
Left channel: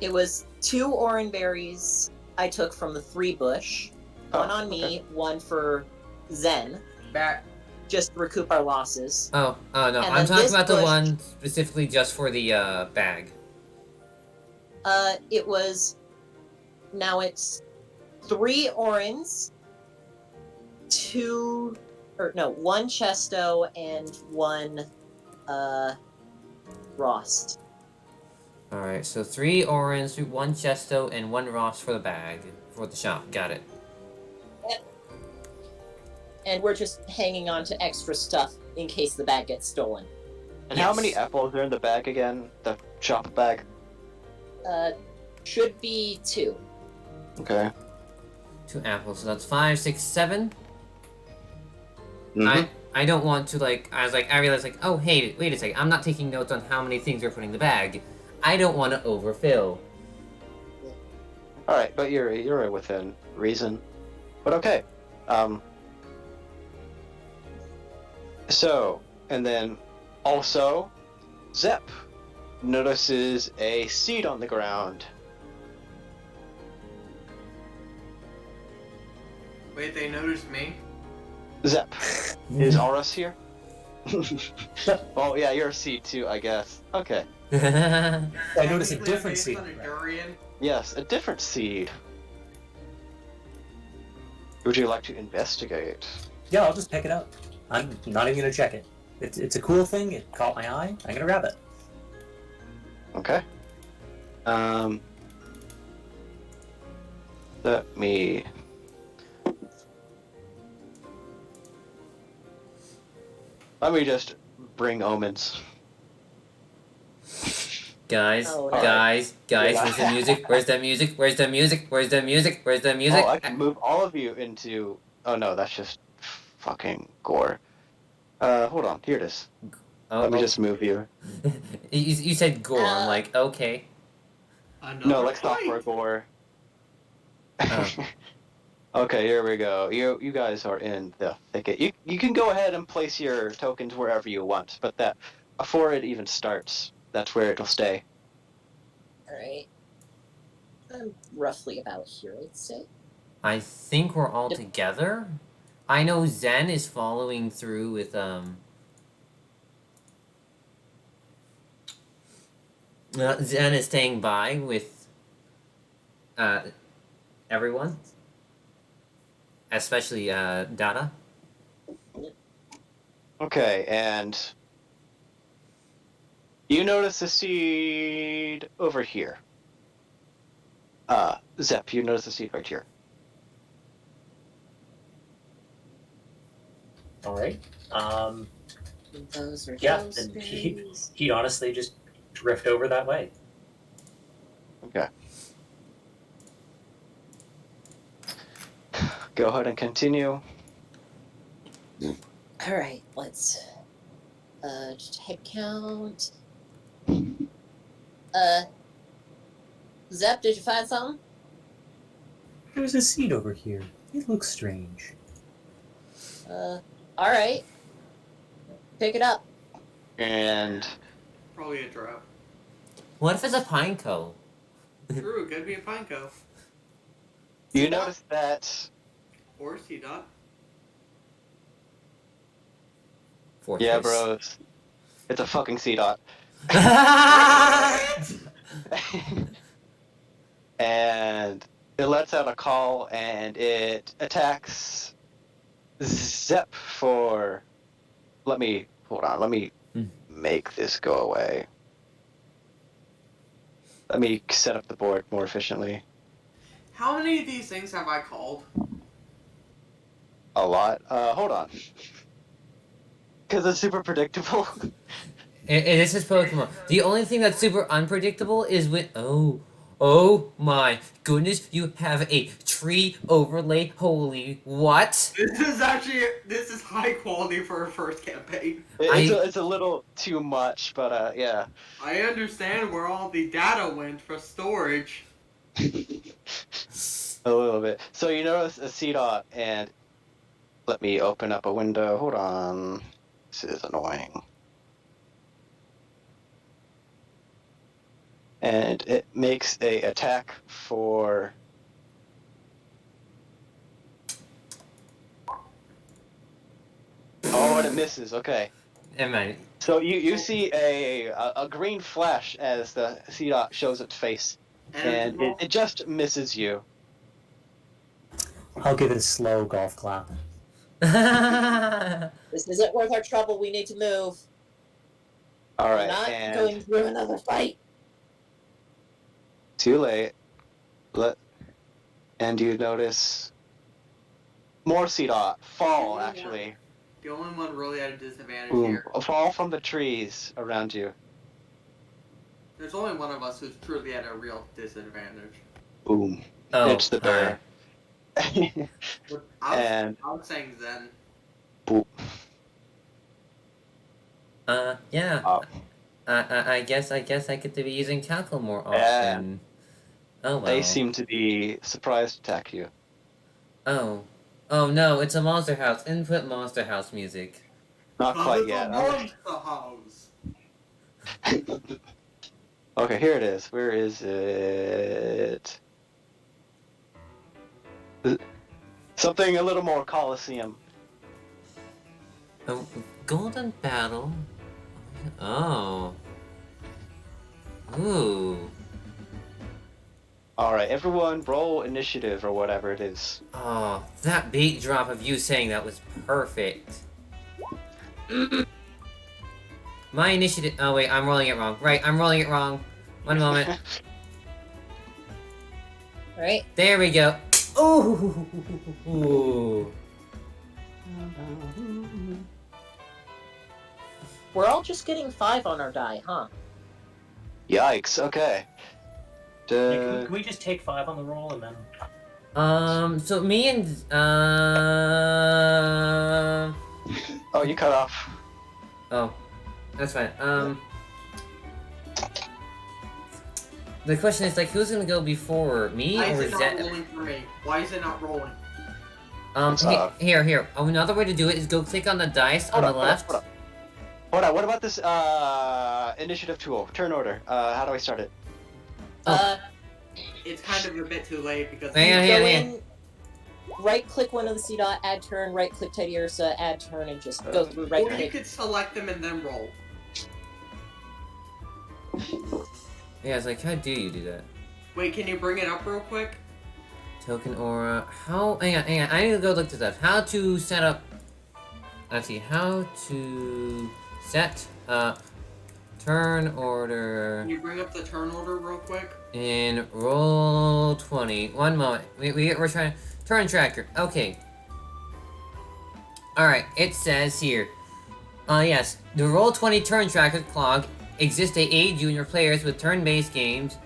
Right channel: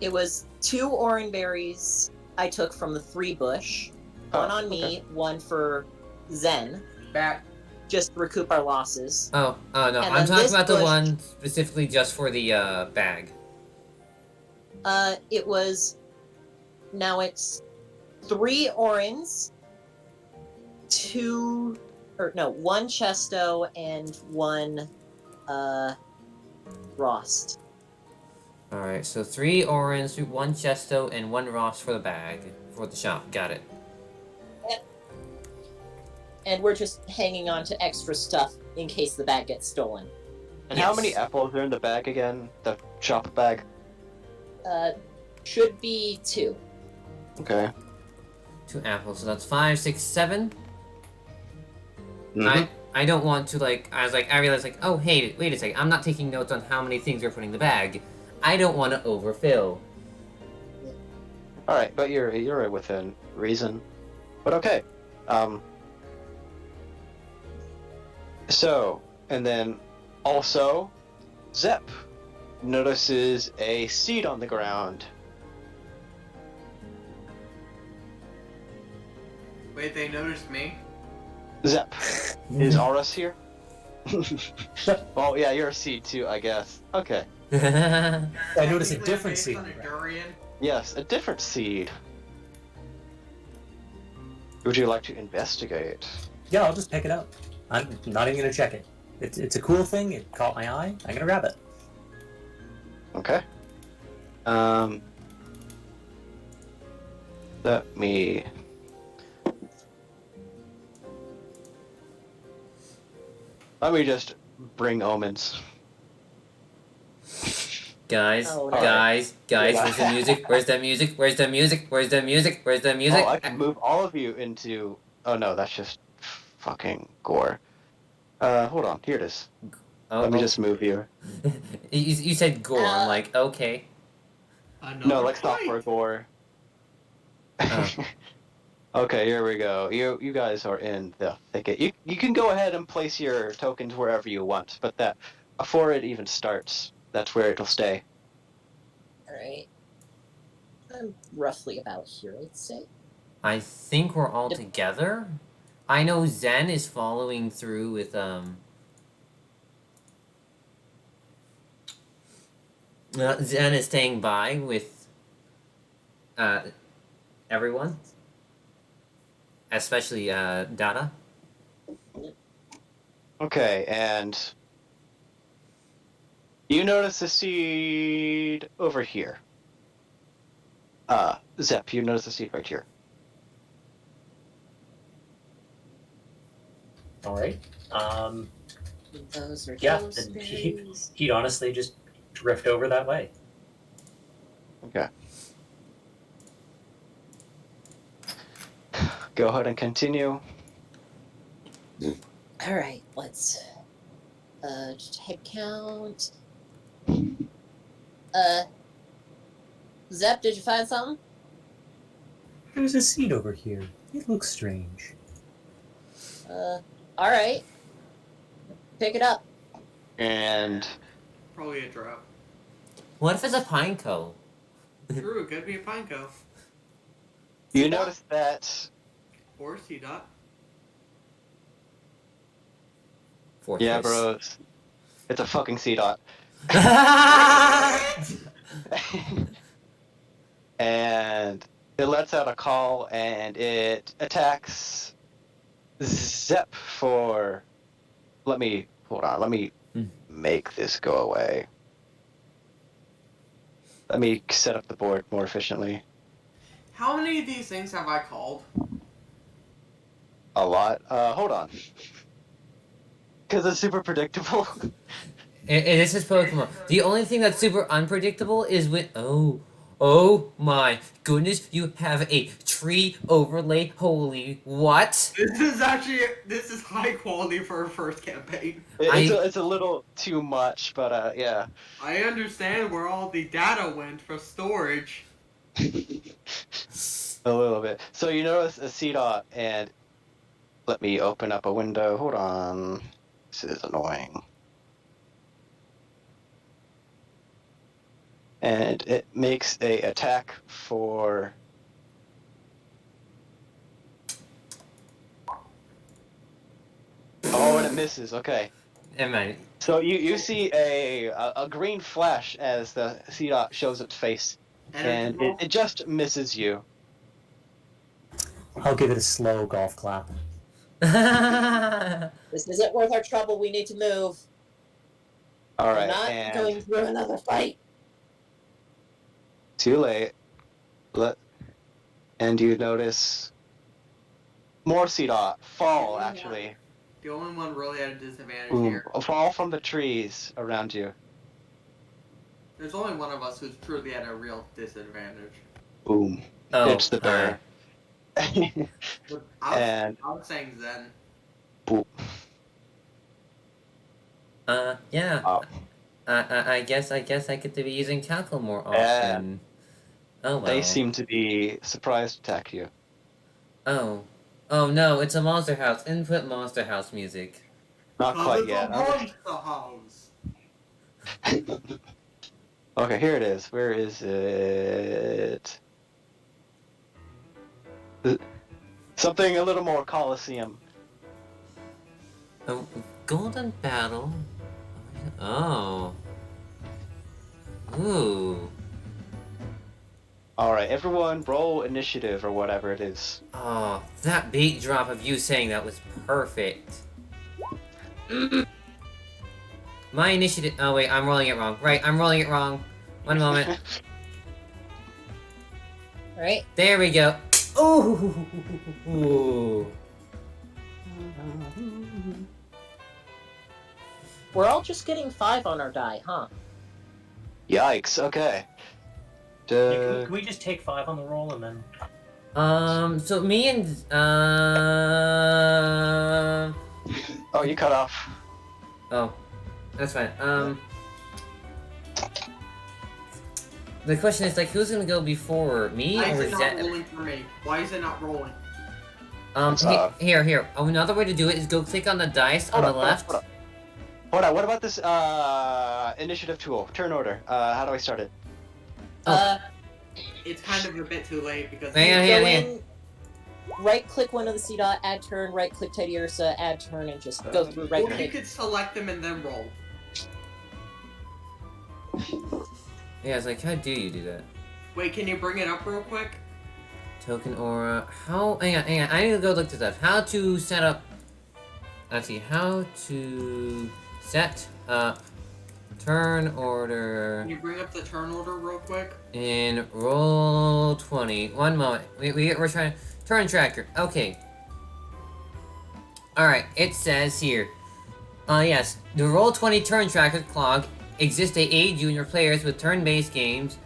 It was 2 orange berries I took from the 3 bush. One on me, one for Zen. Back. Just to recoup our losses. Oh, no, And I'm then talking this about the bush- one specifically just for the bag. It was... Now it's 3 orange, 1 chesto, and 1 rost. Alright, so 3 orange, 1 chesto, and 1 Ross for the bag. For the shop. Got it. And we're just hanging on to extra stuff in case the bag gets stolen. And how Yes. many apples are in the bag again? The shop bag? Should be 2. Okay. 2 apples, so that's 5, 6, 7. Mhm. I don't want to, like, I realized, like, oh, hey, wait a second, I'm not taking notes on how many things we're putting in the bag. I don't want to overfill. Alright, but you're within reason. But okay. So, and then also, Zep notices a seed on the ground. Wait, they noticed me? Zep, is Aurus here? Well, yeah, you're a seed too, I guess. Okay. I noticed a Technically, different based seed. on a durian. Yes, a different seed. Would you like to investigate? Yeah, I'll just pick it up. I'm not even gonna check it. It's a cool thing. It caught my eye. I'm gonna grab it. Okay. Let me... Let me just bring omens. Guys, Oh, no. guys, where's the music? Where's the music? Where's the music? Where's the music? Where's the music? Oh, I can move all of you into. Oh no, that's just fucking gore. Hold on. Here it is. Oh, Let me just move you. you said gore. I'm like, okay. Another No, like fight. software gore. Oh. Okay, here we go. You guys are in the thicket. You can go ahead and place your tokens wherever you want, but that before it even starts, that's where it'll stay. Alright. I'm roughly about here, let's say. I think we're all Yep. together. I know Zen is following through with Zen is staying by with everyone, especially Dada. Okay, and you notice the seed over here. Zep, you notice the seed right here. All right. Those are Yeah, those and berries. he'd honestly just drift over that way. Okay. Go ahead and continue. Alright, let's just head count. Zep, did you find something? There's a seed over here. It looks strange. Alright. Pick it up. And Probably a drop. What if it's a pine cone? True, it could be a pine cone. you C-dot? notice that Or C-dot. Fortress. yeah, bros. It's a fucking C-dot. And it lets out a call and it attacks Zep for. Hold on, let me make this go away. Let me set up the board more efficiently. How many of these things have I called? A lot. Hold on. Because it's super predictable. This is Pokemon. The only thing that's super unpredictable is when oh my goodness, you have a tree overlay. Holy what? This is high quality for a first campaign. It's a little too much, but yeah. I understand where all the data went for storage. A little bit. So you notice a C-dot, and let me open up a window. Hold on. This is annoying. And it makes a attack for. Oh, and it misses. Okay. Never mind. So you see a green flash as the C-dot shows its face, and it just misses you. I'll give it a slow golf clap. This isn't worth our trouble. We need to move. All We're right, not and going through another fight. too late. And you notice more C-dot fall. Actually, The only one really at a disadvantage boom, here. fall from the trees around you. There's only one of us who's truly at a real disadvantage. Boom. Oh, It's the hi. bear. And I was saying Zen. boom. Yeah. Oh. I guess I get to be using tackle more often. Oh well. They seem to be surprised to attack you. Oh. Oh no, it's a Monster House. Input Monster House music. Not quite It's yet. a monster house. Okay, here it is. Where is it? Something a little more Colosseum. Oh, Golden Battle. Oh. Ooh. Alright, everyone roll initiative or whatever it is. Oh, that beat drop of you saying that was perfect. My initiative. Oh wait, I'm rolling it wrong. Right, I'm rolling it wrong. One moment. Right? There we go. Ooh. We're all just getting 5 on our die, huh? Yikes. Okay. Yeah, can we just take 5 on the roll and then? So me and Oh, you cut off. oh, that's fine. The question is like, who's gonna go before me Why is or it not Zed? rolling for me? Why is it not rolling? Here. Another way to do it is go click on the dice on the left. Hold on. What about this initiative tool? Turn order. How do I start it? It's kind of a bit too late because Hang on. Right click one of the C dot, add turn, right click Teddy Ursa, add turn, and just go through right or you click. could select them and then roll. Yeah, it's like, how do you do that? Wait, can you bring it up real quick? Token aura. How? Hang on. I need to go look this up. How to set up? Let's see. How to set up turn order Can you bring up the turn order real quick? in Roll20. One moment. We're trying turn tracker. Okay. All right. It says here. Yes. The Roll20 turn tracker clog exists to aid you and your players with turn-based games.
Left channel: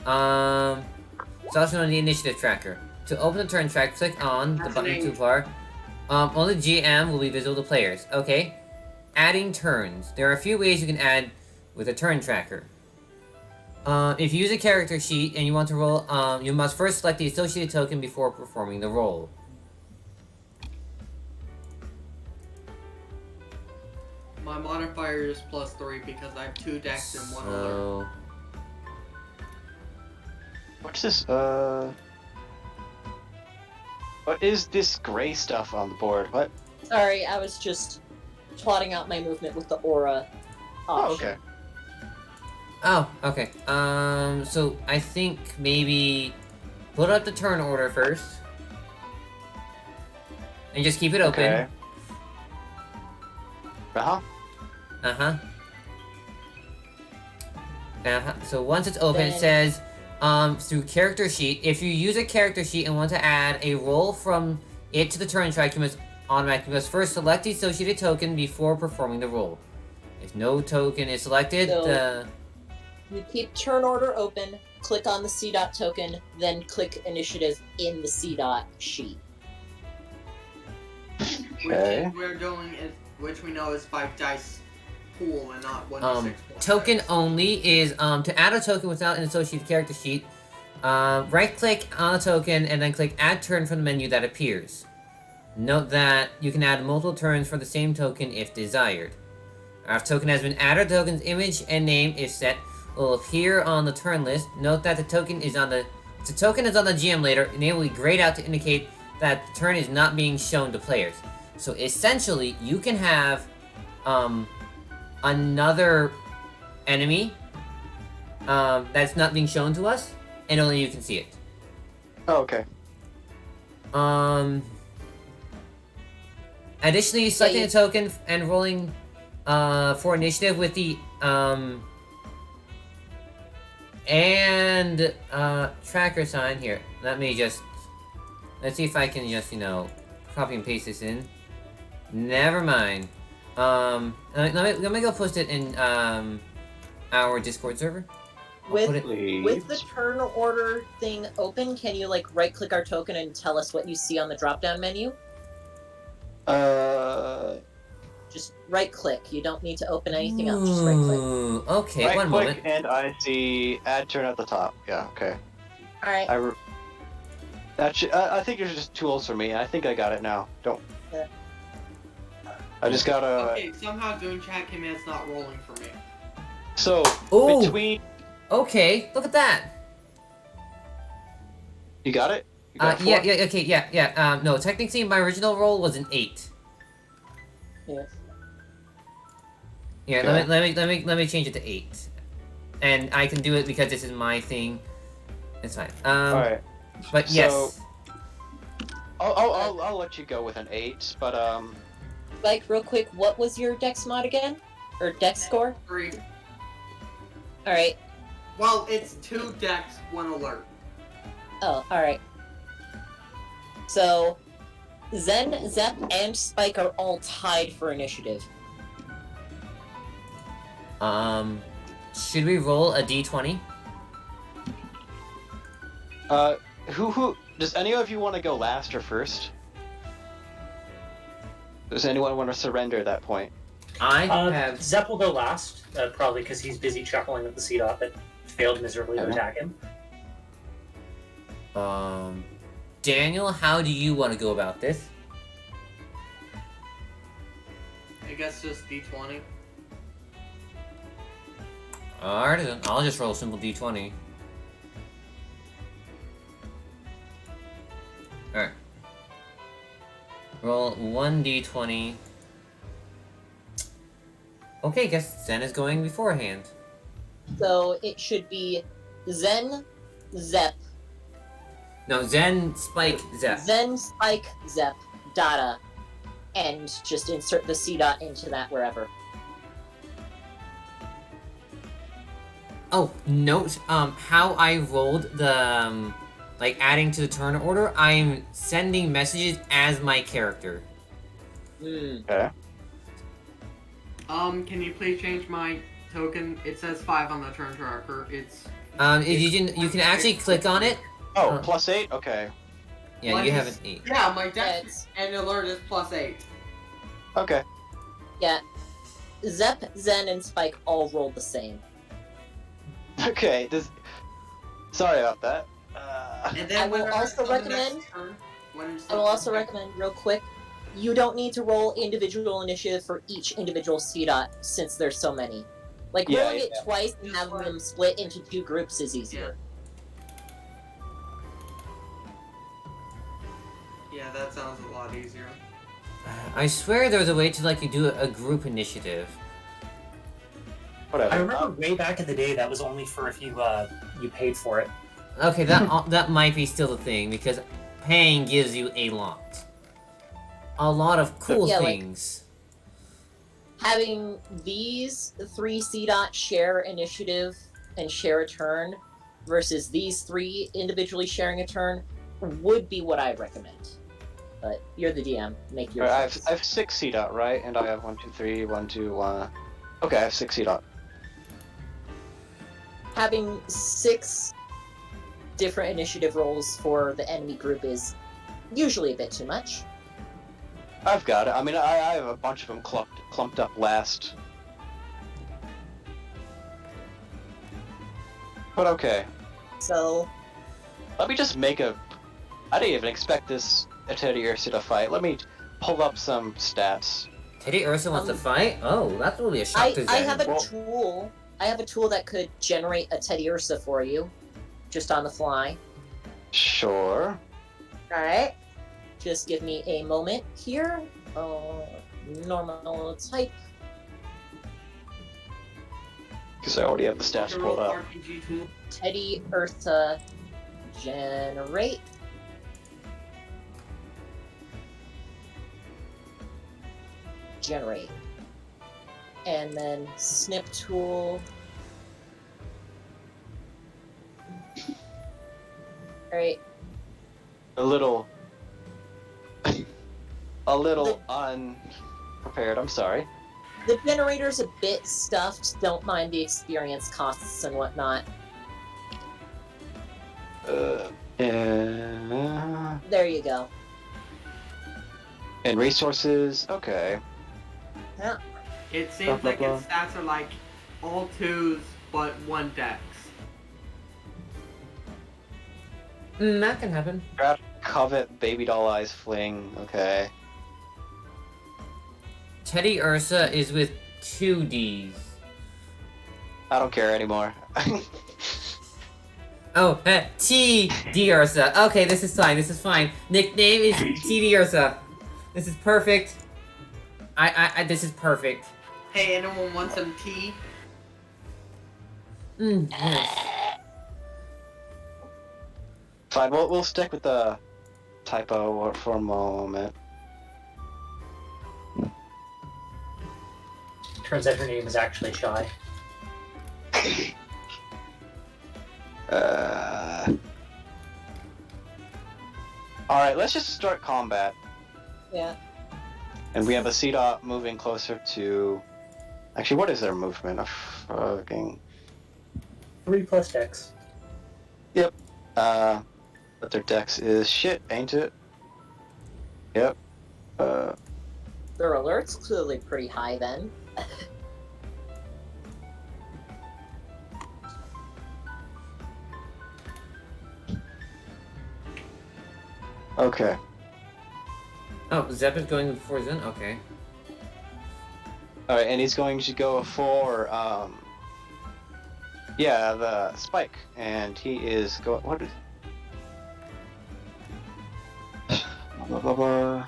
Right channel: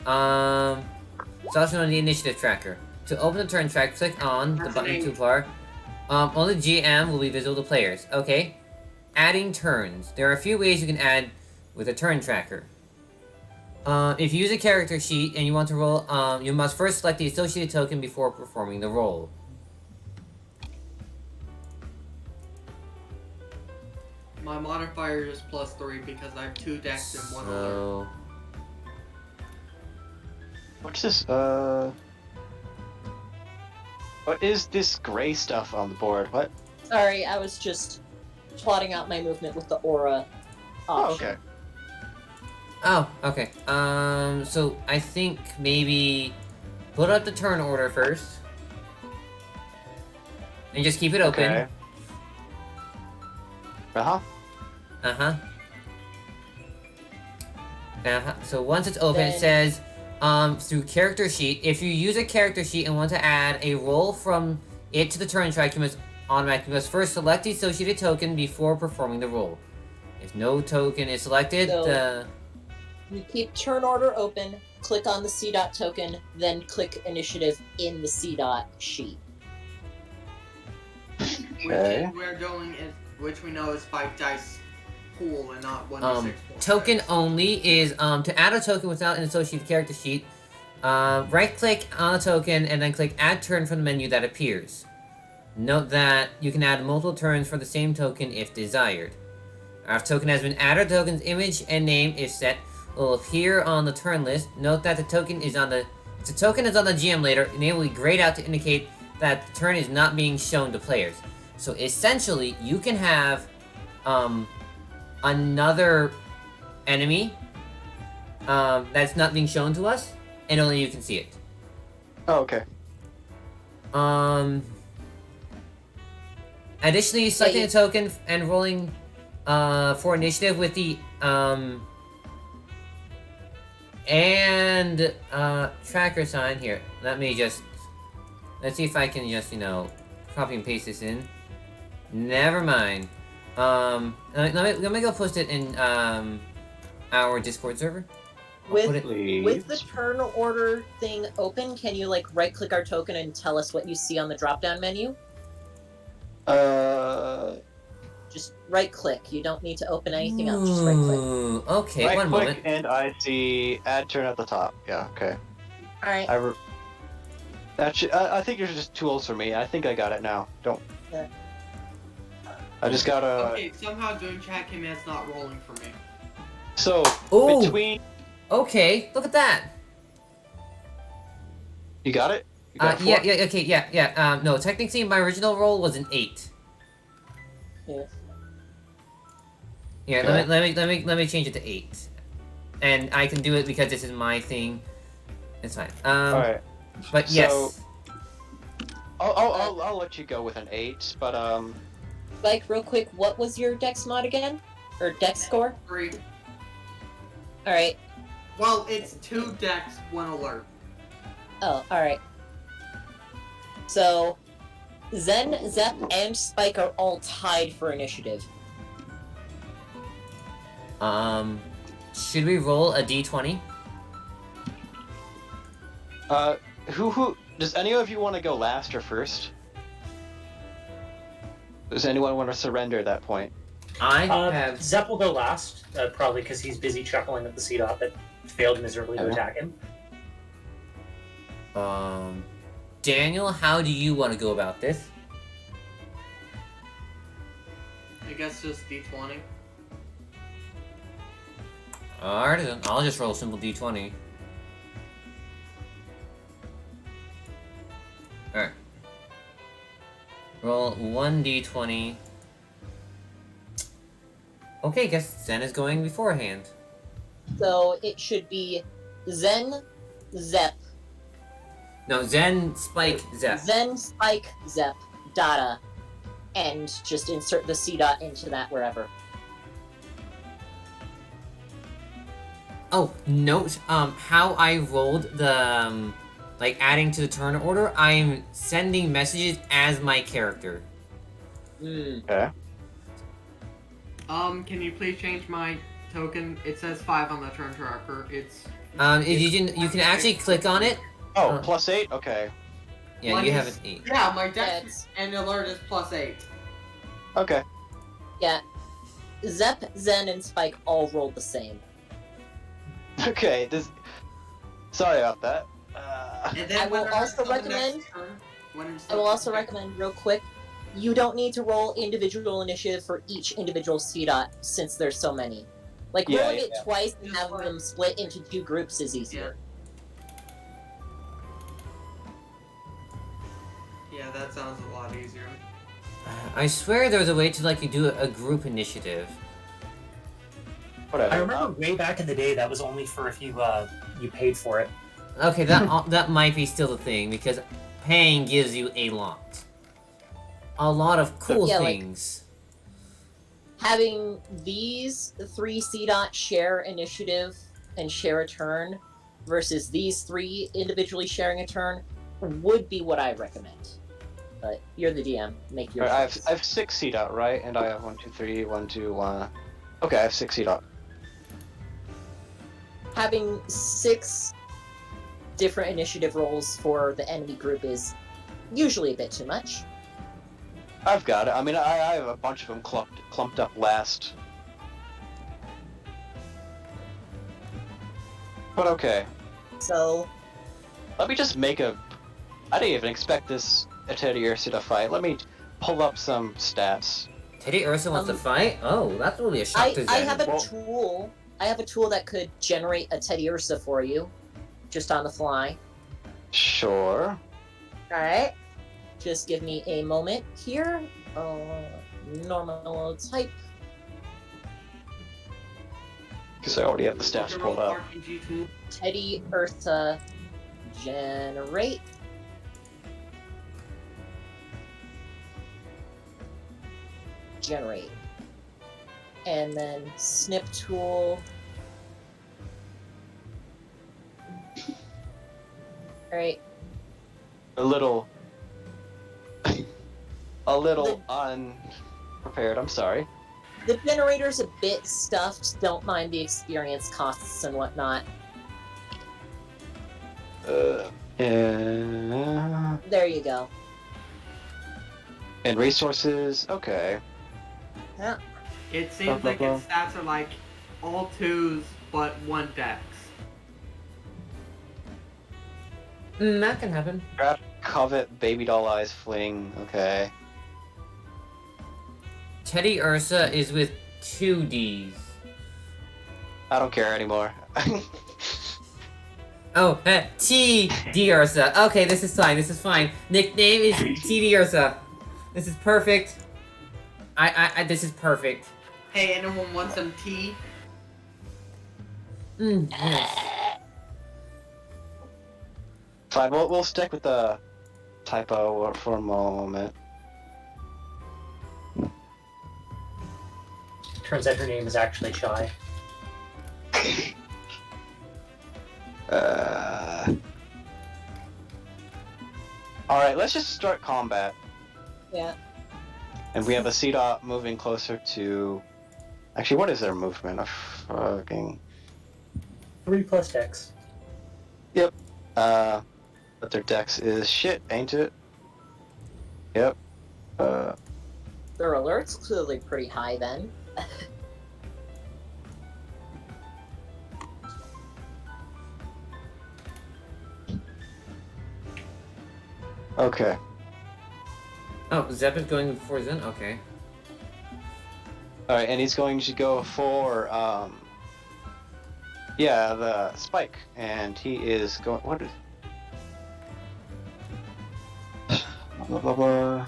It's also on the initiative tracker. To open the turn track, click on the button toolbar. Only GM will be visible to players. Okay. Adding turns. There are a few ways you can add with a turn tracker. If you use a character sheet and you want to roll, you must first select the associated token before performing the roll. My modifier is +3 because I have 2 decks and 1 alert. So... What's this? What is this gray stuff on the board? What? Sorry, I was just plotting out my movement with the aura option. Oh, okay. Oh, okay. So I think maybe put up the turn order first. And just keep it open. Okay. Uh-huh. So once it's open, it Then- says, through character sheet, if you use a character sheet and want to add a roll from it to the turn track, you must first select the associated token before performing the roll. If no token is selected, So- You keep turn order open, click on the C dot token, then click initiative in the C dot sheet. Okay. Which we know is 5 dice pool and not 1 to 6. Token only is to add a token without an associated character sheet. Right click on a token and then click add turn from the menu that appears. Note that you can add multiple turns for the same token if desired. After token has been added, the token's image and name, if set, will appear on the turn list. Note that the token is on the GM later, and it will be grayed out to indicate that the turn is not being shown to players. So essentially, you can have another enemy that's not being shown to us, and only you can see it. Oh, okay. Additionally, selecting a token and rolling for initiative with the tracker sign here. Let's see if I can just, copy and paste this in. Never mind. Let me go post it in our Discord server. With the turn order thing open, can you right click our token and tell us what you see on the drop down menu? Just right click. You don't need to open anything else. Just right click. Okay, Right one click, moment. and I see add turn at the top. Yeah, okay. All right. I think there's just tools for me. I think I got it now. Don't. Yeah. I just gotta. Okay, somehow doing chat command's not rolling for me. So Ooh. between. Okay, look at that. You got it. You got Yeah, four? okay, yeah. No, technically my original roll was an 8. Yeah. Yeah, Okay. let me change it to 8, and I can do it because this is my thing. It's fine. All right. But So- yes. I'll let you go with an 8, but Mike, real quick, what was your dex mod again? Or dex score? 3. All right. Well, it's 2 decks, 1 alert. Oh, all right. So, Zen, Zep, and Spike are all tied for initiative. Should we roll a d20? Who does any of you want to go last or first? Does anyone want to surrender at that point? I have. Zep will go last, probably because he's busy chuckling at the C dot that failed miserably to attack him. Daniel, how do you want to go about this? I guess just D20. Alright, then I'll just roll a simple d20. Alright. Roll 1d20. Okay, guess Zen is going beforehand. So it should be Zen, Zep, No, Zen, Spike, Zep. Zen, Spike, Zep, Data, and just insert the C dot into that wherever. Oh, note, how I rolled the, like, adding to the turn order, I'm sending messages as my character. Okay. Can you please change my token? It says 5 on the turn tracker. It's If you can actually click on it. Oh, +8? Okay. Yeah, Mine you is- have an 8. yeah, my Yes. dex and alert is +8. Okay. Yeah. Zep, Zen, and Spike all rolled the same. Okay. Sorry about that. And then I will when also on the next recommend- turn, I will also recommend, real quick, you don't need to roll individual initiative for each individual C dot since there's so many. Like, Yeah, rolling yeah. it twice and Just having like- them split into 2 groups is easier. Yeah, that sounds a lot easier. I swear there's a way to, like, do a group initiative. Whatever. I remember way back in the day that was only for if you paid for it. Okay, that might be still the thing, because paying gives you a lot. A lot of cool Yeah, like- things. Having these 3 C dot share initiative and share a turn versus these 3 individually sharing a turn would be what I recommend. But you're the DM, make your Alright, choice. I have 6 C dot, right? And I have 1, 2, 3, 1, 2, 1. Okay, I have 6 C dot. Having 6 different initiative rolls for the enemy group is usually a bit too much. I've got it. I mean, I have a bunch of them clumped up last. But okay. So, Let me just make a... I didn't even expect this Teddy Ursa to fight. Let me pull up some stats. Teddy Ursa wants to fight? Oh, that's really a shock to I Zen. have a Well- tool. I have a tool that could generate a Teddy Ursa for you, just on the fly. Sure. All right. Just give me a moment here. Normal type. Because I already have the stats pulled up. RPG tool. Teddy Ursa generate. Generate. And then snip tool. Alright. A little unprepared, I'm sorry. The generator's a bit stuffed. Don't mind the experience costs and whatnot. And There you go. resources, okay. It seems like its stats are like all 2s but 1 dex. That can happen. Grab covet, baby doll eyes, fling, okay. Teddy Ursa is with 2 Ds. I don't care anymore. Oh, T.D. Ursa. Okay, this is fine. Nickname is T.D. Ursa. This is perfect. This is perfect. Hey, anyone want some tea? Yes. Fine, we'll stick with the typo for a moment. Turns out her name is actually Shy. Alright, let's just start combat. Yeah. And we have a C dot moving closer to... Actually, what is their movement? Fucking... 3+ dex. But their dex is shit, ain't it? Yep. Their alert's clearly pretty high then. Okay. Oh, Zep is going before Zen? Okay. Alright, and he's going to go for, yeah, the spike. And he is going, what is... Blah, blah, blah.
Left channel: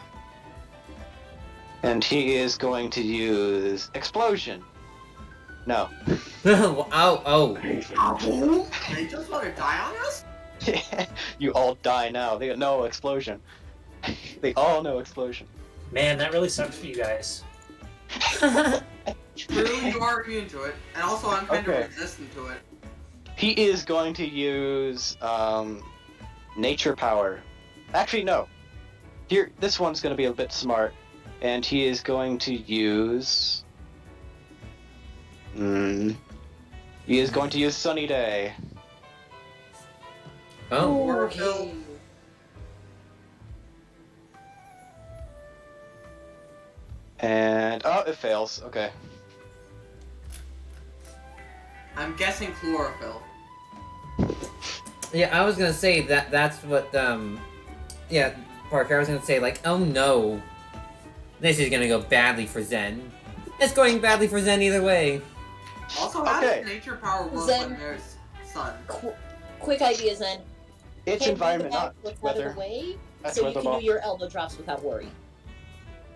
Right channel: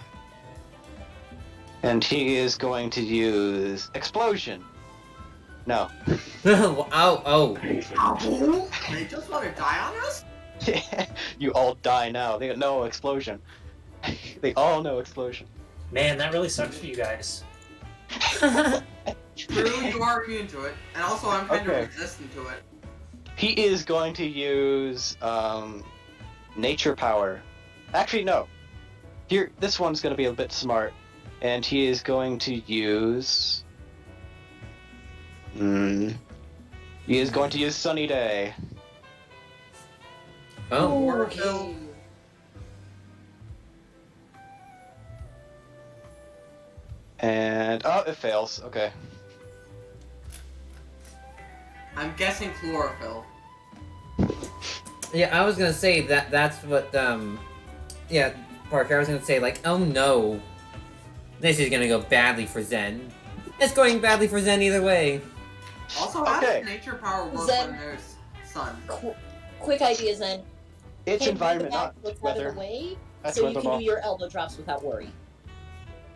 And he is going to use explosion. No. Oh. They just want to die on us? You all die now. They know explosion. They all know explosion. Man, that really sucks for you guys. True, you are immune to it. And also, I'm kind Okay. of resistant to it. He is going to use nature power. Actually, no. Here, this one's going to be a bit smart, and he is going to use. He is going to use Sunny Day. Oh. Chlorophyll. And oh, it fails. Okay. I'm guessing chlorophyll. Yeah, I was gonna say that's what, yeah, Parker, I was gonna say, like, oh no. This is gonna go badly for Zen. It's going badly for Zen either way. Also, how Okay. does nature power work Zen- when there's sun? Quick ideas then. It's Hand me environment, the not back, what's out weather. of the way, That's so you weather can ball. do your elbow drops without worry.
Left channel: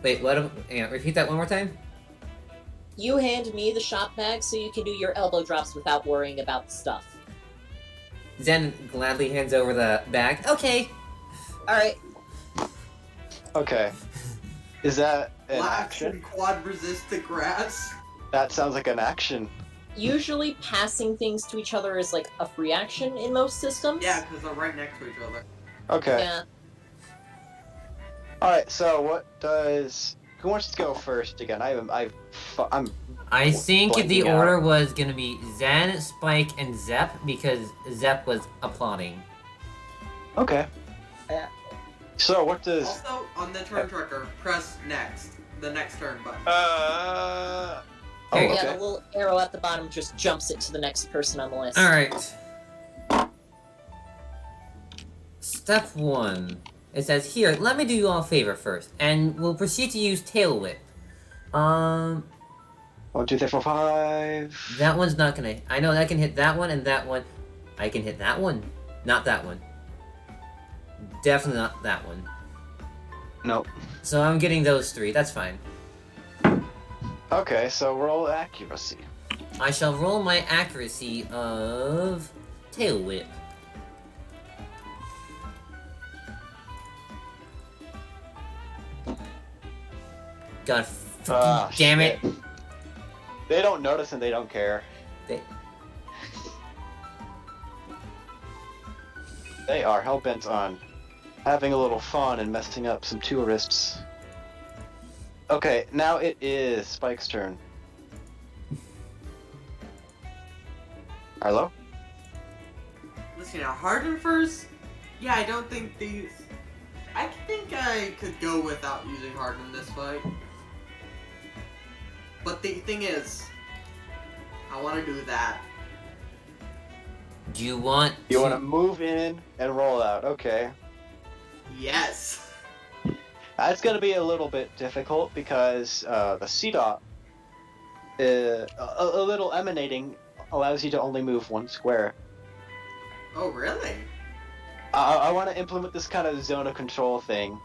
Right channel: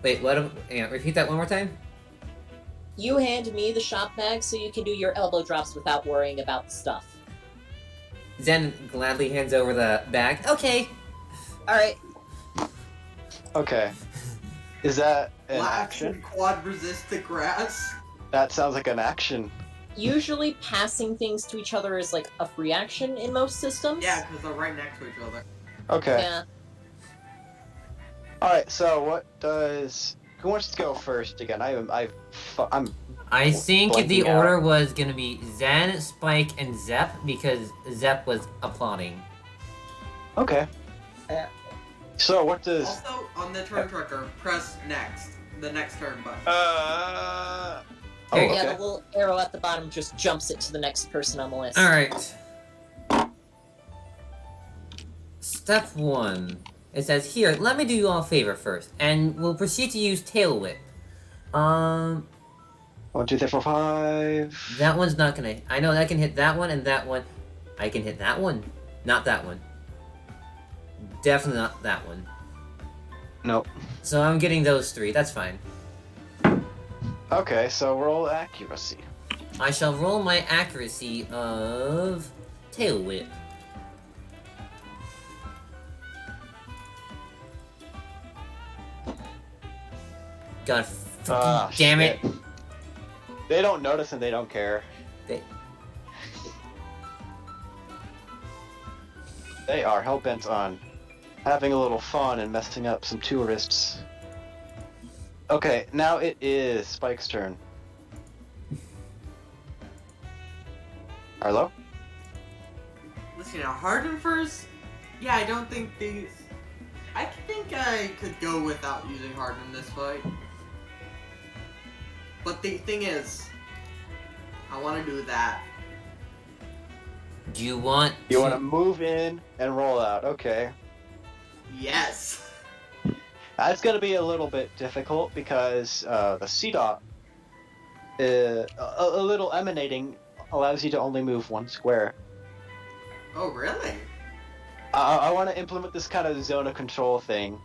Wait, repeat that one more time? You hand me the shop bag so you can do your elbow drops without worrying about the stuff. Zen gladly hands over the bag. Okay. Alright. Okay. Is that an Blast action? and quad resist the grass. That sounds like an action. Usually passing things to each other is like a free action in most systems. Yeah, because they're right next to each other. Okay. Yeah. Alright, so what does... Who wants to go first again? I'm I think the blanking out. order was gonna be Zen, Spike, and Zep because Zep was applauding. Okay. Yeah. So what does... Also, on the turn tracker, press next. The next turn button. Oh, There you Yeah, okay. the little arrow at the bottom just jumps it to the next person on the list. Alright. Step 1. It says, here, let me do you all a favor first, and we'll proceed to use Tail Whip. 1, 2, 3, 4, 5. That one's not gonna... I know that can hit that one and that one. I can hit that one. Not that one. Definitely not that one. Nope. So I'm getting those 3, that's fine. Okay, so roll accuracy. I shall roll my accuracy of Tail Whip. God fucking damn it. Shit. They don't notice and they don't care. They are hell-bent on having a little fun and messing up some tourists. Okay, now it is Spike's turn. Arlo? Listen, Harden first? Yeah, I don't think these... I think I could go without using Harden this fight. But the thing is, I want to do that. Do you want You to... want to move in and roll out. Okay. Yes! That's going to be a little bit difficult because the CDOT, a little emanating, allows you to only move 1 square. Oh, really? I want to implement this kind of zone of control thing,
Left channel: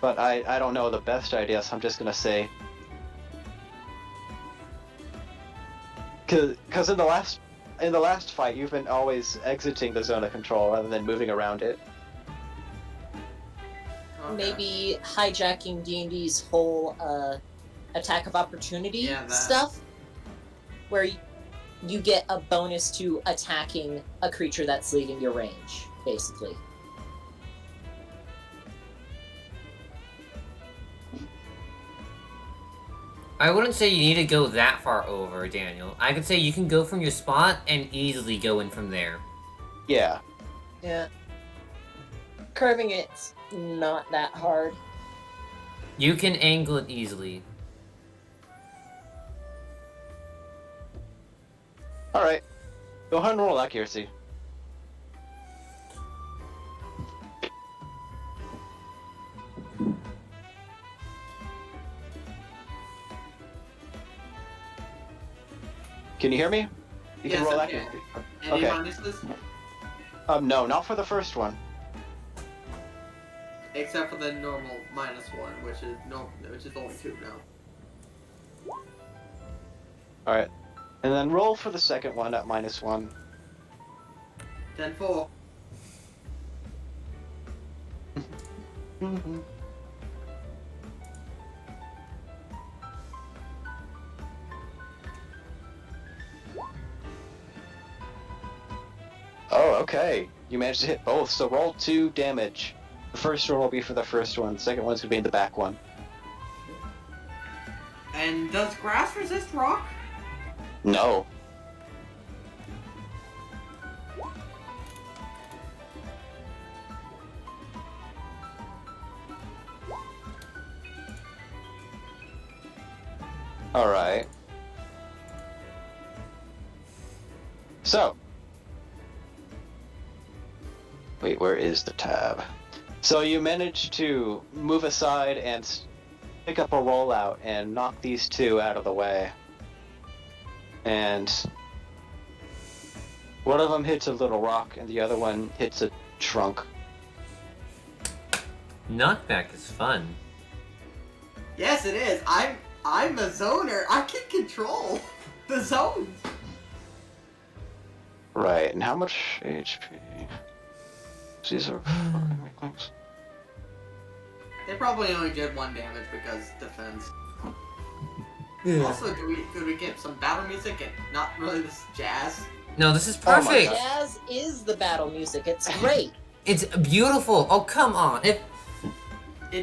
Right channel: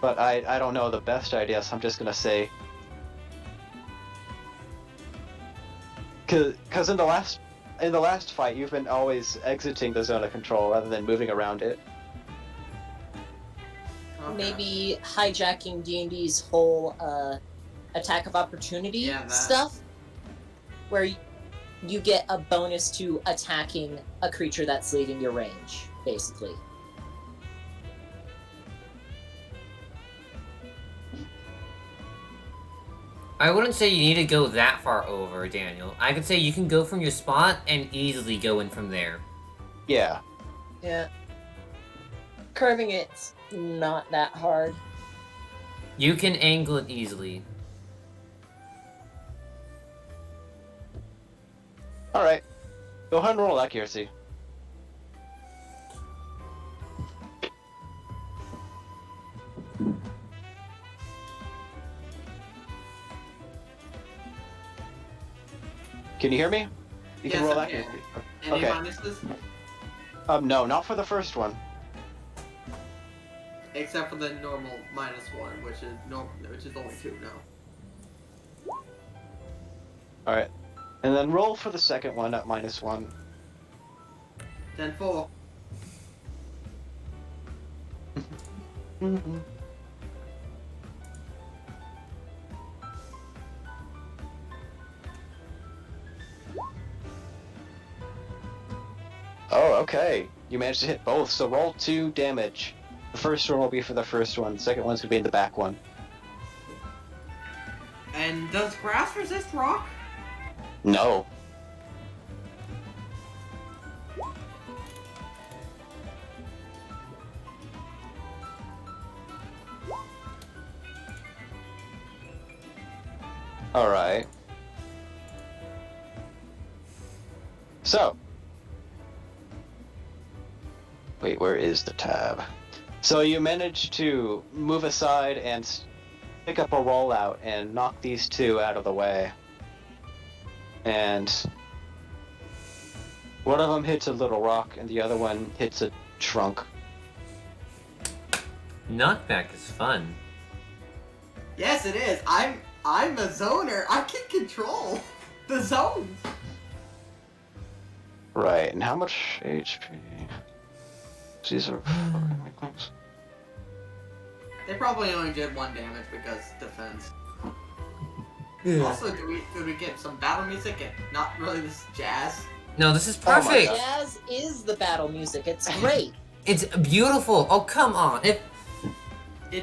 but I don't know the best idea, so I'm just going to say... Because in the last fight, you've been always exiting the zone of control rather than moving around it. Okay. Maybe hijacking D&D's whole attack of opportunity Yeah, that. stuff, where you get a bonus to attacking a creature that's leaving your range, basically. I wouldn't say you need to go that far over, Daniel. I could say you can go from your spot and easily go in from there. Yeah. Yeah. Carving it's not that hard. You can angle it easily. Alright. Go ahead and roll accuracy. Can you hear me? You Yes, can roll I can. accuracy. Any Okay. minuses? No, not for the first one. Except for the normal -1, which is only 2 now. Alright. And then roll for the second one at -1. 10-4. Mm-hmm. Oh, okay. You managed to hit both, so roll 2 damage. The first one will be for the first one, the second one's gonna be in the back one. And does grass resist rock? No. Alright. So. Wait, where is the tab? So you managed to move aside and pick up a rollout and knock these two out of the way. And one of them hits a little rock and the other one hits a trunk. Knockback is fun. Yes, it is. I'm a zoner. I can control the zones. Right, and how much HP? These are fucking weakness. They probably only did 1 damage because defense. Also, did we get some battle music and not really this jazz? No, this is Oh my perfect. God. Jazz is the battle music. It's great. It's beautiful. Oh, come on. It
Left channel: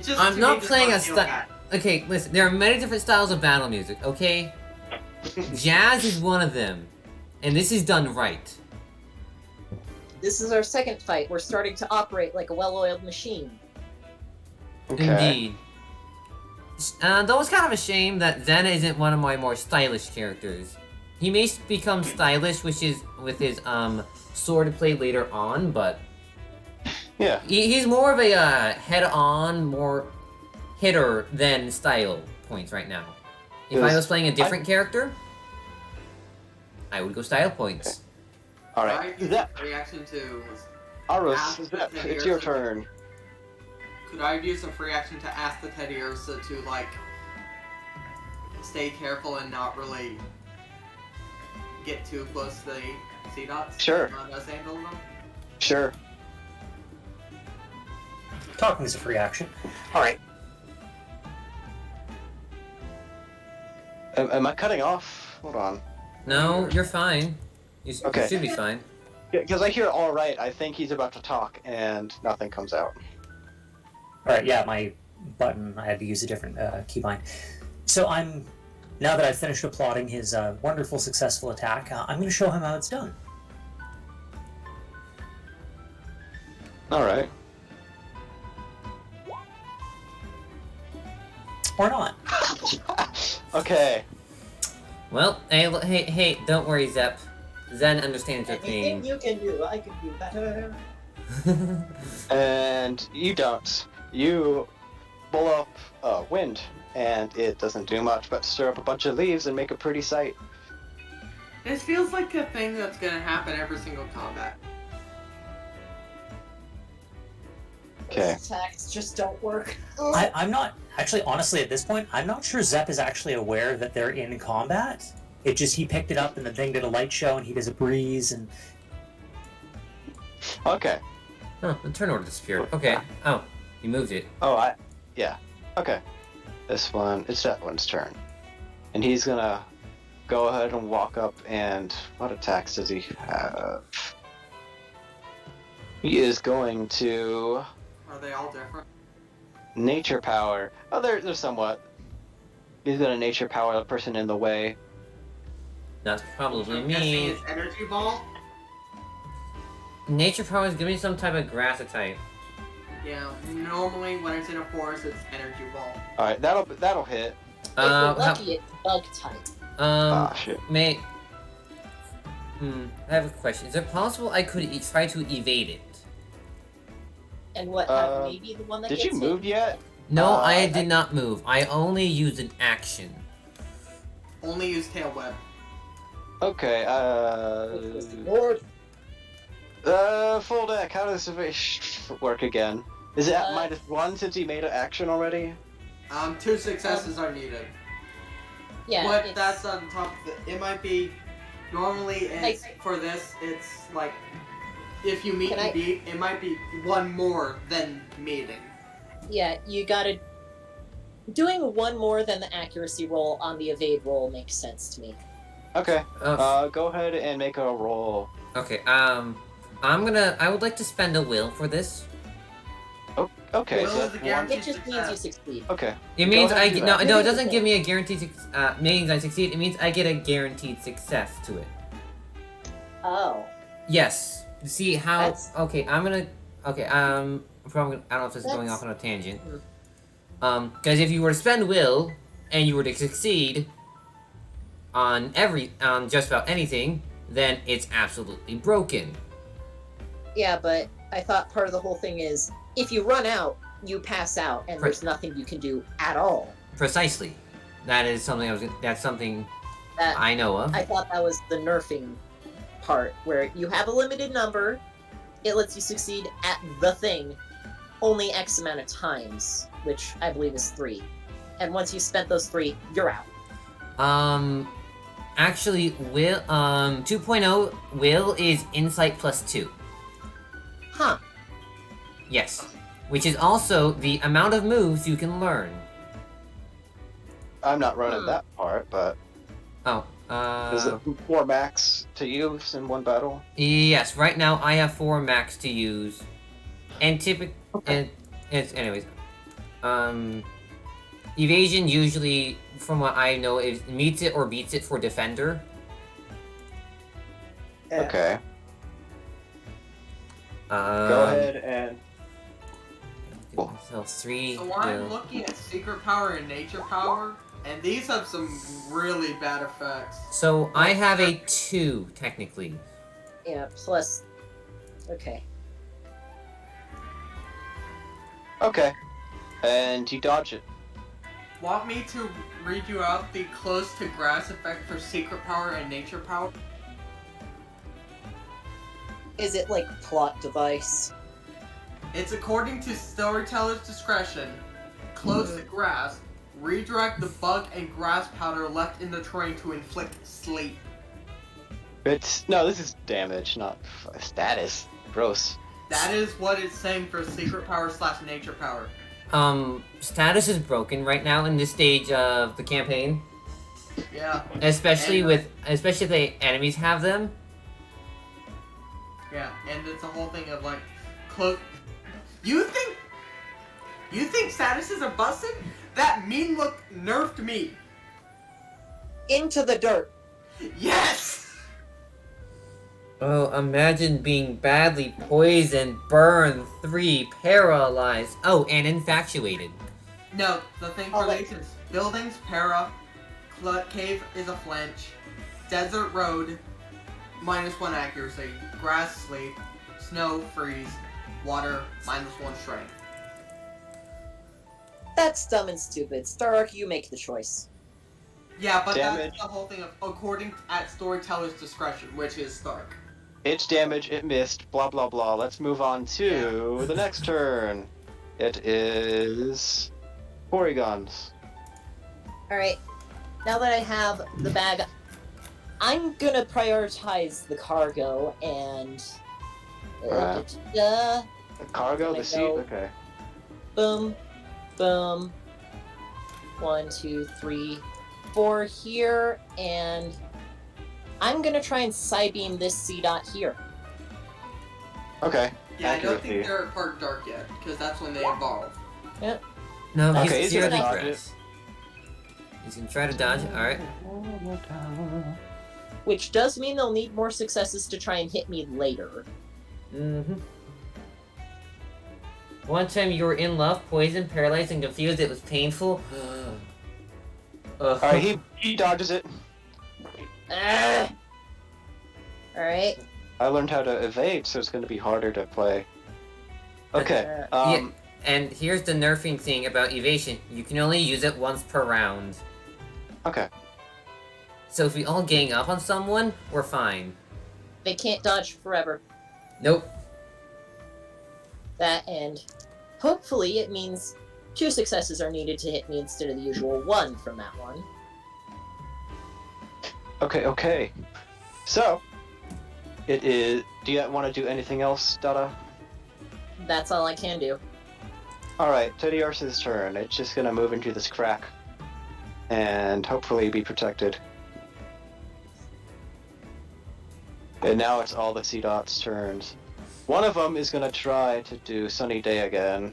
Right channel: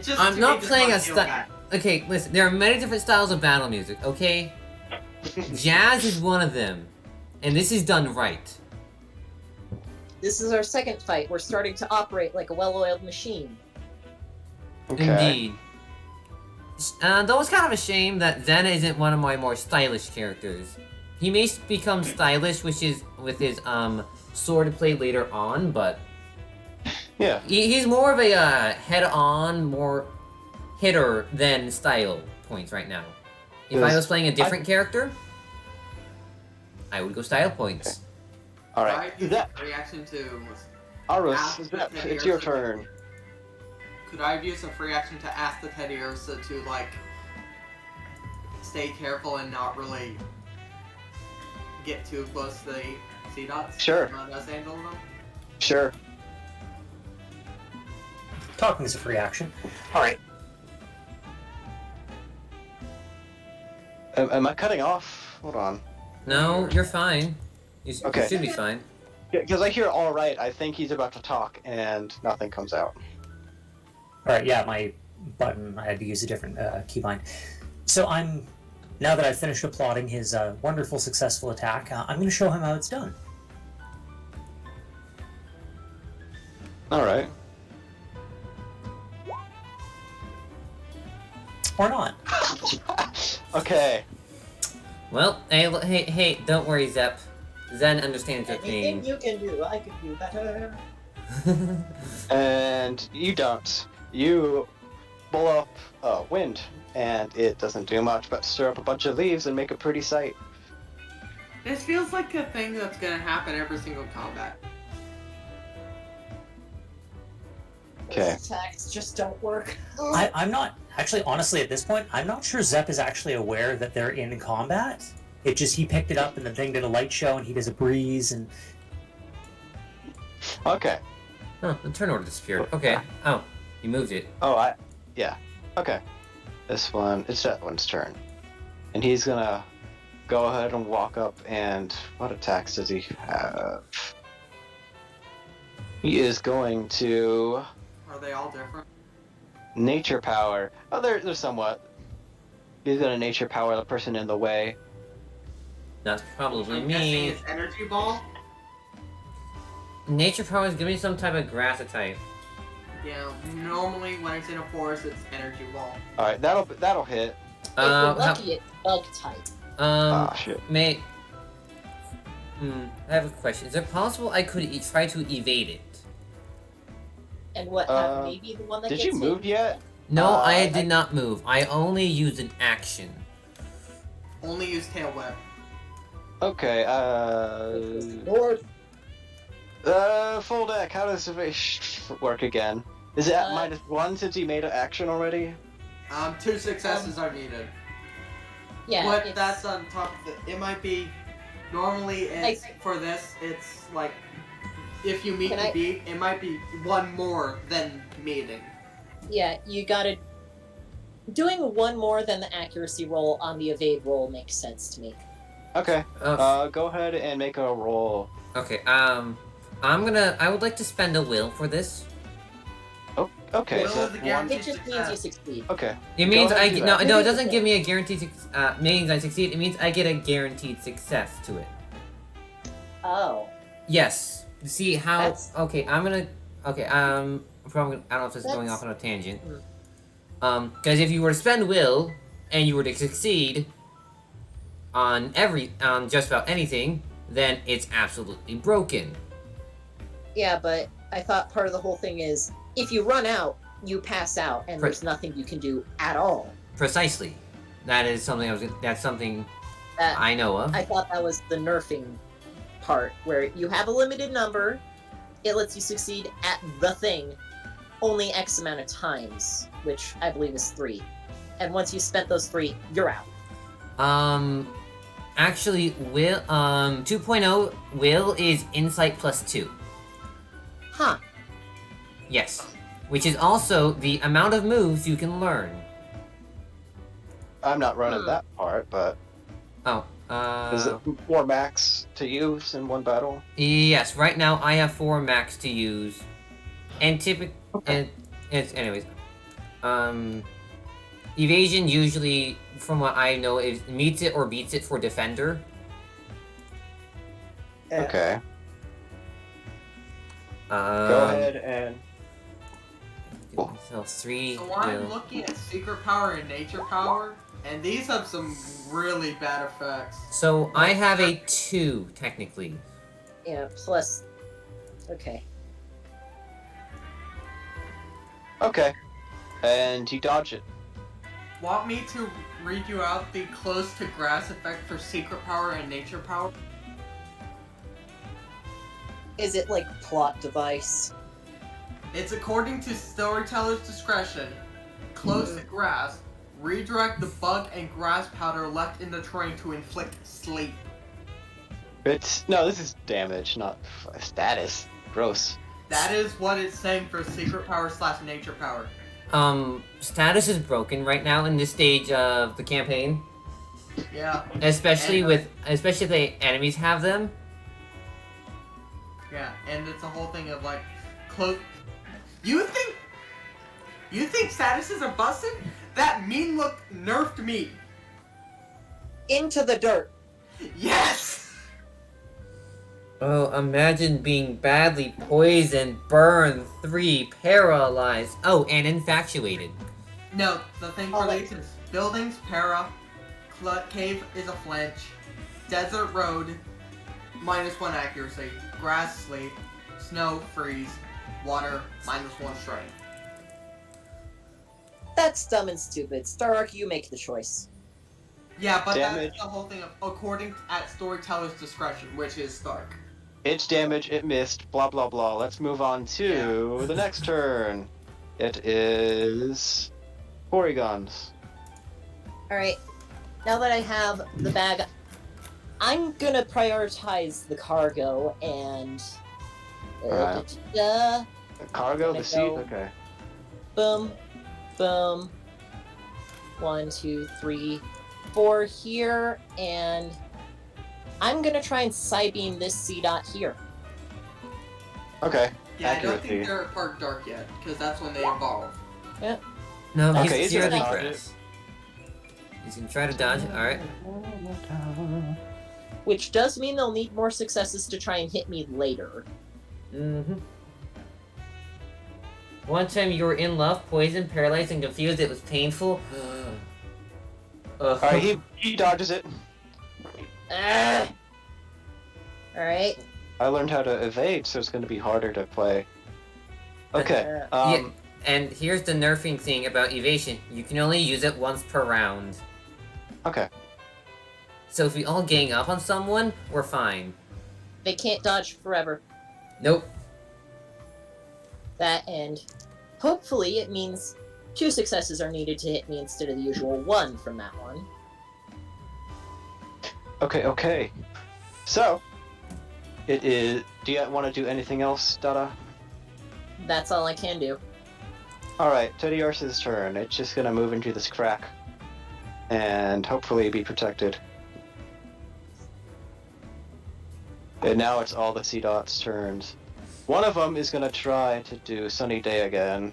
just I'm to not me, just playing wanna a feel sti- bad. Okay, listen. There are many different styles of battle music. Okay, jazz is one of them, and this is done right. This is our second fight. We're starting to operate like a well-oiled machine. Okay. Indeed. Though it's kind of a shame that Zen isn't one of my more stylish characters. He may become stylish, which is with his sword play later on, but Yeah. he's more of a head-on, more hitter than style points right now. If I Yes. was playing a different character, I would go style points. Alright. Could I That, use a reaction to Aros, ask the Zep, Teddy it's your Ursa- turn. Could I use a free action to ask the Teddy Ursa to like stay careful and not really get too close to the sea dots? Sure. Not us handling them? Sure. Talking is a free action. All right. Am I cutting off? Hold on. No, you're fine. You Okay. should be fine. Because I hear all right, I think he's about to talk, and nothing comes out. All right. Yeah, my button. I had to use a different keybind. So now that I've finished applauding his wonderful, successful attack, I'm going to show him how it's done. All right. Or not. Okay. Well, hey, don't worry, Zep. Zen understands your Anything pain. you can do, I can do better. And you don't. You pull up wind, and it doesn't do much but stir up a bunch of leaves and make a pretty sight. This feels like a thing that's gonna happen every single combat. Okay. Those attacks just don't work. I'm not actually, honestly, at this point, I'm not sure Zep is actually aware that they're in combat. It just he picked it up and the thing did a light show and he does a breeze and Okay. Oh, the turn order disappeared. Okay. Oh, you moved it. Oh, yeah. Okay. This one, it's that one's turn. And he's gonna go ahead and walk up and, what attacks does he have? He is going to Are they all different? nature power. Oh, they're somewhat. He's gonna nature power the person in the way. That's probably I'm guessing me. it's energy ball. Nature power is gonna be some type of grass type. Yeah, normally when it's in a forest, it's energy ball. All right, that'll hit. If you're lucky, it's bug type. Ah, shit. May. I have a question. Is it possible I could try to evade it? And what have maybe the one that Did gets you hit? move yet? No, I did not move. I only used an action. Only use tail whip. Okay. Lord, Full deck. How does evasion work again? Is it at -1 since he made an action already? 2 successes are needed. yeah. But it's- that's on top of it. It might be. Normally, it's for this. It's like if you meet and beat, it might be 1 more than meeting. Yeah, you gotta. Doing 1 more than the accuracy roll on the evade roll makes sense to me. Okay. Go ahead and make a roll. Okay. I would like to spend a will for this. Oh, okay. Will So is a guarantee It just means you succeed. okay. It means ahead and do that. no. It doesn't give me a guaranteed. Means I succeed. It means I get a guaranteed success to it. Oh. Yes. See how? That's- Okay. I'm gonna. Okay. I'm probably. I don't know if this is going That's- off on a tangent. Because if you were to spend will and you were to succeed on just about anything, then it's absolutely broken. Yeah, but I thought part of the whole thing is if you run out, you pass out, and there's nothing you can do at all. Precisely. That is something That's something That I know of. I thought that was the nerfing part, where you have a limited number, it lets you succeed at the thing only X amount of times, which I believe is 3. And once you spent those 3, you're out. Actually, will 2.0 will is insight +2. Huh. Yes, which is also the amount of moves you can learn. I'm not running that part, but Oh, is it 4 max to use in 1 battle? yes. Right now, I have 4 max to use, and anyways, evasion usually, from what I know, is meets it or beats it for defender. Okay. Go ahead and. Give myself 3 So I'm will. looking at secret power and nature power, and these have some really bad effects. So I have a 2 technically. Yeah, plus. Okay. Okay. And you dodge it. Want me to read you out the close to grass effect for secret power and nature power? Is it like plot device? It's according to storyteller's discretion. Close to grass, redirect the bug and grass powder left in the terrain to inflict sleep. No, this is damage, not status. Gross. That is what it's saying for secret power / nature power. Status is broken right now in this stage of the campaign. Yeah. Especially if the enemies have them. Yeah, and it's a whole thing of like, close. You think statuses are busted? That mean look nerfed me. Into the dirt. Yes. Oh, imagine being badly poisoned, burned, 3, paralyzed. Oh, and infatuated. No, the thing for these is buildings, para, cave is a flinch, desert road, -1 accuracy, grass sleep, snow freeze, water -1 strength. That's dumb and stupid. Stark, you make the choice. Yeah, but Damage. that's the whole thing of according at storyteller's discretion, which is Stark. It's damage, it missed, blah blah blah. Let's move on to the next turn. It is Porygon's. Alright. Now that I have the bag, I'm gonna prioritize the cargo and. Alright. The cargo, Gonna the seat? go- Okay. Boom. Boom. 1, 2, 3, 4 here, and I'm gonna try and Psybeam this C-Dot here. Okay. Yeah, I don't Accuracy. think they're part dark yet, because that's when they evolve. No, Okay, he's it's purely just grass. He's gonna try to dodge. Alright. Which does mean they'll need more successes to try and hit me later. Mm-hmm. One time you were in love, poisoned, paralyzed, and confused. It was painful. Alright, he dodges it. Alright. I learned how to evade, so it's going to be harder to play. Okay. Yeah, and here's the nerfing thing about evasion. You can only use it once per round. Okay. So if we all gang up on someone, we're fine. They can't dodge forever. Nope. That, and hopefully it means 2 successes are needed to hit me instead of the usual 1 from that one. Okay. So, it is... Do you want to do anything else, Dada? That's all I can do. Alright, Teddy Arce's turn. It's just gonna move into this crack. And hopefully be protected. And now it's all the C-Dot's turns. One of them is gonna try to do Sunny Day again.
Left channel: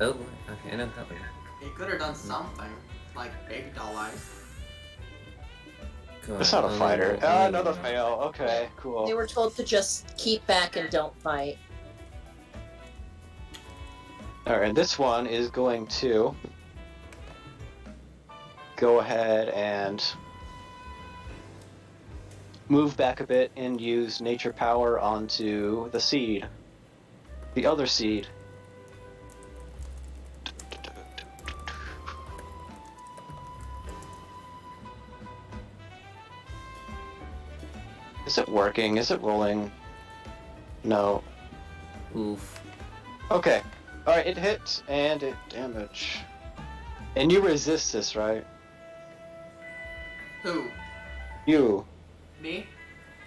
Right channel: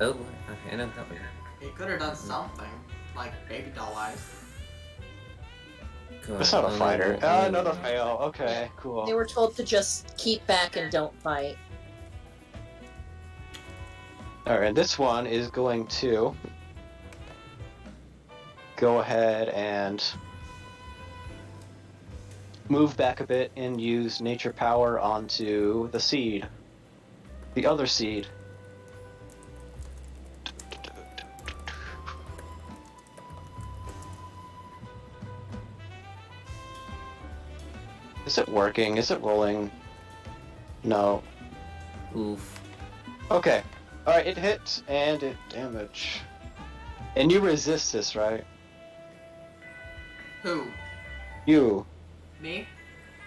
Oh, okay, I know that one. He could have done something, like baby doll eyes. God, It's not a only fighter. roll- Ah, only another roll. fail. Okay, They cool. were told to just keep back and don't fight. Alright, and this one is going to go ahead and move back a bit and use nature power onto the seed. The other seed. Is it working? Is it rolling? No. Oof. Okay. Alright, it hits and it damage. And you resist this, right? Who? You. Me?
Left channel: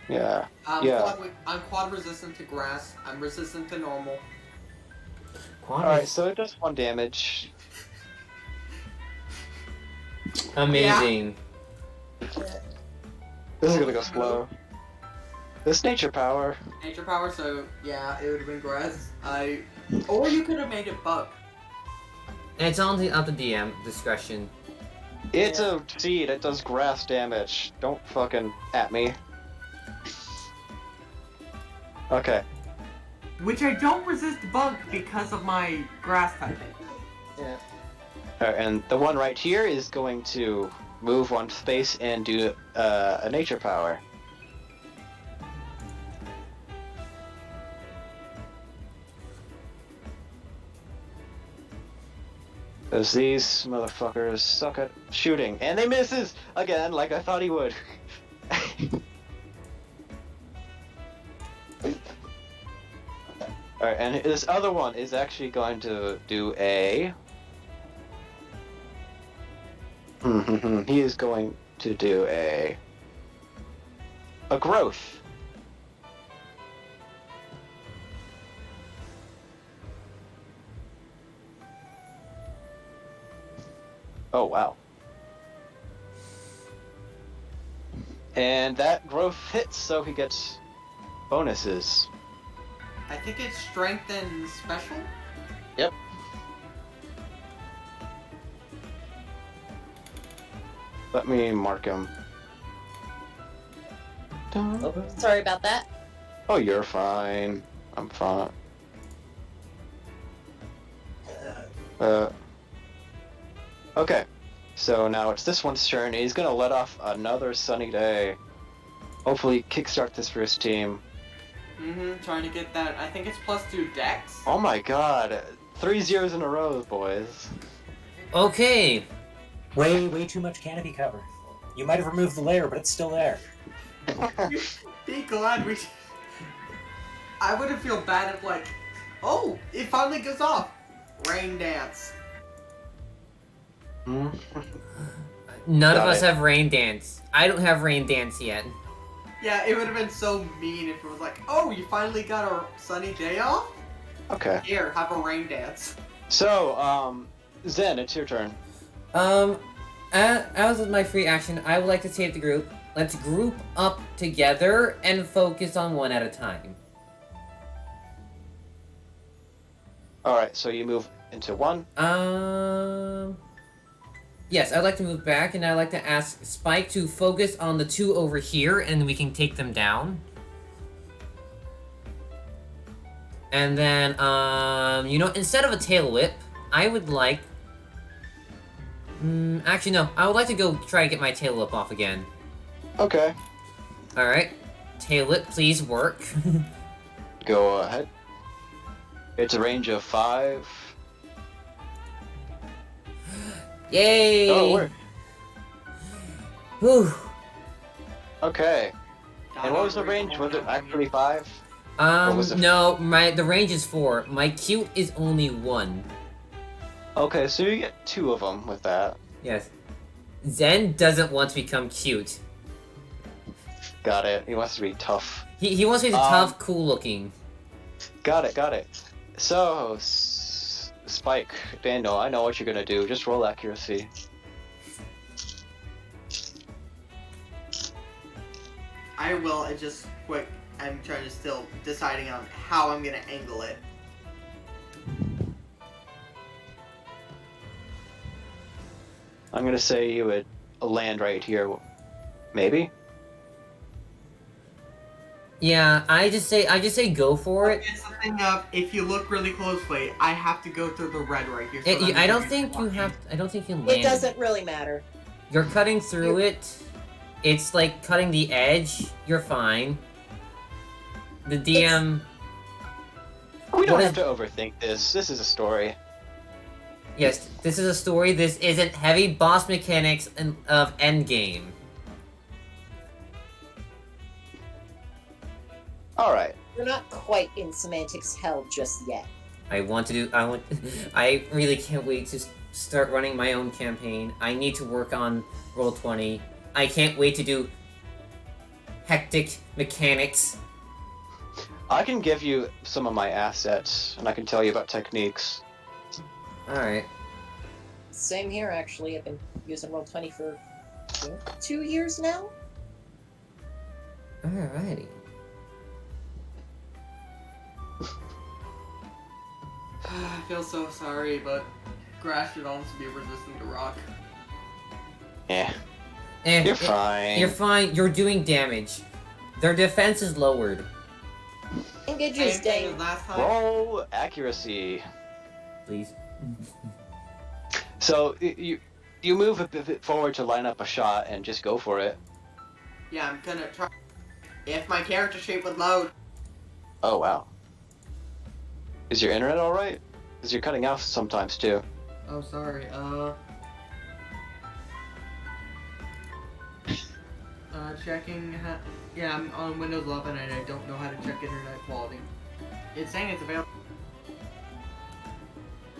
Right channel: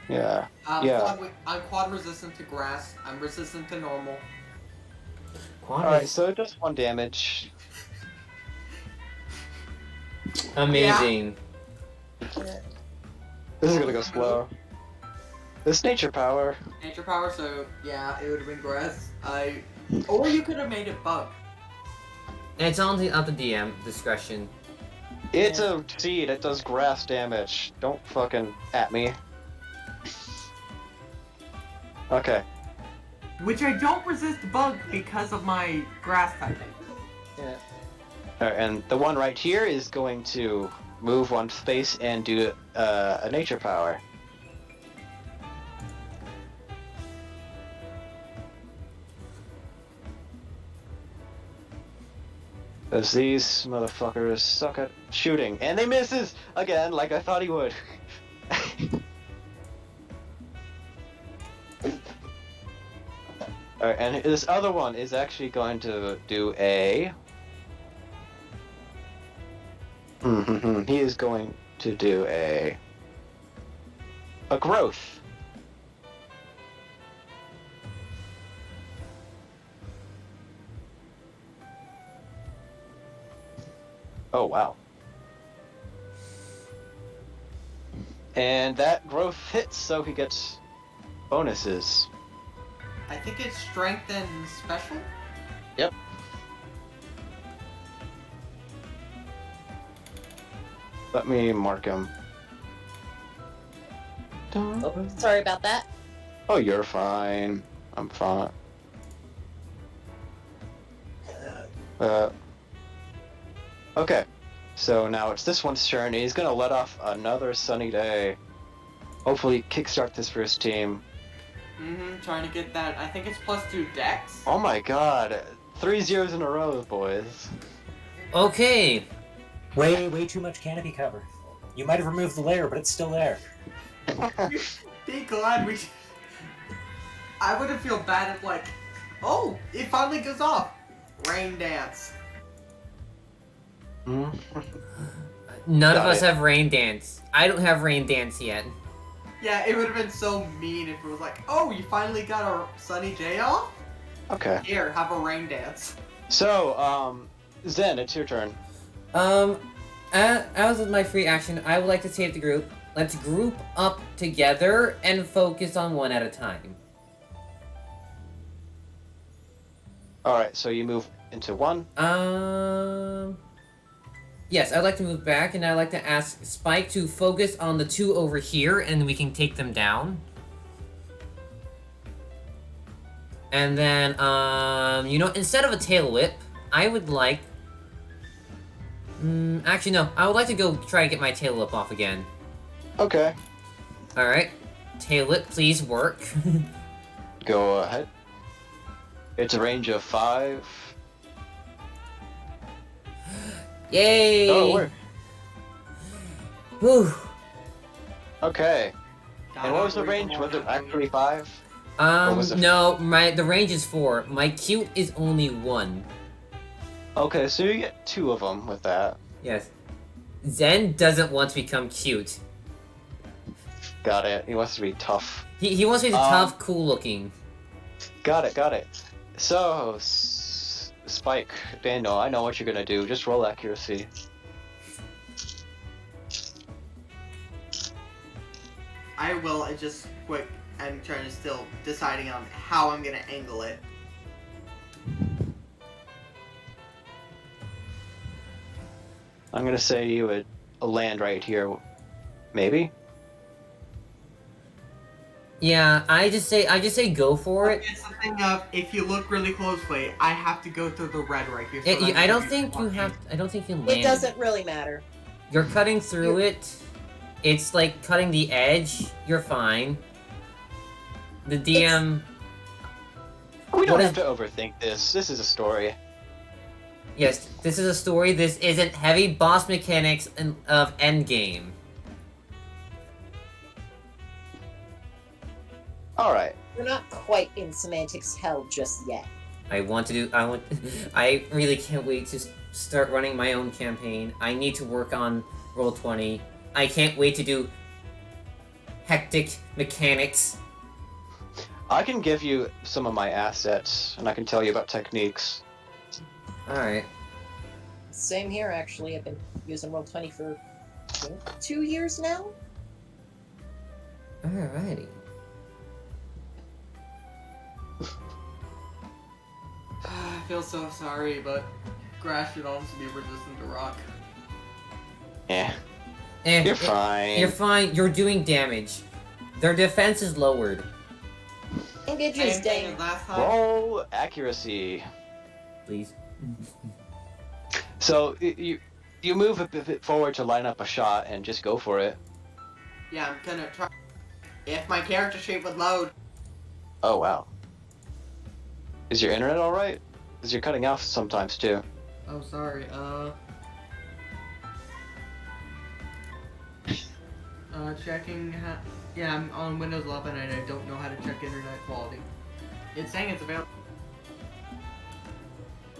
Yeah. I'm Yeah. I'm quad resistant to grass. I'm resistant to normal. Alright, so it does 1 damage. Amazing. This is gonna go slow. This nature power. Nature power, so yeah, it would have been grass. Or you could have made it bug. And it's only up to DM discretion. It's a seed, it does grass damage. Don't fucking at me. Okay. Which I don't resist bug because of my grass typing. Alright, and the one right here is going to move 1 space and do a nature power. Because these motherfuckers suck at shooting. And they misses! Again, like I thought he would. Alright, and this other one is actually going to do a... he is going to do a growth. Oh, wow. And that growth hits, so he gets bonuses. I think it's strength and special. Yep. Let me mark him. Oh, sorry about that. Oh, you're fine. I'm fine. Okay. So now it's this one's turn. He's gonna let off another sunny day. Hopefully kickstart this for his team. Trying to get that. I think it's +2 dex. Oh my god. 3 zeros in a row, boys. Okay. Way too much canopy cover. You might have removed the layer, but it's still there. Be glad we. I wouldn't feel bad if like, oh, it finally goes off. Rain dance. None Got of us it. have rain dance. I don't have rain dance yet. Yeah, it would have been so mean if it was like, oh, you finally got a sunny day off? Okay. Here, have a rain dance. So, Zen, it's your turn. As with my free action, I would like to save the group. Let's group up together and focus on one at a time. Alright, so you move into 1. Yes, I'd like to move back, and I'd like to ask Spike to focus on the two over here, and we can take them down. And then, instead of a tail whip, I would like... actually, no. I would like to go try to get my tail whip off again. Okay. Alright. Tail whip, please work. Go ahead. It's a range of 5. Yay! Oh, it worked. Whew. Okay. And what was the range? Was it actually 5? was it? No, the range is 4. My cute is only 1. Okay, so you get 2 of them with that. Yes. Zen doesn't want to become cute. Got it. He wants to be tough. He wants to be tough, cool looking. Got it. So, Spike, Daniel, I know what you're gonna do. Just roll accuracy. I will. It's just quick. I'm trying to still deciding on how I'm gonna angle it. I'm gonna say you would land right here, maybe. Yeah, I just say go for it. It's the thing of, if you look really closely, I have to go through the red right here. I don't think you have. I don't think you land. It doesn't really matter. You're cutting through it. It's like cutting the edge. You're fine. The DM. We What don't is- have to overthink this. This is a story. Yes, this is a story. This isn't heavy boss mechanics of endgame. Alright. We're not quite in semantics hell just yet. I really can't wait to start running my own campaign. I need to work on Roll20. I can't wait to do hectic mechanics. I can give you some of my assets, and I can tell you about techniques. Alright. Same here, actually. I've been using Roll20 for 2 years now. Alrighty. I feel so sorry, but grass should also be resistant to rock. Yeah. Eh, You're fine. You're fine. You're doing damage. Their defense is lowered. Engage Same is thing day. as last time. Roll accuracy. Please. So, you move a bit forward to line up a shot and just go for it. Yeah, I'm gonna try. If my character sheet would load. Oh, wow. Is your internet alright? Because you're cutting off sometimes, too. Oh, sorry. Checking. Yeah, I'm on Windows 11 and I don't know how to check internet quality. It's saying it's available.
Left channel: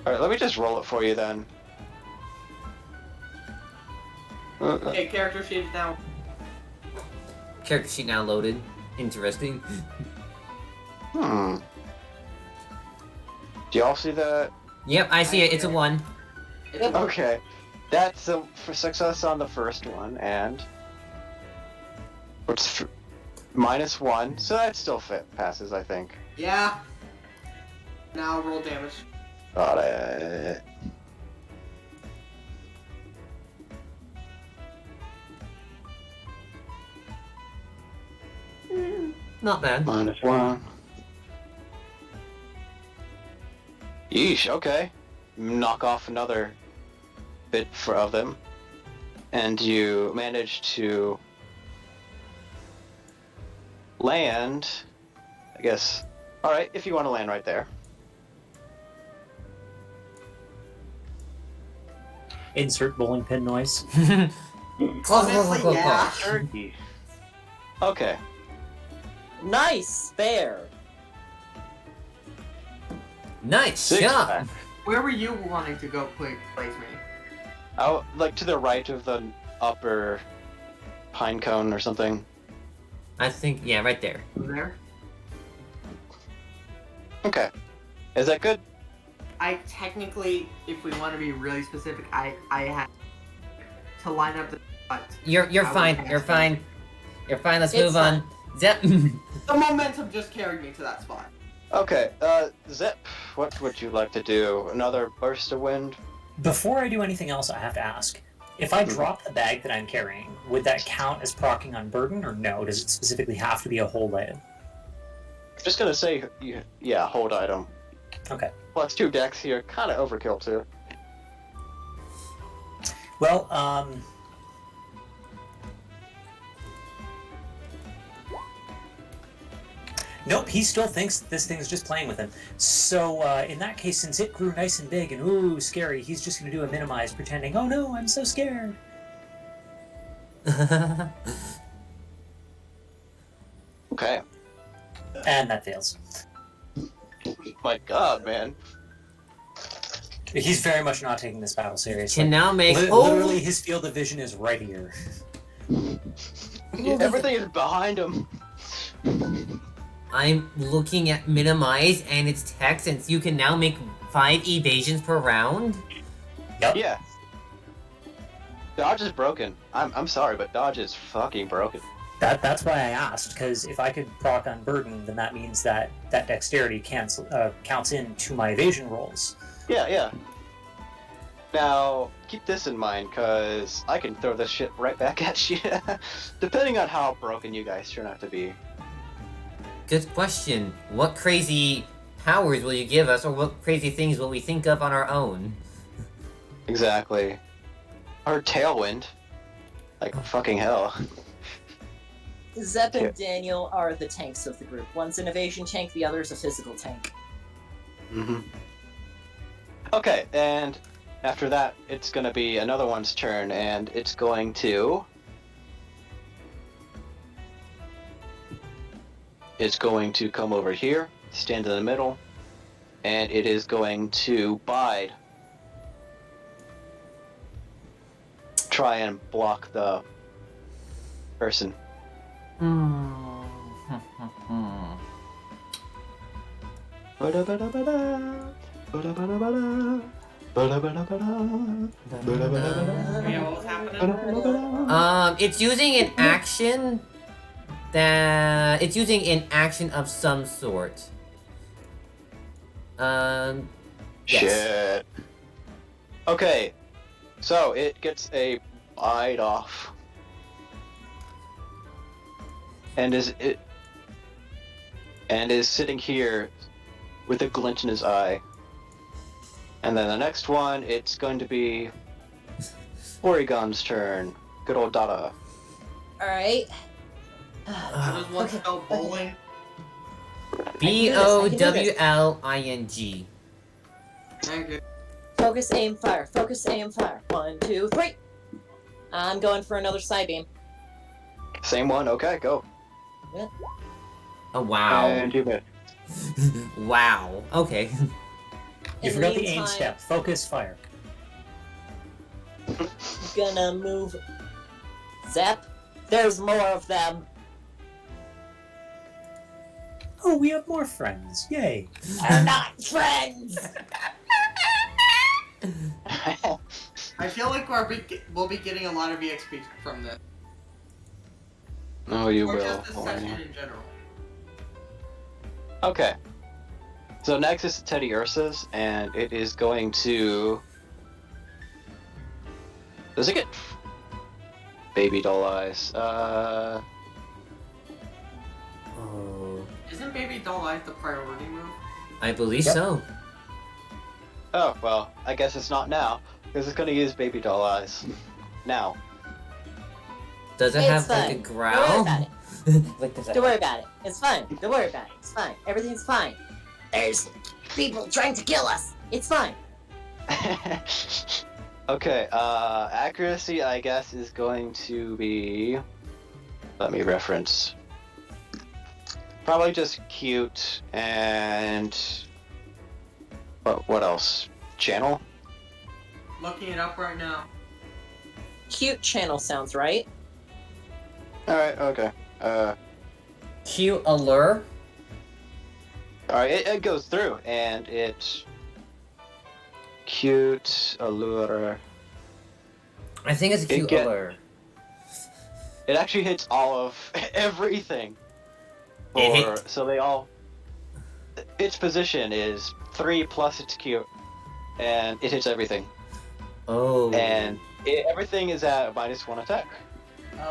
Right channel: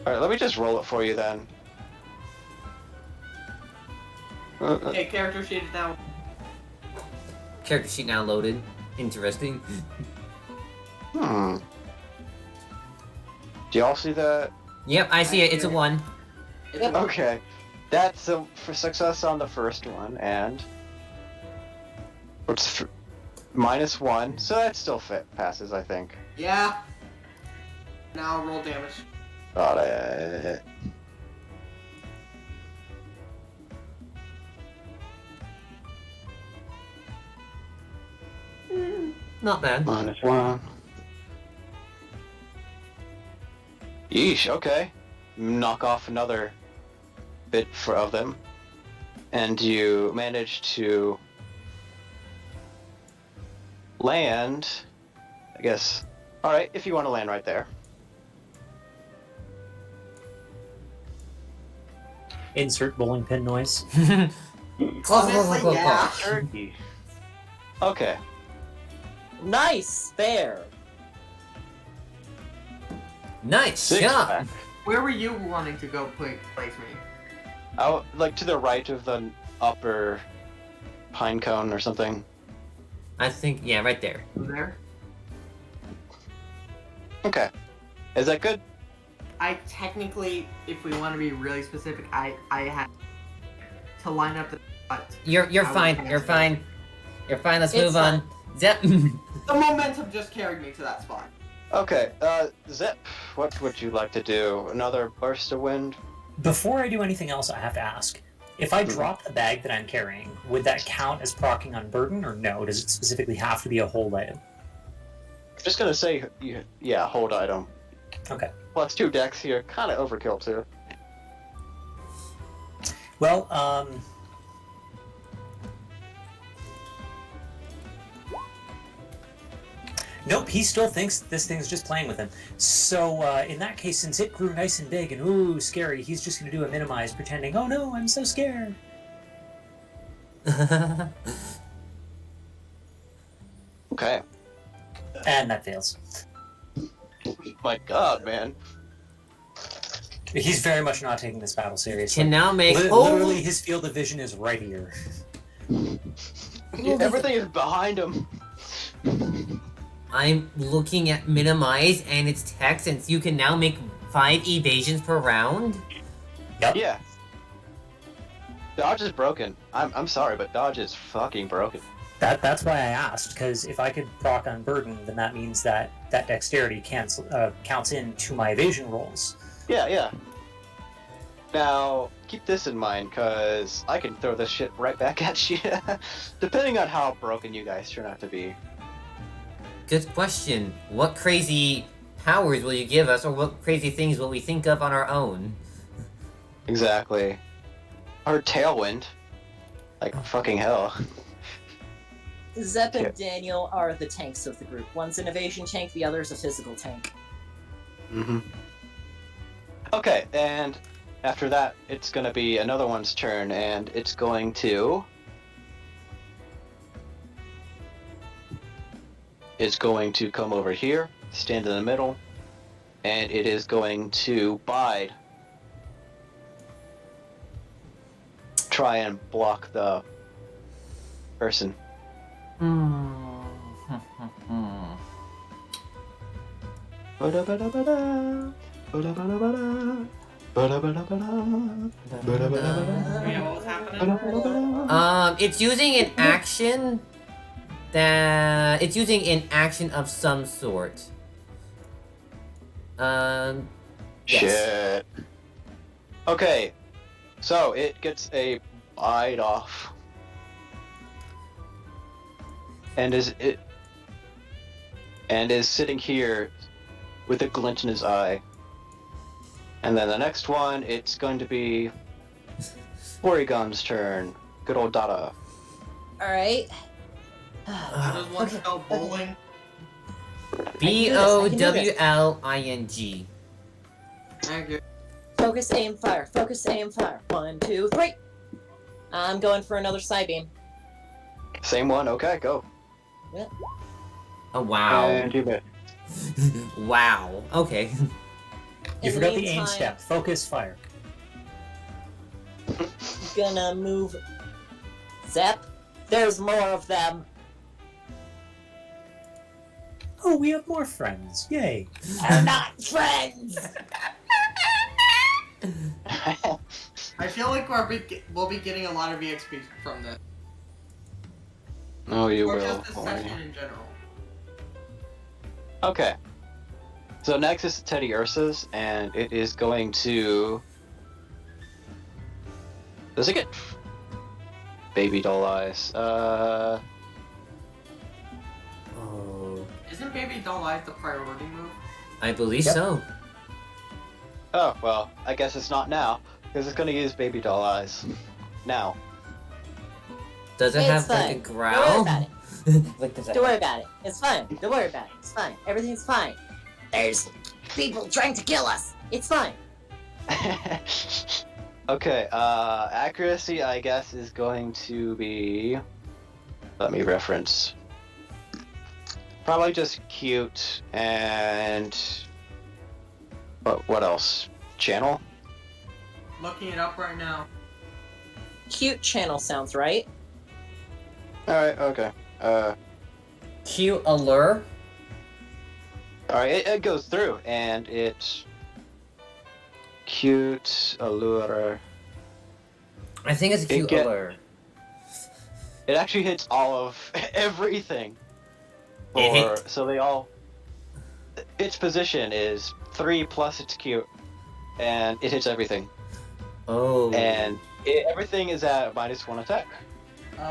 Alright, let me just roll it for you then. Okay, character sheet is down. Character sheet now loaded. Interesting. Do y'all see that? Yep, I see it. It's a 1. It's Okay. That's a for success on the first one, and it's -1, so that still passes, I think. Yeah. Now roll damage. Got it. Not bad. -1. Yeesh, okay. Knock off another bit of them. And you manage to land, I guess. Alright, if you want to land right there. Insert bowling pin noise. Honestly, yeah. Turkey. Okay. Nice! There! Nice Six shot. pack. Where were you wanting to go place me? Out, like to the right of the upper pine cone or something. I think, yeah, right there. Over there? Okay. Is that good? I technically, if we want to be really specific, I had to line up the. You're I fine. would- You're fine. You're fine. Let's It's move on. Zep. The momentum just carried me to that spot. Okay, Zip, what would you like to do? Another burst of wind? Before I do anything else, I have to ask: If I drop the bag that I'm carrying, would that count as proccing on burden, or no? Does it specifically have to be a hold item? Just gonna say, yeah, hold item. Okay. Plus 2 decks here, kind of overkill too. Well, nope, he still thinks this thing's just playing with him. So, in that case, since it grew nice and big and ooh, scary, he's just gonna do a minimize, pretending, oh no, I'm so scared. Okay. And that fails. My God, man. He's very much not taking this battle seriously. Can now make Literally, his field of vision is right here. Everything is behind him. I'm looking at minimize and its text, and you can now make 5 evasions per round. Yep. Yeah. Dodge is broken. I'm sorry, but dodge is fucking broken. That's why I asked, because if I could proc on burden, then that means that dexterity counts into my evasion rolls. Yeah. Now, keep this in mind, because I can throw this shit right back at you, depending on how broken you guys turn out to be. Good question. What crazy powers will you give us, or what crazy things will we think of on our own? Exactly. Or Tailwind. Like, fucking hell. Zep and Daniel are the tanks of the group. One's an evasion tank, the other's a physical tank. Mm-hmm. Okay, and after that, it's gonna be another one's turn, and it's going to... It's going to come over here, stand in the middle, and it is going to bide. Try and block the person. It's using an action it's using an action of some sort. Yes. Shit. Okay, so it gets a bite off. And is sitting here with a glint in his eye. And then the next one, it's going to be Porygon's turn. Good old Dada. Alright. Does one spell bowling? BOWLING. Thank you. Focus, aim, fire. Focus, aim, fire. 1, 2, 3. I'm going for another side beam. Same one, okay, go. Oh, wow. And you bet. Wow. Okay. You forgot the aim step. Focus, fire. Gonna move. Zep. There's more of them. Oh, we have more friends. Yay. They're not friends. I feel like we'll be getting a lot of EXP from this. Oh, you or will. just this session in general. Okay. So next is Teddy Ursa's, and it is going to... Does it get... Baby doll eyes? Oh. Isn't Baby Doll Eyes the priority move? I believe so. Oh, well, I guess it's not now, because it's going to use Baby doll eyes. Now. Does it It's have fine. like a Don't growl? worry about it. Like, does it Don't worry have... about it. It's fine. Don't worry about it. It's fine. Everything's fine. There's people trying to kill us. It's fine. Okay, accuracy, I guess, is going to be... Let me reference. Probably just cute, and... What else? Channel? Looking it up right now. Cute channel sounds right. Alright, okay. Cute allure? Alright, it goes through, and it's... Cute, allure... I think it's a cute get- allure. It actually hits all of everything. It hit- So they all... Its position is 3 plus its cute, and it hits everything. Oh. And Everything is at -1 attack.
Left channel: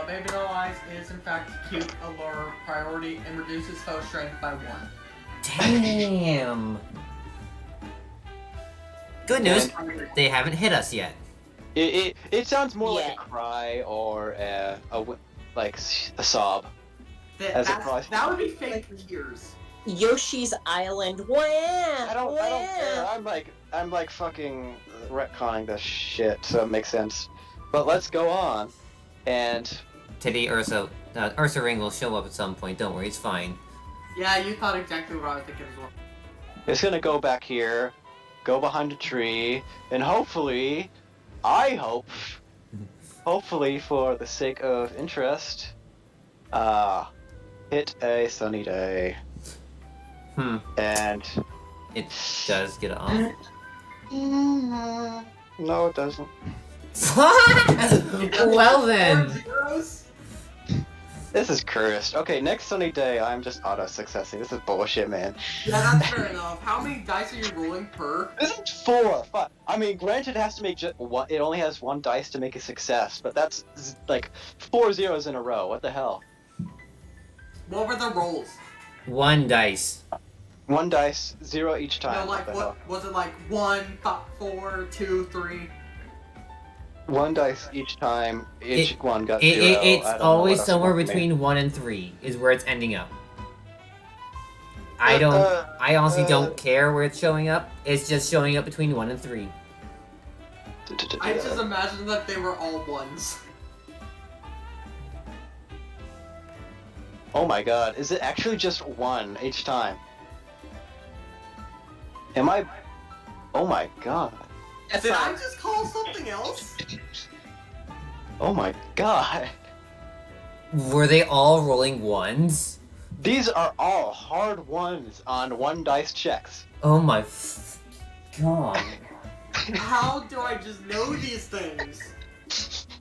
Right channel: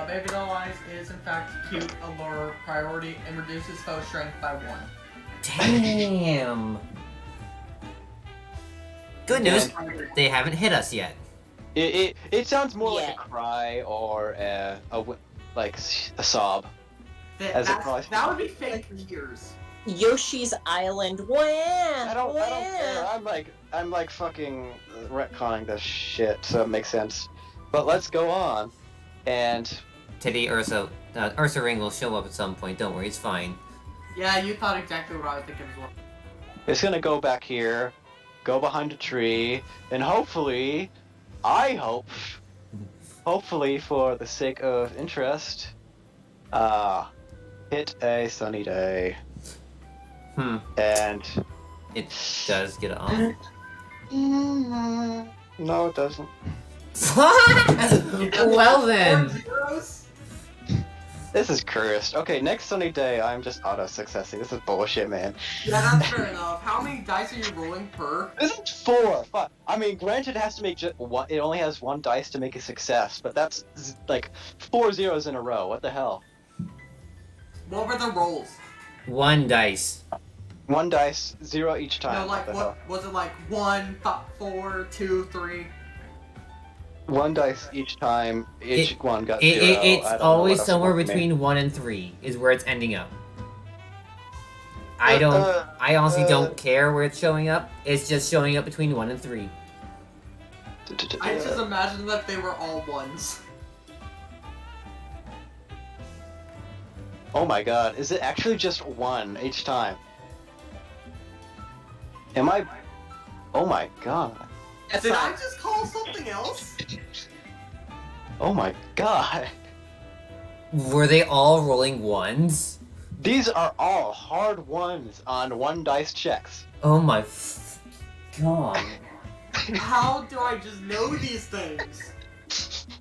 Baby Doll Eyes is in fact cute, a lower priority, and reduces foe strength by 1. Damn. Good news, they haven't hit us yet. It sounds more like Yeah. a cry or like a sob. As it probably- That would be fake ears. Yoshi's Island. Wah, I don't care. I'm like fucking retconning this shit, so it makes sense. But let's go on. And Teddy Ursa Ring will show up at some point. Don't worry, it's fine. Yeah, you thought exactly what I was thinking as well. it's gonna go back here, go behind a tree, and hopefully, hopefully for the sake of interest, hit a sunny day. And It does get off. no, it doesn't. Well then. Zeros? This is cursed. Okay, next sunny day, I'm just auto-successing. This is bullshit, man. Yeah, that's fair enough. How many dice are you rolling per? This is 4. Fuck. I mean, granted, it has to make just one. It only has 1 dice to make a success, but that's like 4 zeros in a row. What the hell? What were the rolls? 1 dice. 1 dice, 0 each time. No, like the what hell? was it like 1, 4, 2, 3? 1 dice each time. Each one got It's 0. I don't know always what else somewhere it means. between 1 and 3 is where it's ending up. I honestly don't care where it's showing up. It's just showing up between 1 and 3. I just imagine that they were all 1s. Oh my god, is it actually just 1 each time? Am I? Oh my god. Did I just call something else? Oh my god. Were they all rolling 1s? These are all hard 1s on 1 dice checks. Oh my god. How do I just know these things?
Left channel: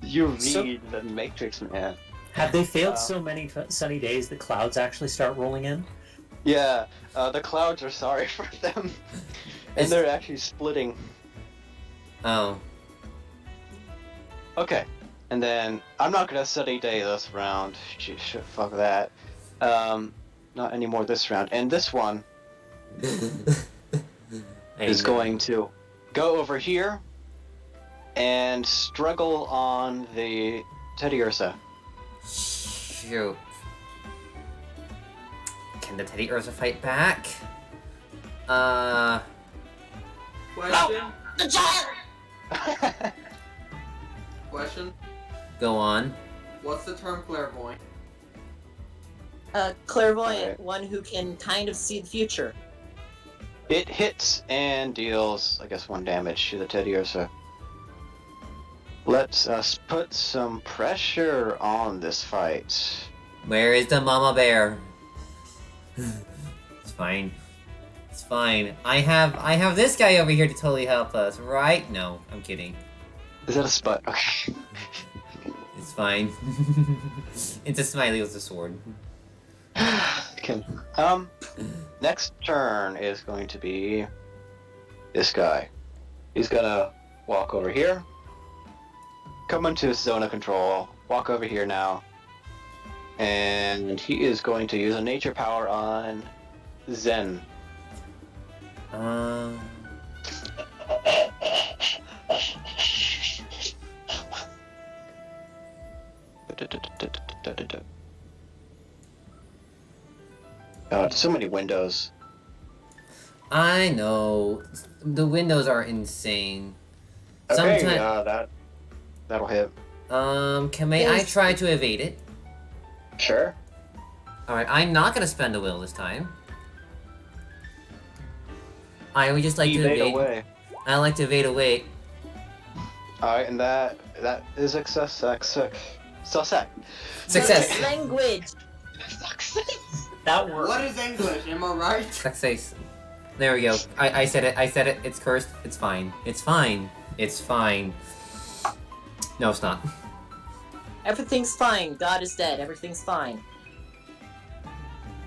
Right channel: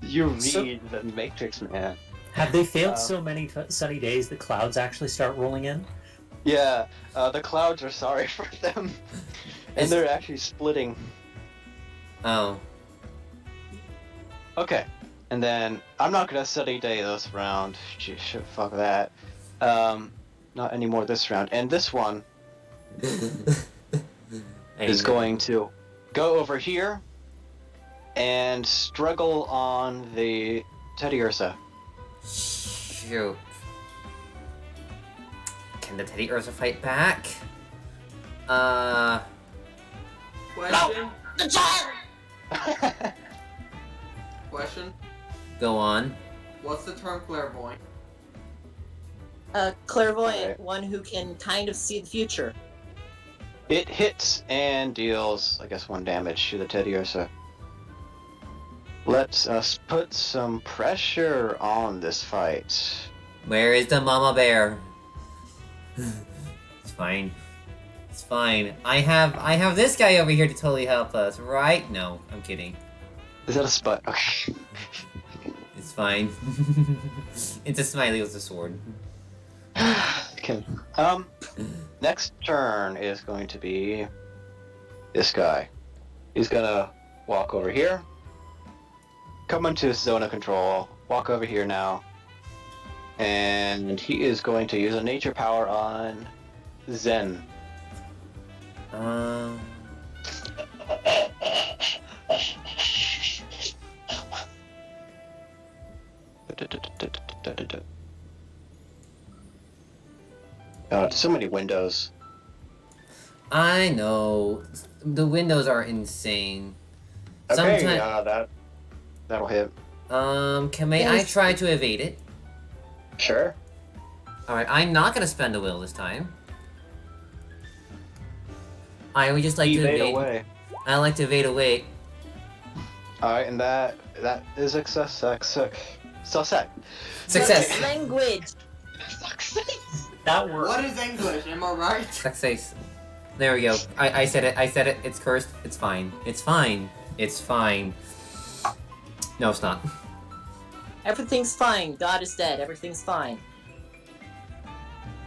You read So- the Matrix, man. Have they failed so many sunny days the clouds actually start rolling in? Yeah, the clouds are sorry for them. And It's- they're actually splitting. Oh. Okay, and then I'm not gonna sunny day this round. Fuck that. Not anymore this round. And this one is going to go over here and struggle on the Teddy Ursa. Shoot. Can the Teddy Ursa fight back? Question? Question? Go on. What's the term clairvoyant? Clairvoyant, Alright. one who can kind of see the future. It hits and deals, I guess, 1 damage to the Teddy Ursa. Let's us put some pressure on this fight. Where is the mama bear? It's fine. It's fine. I have this guy over here to totally help us, right? No, I'm kidding. Is that a spot? Okay. It's fine. It's a smiley with a sword. Okay. Next turn is going to be this guy. He's gonna walk over here. Come into his zone of control. Walk over here now. And he is going to use a nature power on Zen. So many windows. I know. The windows are insane. Okay, Sometime- that'll hit. May I try to evade it? Sure. Alright, I'm not gonna spend a will this time. I would just like to Evade evade. away. I like to evade away. Alright, and that is success. Success! Language. Success. That works. What is English? Am I right? Success. There we go. I said it. I said it. It's cursed. It's fine. It's fine. It's fine. No, it's not. Everything's fine. God is dead. Everything's fine.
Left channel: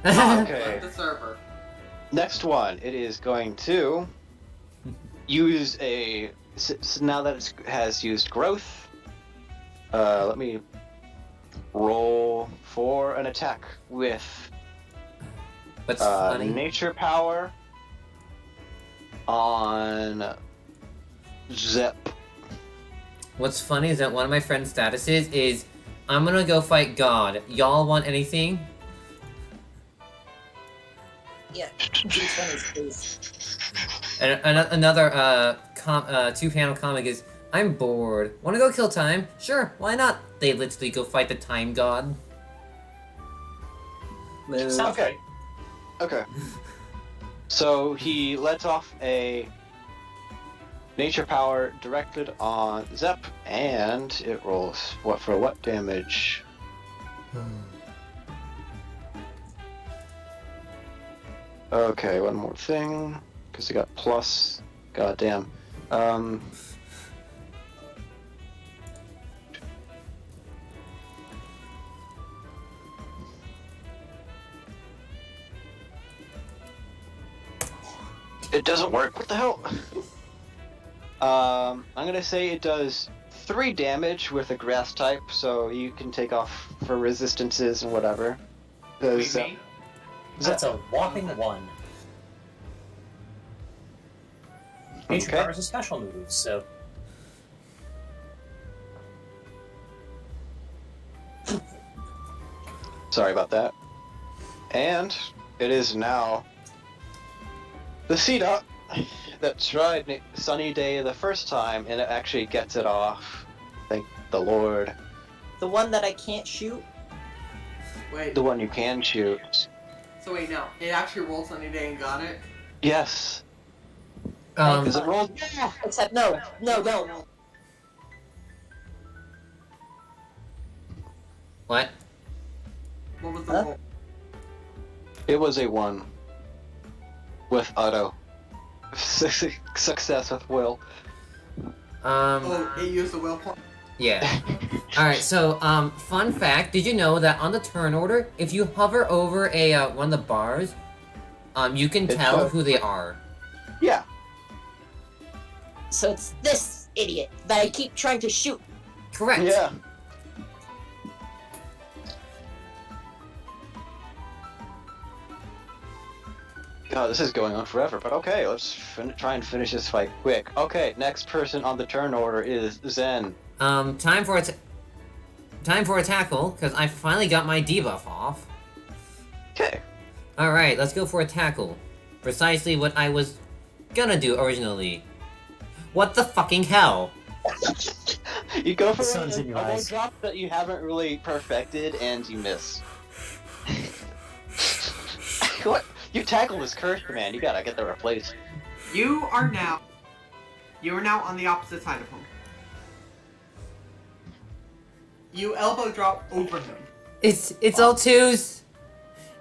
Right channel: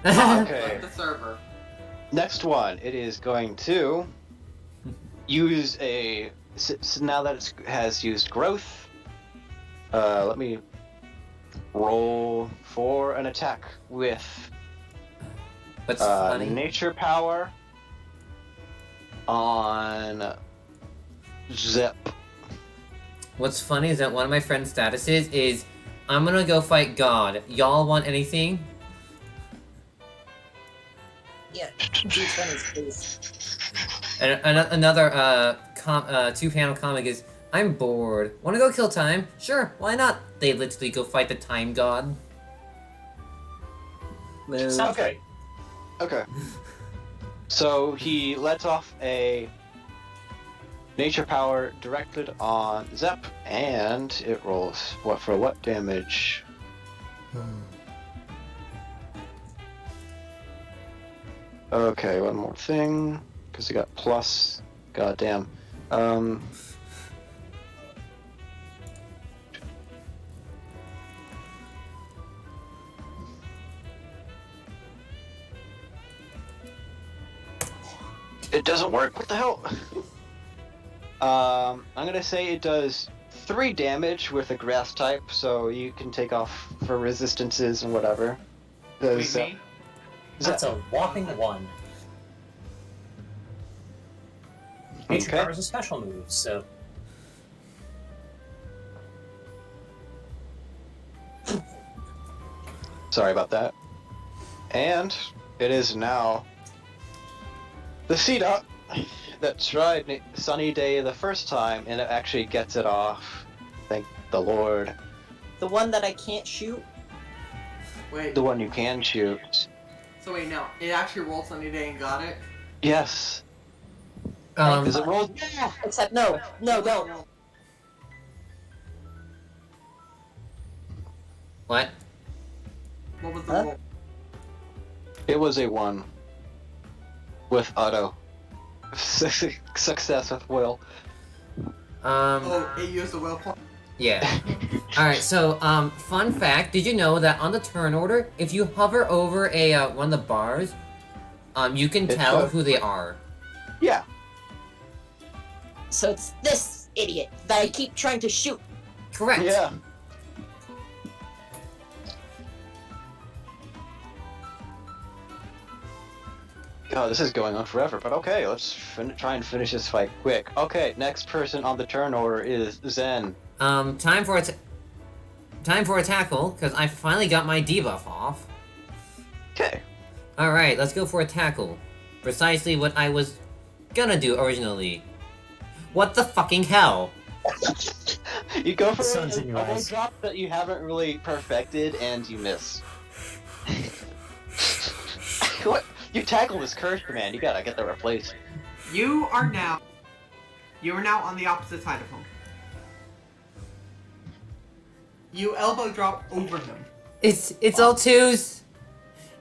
Okay. Like the server. Next one, it is going to use a. So now that it has used growth, Let me roll for an attack with What's funny? nature power on Zep. What's funny is that one of my friend's statuses is, I'm gonna go fight God. Y'all want anything? Yeah, D20s, please. And another two-panel comic is, I'm bored. Wanna go kill time? Sure, why not? They literally go fight the time god. Move. Sounds Okay. Okay. So he lets off a nature power directed on Zep, and it rolls what damage? Okay, one more thing, because I got plus. Goddamn. It doesn't work. What the hell? I'm gonna say it does 3 damage with a grass type, so you can take off for resistances and whatever. Does, That's a whopping 1. Nature Okay. power is a special move, so Sorry about that. And it is now the Cedar that tried Sunny Day the first time, and it actually gets it off. Thank the Lord. The one that I can't shoot? Wait. The one you can shoot. So wait, no. It actually rolled Sunny Day and got it? Yes. Um, Because it rolls. Except no, don't. what? What was the Huh? roll? It was a 1. With auto. Success with will. Oh, it used the will point? Yeah. Alright, so, fun fact, did you know that on the turn order, if you hover over a, one of the bars, you can It tell shows. who they are. Yeah. So it's this idiot that I keep trying to shoot. Correct. Yeah. God, this is going on forever, but okay, let's try and finish this fight quick. Okay, next person on the turn order is Zen. Time for a tackle, because I finally got my debuff off. Okay. Alright, let's go for a tackle. Precisely what I was gonna do originally. What the fucking hell? You go for Sun's a in your elbow eyes. drop that you haven't really perfected, and you miss. What? You tackle is cursed, man. You gotta get that replaced. You are now on the opposite side of him. You elbow drop over him. It's all twos.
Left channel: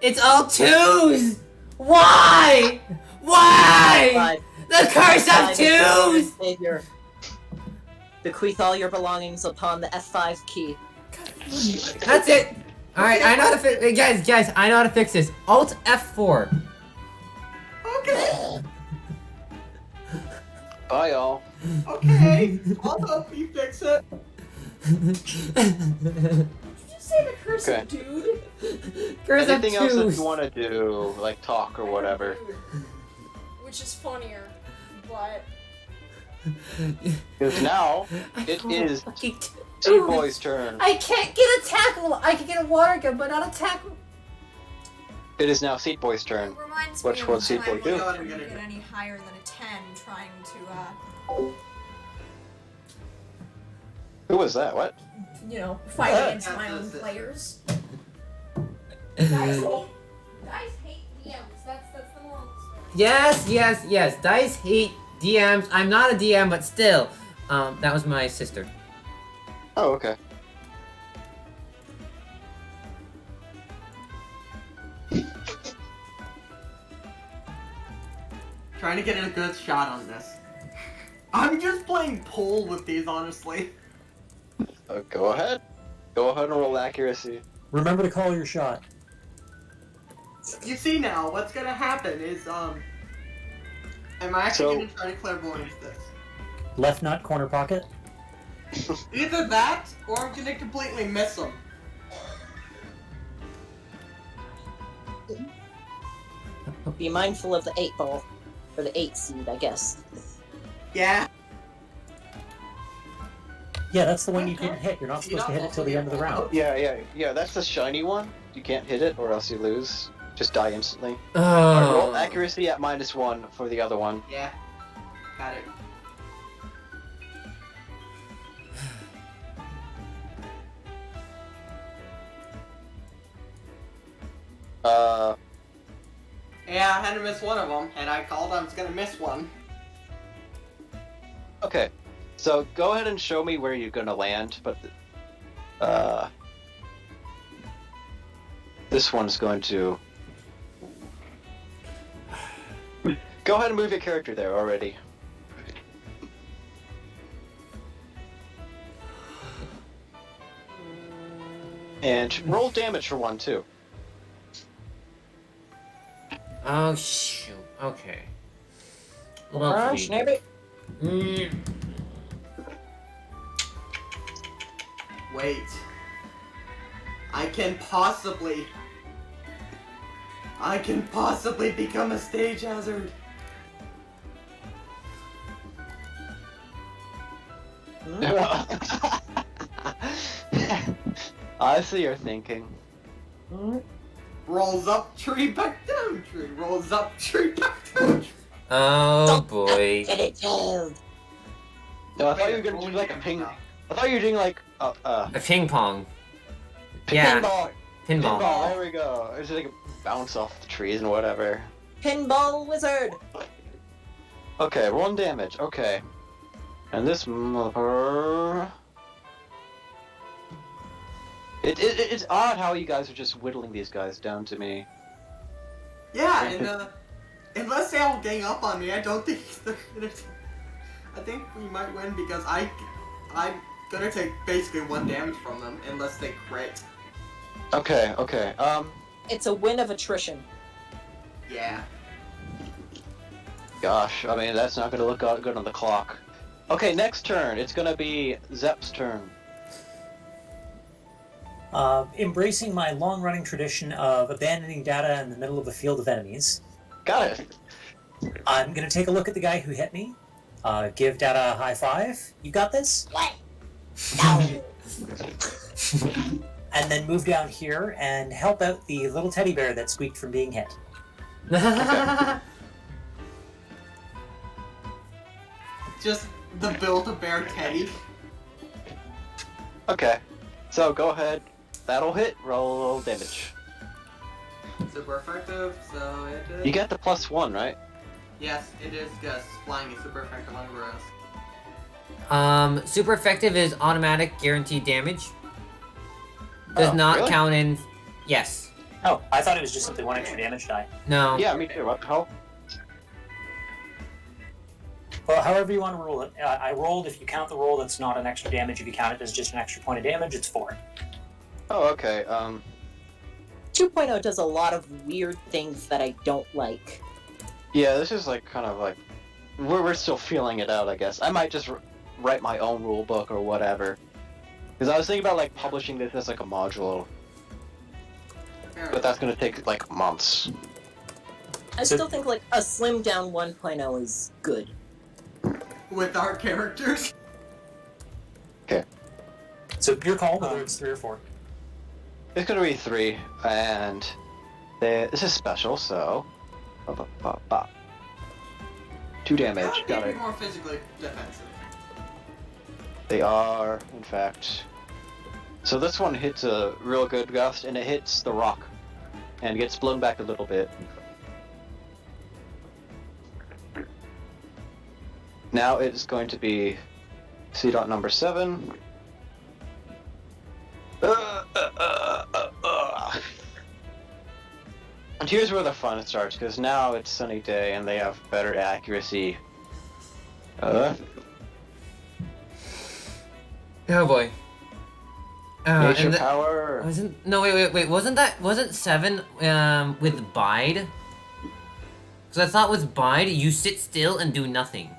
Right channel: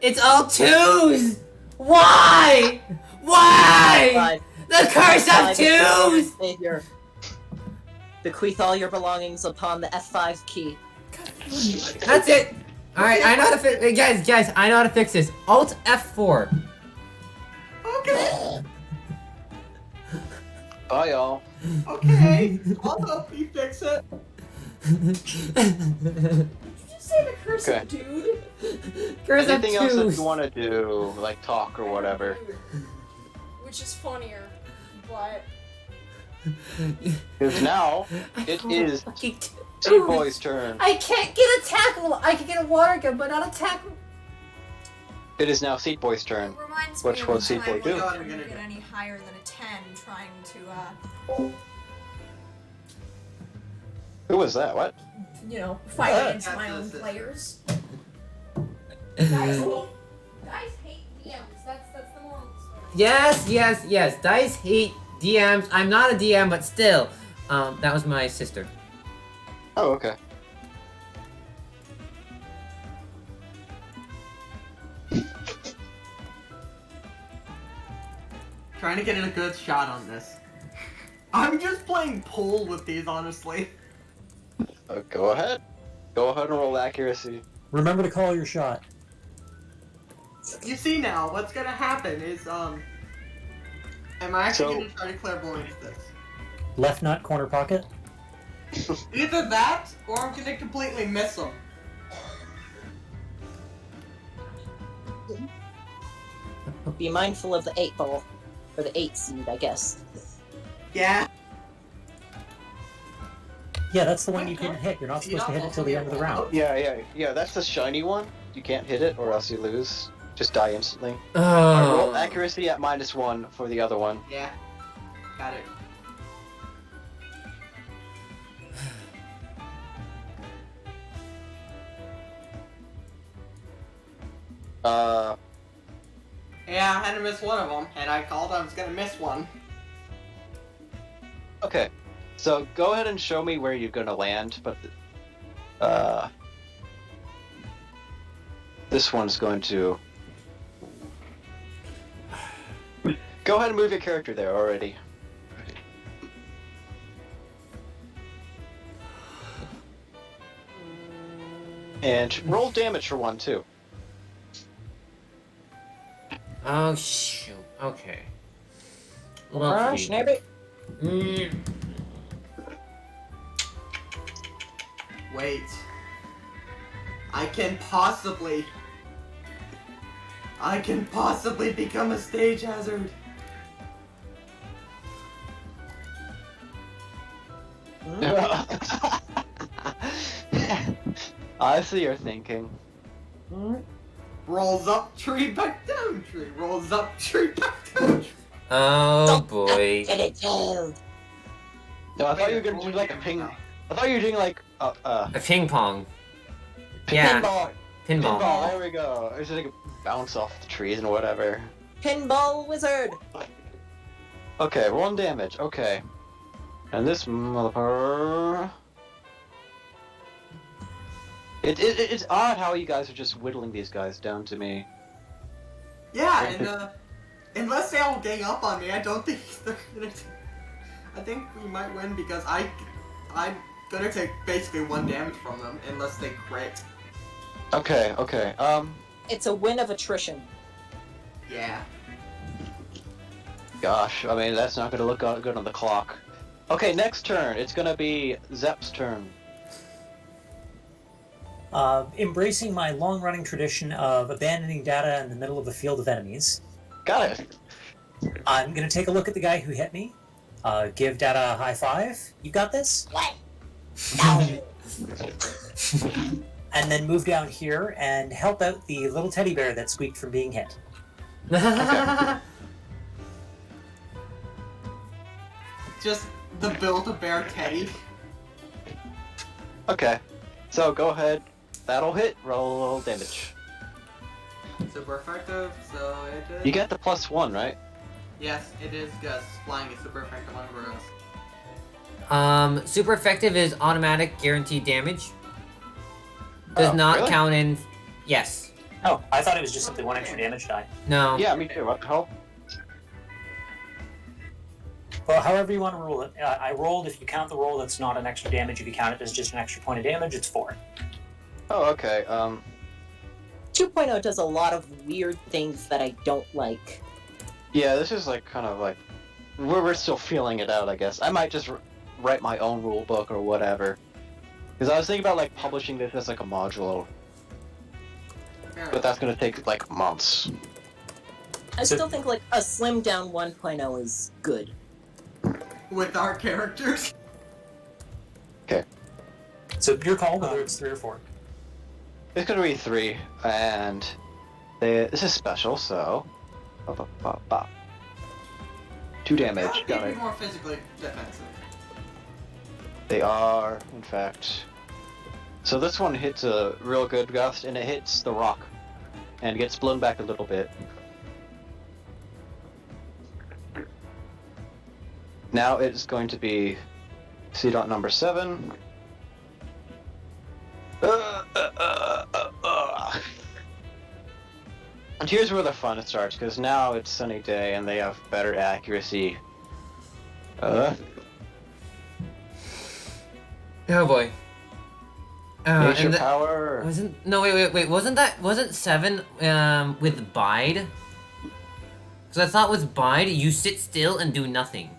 It's all twos! Why? Why? God, The curse of twos! Savior. Bequeath all your belongings upon the F5 key. That's it! Alright, I know how to fix guys, I know how to fix this. Alt F4. Okay. Bye, y'all. Okay. I'll help you fix it. Did you just say the curse Okay. of dude? Curse of Anything else that twos. you want to do, like talk or whatever? Which is funnier, but Because now I it rolled is fucking T-Boy's turn. I can't get a tackle. I can get a water gun, but not a tackle. It is now Seed Boy's it turn. reminds Which me of one the Seed time Boy when do? I couldn't get any higher than a 10 trying to, Who was that? What? fight Yeah. against my own That's players. Guys hate DMs. That's the moral story. Yes. Dice hate DMs. I'm not a DM, but still. That was my sister. Oh, okay. Trying to get a good shot on this. I'm just playing pool with these, honestly. Go ahead. Go ahead and roll accuracy. remember to call your shot. You see now, what's gonna happen is, am I actually So- gonna try to clairvoyance this? Left nut, corner pocket. Either that, or I'm gonna completely miss them. Be mindful of the 8-ball. Or the 8 seed, I guess. Yeah. Yeah, that's the one you didn't hit. You're not supposed to hit it till the end of the round. Yeah, that's the shiny one. You can't hit it or else you lose. Just die instantly. Oh. Roll accuracy at -1 for the other one. Yeah. Got it. Yeah, I had to miss one of them, and I called I was gonna miss one. Okay, so go ahead and show me where you're gonna land, but this one's going to go ahead and move your character there already. And roll damage for one too. Oh shoot. Okay. Ah, Lovely. snap it. Wait. I can possibly become a stage hazard. I see your thinking. Rolls up tree, back down tree. Rolls up tree, back down tree. Oh boy. Get it killed. No, I thought you were gonna do like a ping. I thought you were doing like A ping pong. Yeah. pinball. Pinball. Pinball. There we go. It's just like bounce off the trees and whatever. Pinball wizard. Okay, 1 damage. Okay. And this motherfucker. It's odd how you guys are just whittling these guys down to me. Yeah, and unless they all gang up on me, I don't think they're gonna. I think we might win because I'm gonna take basically 1 damage from them unless they crit. Okay. It's a win of attrition. Yeah. Gosh, I mean that's not gonna look good on the clock. Okay, next turn. It's gonna be Zep's turn. Embracing my long-running tradition of abandoning data in the middle of a field of enemies, Got it. I'm going to take a look at the guy who hit me, give data a high five. You got this? What? And then move down here and help out the little teddy bear that squeaked from being hit. Just the Build-A-Bear Teddy. Okay. So go ahead. That'll hit. Roll damage. Super effective, so it is. You get the +1, right? Yes, it is Gus. Flying is super effective on Gross. Super effective is automatic guaranteed damage. Does Oh, not really? count in. Yes. Oh, I thought it was just simply 1 extra damage die. No. Yeah, me too. What the hell? Well, however you want to roll it. I rolled, if you count the roll, that's not an extra damage. If you count it as just an extra point of damage, it's 4. Oh, okay. 2.0 does a lot of weird things that I don't like. Yeah, this is like kind of like we're still feeling it out, I guess. I might just write my own rule book or whatever. Because I was thinking about like publishing this as like a module, but that's gonna take like months. I still think like a slimmed down 1.0 is good. With our characters. So your call, whether it's 3 or 4. It's gonna be 3, and this is special, so 2 damage. Got Be it. more physically defensive. They are, in fact. So this one hits a real good gust, and it hits the rock, and gets blown back a little bit. Now it's going to be seed dot number 7. And here's where the fun starts, because now it's sunny day and they have better accuracy. Oh boy. Nature And power. wasn't 7 with bide? Because I thought with bide you sit still and do nothing.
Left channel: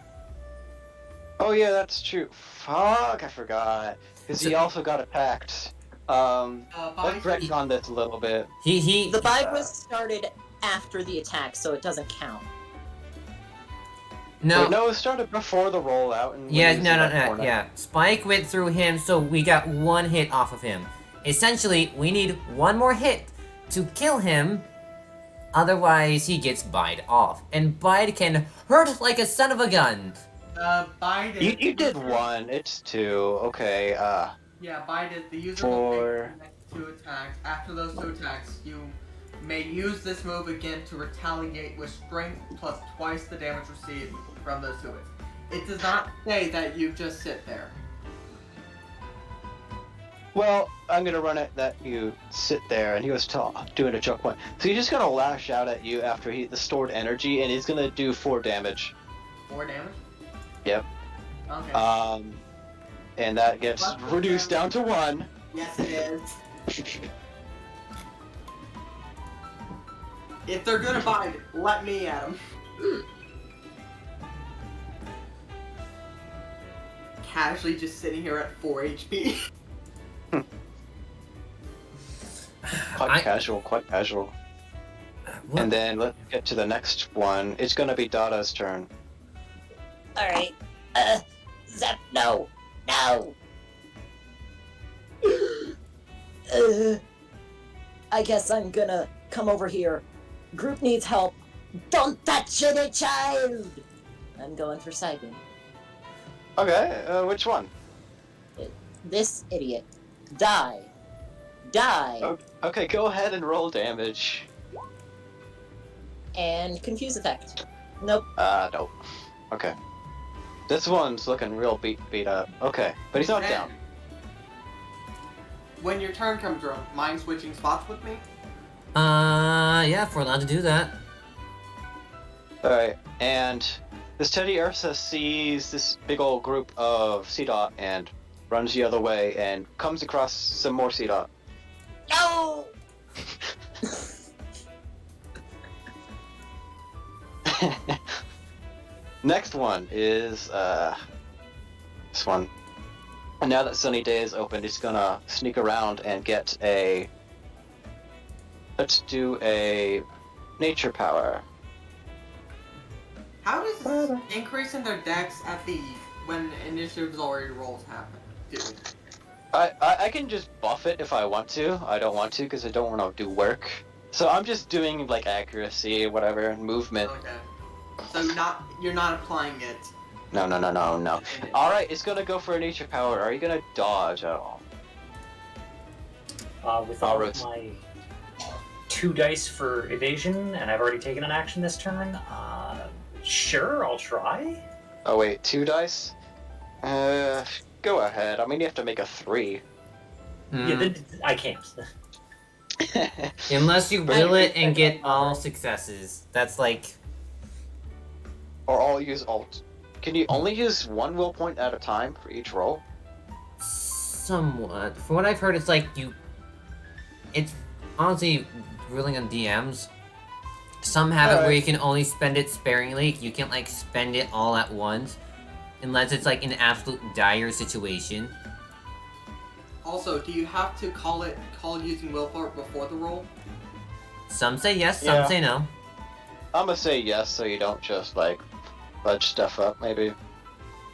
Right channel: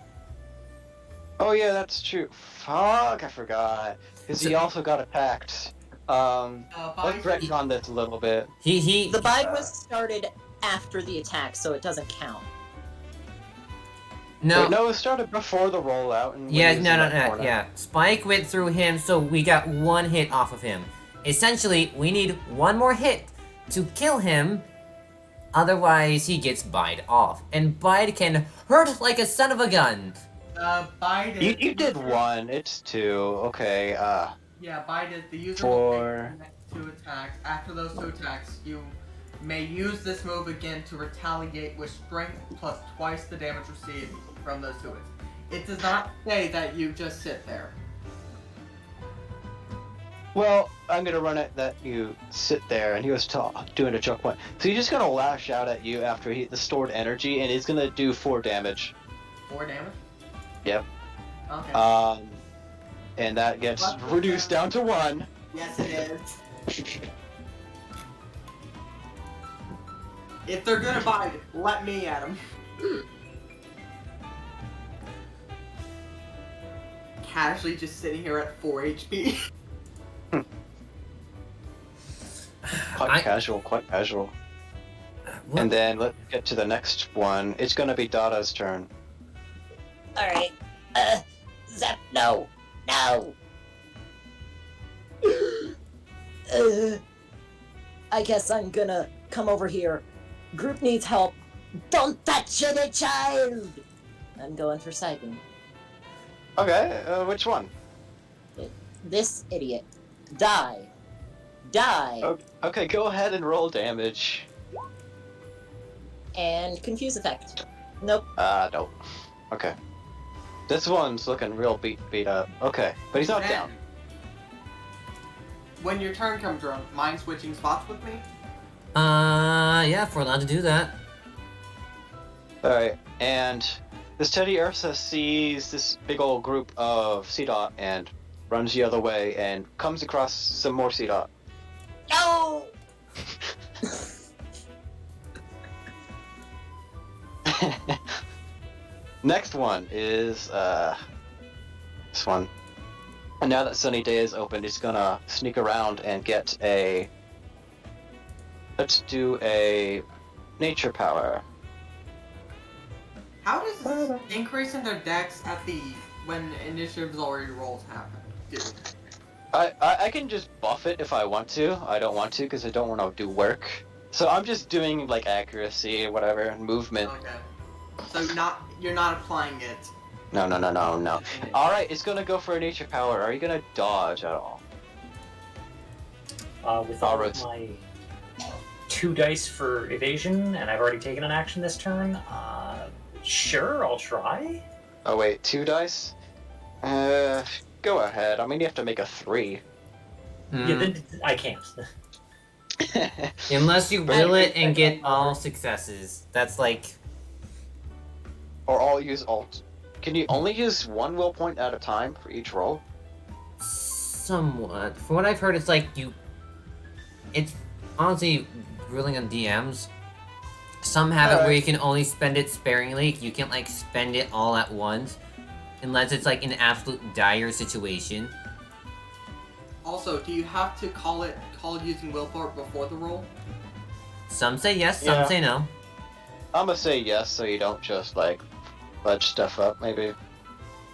Oh yeah, that's true. Fuck, I forgot. Because he So- also got attacked. Let's Buy's retcon this a little bit. He The bide was started after the attack, so it doesn't count. no. Wait, no, it started before the rollout. And when Yeah, he was no, in no, that no, corner. yeah. Spike went through him, so we got one hit off of him. Essentially, we need one more hit to kill him, otherwise he gets Bide off. And Bide can hurt like a son of a gun. Biden. You did one. It's two. Okay. Yeah, Biden. The user will For- make the next 2 attacks. After those 2 attacks, you may use this move again to retaliate with strength plus twice the damage received from those 2 hits. It does not say that you just sit there. Well, I'm gonna run it that you sit there, and he was doing a choke point. So he's just gonna lash out at you after the stored energy, and he's gonna do 4 damage. 4 damage? Yep. Okay. And that gets What? reduced down to 1. Yes, it is. If they're gonna bite, let me at them. Casually just sitting here at 4 HP. Quite casual, quite casual. What? And then let's get to the next one. It's gonna be Dada's turn. Alright. Zep, no. No. I guess I'm gonna come over here. Group needs help. Don't touch any child! I'm going for Saigon. Okay, which one? This idiot. Die. Die. Okay, go ahead and roll damage. And confuse effect. Nope. Nope. Okay. This one's looking real beat up. Okay, but he's not Then, down. When your turn comes around, mind switching spots with me? Yeah, if we're allowed to do that. Alright, and this Teddy Ursa sees this big old group of CDOT and runs the other way and comes across some more CDOT. No! Next one is this one. And now that Sunny Day is open, he's gonna sneak around and get a. Let's do a nature power. How does this increase in their dex at the when initiatives already rolled happen? Dude. I can just buff it if I want to. I don't want to because I don't want to do work. So I'm just doing like accuracy, whatever, movement. Okay. So you're not applying it. No. Alright, it's gonna go for a nature power. Are you gonna dodge at all? With all Alright. of my 2 dice for evasion, and I've already taken an action this turn, sure, I'll try. Oh wait, 2 dice? Go ahead. I mean, you have to make a 3. Yeah, then I can't. Unless you will it and get all successes. That's like... Or I'll use alt. Can you only use 1 will point at a time for each roll? Somewhat. From what I've heard, it's like you... It's honestly ruling on DMs. Some have it where you can only spend it sparingly. You can't like spend it all at once. Unless it's like an absolute dire situation. Also, do you have to call using willpower before the roll? Some say yes, some Yeah. say no. I'm gonna say yes so you don't just like fudge stuff up, maybe.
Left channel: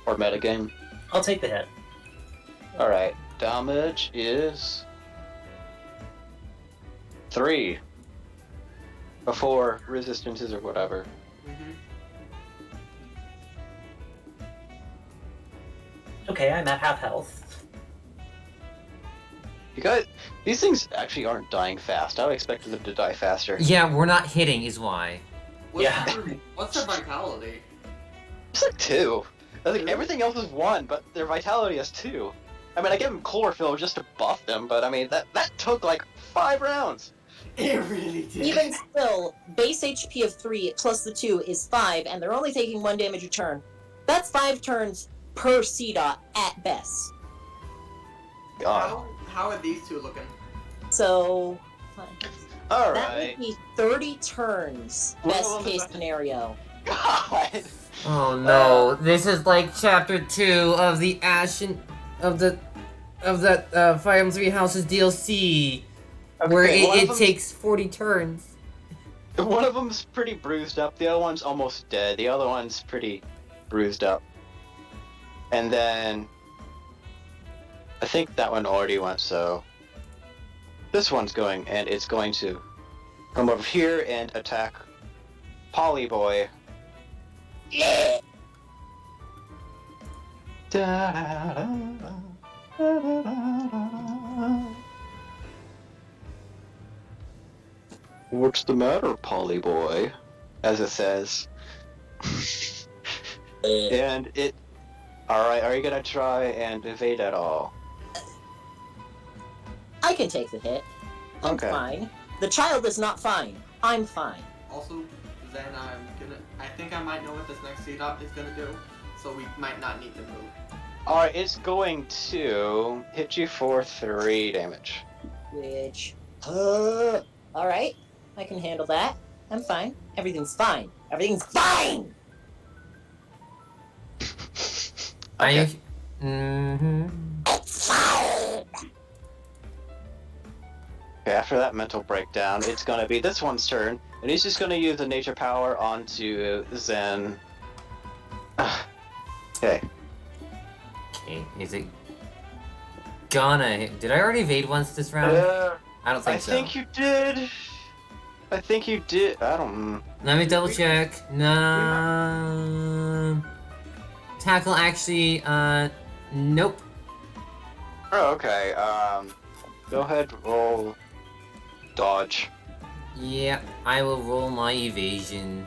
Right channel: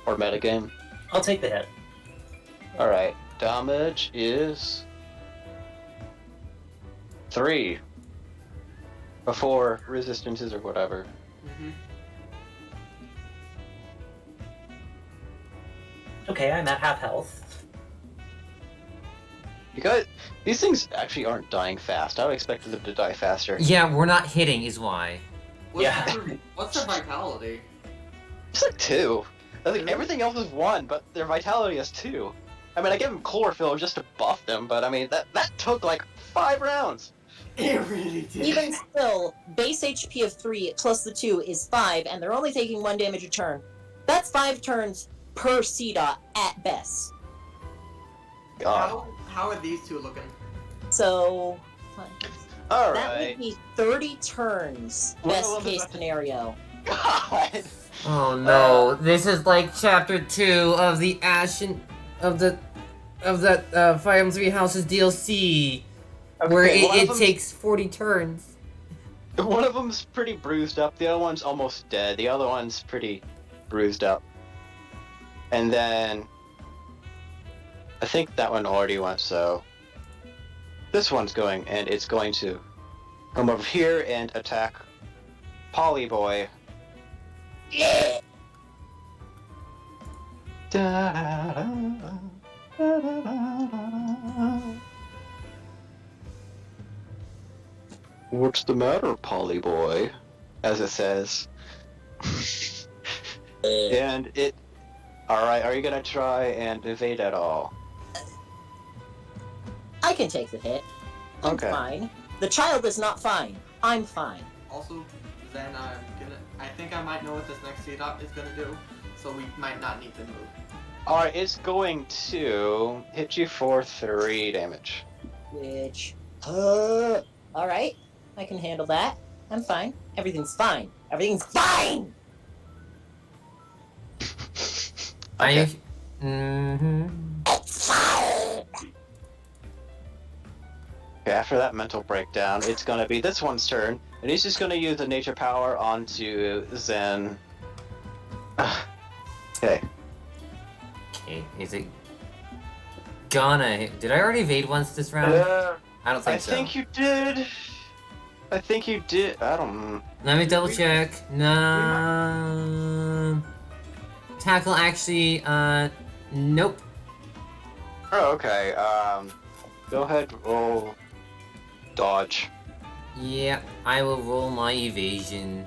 Or metagame. I'll take the hit. Alright, damage is 3. Before resistances or whatever. Mm-hmm. Okay, I'm at half health. You guys, these things actually aren't dying fast. I would expect them to die faster. Yeah, we're not hitting is why. What's their vitality? It's like 2. I think everything else is 1, but their vitality is 2. I mean, I gave them chlorophyll just to buff them, but I mean, that took like 5 rounds. It really did. Even still, base HP of 3 plus the 2 is 5, and they're only taking 1 damage a turn. That's 5 turns per CDOT at best. God. How are these two looking? So, that Alright. would be 30 turns, One of best them is case actually- scenario. God. Oh no, this is like chapter 2 of the Ashen of that Fire Emblem Three Houses DLC, where Okay, one of it them- takes 40 turns. One of them's pretty bruised up. The other one's almost dead. The other one's pretty bruised up. And then I think that one already went. So this one's going, and it's going to come over here and attack Polly Boy. What's the matter, Polly Boy? As it says. And it... Alright, are you gonna try and evade at all? I can take the hit. I'm Okay. fine. The child is not fine. I'm fine. Also, then I think I might know what this next C-Dot is gonna do, so we might not need to move. Alright, it's going to hit you for 3 damage. Which, alright. I can handle that. I'm fine. Everything's fine. Everything's fine! Are you? Okay. Mm-hmm. It's fine! Okay, after that mental breakdown, it's gonna be this one's turn, and he's just gonna use the nature power onto Zen. Okay. Okay, is it gonna hit? Did I already evade once this round? I don't think I so. think you did. I think you did. I don't. Let me double check. No. Tackle actually, nope. Oh, okay. Go ahead, roll. Dodge. Yeah, I will roll my evasion.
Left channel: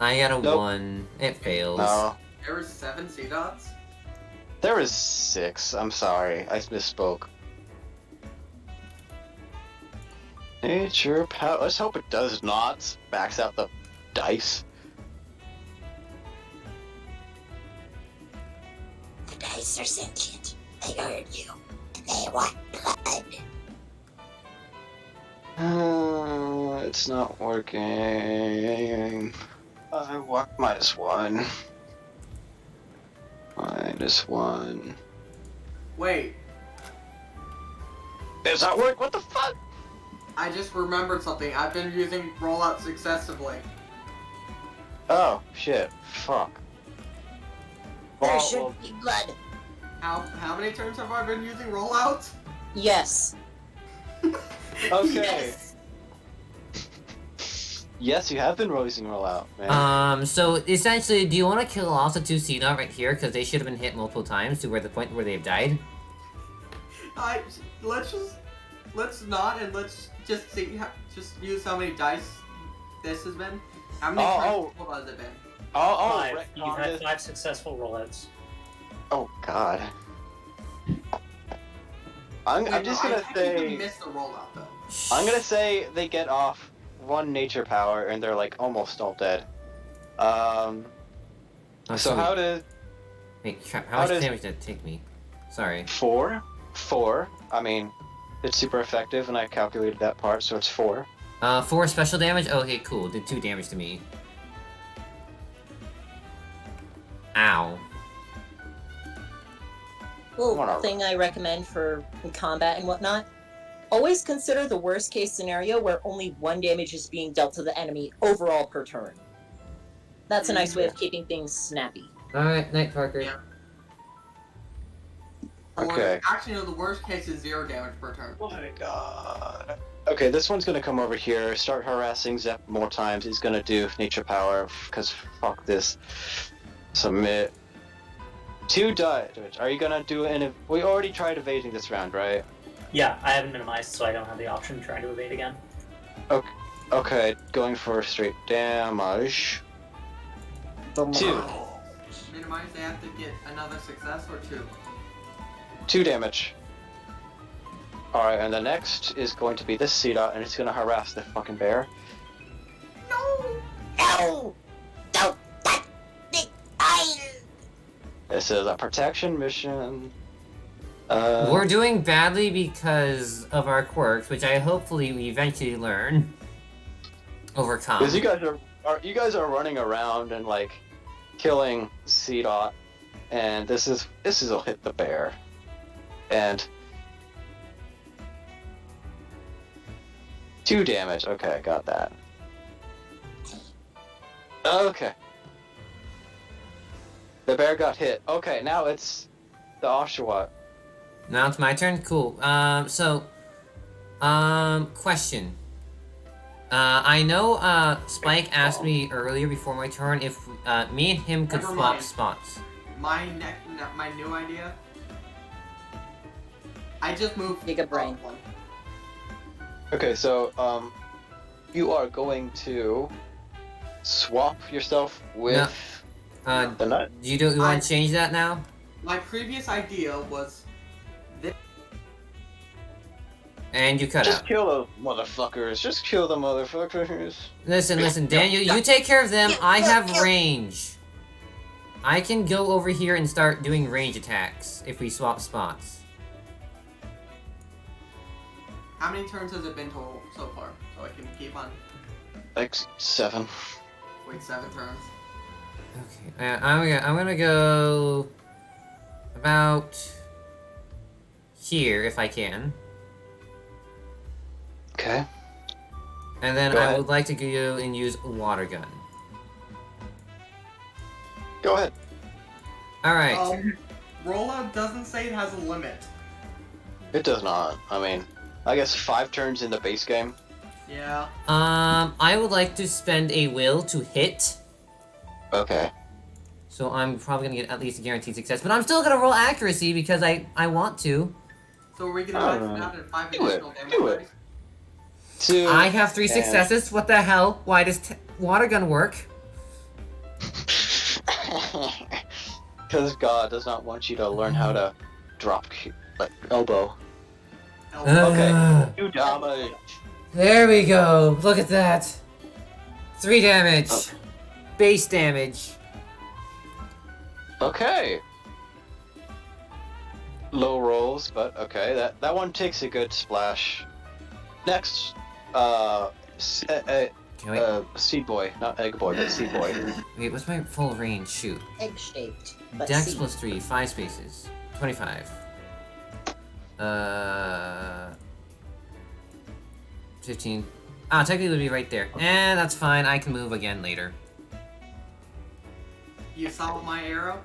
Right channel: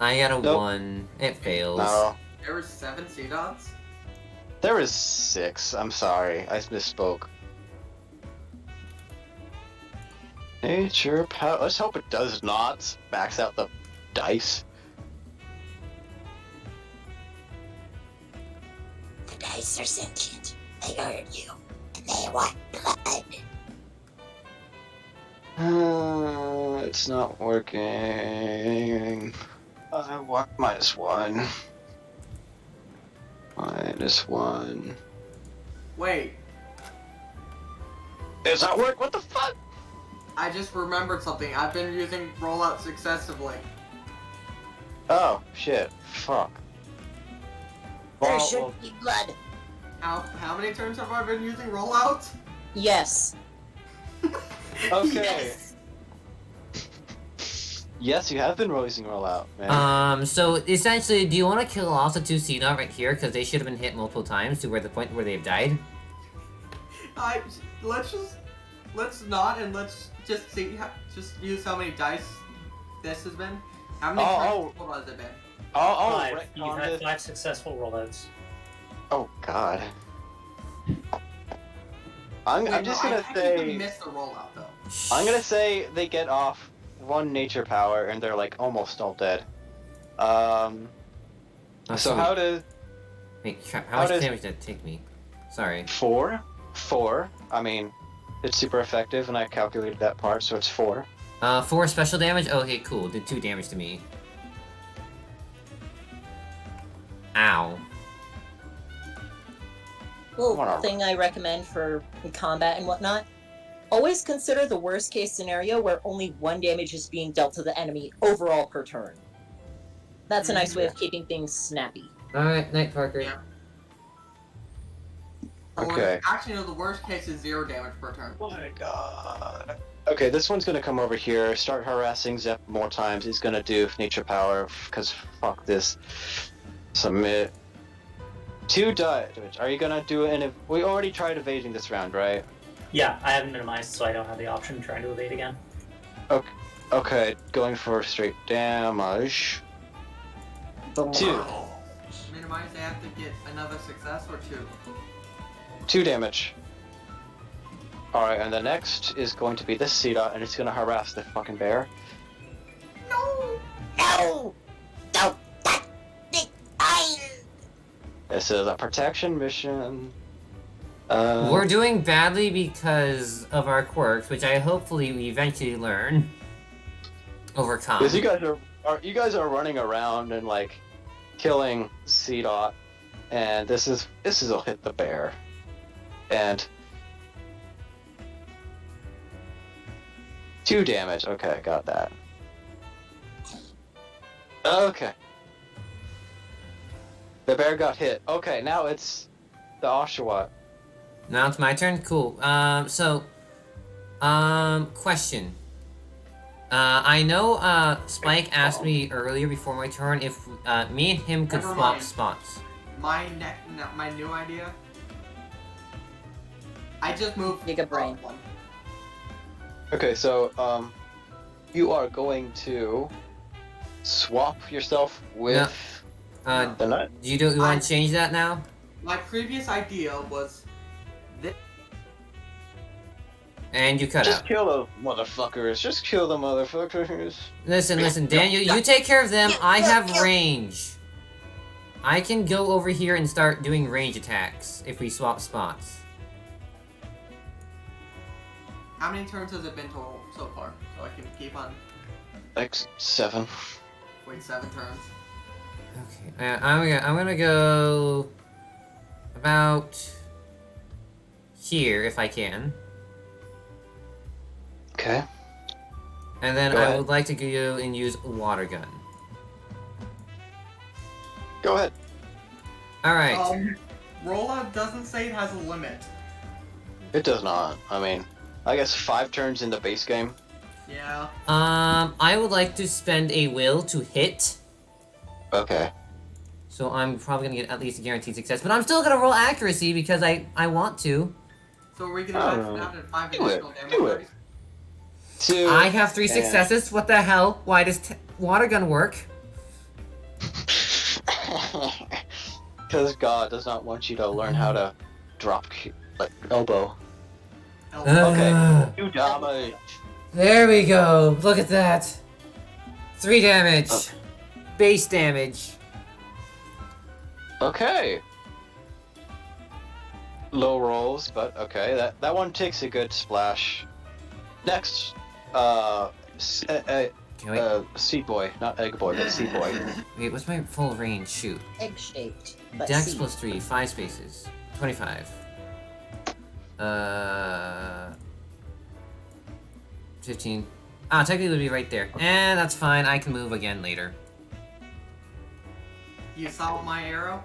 I got a Nope. 1. It fails. No. There were 7 C-Dots? There was 6. I'm sorry. I misspoke. Nature power. Let's hope it does not max out the dice. The dice are sentient. They heard you. And they want blood. It's not working. I want -1. -1. Wait, It's not working. What the fuck? I just remembered something. I've been using rollout successively. Oh shit! Fuck. There Well, should well, be blood. How many turns have I been using rollout? Yes. okay. Yes. Yes, you have been using rollout, man. So essentially, do you want to kill off the 2 C-Dot right here? Because they should have been hit multiple times to where the point where they've died? Let's not, and let's just see, just use how many dice this has been. How many Oh, turns total has it been? Oh, 5. right, You've had 5 successful rollouts. Oh god. I'm Wait, just no, gonna I technically say. missed the rollout though. I'm gonna say they get off 1 nature power and they're like almost all dead. Oh, So how to Wait, crap, how how much does- damage did it take me? Sorry. 4? 4. I mean, it's super effective, and I calculated that part, so it's 4. 4 special damage? Okay, cool. Did 2 damage to me. Ow. Well, Whatever. thing I recommend for combat and whatnot. Always consider the worst case scenario where only 1 damage is being dealt to the enemy overall per turn. That's a nice way of keeping things snappy. Alright, Night Parker. Yeah. Or, Okay. actually, no, the worst case is 0 damage per turn. Oh my god. Okay, this one's gonna come over here, start harassing Zep more times. He's gonna do nature power, because fuck this. Submit. 2 damage. Are you gonna do an... We already tried evading this round, right? Yeah, I haven't minimized, so I don't have the option of trying to evade again. Okay, going for straight damage. 2. Minimize, they have to get another success or 2. 2 damage. Alright, and the next is going to be this C-Dot, and it's gonna harass the fucking bear. No! No! Don't touch the iron! This is a protection mission. We're doing badly because of our quirks, which I hopefully we eventually learn. overcome. Because you guys are running around and like killing C-Dot, and this will hit the bear, and 2 damage. Okay, got that. Okay. The bear got hit. Okay, now it's the Oshawott. Now it's my turn? Cool. Question. I know, Spike asked me earlier before my turn if, me and him could Never swap mind. spots. My new idea. I just moved. Giga brain. up one. Okay, so you are going to swap yourself with the nut. You want to change that now? My previous idea was And you cut Just out. kill the motherfuckers. Just kill the motherfuckers. Listen, Daniel, you take care of them. I have range. I can go over here and start doing range attacks if we swap spots. how many turns has it been total so far? So I can keep on. Like 7. Wait, 7 turns. Okay, I'm gonna go about here if I can, Okay. and then Go I ahead. would like to go and use a water gun. Go ahead. All right. Rolla doesn't say it has a limit. It does not. I mean, I guess 5 turns in the base game. Yeah. I would like to spend a will to hit, Okay. so I'm probably gonna get at least a guaranteed success. But I'm still gonna roll accuracy because I want to. So are we gonna max it out at 5 additional damage? 2. I have 3 and- successes. What the hell? Why does water gun work? Because God does not want you to learn how to drop like elbow. Ugh. You damage. There we go. Look at that. 3 damage. Oh. Base damage. Okay. Low rolls, but okay. That one takes a good splash. Next, Okay, wait. Seed Boy, not Egg Boy, but Seed Boy. Wait, what's my full range? Shoot. Egg-shaped. but Dex seed. plus 3, 5 spaces. 25. 15. Ah, technically it would be right there. That's fine. I can move again later. You saw my arrow?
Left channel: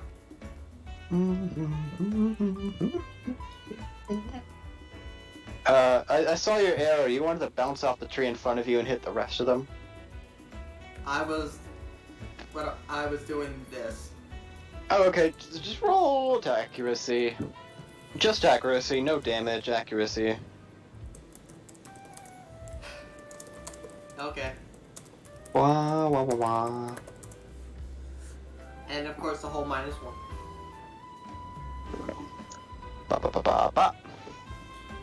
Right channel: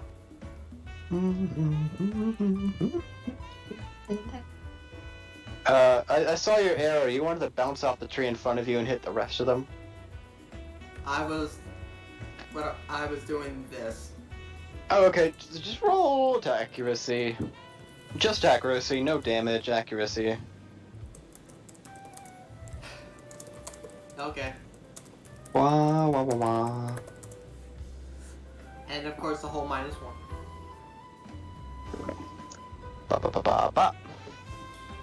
I saw your arrow. You wanted to bounce off the tree in front of you and hit the rest of them. I was doing this. Oh, okay. Just roll to accuracy. Just accuracy, no damage, accuracy. Okay. Wah, wah, wah, wah. And of course the whole -1. Ba, ba, ba, ba, ba.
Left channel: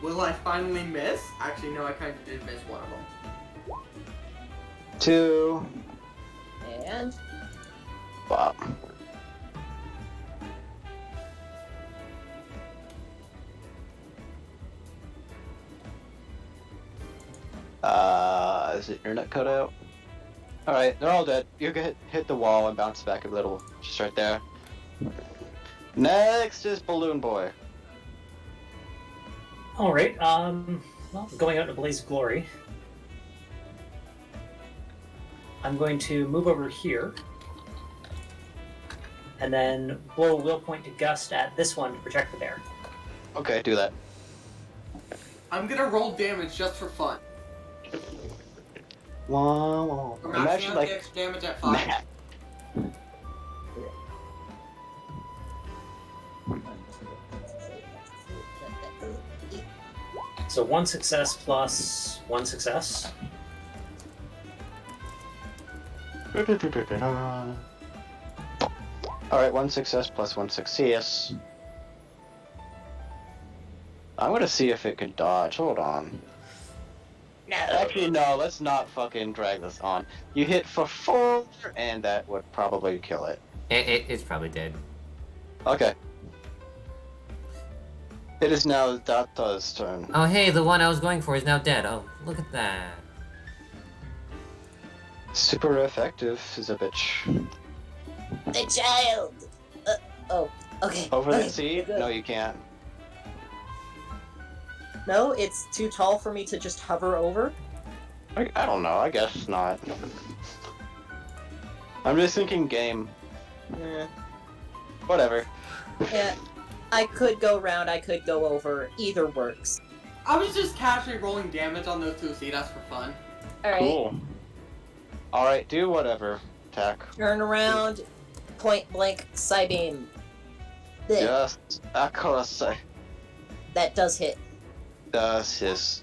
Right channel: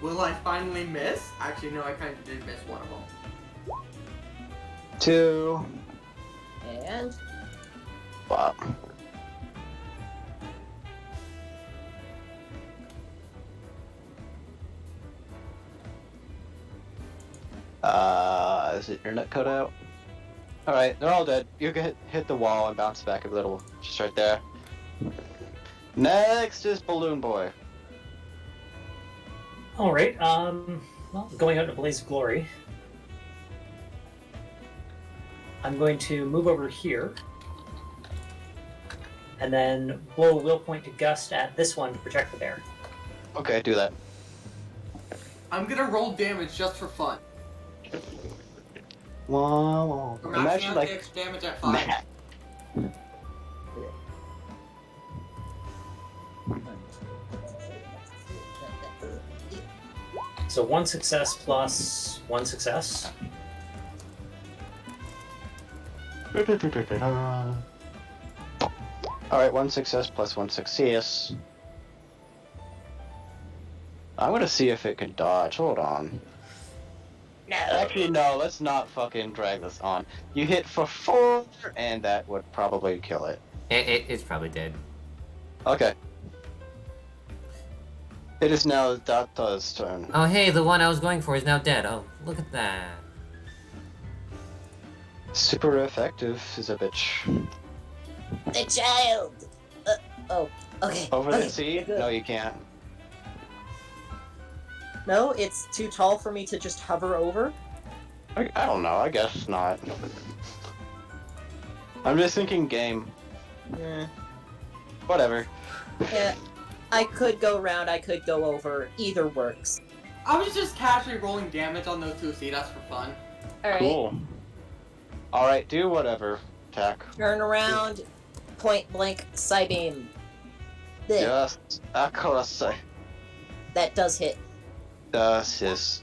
Will I finally miss? Actually, no, I kind of did miss one of them. 2. And Wow. Is it internet cut out? Alright, they're all dead. You can hit the wall and bounce back a little. Just right there. Next is Balloon Boy. All right. Well, going out in a blaze of glory. I'm going to move over here, and then blow a will point to Gust at this one to protect the bear. Okay, do that. I'm gonna roll damage just for fun. Wah, wah. We're maxing Imagine out like the extra damage at 5. Matt. So 1 success plus 1 success. Alright, 1 success plus 1 success. I'm gonna see if it can dodge. Hold on. No. Actually, no, let's not fucking drag this on. You hit for 4, and that would probably kill it. It's probably dead. Okay. It is now Data's turn. Oh, hey, the one I was going for is now dead. Oh, look at that. Super effective is a bitch. The child. Oh. Okay. Over okay, the sea? good. No, you can't. No, it's too tall for me to just hover over. I don't know. I guess not. I'm just thinking game. Yeah. Whatever. Yeah. I could go round. I could go over. Either works. I was just casually rolling damage on those two Cedas for fun. All right. Cool. All right, do whatever. Attack. Turn around. Point blank. Psybeam. There. Yes. Accuracy. That does hit. Does his.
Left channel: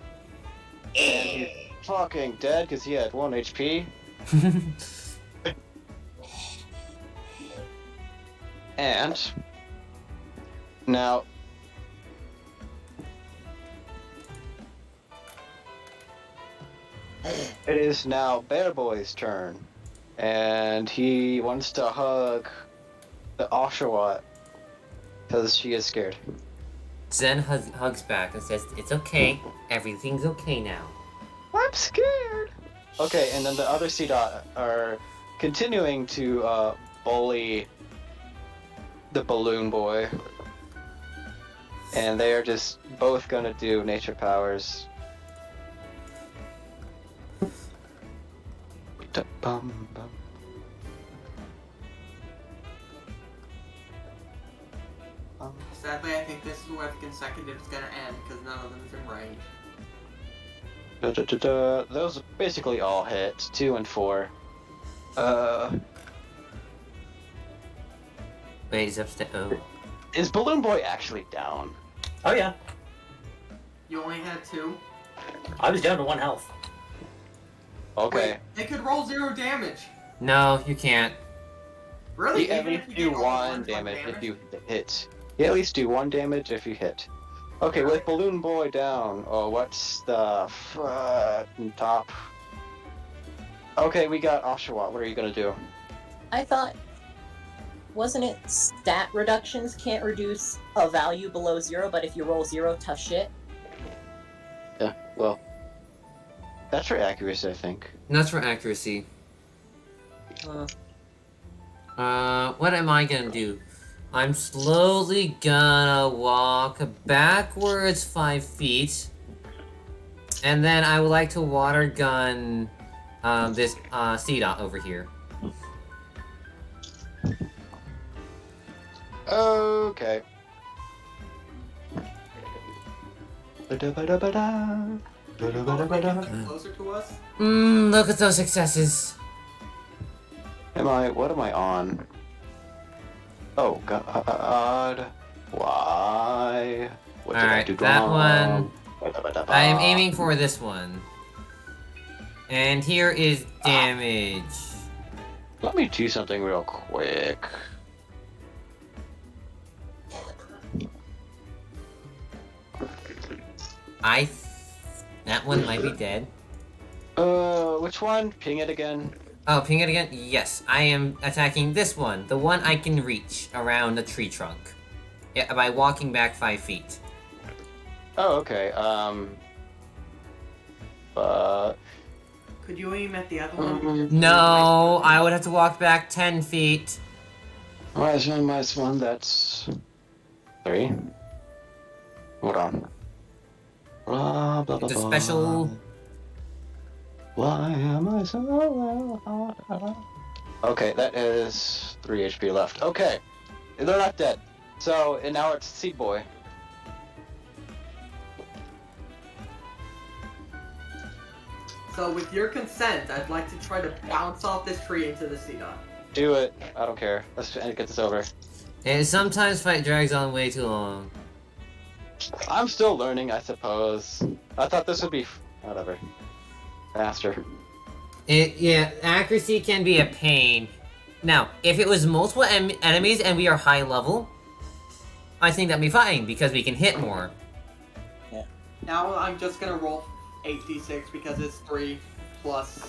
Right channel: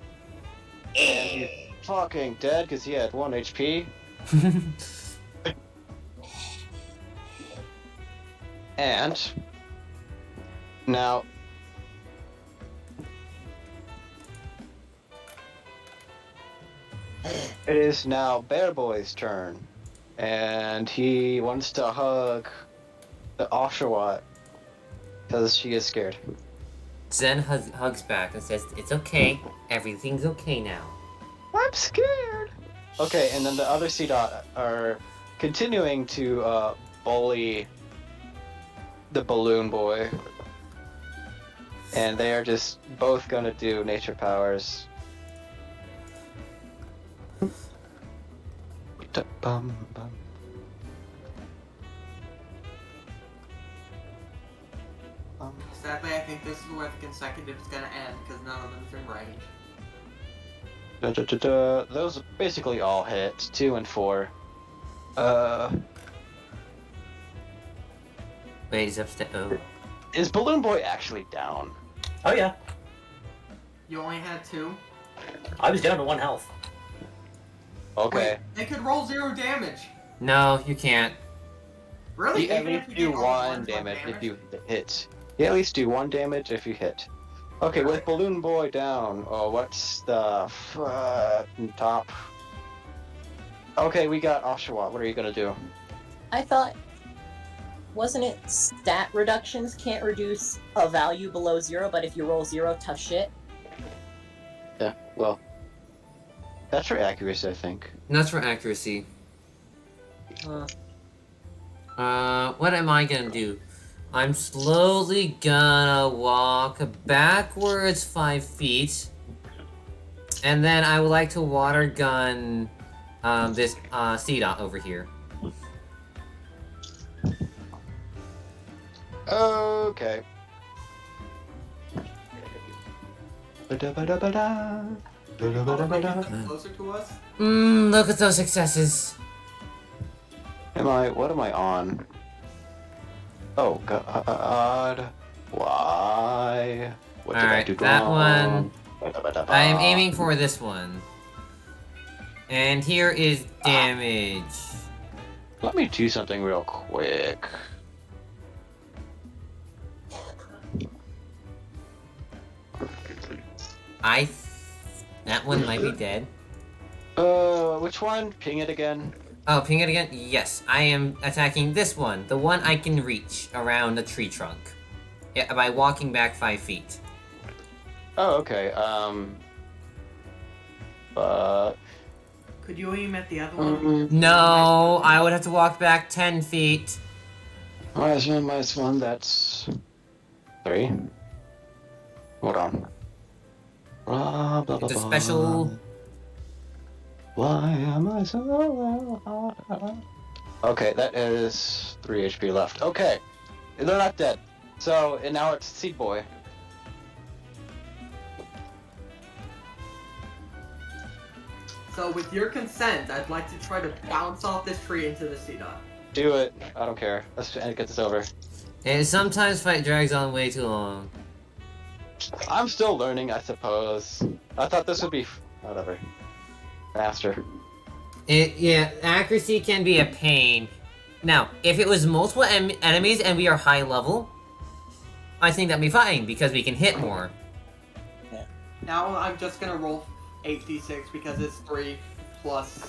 And he's fucking dead because he had 1 HP. And now it is now Bear Boy's turn, and he wants to hug the Oshawott because she is scared. Zen hugs back and says, "It's okay. Everything's okay now." I'm scared. Okay, and then the other C-Dot are continuing to bully the Balloon Boy. And they are just both gonna do nature powers. Sadly, I think this is where the consecutive is gonna end because none of them's in range. Those basically all hit. 2 and 4. Wait, he's upstairs. Oh. Is Balloon Boy actually down? Oh yeah, You only had 2. I was down to 1 health. Okay. Wait, they could roll 0 damage. No, you can't. Really? You at Even least if do you get all 1 ones damage like if you hit. You at least do 1 damage if you hit. Okay, with Balloon Boy down, what's the top? Okay, we got Oshawott. What are you gonna do? I thought, wasn't it stat reductions can't reduce a value below 0, but if you roll 0, tough shit? Yeah, well, that's for accuracy, I think. That's for accuracy. Uh, What am I gonna do? I'm slowly gonna walk backwards 5 feet. And then I would like to water gun this C-Dot over here. Okay. closer to us? Look at those successes. What am I on? Oh god. Why? What did I Alright, do that wrong? I am aiming for this one. And here is damage. Let me do something real quick. That one might be dead. Which one? Ping it again. Oh, ping it again? Yes, I am attacking this one. The one I can reach around the tree trunk. Yeah, by walking back 5 feet. Oh, okay. Could you aim at the other one? No, I would have to walk back 10 feet. -1, that's 3. Hold on. Blah, blah, It's a blah, special... Why am I so... Okay, that is 3 HP left. Okay, they're not dead. So, and now it's Seed Boy. So with your consent, I'd like to try to bounce off this tree into the C-Dot. Do it. I don't care. Let's get this over. And sometimes fight drags on way too long. I'm still learning, I suppose. I thought this would be... whatever. Faster. Yeah, accuracy can be a pain. Now, if it was multiple enemies and we are high level, I think that'd be fine, because we can hit more. Now I'm just gonna roll 8d6 because it's 3 plus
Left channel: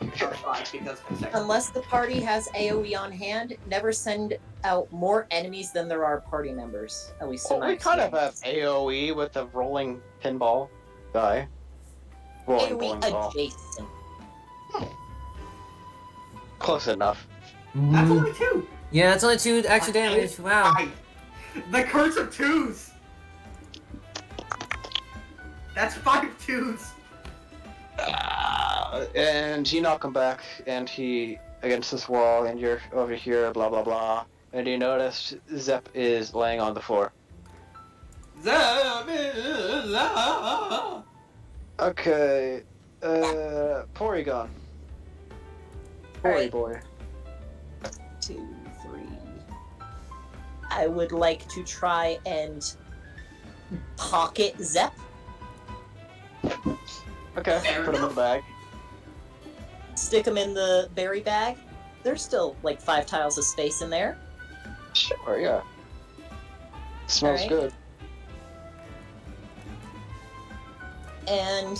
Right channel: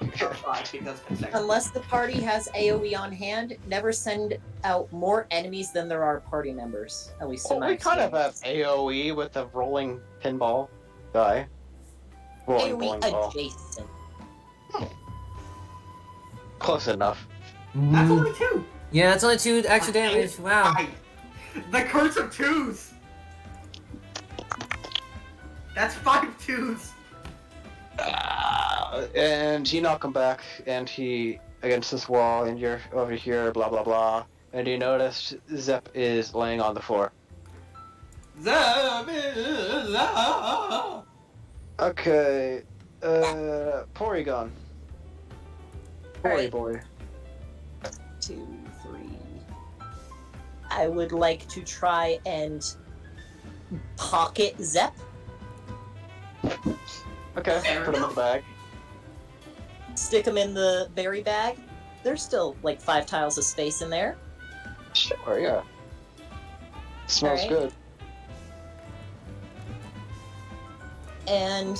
5 because consecutive. unless the party has AoE on hand, never send out more enemies than there are party members. At least in Well, my we kind of have experience. AoE with the rolling pinball guy. Rolling AoE bowling ball. adjacent. Close enough. That's only 2. Yeah, that's only 2 extra damage. Wow. The curse of 2s. That's 5 2s. And you knock him back, and he against this wall, and you're over here, blah blah blah. And you notice Zep is laying on the floor. Okay, Porygon. Alright. Boy. 2, 3. I would like to try and pocket Zep. Okay, put him in the bag. Stick him in the berry bag. There's still like 5 tiles of space in there. Sure, yeah. Smells Alright. good. And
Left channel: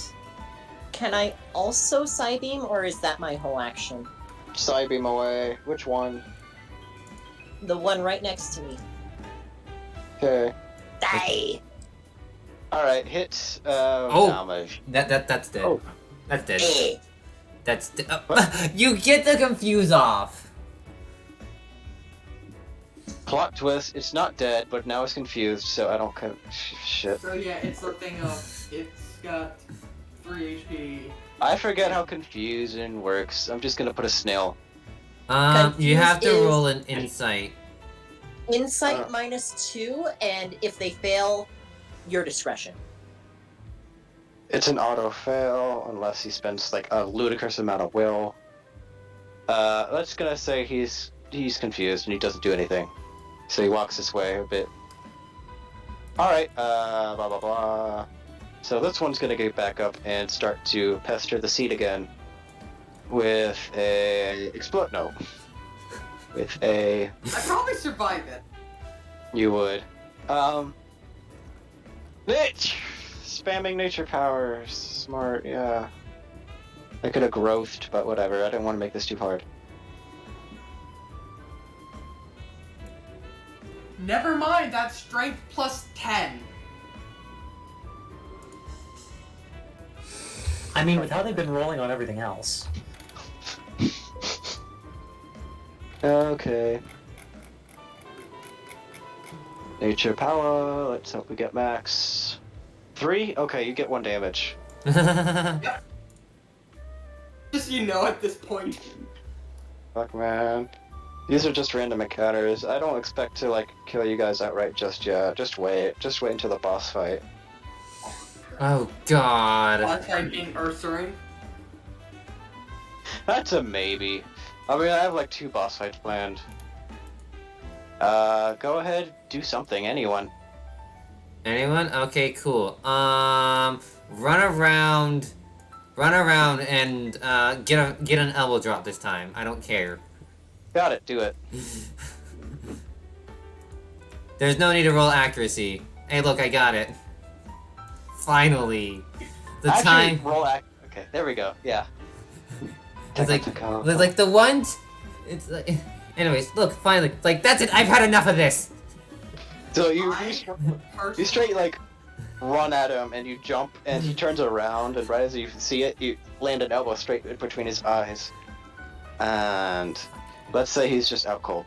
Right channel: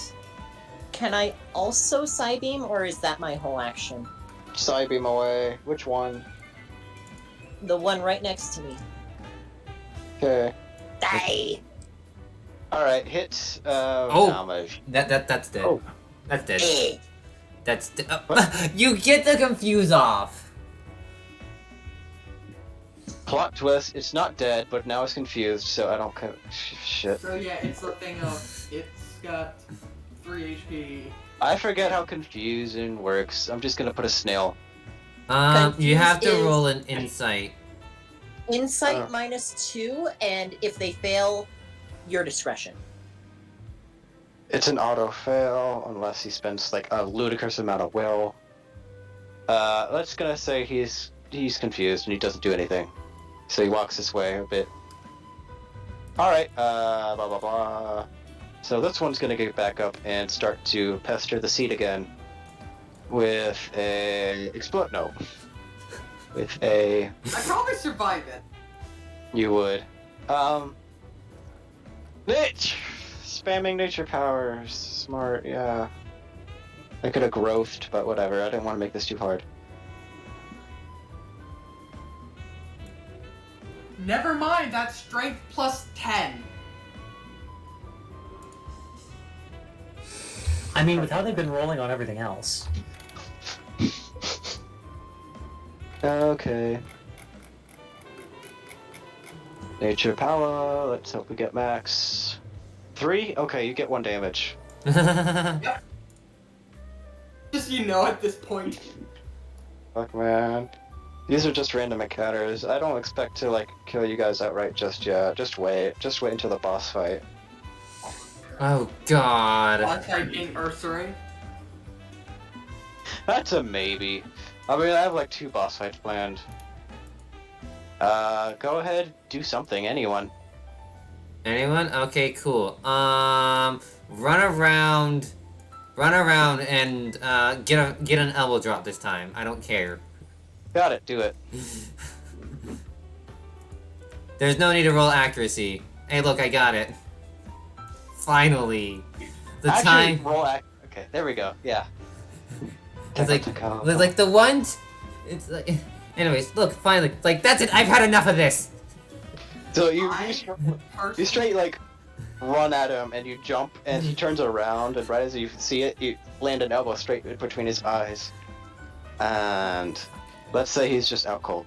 can I also Psybeam, or is that my whole action? Psybeam away. Which one? The one right next to me. Okay. Die! Alright, hit Oh. damage. That's dead. Oh. That's dead. Eh. That's you get the confuse off. Plot twist, it's not dead, but now it's confused, so I don't shit. So yeah, it's the thing of it's got 3 HP. I forget how confusion works. I'm just gonna put a snail. You have to Confuse is- roll an insight. Insight -2, and if they fail, your discretion. It's an auto fail unless he spends like a ludicrous amount of will. Let's gonna say he's confused and he doesn't do anything. So he walks this way a bit. Alright, blah blah blah. So this one's gonna get back up and start to pester the seat again. With a explode with a I'd probably survive it. you would. Spamming nature powers. Smart, yeah. I could have growthed, but whatever. I didn't want to make this too hard. Never mind, that's strength plus 10. I mean, with how they've been rolling on everything else. Okay. Nature power. Let's hope we get max. 3? Okay, you get 1 damage. Just at this point. Fuck, man. These are just random encounters. I don't expect to, like, kill you guys outright just yet. Just wait. Just wait until the boss fight. Oh god. Alongside being Ursaring. That's a maybe. I mean, I have, like, 2 boss fights planned. Go ahead. Do something. Anyone. Anyone? Okay, cool. Run around and get an elbow drop this time. I don't care. Got it. Do it. There's no need to roll accuracy. Hey, look, I got it. Finally, the Actually, time. Okay, there we go. Yeah. It's like the one. It's like. Anyways, look, finally, like that's it. I've had enough of this. So you straight like run at him and you jump and he turns around and right as you see it, you land an elbow straight between his eyes. And let's say he's just out cold.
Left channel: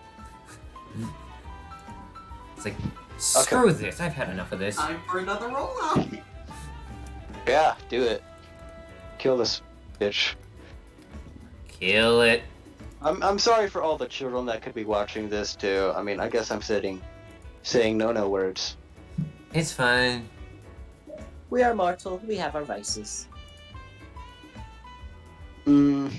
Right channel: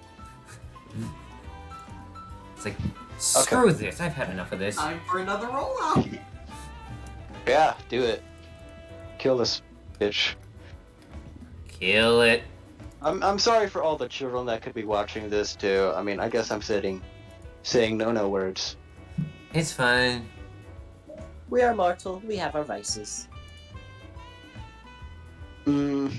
It's like, screw this. I've had enough of this. Time for another rollout. Yeah, do it. Kill this bitch. Kill it. I'm sorry for all the children that could be watching this too. I mean, I guess I'm saying no words. It's fine. We are mortal. We have our vices. Mm.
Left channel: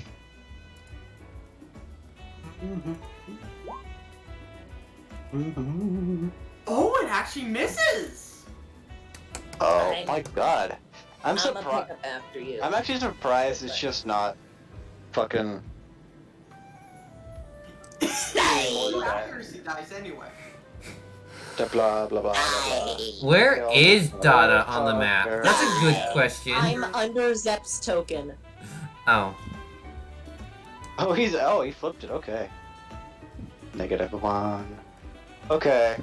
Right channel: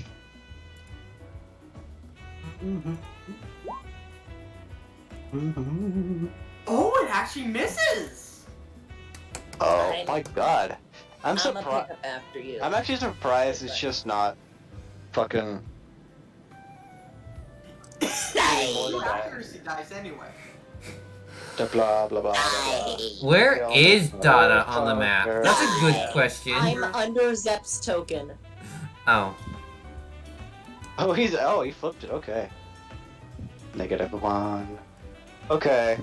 Oh, it actually misses. Oh my god. I'm I'ma pick surprised. up after you. I'm actually surprised it's just not fucking. Accuracy dice anyway. Blah blah blah blah blah. Where is Dada on the map? That's a good question. I'm under Zep's token. Oh. Oh, he flipped it. Okay. -1. Okay.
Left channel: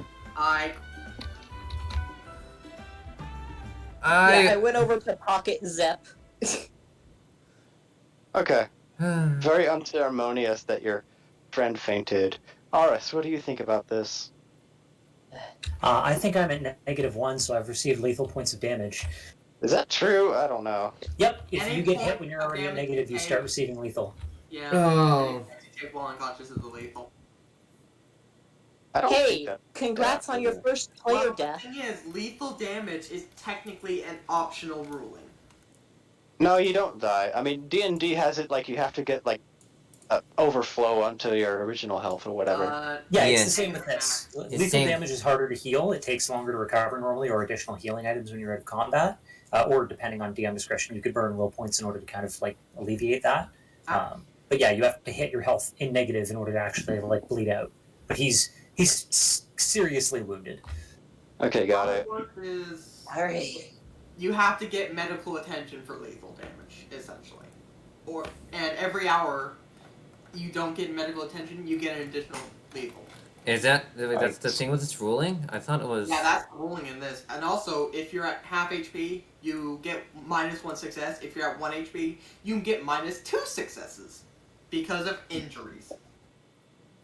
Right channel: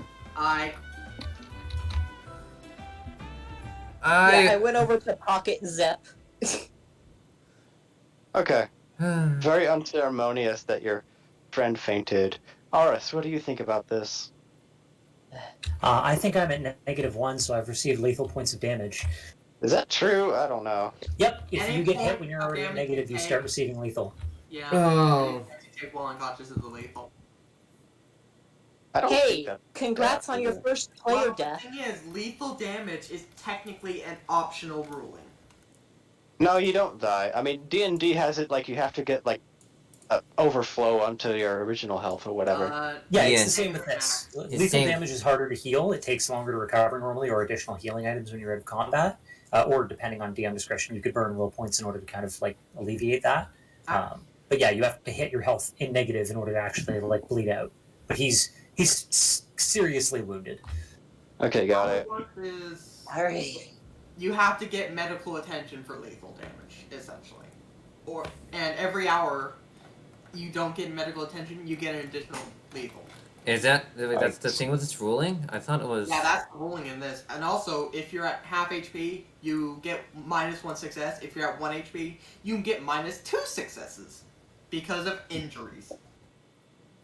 Yeah, I went over to pocket Zep. Okay. Very unceremonious that your friend fainted. Aris, what do you think about this? I think I'm at -1, so I've received lethal points of damage. Is that true? I don't know. Yep, if Any you get point hit when you're of already at damage negative, you you take- start receiving lethal. Yeah. Oh. You take while unconscious is the lethal. I don't think Hey, that. congrats on your first player Well, death. the thing is, lethal damage is technically an optional ruling. No, you don't die. I mean, D&D has it like you have to get like overflow onto your original health or whatever. Yeah, it's Yeah. the same with this. It's Lethal same. damage is harder to heal. It takes longer to recover normally, or additional healing items when you're out of combat. Or depending on DM discretion, you could burn will points in order to kind of like alleviate that. But yeah, you have to hit your health in negative in order to actually like bleed out. But he's seriously wounded. Okay, got How it. works is Alright. you have to get medical attention for lethal damage, essentially. And every hour you don't get medical attention, you get an additional lethal. Is that's the thing with this ruling? I thought it was. Yeah, that's ruling in this. And also, if you're at half HP, you get -1 success. If you're at 1 HP, you can get -2 successes because of injuries.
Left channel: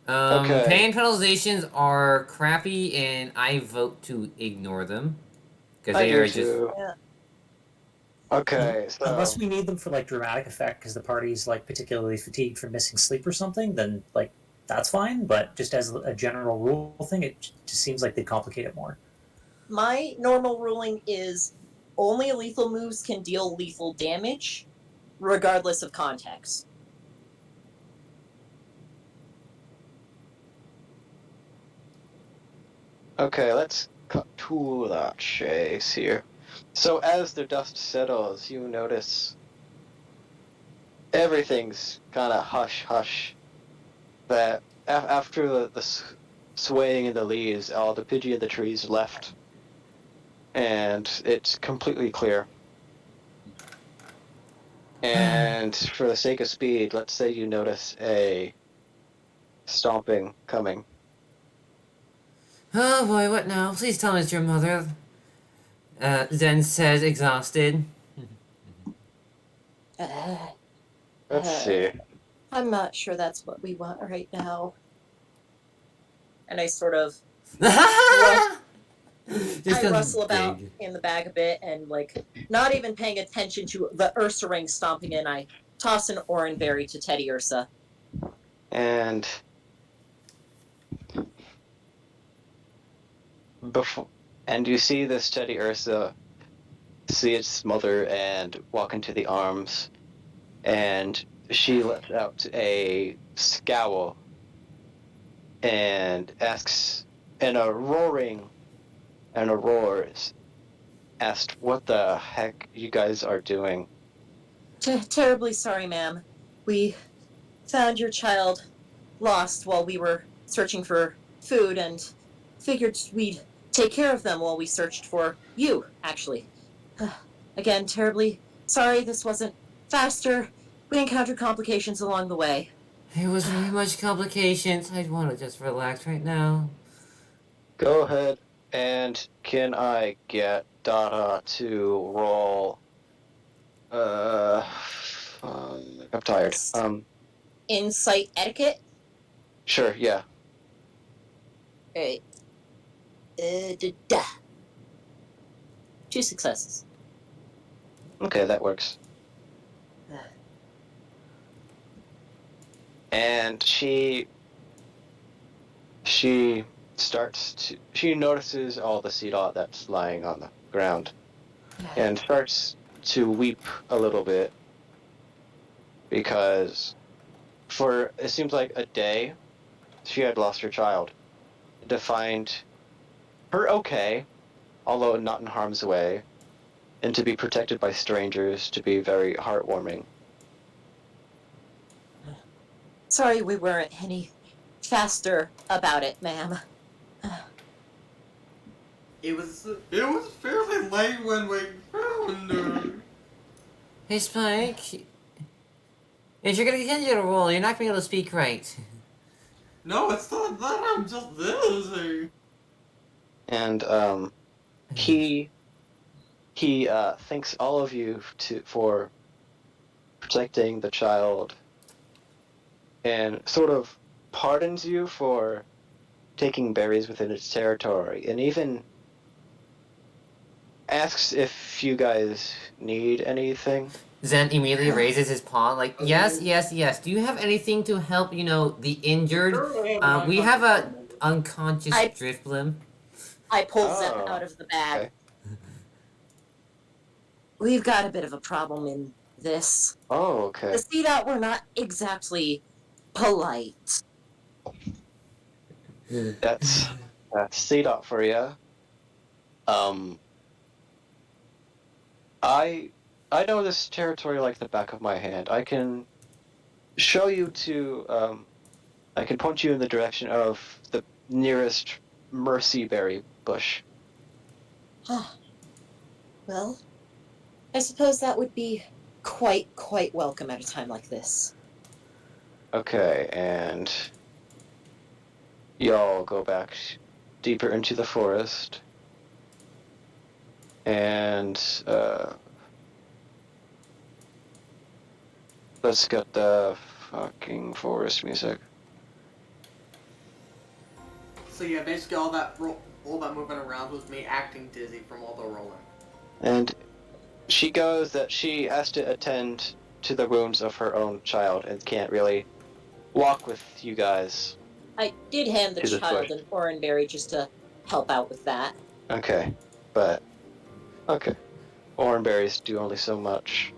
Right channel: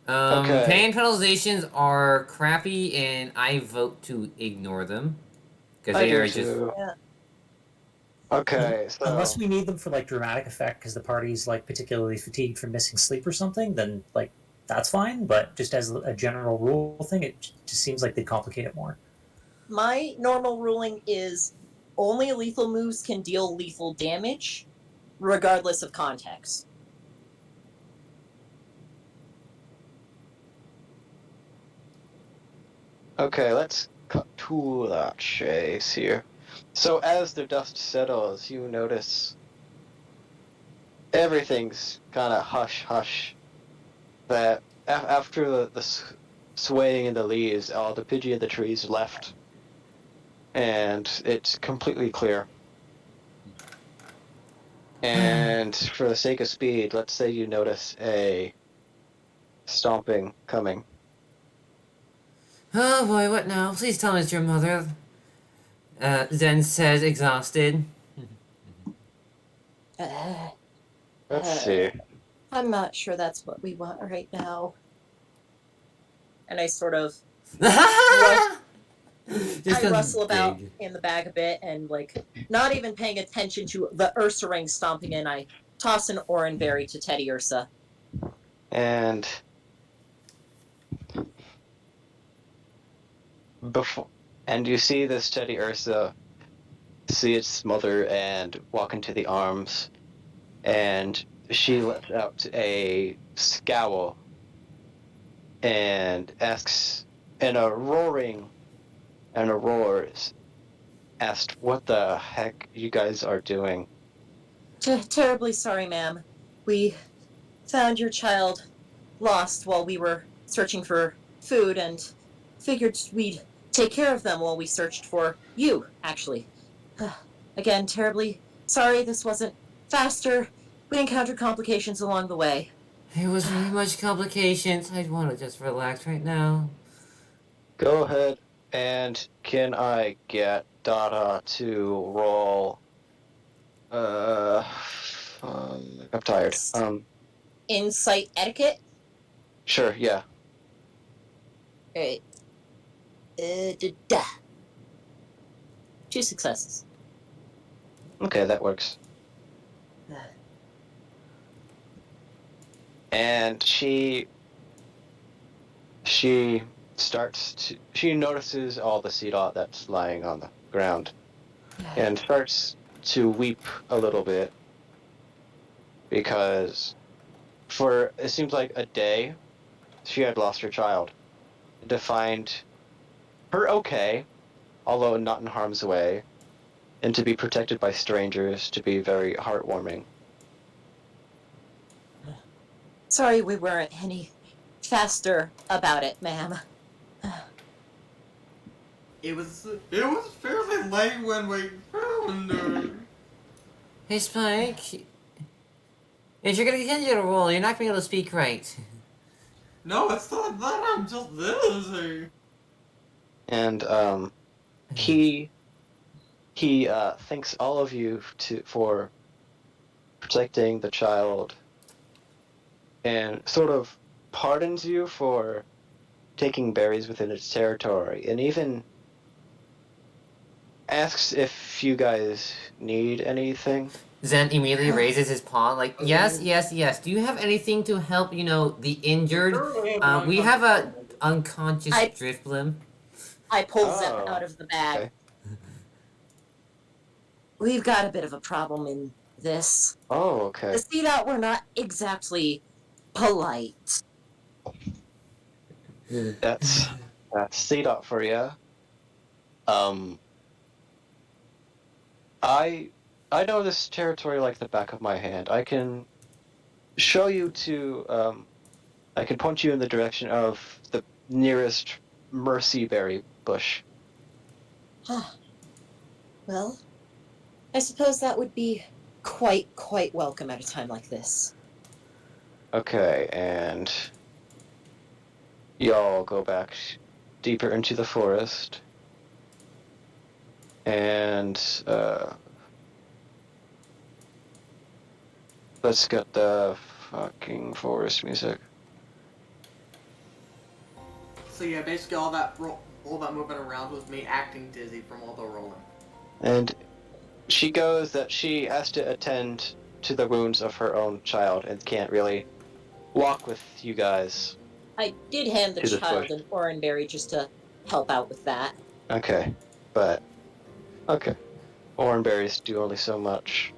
Okay. Pain penalizations are crappy, and I vote to ignore them because they are just. Yeah. Okay, so Unless we need them for like dramatic effect because the party's like particularly fatigued from missing sleep or something, then like that's fine. But just as a general rule thing, it just seems like they complicate it more. My normal ruling is only lethal moves can deal lethal damage, regardless of context. okay, let's cut to the chase here. So as the dust settles, you notice everything's kind of hush-hush. That after the swaying in the leaves, all the Pidgey of the trees left, and it's completely clear. And for the sake of speed, let's say you notice a stomping coming. Oh boy, what now? Please tell me it's your mother. Zen says, exhausted. Let's see. I'm not sure that's what we want right now. And I sort of Just I 'cause rustle it's about big. in the bag a bit and like not even paying attention to the Ursa ring stomping in, I toss an orange berry to Teddy Ursa. And you see this Teddy Ursa see its mother and walk into the arms, and she lets out a scowl and asks in a roars, asked what the heck you guys are doing. Terribly sorry, ma'am. We found your child lost while we were searching for food and figured we'd take care of them while we searched for you, actually. Again, terribly sorry this wasn't faster. We encountered complications along the way. There was very much complications. I'd want to just relax right now. Go ahead, and can I get Dada to roll? I'm tired. Insight etiquette? Sure, yeah. Alright. 2 successes. Okay, that works. And she notices all the seed that's lying on the ground and starts to weep a little bit because for it seems like a day she had lost her child, to find her okay, although not in harm's way, and to be protected by strangers to be very heartwarming. Sorry we weren't any faster about it, ma'am. It was fairly late when we found her. Hey, Spike. If you're gonna continue to roll, you're not gonna be able to speak right. No, it's not that. I'm just busy. And he thanks all of you for protecting the child and sort of pardons you for taking berries within its territory, and even asks if you guys need anything. Zen immediately raises his paw, like, yes, yes, yes. Do you have anything to help, the injured? We have a unconscious I- Drifblim. I pull Zep Oh, out of the bag. okay. We've got a bit of a problem in this. Oh, okay. The Sea Dot were not exactly polite. That's C-Dot for you. I know this territory like the back of my hand. I can show you to, I can point you in the direction of the nearest mercyberry bush. Well, I suppose that would be quite welcome at a time like this. Okay, and y'all go back deeper into the forest. And, let's get the fucking forest music. So yeah, basically all that moving around was me acting dizzy from all the rolling. And she goes that she has to attend to the wounds of her own child and can't really walk with you guys. I did hand the To the child bush. an oranberry just to help out with that. Okay, but okay. Oranberries do only so much.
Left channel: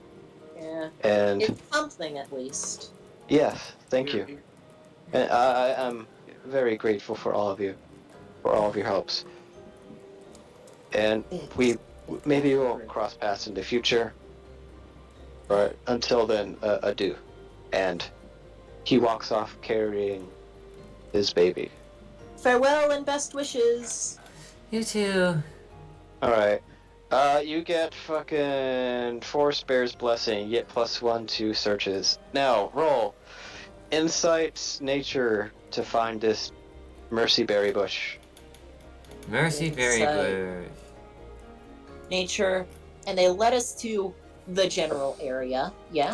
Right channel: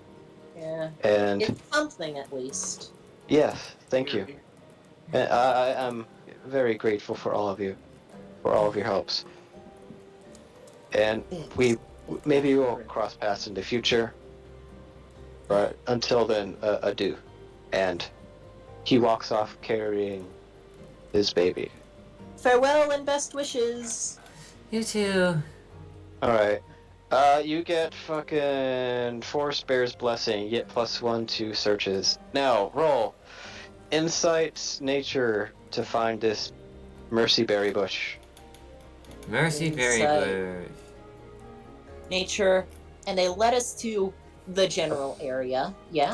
Yeah, And it's something at least. yes, thank you. And I am very grateful for all of you, for all of your helps. And maybe we'll cross paths in the future. But until then, adieu. And he walks off carrying his baby. Farewell and best wishes. You too. Alright. You get fucking Forest Bear's Blessing, yet +1 to searches. Now, roll Insight Nature to find this Mercyberry bush. Mercy very Insight. good. Nature, and they led us to the general area. Yeah.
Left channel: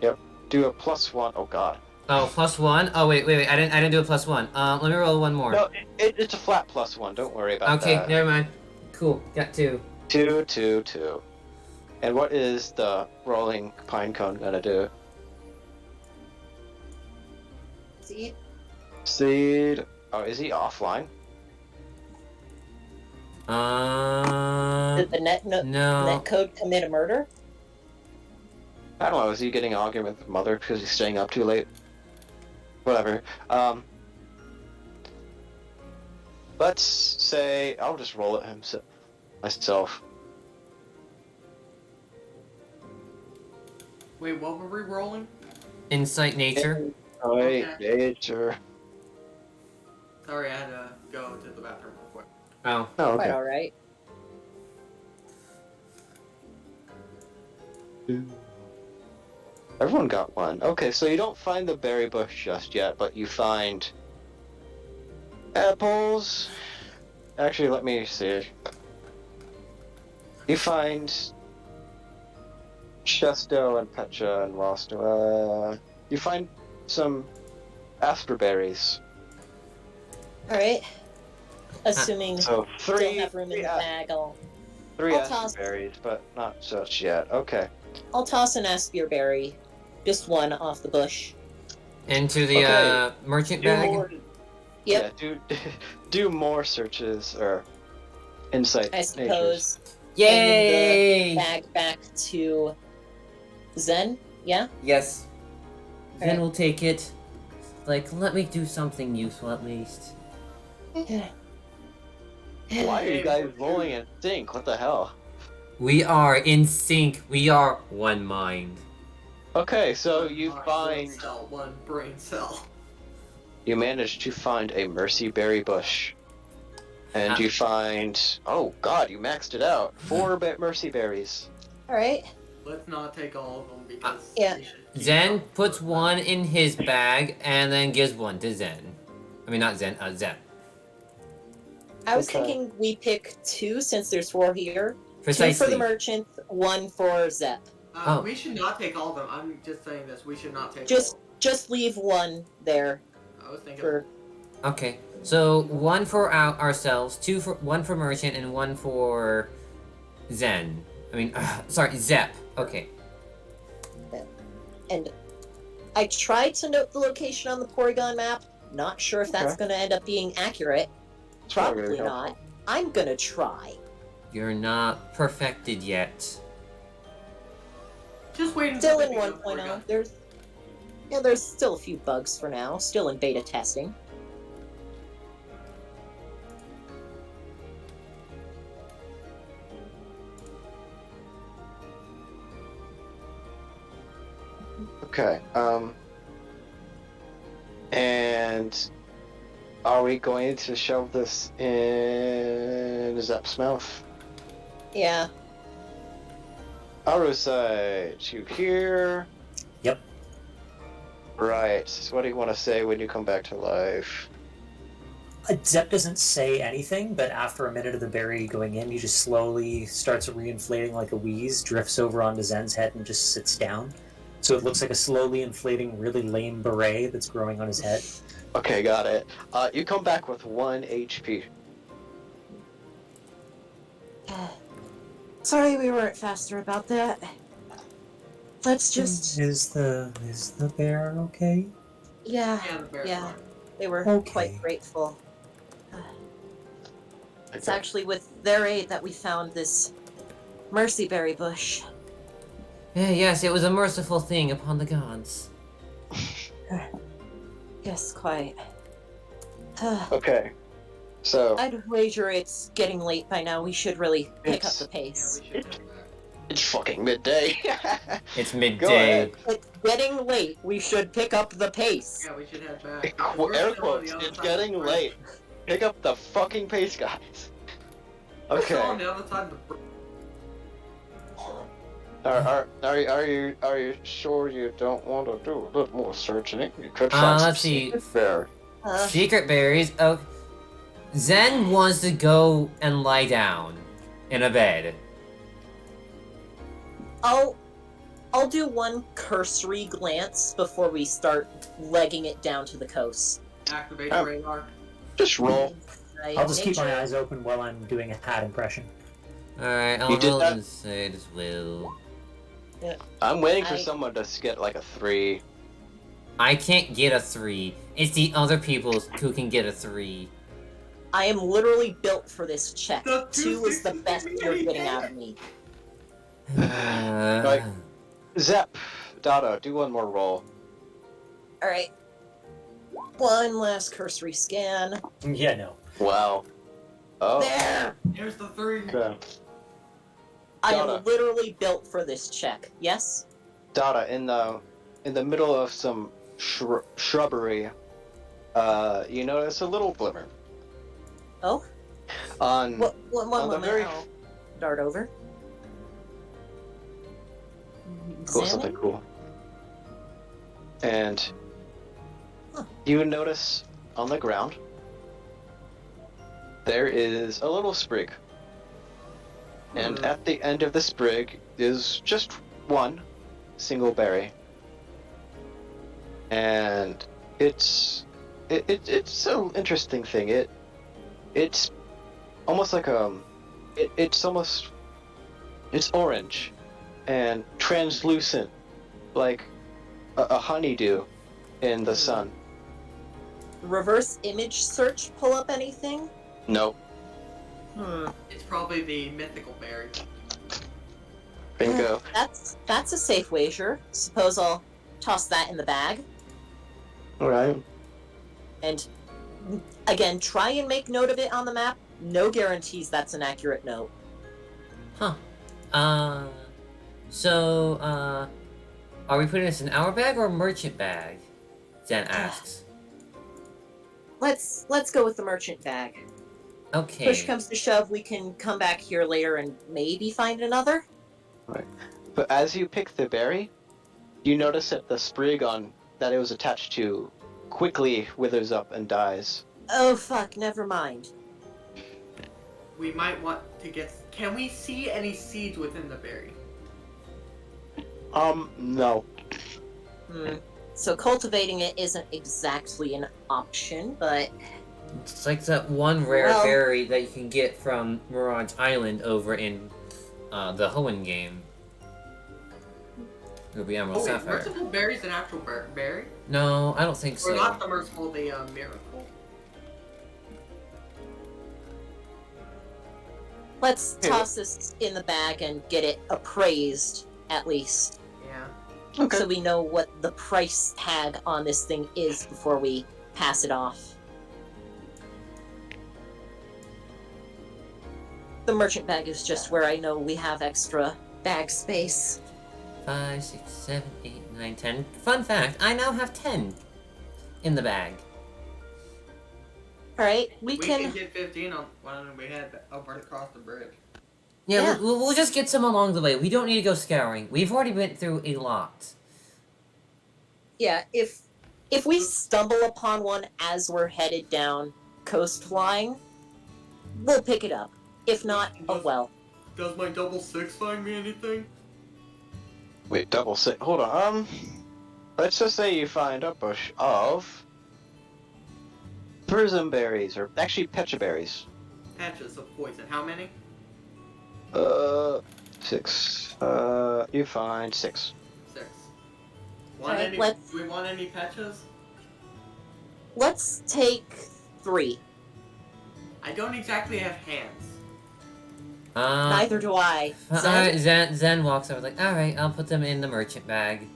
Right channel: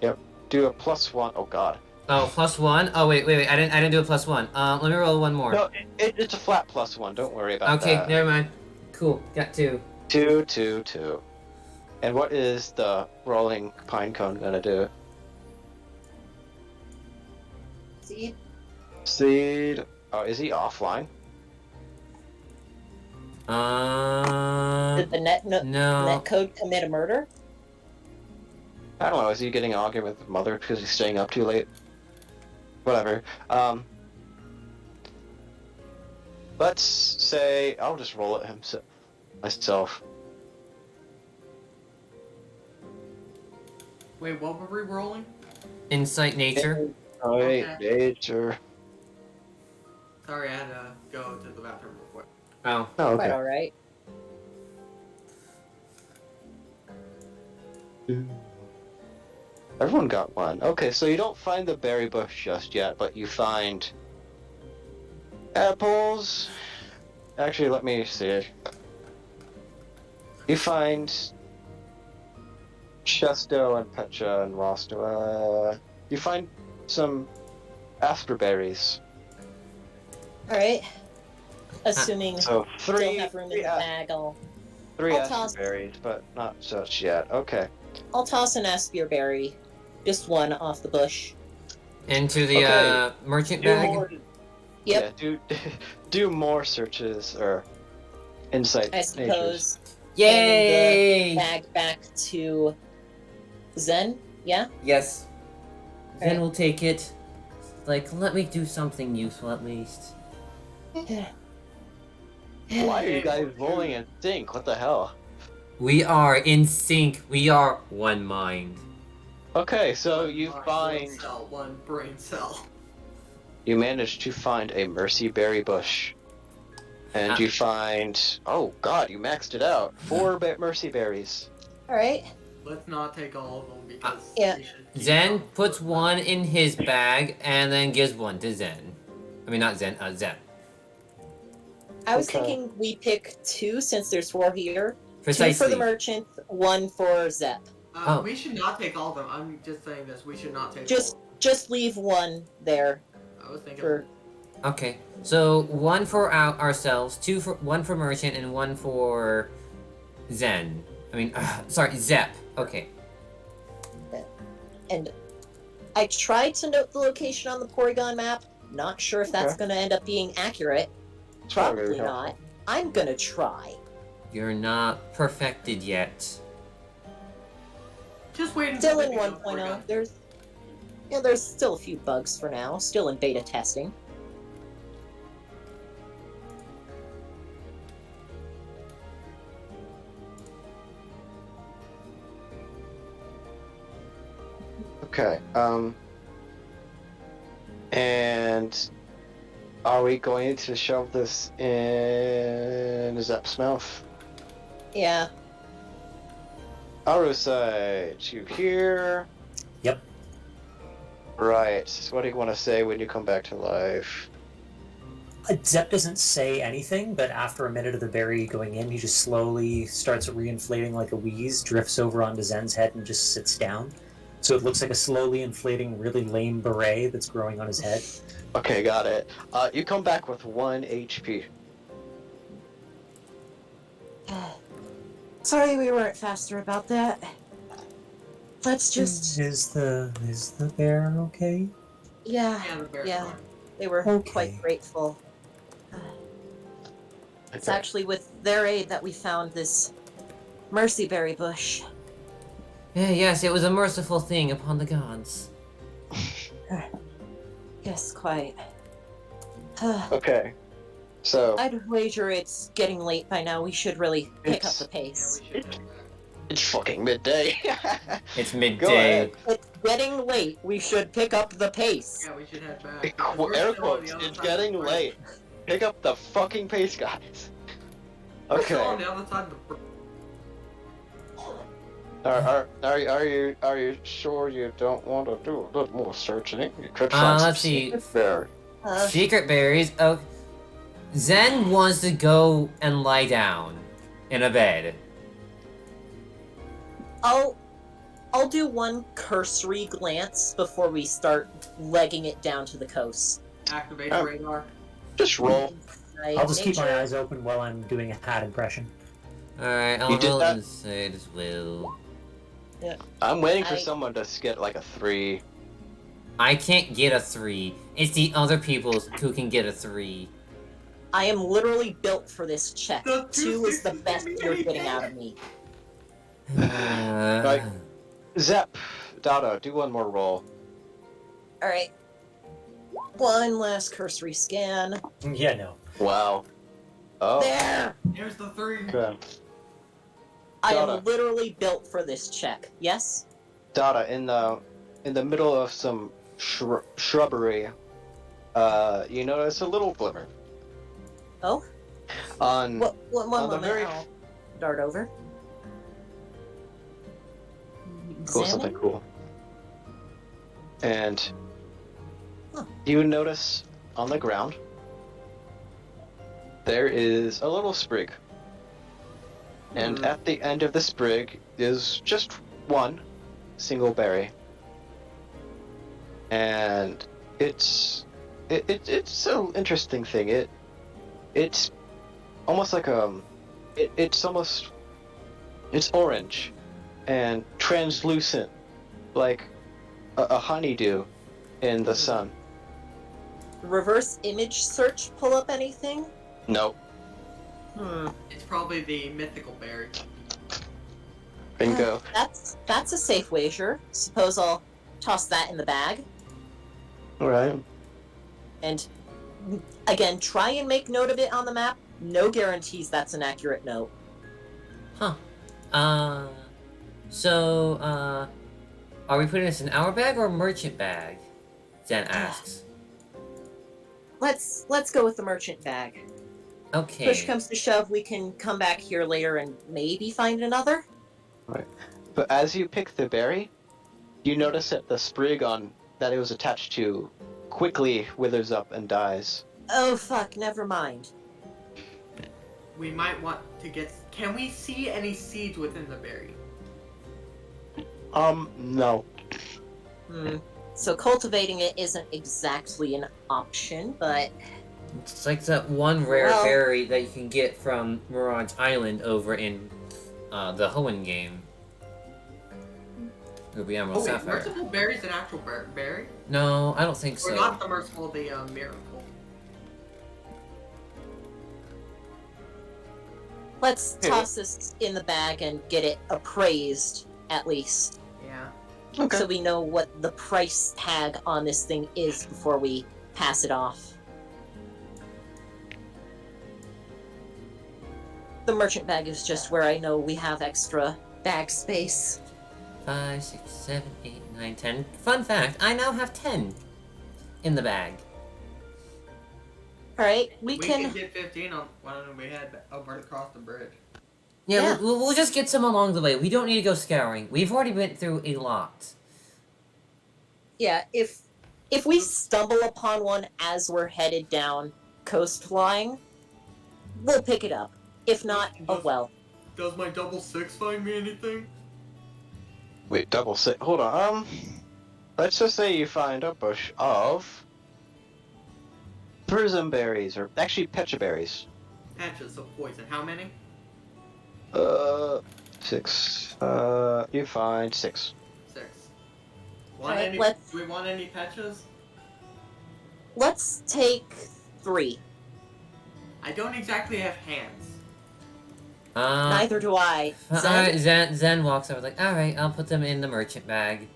Yep. Do a +1. Oh god. Oh, +1? Oh, wait. I didn't do a +1. Let me roll one more. No, it's a flat +1. Don't worry about Okay, that. never mind. Cool, got 2. 2, 2, 2. And what is the rolling pine cone gonna do? See, Seed. Oh, is he offline? did the No. net code commit a murder? I don't know. Is he getting an argument with mother because he's staying up too late? Whatever. Let's say I'll just roll it myself. Wait, what were we rolling? Insight Nature. Alright, Okay. nature. Sorry, I had to go to the bathroom real quick. Oh. Oh, Quite okay. all right. Everyone got one. Okay, so you don't find the berry bush just yet, but you find apples. Actually, let me see. You find Chesto and Pecha and Rosto. You find some asperberries. All right. Assuming So still three, have room in three, the bag, I'll toss- asperberries, but not just yet. Okay. toss an asperberry, just one off the bush. Into the Okay. merchant Do bag. more- Yep. Yeah, do more searches or insight. I natures. suppose. Yay! Bag back to Zen. Yeah. Yes. Zen Okay. will take it. Like, let me do something useful at least. Why are you guys rolling in sync? What the hell? We are in sync. We are one mind. Okay, so One you mind, find one cell, one brain cell. you manage to find a mercyberry bush, and you find oh god, you maxed it out 4 mercyberries. All right. Let's not take all of them because Yeah. we should keep Zen them. puts one in his bag and then gives one to Zen. I mean, not Zen, Zen. I was Okay. thinking we pick 2 since there's 4 here. 2 for Precisely. the merchant, 1 for Zep. Oh. We should not take all of them. I'm just saying this. We should not take Just- all of them. just leave one there I was thinking. for. Okay. So one for ourselves, one for merchant, and one for Zen. I mean, sorry, Zep. Okay. And I tried to note the location on the Porygon map. Not sure if that's Okay. going to end up being accurate. It's not very Probably not. I'm going to try. You're not perfected yet. Just wait Still until in we go 1.0. There's still a few bugs for now. Still in beta testing. Okay. And are we going to shove this in Zep's mouth? Yeah. Arusai, you here? Yep. Right. So what do you want to say when you come back to life? Zep doesn't say anything, but after a minute of the berry going in, he just slowly starts reinflating like a wheeze, drifts over onto Zen's head, and just sits down. So it looks like a slowly inflating, really lame beret that's growing on his head. Okay, got it. You come back with 1 HP. Sorry we weren't faster about that. Let's just. Is the bear okay? Yeah. Yeah, the bear's Yeah. fine. They were Okay. quite grateful. It's Okay. actually with their aid that we found this mercy berry bush. Yes, it was a merciful thing upon the gods. Yes, quite. Okay. So I'd wager it's getting late by now. We should really pick up It's- the Yeah, pace. we should have that. it's fucking midday. It's Go midday. ahead. It's getting late. We should pick up the pace. Yeah, we should head back. because we're Air still on quotes. the other It's side of the getting bridge. late. Pick up the fucking pace, guys. We're still on Okay. the other side of the bridge. Are you sure you don't want to do a little more searching? You could find Let's some see. secret berry. Secret berries. Oh, Zen wants to go and lie down in a bed. I'll do one cursory glance before we start legging it down to the coast. Activate Oh. the radar. Just roll. I'll just keep my Nature- eyes open while I'm doing a hat impression. Alright, I'll You did roll that? inside as well. I'm waiting for I- someone to get like a 3. I can't get a 3. It's the other people who can get a 3. I am literally built for this check. The 2 is the 260 best you're getting anything? out of me. Right. Zep, Dada, do one more roll. Alright. One last cursory scan. Yeah, no. Wow. Oh. There! Here's the 3. Okay. I Donna. am literally built for this check. Yes? Dada, in the middle of some shrubbery, you notice a little glimmer. Oh? On One on the moment. very- I'll dart over. Cool, something Examine? cool. And Huh. you notice on the ground there is a little sprig. And at the end of the sprig is just one single berry. And it's an interesting thing. It's almost like it's orange and translucent, like a honeydew in the sun. Reverse image search pull up anything? Nope. It's probably the mythical berry. Bingo. That's a safe wager. Suppose I'll toss that in the bag. Alright. And again, try and make note of it on the map. No guarantees that's an accurate note. Huh. Are we putting this in our bag or a merchant bag? Zen asks. Let's go with the merchant bag. Okay. Push comes to shove, we can come back here later and maybe find another. But as you pick the berry, you notice that the sprig on that it was attached to quickly withers up and dies. Oh fuck, never mind. We might want to get. Can we see any seeds within the berry? No. So cultivating it isn't exactly an option, but It's like that one rare Well- berry that you can get from Mirage Island over in the Hoenn game. Ruby Emerald Oh, wait, Sapphire. merciful berry's an actual berry? No, I don't think Or so. not the merciful, the miracle? let's Hey, toss this in the bag and get it appraised, at least. Yeah. Okay. So we know what the price tag on this thing is before we pass it off. The merchant bag is just where I know we have extra bag space. 5, 6, 7, 8, 9, 10. Fun fact, I now have 10 in the bag. Alright, We can get 15 on when we head over across the bridge. Yeah, Yeah. We'll just get some along the way. We don't need to go scouring. We've already been through a lot. Yeah, if we stumble upon one as we're headed down coastline, we'll pick it up. If not, oh well. Does my double 6 find me anything? Wait, double six. Hold on. Let's just say you find a bush of prism berries, or actually pecha berries. Patches of poison. How many? 6. You find 6. 6. Want Alright, any? let's- Do we want any patches? Let's take 3. I don't exactly have hands. Neither do I. Alright, Zen walks over like, alright, I'll put them in the merchant bag.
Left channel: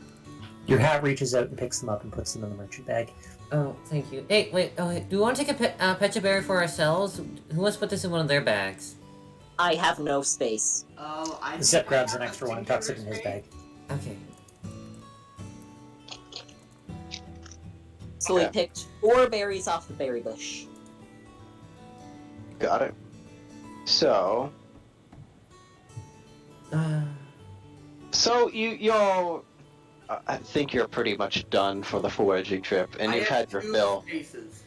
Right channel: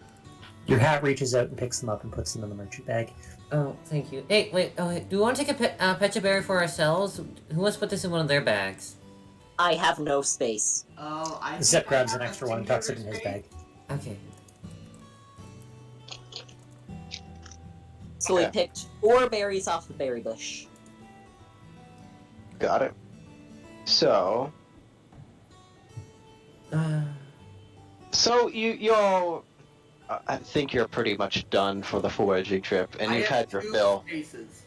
Your hat reaches out and picks them up and puts them in the merchant bag. Oh, thank you. Hey, wait, do we want to take a pecha berry for ourselves? Who wants to put this in one of their bags? I have no space. Oh, I. Zep think I grabs have an a extra one and singular tucks it in his space. bag. Okay. So we Okay. picked 4 berries off the berry bush. Got it. So, you all, I think you're pretty much done for the foraging trip, and I you've have had your 2 fill. spaces.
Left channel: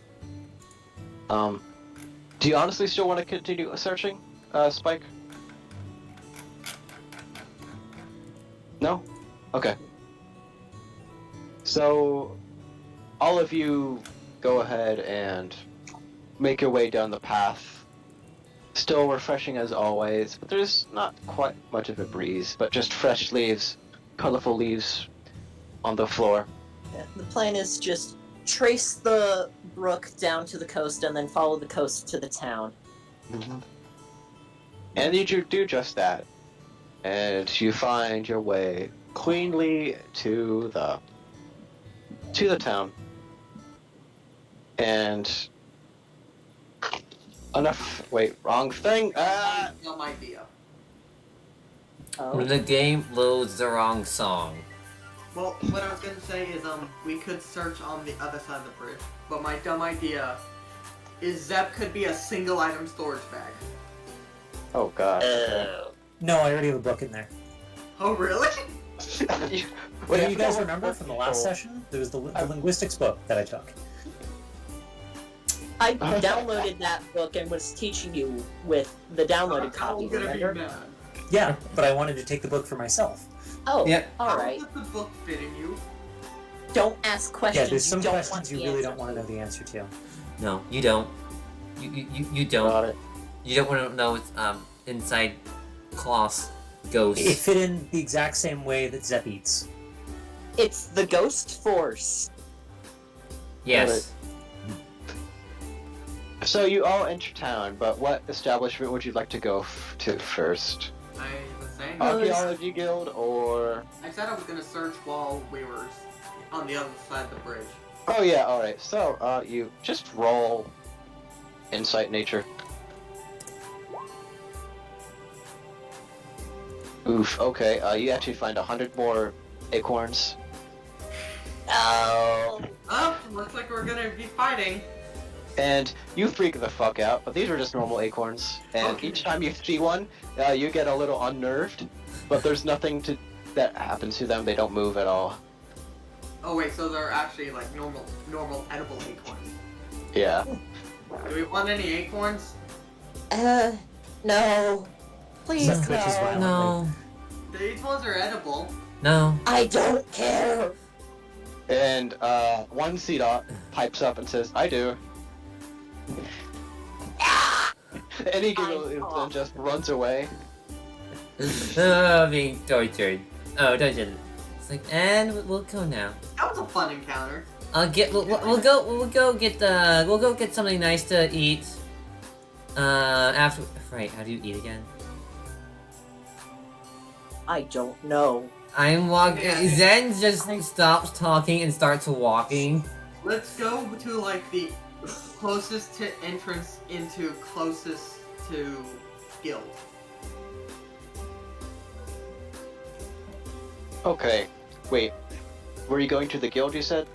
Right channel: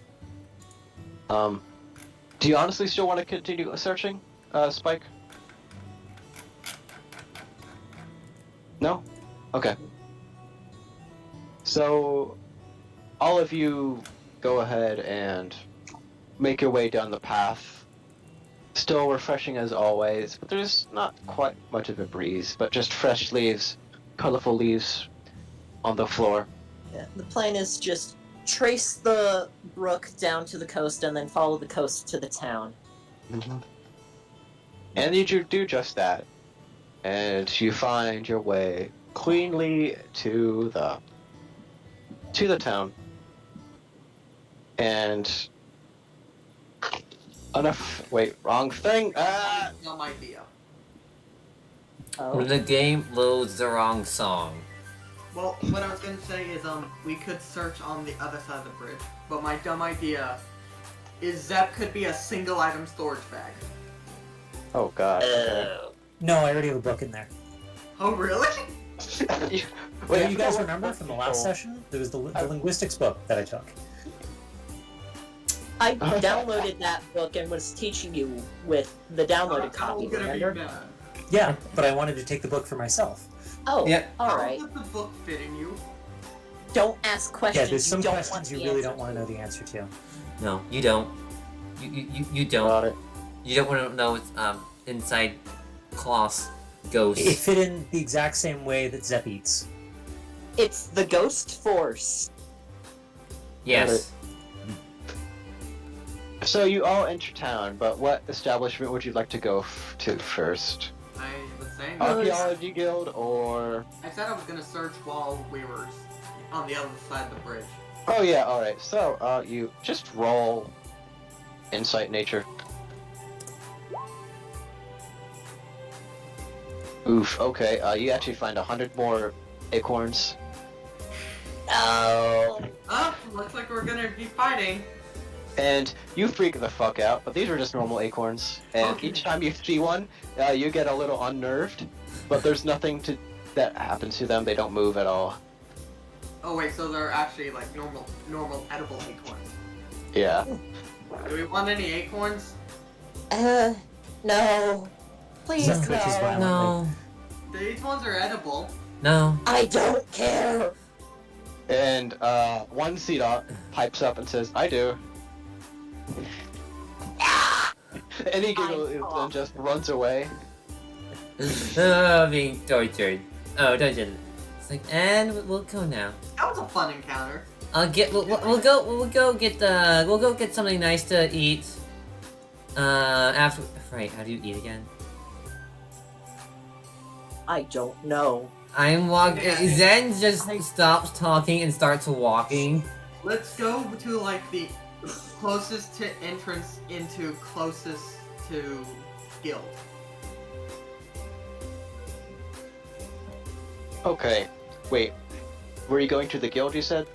Do you honestly still want to continue searching, Spike? No? Okay. So, all of you go ahead and make your way down the path. Still refreshing as always, but there's not quite much of a breeze, but just fresh leaves, colorful leaves on the floor. Yeah, the plan is just trace the brook down to the coast and then follow the coast to the town. And you do just that. And you find your way cleanly to the town. And wait, wrong thing. Dumb idea. Oh. The game loads the wrong song. Well, what I was gonna say is, we could search on the other side of the bridge, but my dumb idea is Zep could be a single item storage bag. Oh god. No, I already have a book in there. Oh, really? Wait, Do I you forgot guys what remember book from the you last told. session? There was the linguistics book that I took. I downloaded that book and was teaching you with the downloaded copy, I'm gonna be remember? mad. Yeah, but I wanted to take the book for myself. Oh, Yep. alright. How does the book fit in you? Don't ask Yeah, questions there's some you don't questions want you the really answer don't want to know the answer to. No, you don't. You don't. Got it. You don't want to know it's inside Klaus ghost. It fit in the exact same way that Zep eats. It's the ghost force. Yes. So you all enter town, but what establishment would you like to go to first? I was saying. Archaeology Guild or? I said I was gonna search while we were on the other side of the bridge. Oh yeah, all right. So you just roll insight nature. Oof. Okay. You actually find 100 more acorns. Oh. Oh, looks like we're gonna be fighting. And you freak the fuck out, but these are just normal acorns. And Okay. each time you see one, you get a little unnerved. But there's nothing that happens to them. They don't move at all. Oh wait, so they're actually like normal edible acorns. Yeah. Do we want any acorns? No. Please, Zep twitches no. violently. No. These ones are edible. No. I don't care. And one Cedar pipes up and says, "I do." And he giggles and just runs away. Oh, being tortured. Oh, tortured. It's like, and we'll go now. That was a fun encounter. We'll go get something nice to eat. After, right, how do you eat again? I don't know. I'm walking. Zen just stops talking and starts walking. Let's go to like the closest to entrance into closest to guild. Okay, wait. Were you going to the guild, you said?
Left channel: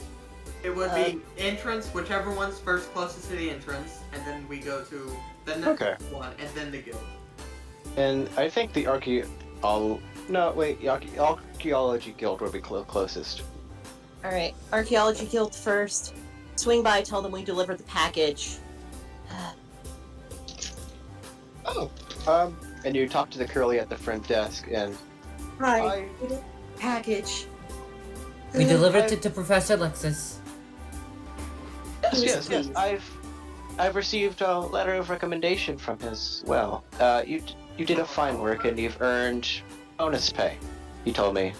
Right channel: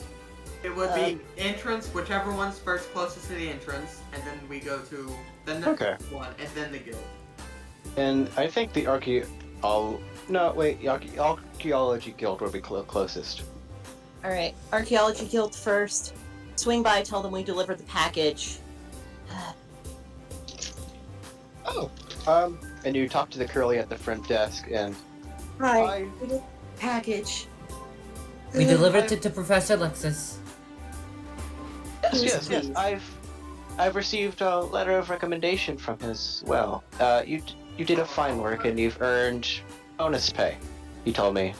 It would be entrance, whichever one's first closest to the entrance, and then we go to the next one, and then the guild. And I think the archaeology guild would be closest. Alright, Archaeology Guild first. Swing by, tell them we delivered the package. Oh. And you talk to the curly at the front desk, and... Right. Package. We delivered it to Professor Lexus. Yes. I've received a letter of recommendation from his. Well, you did a fine work, and you've earned bonus pay. He told me.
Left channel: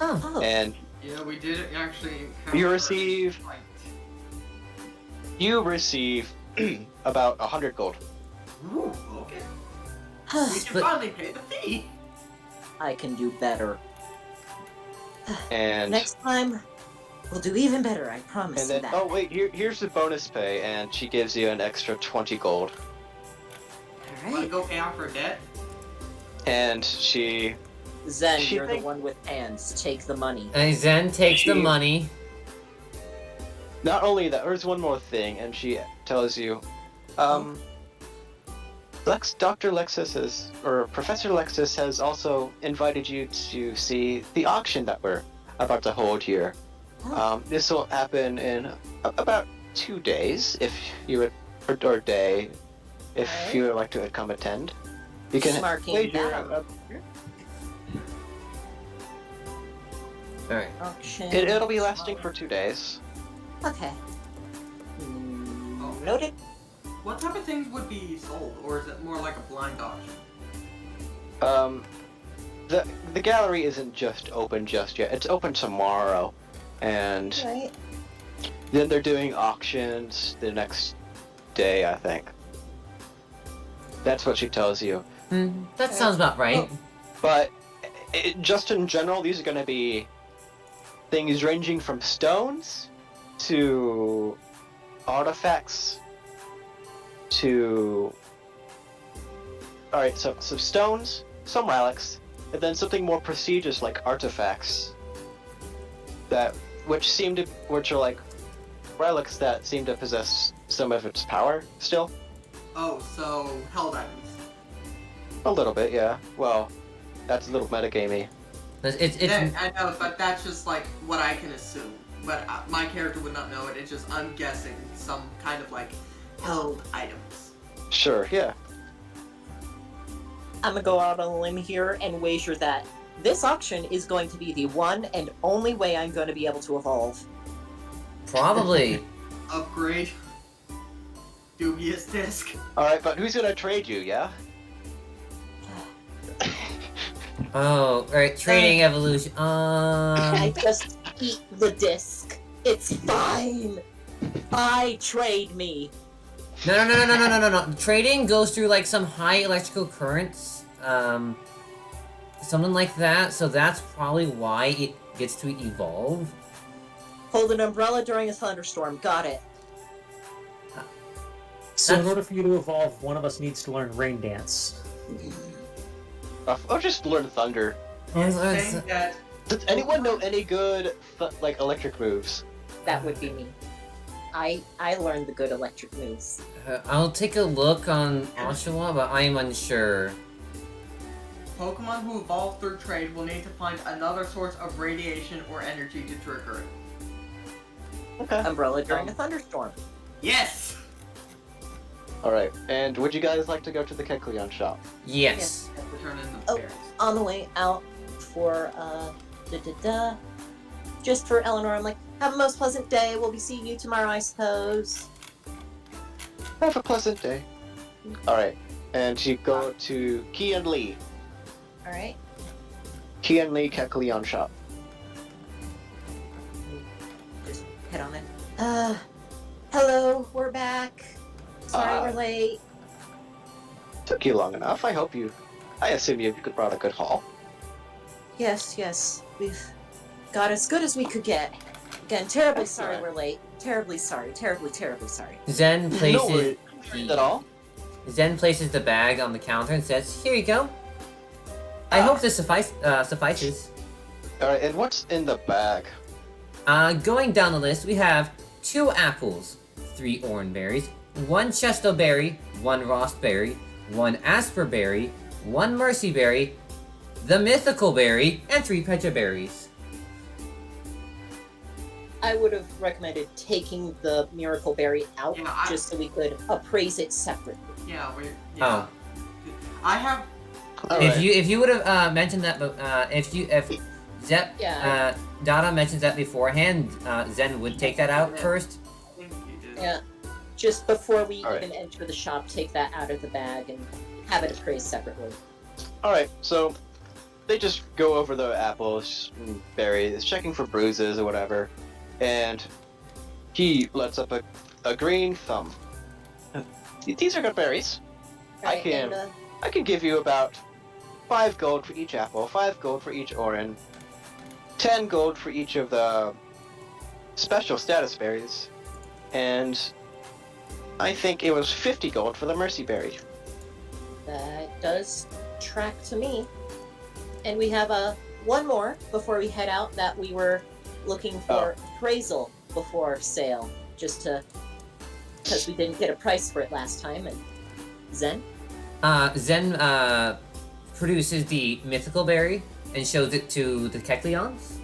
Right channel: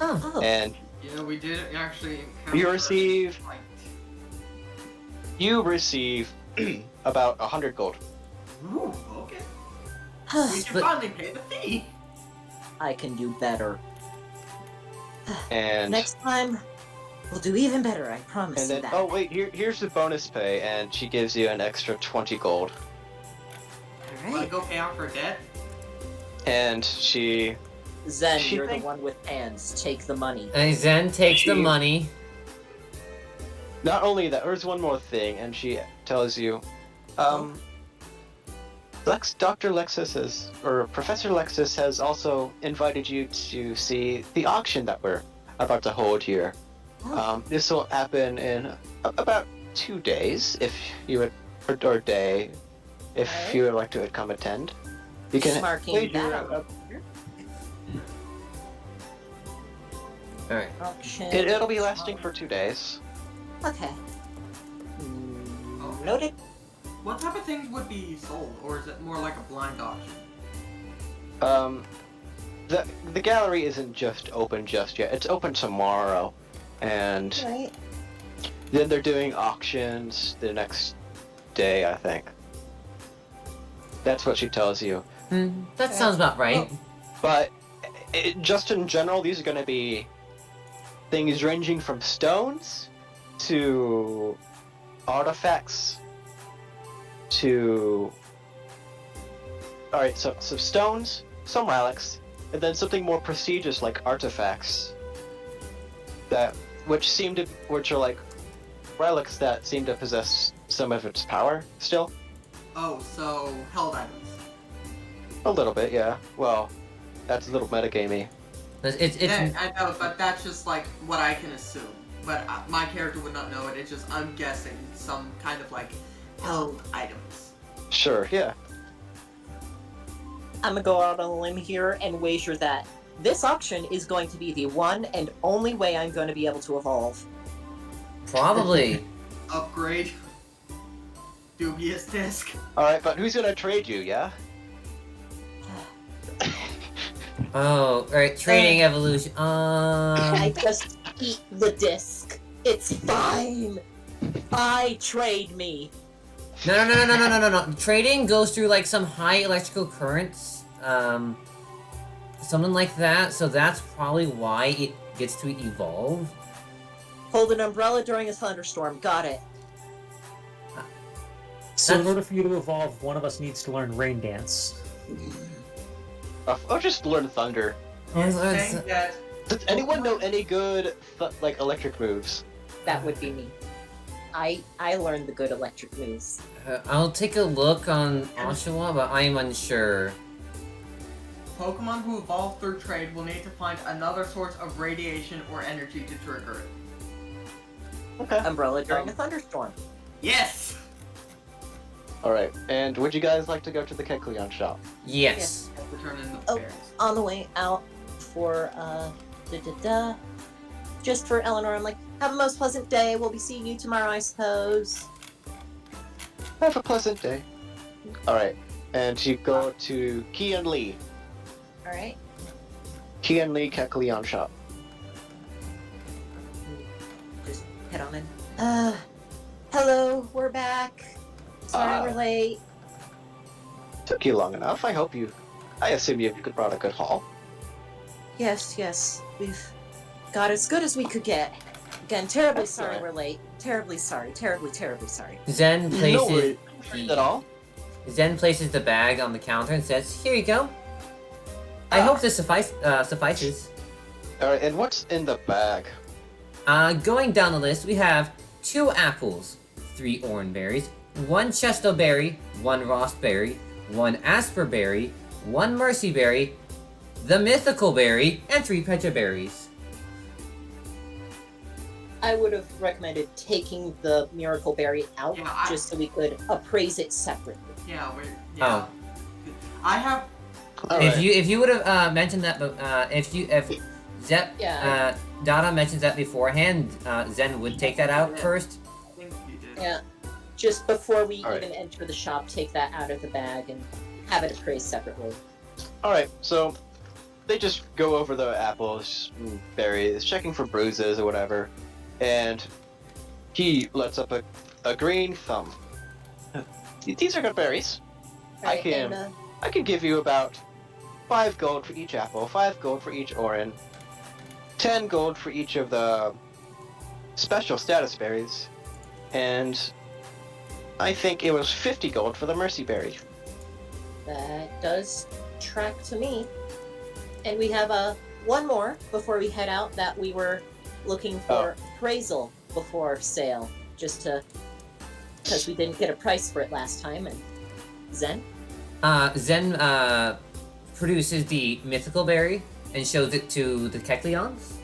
Oh. And Yeah, we did actually. you receive about 100 gold. Ooh, okay. We can But- finally pay the fee. I can do better. And Next time, we'll do even better, I promise and you then that. here's the bonus pay, and she gives you an extra 20 gold. Wanna Alright. go pay off her debt? And she Zen, She you're think- the one with hands. Take the money. And Zen takes the She- money. not only that, there's one more thing, and she tells you, Dr. Lexus or Professor Lexus has also invited you to see the auction that we're about to hold here. This will happen in about 2 days, if you would, or day, if Alright. you would like to come attend. You can Marking wager. that. Alright. Auction. It'll be lasting for 2 days. Okay. Okay. Noted. What type of things would be sold, or is it more like a blind auction? The gallery isn't just open just yet. It's open tomorrow, and Right. then they're doing auctions the next day, I think. That's what she tells you. That sounds about right. But just in general, these are going to be things ranging from stones to artifacts to... Alright, so some stones, some relics, and then something more prestigious like artifacts which are like relics that seem to possess some of its power still. Oh, so held items. A little bit, yeah. Well, that's a little metagamey. It's Yeah, I know, but that's just like what I can assume. But my character would not know it. It's just I'm guessing some kind of like held items. Sure, yeah. I'm gonna go out on a limb here and wager that this auction is going to be the one and only way I'm going to be able to evolve. probably. Upgrade. Dubious disc. Alright, but who's gonna trade you, yeah? Oh, alright, trading evolution. I just eat the disc. It's fine. Trade me. No. Trading goes through like some high electrical currents, something like that. So that's probably why it gets to evolve. Hold an umbrella during a thunderstorm. Got it. So in That's- order for you to evolve, one of us needs to learn Rain Dance. I'll just learn Thunder. Saying that Does anyone know any good, like, electric moves? That would be me. I learned the good electric moves. I'll take a look on Oshawa, but I'm unsure. Pokemon who evolve through trade will need to find another source of radiation or energy to trigger it. Okay. Umbrella during a thunderstorm. Yes! Alright, and would you guys like to go to the Kecleon shop? Yes. Return in the Oh. parents. On the way out for just for Eleanor, I'm like, have a most pleasant day. We'll be seeing you tomorrow, I suppose. Have a pleasant day. Alright, and you go to Key and Lee. All right. Key and Lee Kekleon shop. Just head on in. Hello, we're back. Sorry we're late. Took you long enough. I assume you brought a good haul. Yes. We've got as good as we could get. Again, terribly sorry Excellent. we're late. Terribly sorry. Terribly sorry. Zen No places worries at all. Zen places the bag on the counter and says, "Here you go. I hope this suffices." Alright, and what's in the bag? Going down the list, we have 2 apples, 3 orangeberries, 1 chestoberry, 1 raspberry, 1 asperberry, 1 mercyberry, the mythical berry, and 3 pecha berries. I would have recommended taking the miracle berry out Yeah, just so we could appraise it separately. Yeah, Oh. I have. Alright. If you would have mentioned that, if Zep Yeah. Dada mentions that beforehand, Zen would take that out first. I think you did. Yeah. Just before we Alright. even enter the shop, take that out of the bag and have it appraised separately. Alright, so they just go over the apples and berries, checking for bruises or whatever, and he lets up a green thumb. These are good berries. I Right, can- and, I could give you about 5 gold for each apple, 5 gold for each orange, 10 gold for each of the special status berries, and I think it was 50 gold for the mercy berry. that does track to me. And we have one more before we head out that we were looking for appraisal before sale, just because we didn't get a price for it last time. And Zen? Zen produces the mythical berry and shows it to the Kekleons.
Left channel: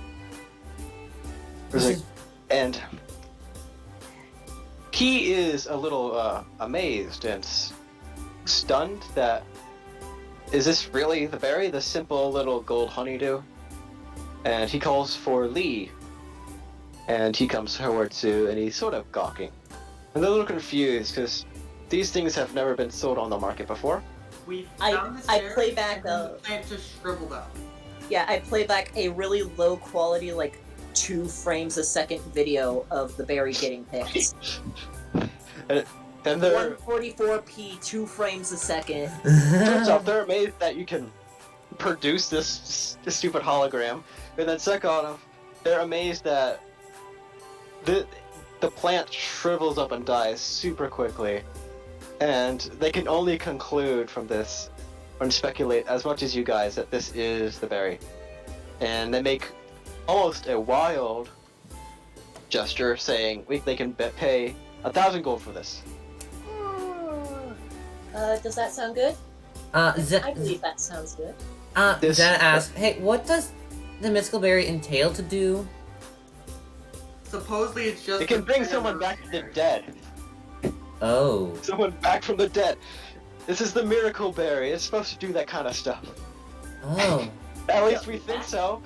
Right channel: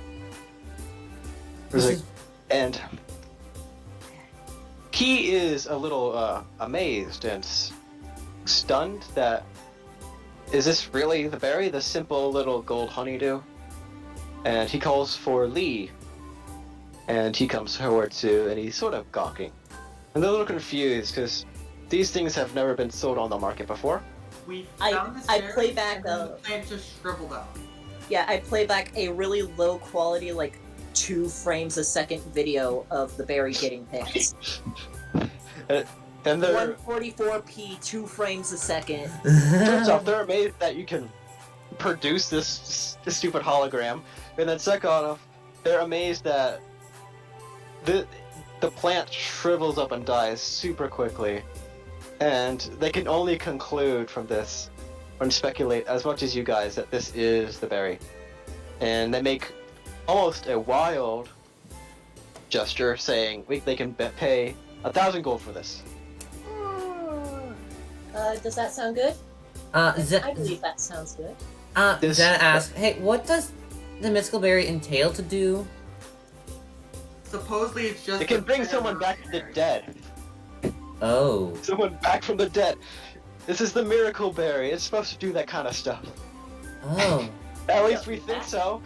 And he is a little amazed and stunned that, is this really the berry, the simple little gold honeydew? And he calls for Lee, and he comes forward too, and he's sort of gawking. And they're a little confused, because these things have never been sold on the market before. We I found this berry, play back and then the plant just shriveled up. Yeah, I play back a really low quality, like 2 frames a second video of the berry getting picked. And they're 144p, 2 frames a second. turns out they're amazed that you can produce this stupid hologram, and then second off, they're amazed that the plant shrivels up and dies super quickly, and they can only conclude from this, and speculate as much as you guys, that this is the berry, and they make almost a wild gesture, saying they can pay 1,000 gold for this. Does that sound good? Zen, I believe that sounds good. This- Zen asks, "Hey, what does the mythical berry entail to do?" Supposedly it's just. It can a bring berry someone back from the berry. dead. Oh. Someone back from the dead. This is the miracle berry. It's supposed to do that kind of stuff. Oh. At least we think so.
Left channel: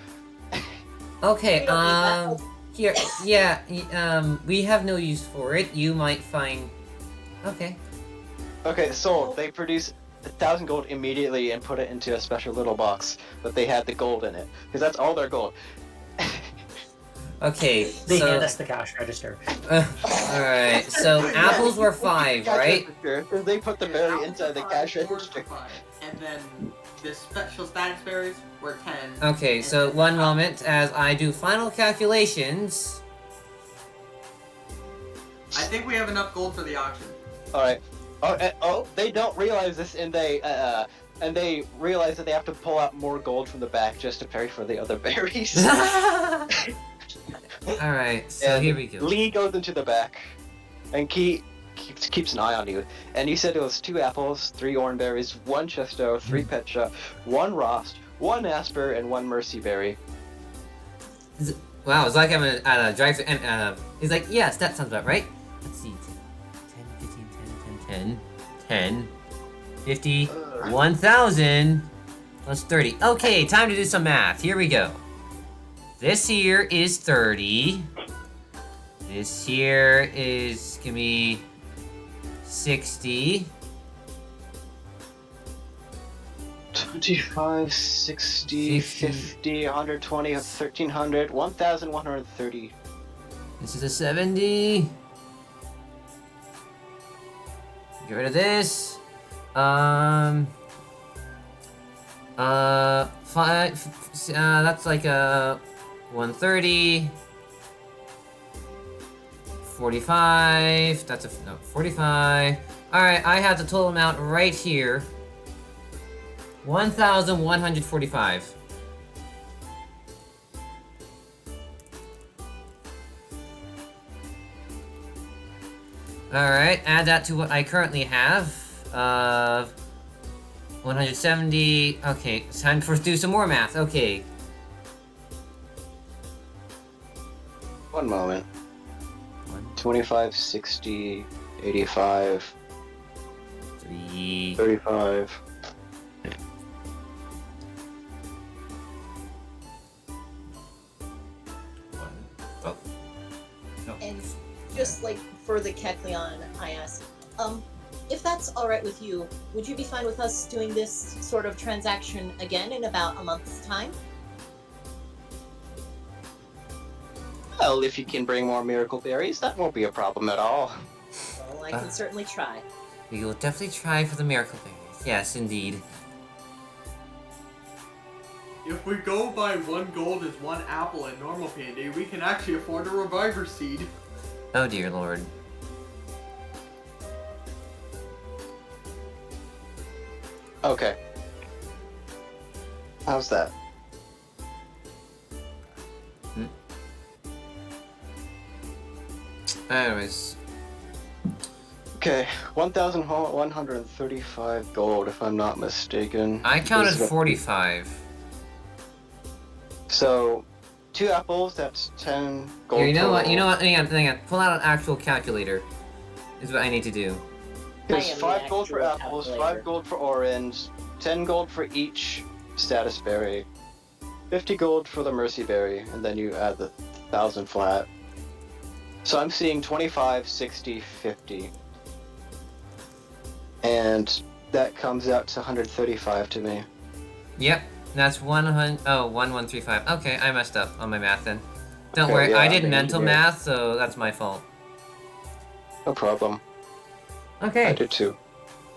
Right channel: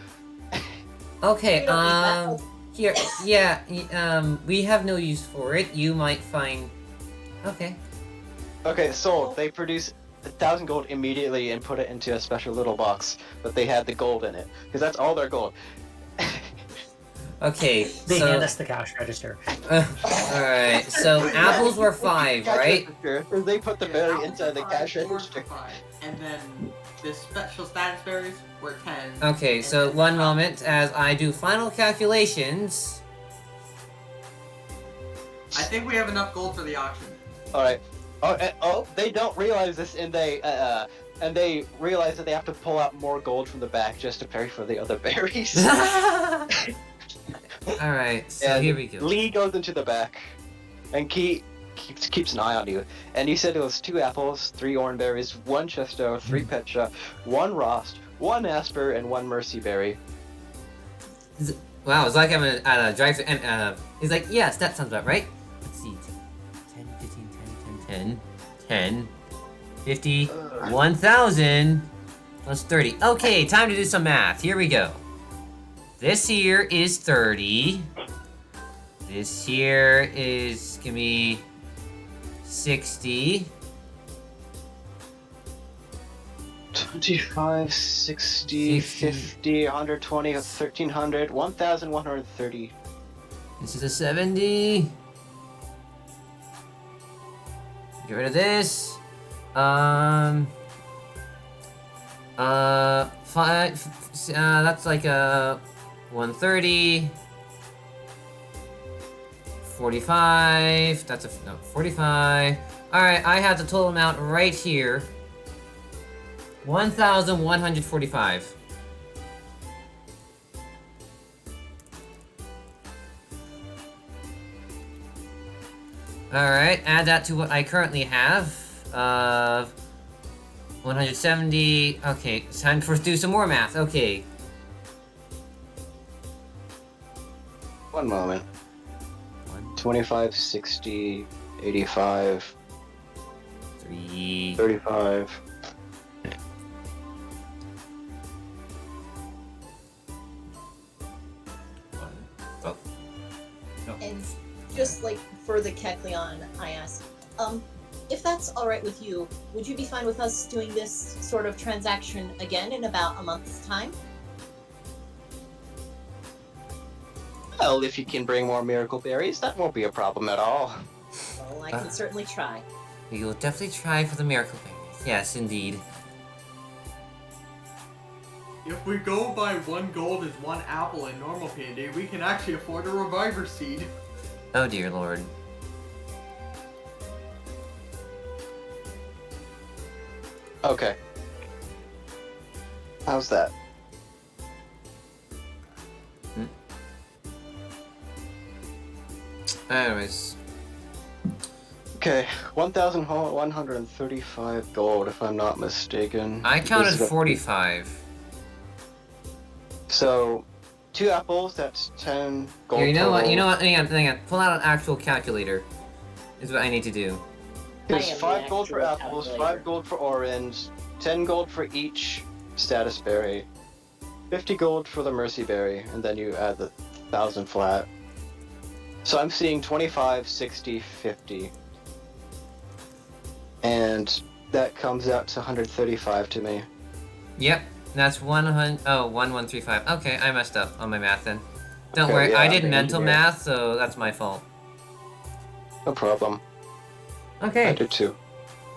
Okay, We don't need that. here, yeah, we have no use for it. You might find... Okay. Okay, sold. They produce 1,000 gold immediately and put it into a special little box, but they had the gold in it, because that's all their gold. Okay, They so... hand us the cash register. Alright, so apples were 5, Cash right? register, and they put the berry Apples inside the were cash 5, orange register. were 5, and then the special status berries were 10. Okay, so one moment as I do final calculations. I think we have enough gold for the auction. Alright. They don't realize this, and they realize that they have to pull out more gold from the back just to pay for the other berries. Alright, so And here we go. Lee goes into the back, and keeps an eye on you. And you said it was 2 apples, 3 orangeberries, 1 chesto, 3 pecha, 1 rost, 1 asper, and 1 mercy berry. Wow, it's like I'm at a drive-thru, and he's like, yes, that sounds about right. Let's see, 10, 15, 10, 10, 50, 1,000, plus 30. Okay, time to do some math. Here we go. This here is 30. This here is gonna be 60. 25, 60, 50, 120, 1300, 1130. This is a 70. Get rid of this. That's like a 130. 45. That's a no 45. All right, I have the total amount right here. 1,145. Alright, add that to what I currently have. 170. Okay, it's time for us to do some more math. Okay. One moment. 25, 60, 85, 3. 35. Oh. No. And just like for the Kekleon, I asked, if that's alright with you, would you be fine with us doing this sort of transaction again in about a month's time? Well, if you can bring more miracle berries, that won't be a problem at all. Well, I can certainly try. We will definitely try for the miracle berries. Yes, indeed. If we go by 1 gold is 1 apple in normal P&D, we can actually afford a reviver seed. Oh dear lord. Okay. How's that? Anyways. Okay, 1,135 gold, if I'm not mistaken. I counted This is a- 45. So, 2 apples, that's 10 gold. Here, you know what? total. You know what? Hang on. Pull out an actual calculator. Is what I need to do. There's I am the 5 gold for actual apples, calculator. 5 gold for orange, 10 gold for each status berry, 50 gold for the mercy berry, and then you add the 1,000 flat. So I'm seeing 25, 60, 50. And that comes out to 135 to me. Yep, that's 100. Oh, 1135. Okay, I messed up on my math then. Don't Okay, worry, yeah, I I did think mental you did. math, so that's my fault. No problem. I Okay. did too.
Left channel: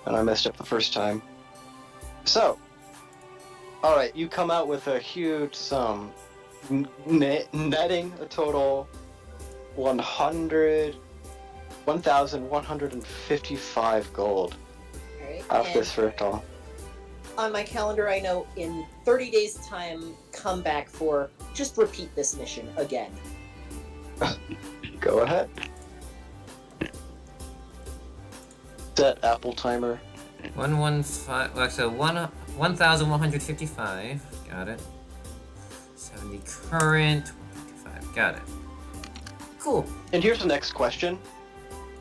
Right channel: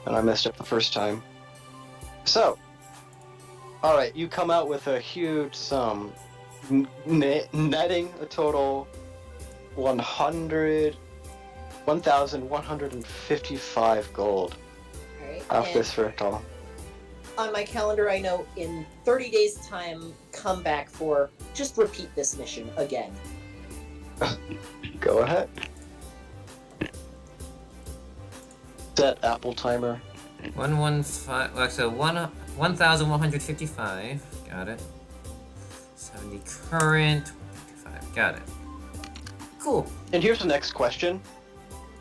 And I messed up the first time. So, alright, you come out with a huge sum. Netting a total 1,155 gold Alright. off and this ritual. on my calendar, I know in 30 days' time, come back for just repeat this mission again. Go ahead. Set apple timer. 115. Well, so 1,155. Got it. 70 current. 155. Got it. Cool. And here's the next question.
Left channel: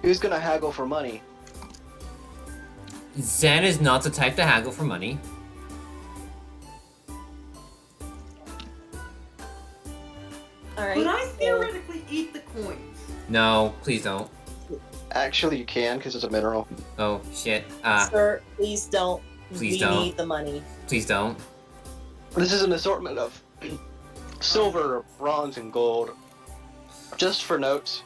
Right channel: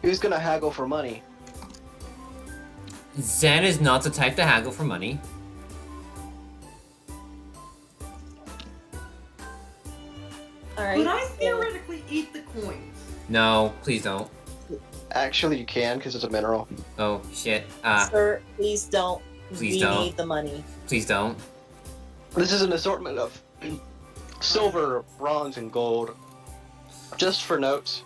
Who's gonna haggle for money? Zen is not the type to haggle for money. Alright. Could I so- theoretically eat the coins? No, please don't. Actually, you can, because it's a mineral. Oh shit. Sir, please don't. Please we don't. need the money. Please don't. This is an assortment of silver, bronze, and gold. Just for notes,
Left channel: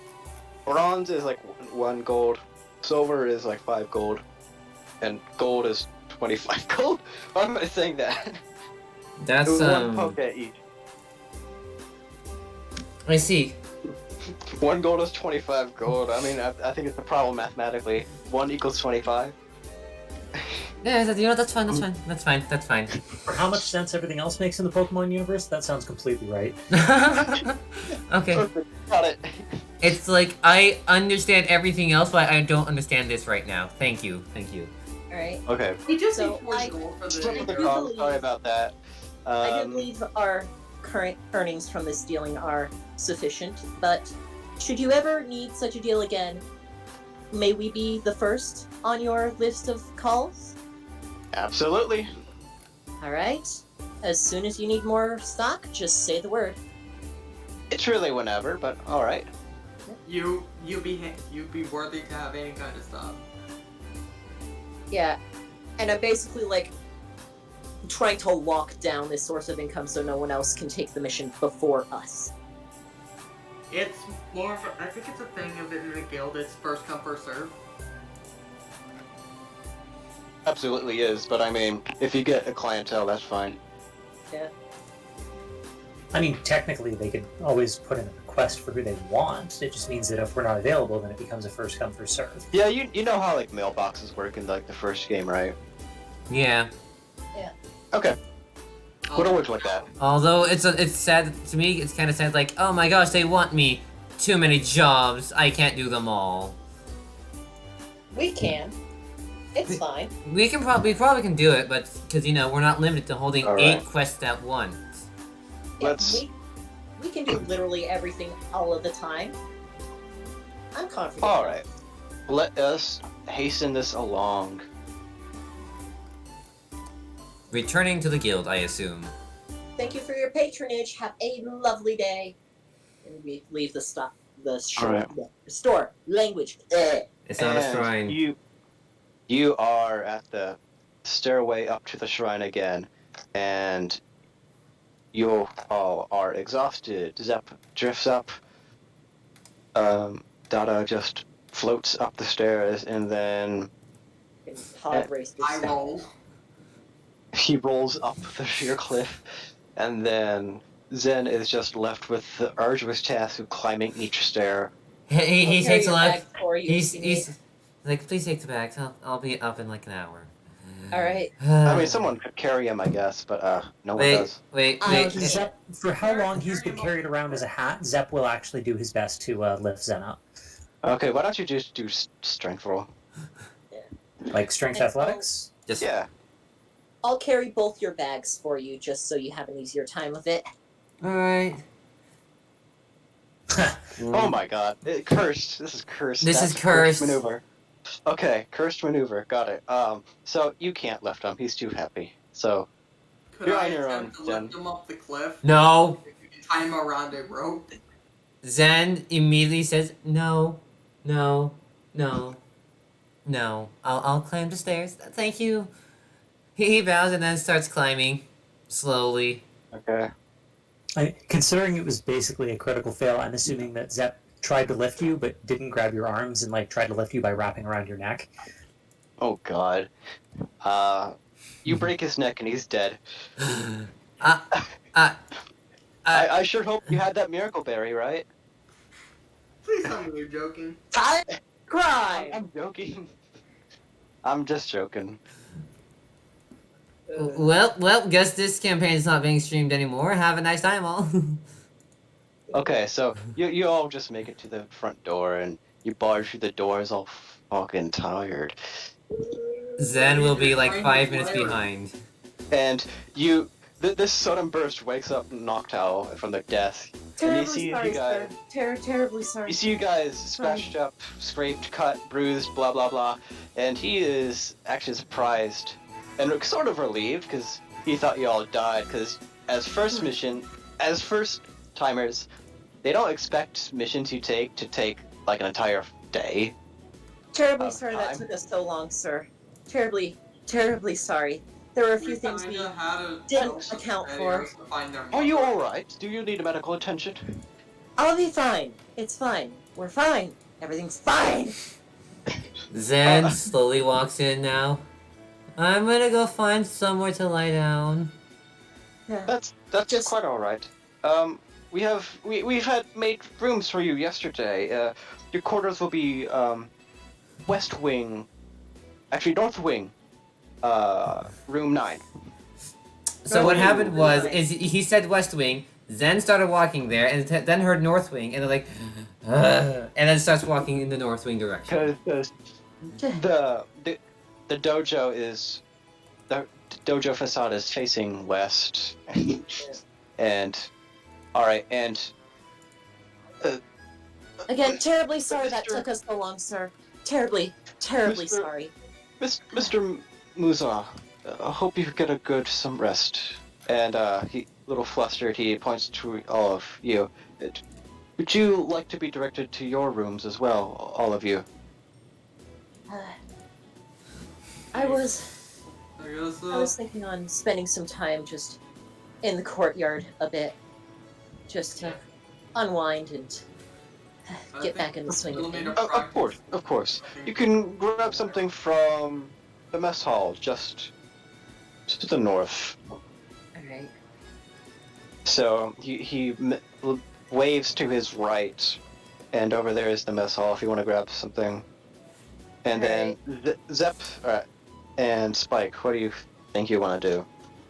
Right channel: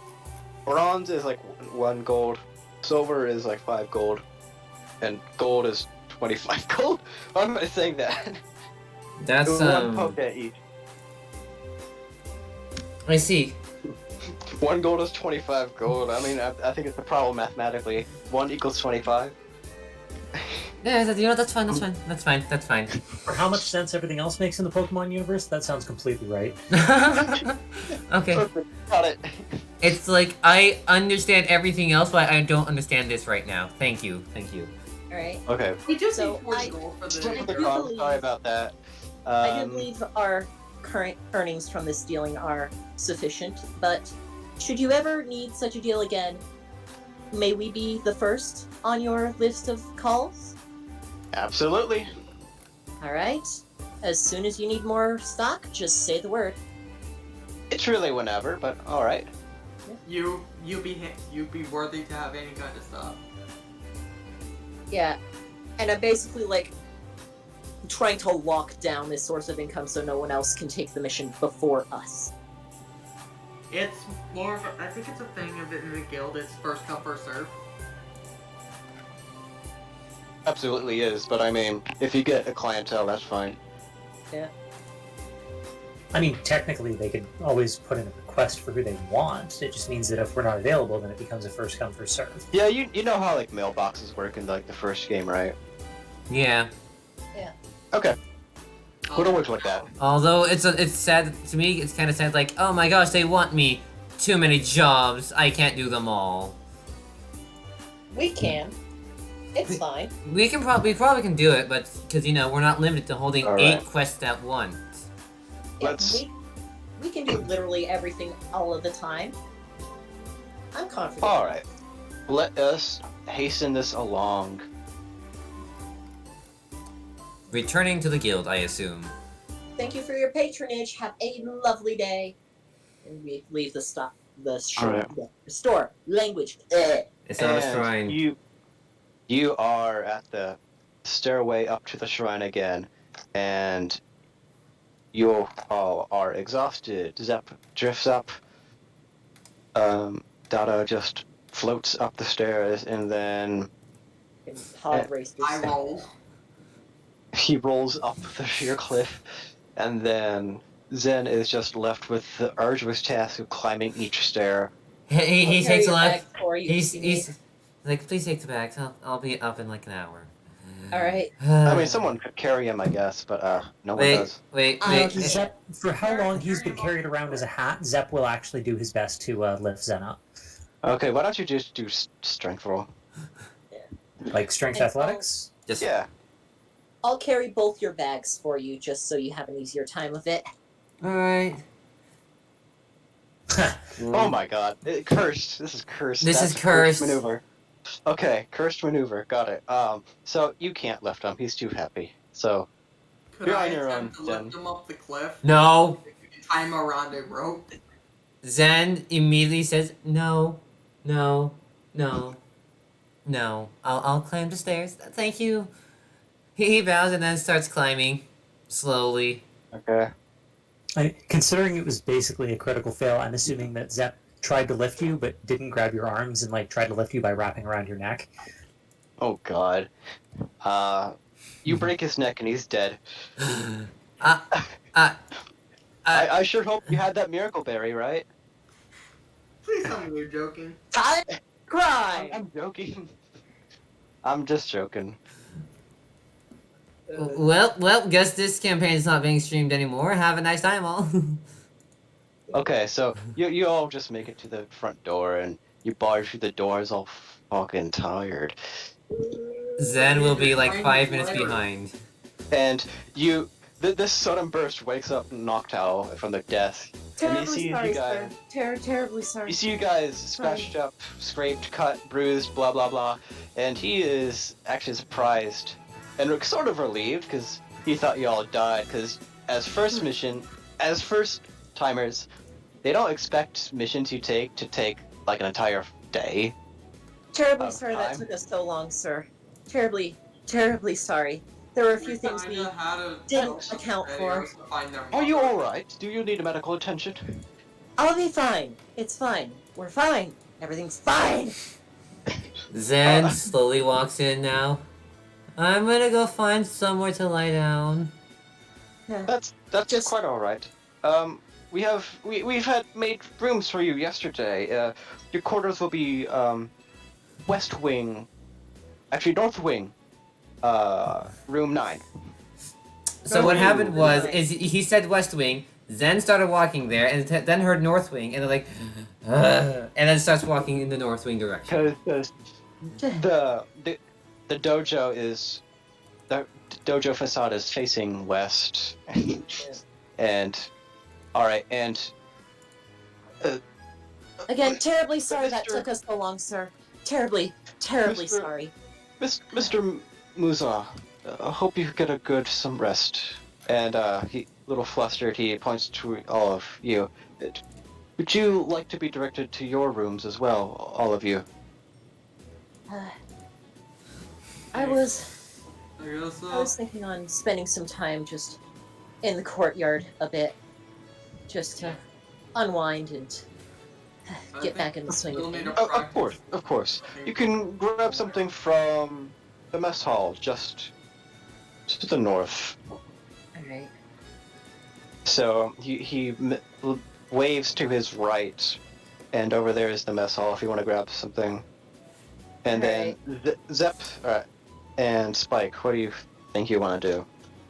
bronze is like 1 gold, silver is like 5 gold, and gold is 25 gold. Why am I saying that? That's One poke at each. I see. 1 gold is 25 gold. I mean, I think it's a problem mathematically. 1 equals 25. Yeah, you know, that's fine. That's fine. For how much sense everything else makes in the Pokemon universe, that sounds completely right. Okay. Got it. It's like I understand everything else, but I don't understand this right now. Thank you. Alright. Okay. We just So need 4 I- gold for For the... the do call, believe- sorry about that. I do believe our current earnings from this dealing are sufficient, but should you ever need such a deal again, may we be the first on your list of calls? Absolutely. Alright. As soon as you need more stock, just say the word. It's really whenever, but all right. You be worthy to have any kind of stuff. Yeah, and I'm basically like trying to lock down this source of income so no one else can take the mission before us. It's more of I think it's a thing of it in the guild. It's first come first serve. Absolutely is, but I mean, if you get a clientele, that's fine. Yeah. I mean, technically, they could always put in a request for who they want. It just means that if we're not available, then it becomes a first come first serve. Yeah, you know how like mailboxes work in like the first game, right? Yeah. Okay. Would have worked like that. Although it's sad to me. It's kind of sad. Like, oh my gosh, they want me. Too many jobs. I can't do them all. We can. It's fine. We probably can do it, but because we're not limited to holding All 8 right. quests at once. Yeah, Let's- we can do literally everything all of the time. I'm confident. All right. Let us hasten this along. Returning to the guild, I assume. Thank you for your patronage. Have a lovely day. And we leave the stuff, the store, Alright. the store. Language. It's not a And shrine. You are at the stairway up to the shrine again, and you all are exhausted. Zep drifts up. Dada just floats up the stairs, and then Pod racers. I roll. he rolls up the sheer cliff, and then Zen is just left with the arduous task of climbing each stair. He I'll takes a carry your left. bag for you He's if you need. he's like, please take the bags. I'll be up in like an hour. All right. I mean, someone could carry him, I guess, but no one Wait, does. wait, Uh, wait. Zep, for how long he's been carried around as a hat, Zep will actually do his best to lift Zen up. Okay, why don't you just do strength roll? Like strength athletics? Just Yeah. I'll carry both your bags for you just so you have an easier time with it. all right. Oh my god. Cursed. This is cursed. This That's is a cursed. maneuver. Okay, cursed maneuver. Got it. So you can't lift him. He's too happy. So Could You're I on your attempt own, to Zen. lift him up the cliff? No. Tie him around a rope? Zen immediately says, no, no, no, no. I'll climb the stairs. Thank you. He bows and then starts climbing slowly. okay. Considering it was basically a critical fail, I'm assuming that Zep tried to lift you but didn't grab your arms and like tried to lift you by wrapping around your neck. Oh god. You break his neck and he's dead. I sure hope you had that miracle berry, right? Please tell me you're joking. Time to cry. I'm joking. I'm just joking. Well, guess this campaign is not being streamed anymore. Have a nice time, all. Okay, so you all just make it to the front door and you barge through the doors all fucking tired. Zen will be like 5 minutes behind. And this sudden burst wakes up Noctowl from the desk. And you see Terribly you sorry, guys, sir. Terribly sorry. you see you guys scratched up, scraped, cut, bruised, blah blah blah, and he is actually surprised and sort of relieved because he thought you all died. Because as first timers, they don't expect missions you take to take like an entire day. Terribly of sorry that time. took us so long, sir. Terribly sorry. There were a few things we didn't account for. Are you all right? Do you need medical attention? I'll be fine. It's fine. We're fine. Everything's fine. Zen slowly walks in now. I'm gonna go find somewhere to lie down. Yeah. That's Just- quite all right. We've had made rooms for you yesterday. Your quarters will be west wing, actually north wing, room 9. So what happened was, is he said West Wing, Zen started walking there, and then heard North Wing, and they're like, "Ugh," and then starts walking in the North Wing direction. Because the dojo is the dojo facade is facing west, and all right, and Again, terribly sorry that Mr. took us so long, sir. Terribly Mr. sorry. Mr. Musa, I hope you get some rest. And little flustered, he points to all of you. Would you like to be directed to your rooms as well, all of you? I was I guess I was thinking on spending some time just in the courtyard a bit, just to unwind and get back in the swing of things. Of course. You can grab something from the mess hall, just to the north. Alright. So he waves to his right, and over there is the mess hall if you want to grab something. And then Zep and Spike, what do you think you want to do?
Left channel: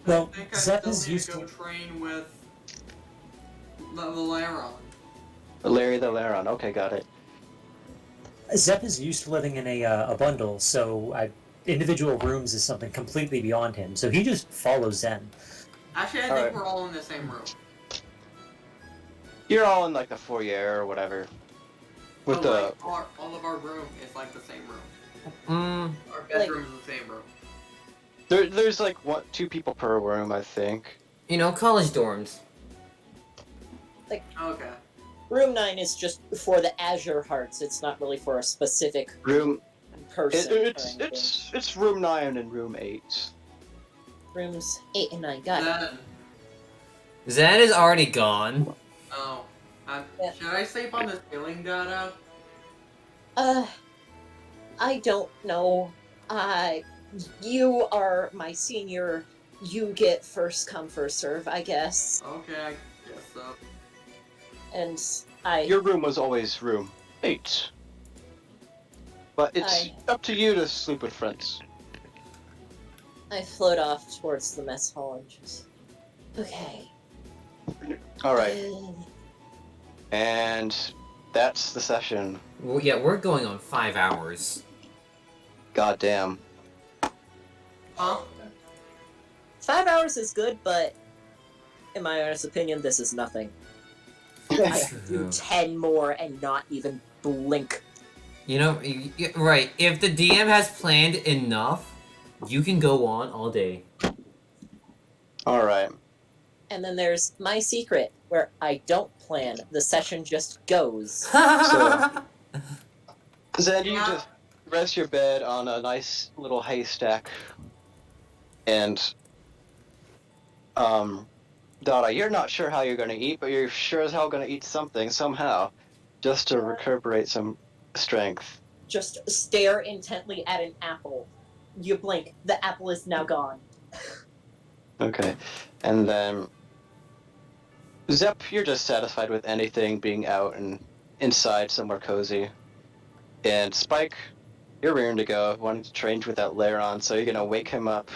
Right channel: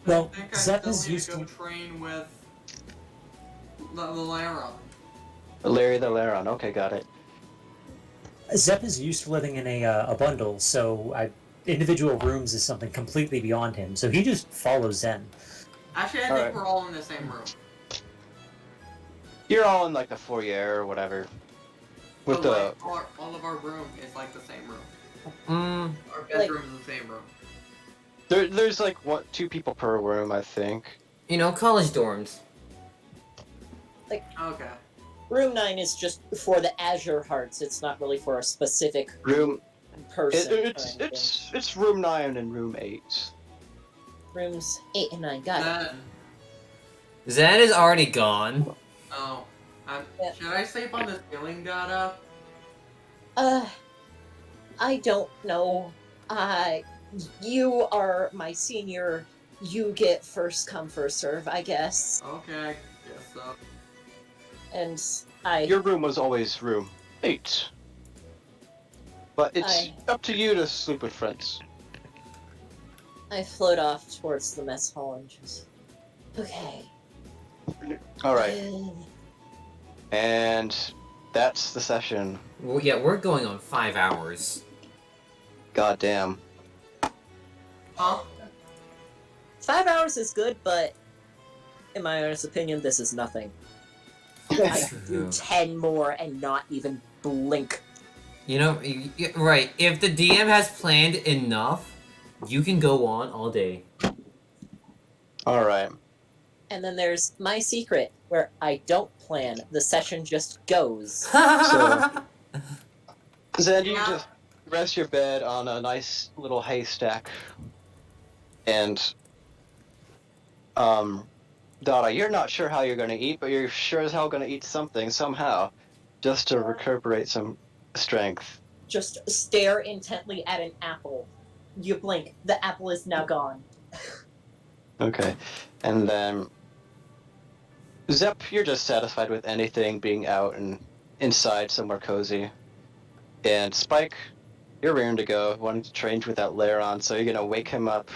Well, I think I Zep still is need used to go to. train with the Laron. Larry the Laron. Okay, got it. Zep is used to living in a bundle, so individual rooms is something completely beyond him. So he just follows Zen. Actually, I think Alright. we're all in the same room. You're all in like the foyer or whatever. With But, the like, all of our room is like the same room. Our bedroom is the same room. there's like two people per room, I think. College dorms. Okay. Room 9 is just for the Azure Hearts. It's not really for a specific Room person. it's room 9 and room 8. Rooms 8 and 9. Got it. Then, Zen is already gone. oh, Yeah. should I sleep on the ceiling, Dada? I don't know. You are my senior. You get first come, first serve, I guess. Okay, I guess so. And Your room was always room 8. But it's up to you to sleep with friends. I float off towards the mess hall and just... Okay. Alright. And that's the session. Well, yeah, we're going on 5 hours. God damn. Huh? 5 hours is good, but in my honest opinion, this is nothing. I could do 10 more and not even blink. Right, if the DM has planned enough, you can go on all day. Alright. And then there's my secret, where I don't plan. The session just goes. Zen, you just rest your bed on a nice little haystack. And, Dada, you're not sure how you're gonna eat, but you're sure as hell gonna eat something, somehow. Just to recuperate some strength. Just stare intently at an apple. You blink, the apple is now gone. Okay. And then... Zep, you're just satisfied with anything being out and inside somewhere cozy. And Spike, you're rearing to go, wanting to train with that Laron, so you're gonna wake him up,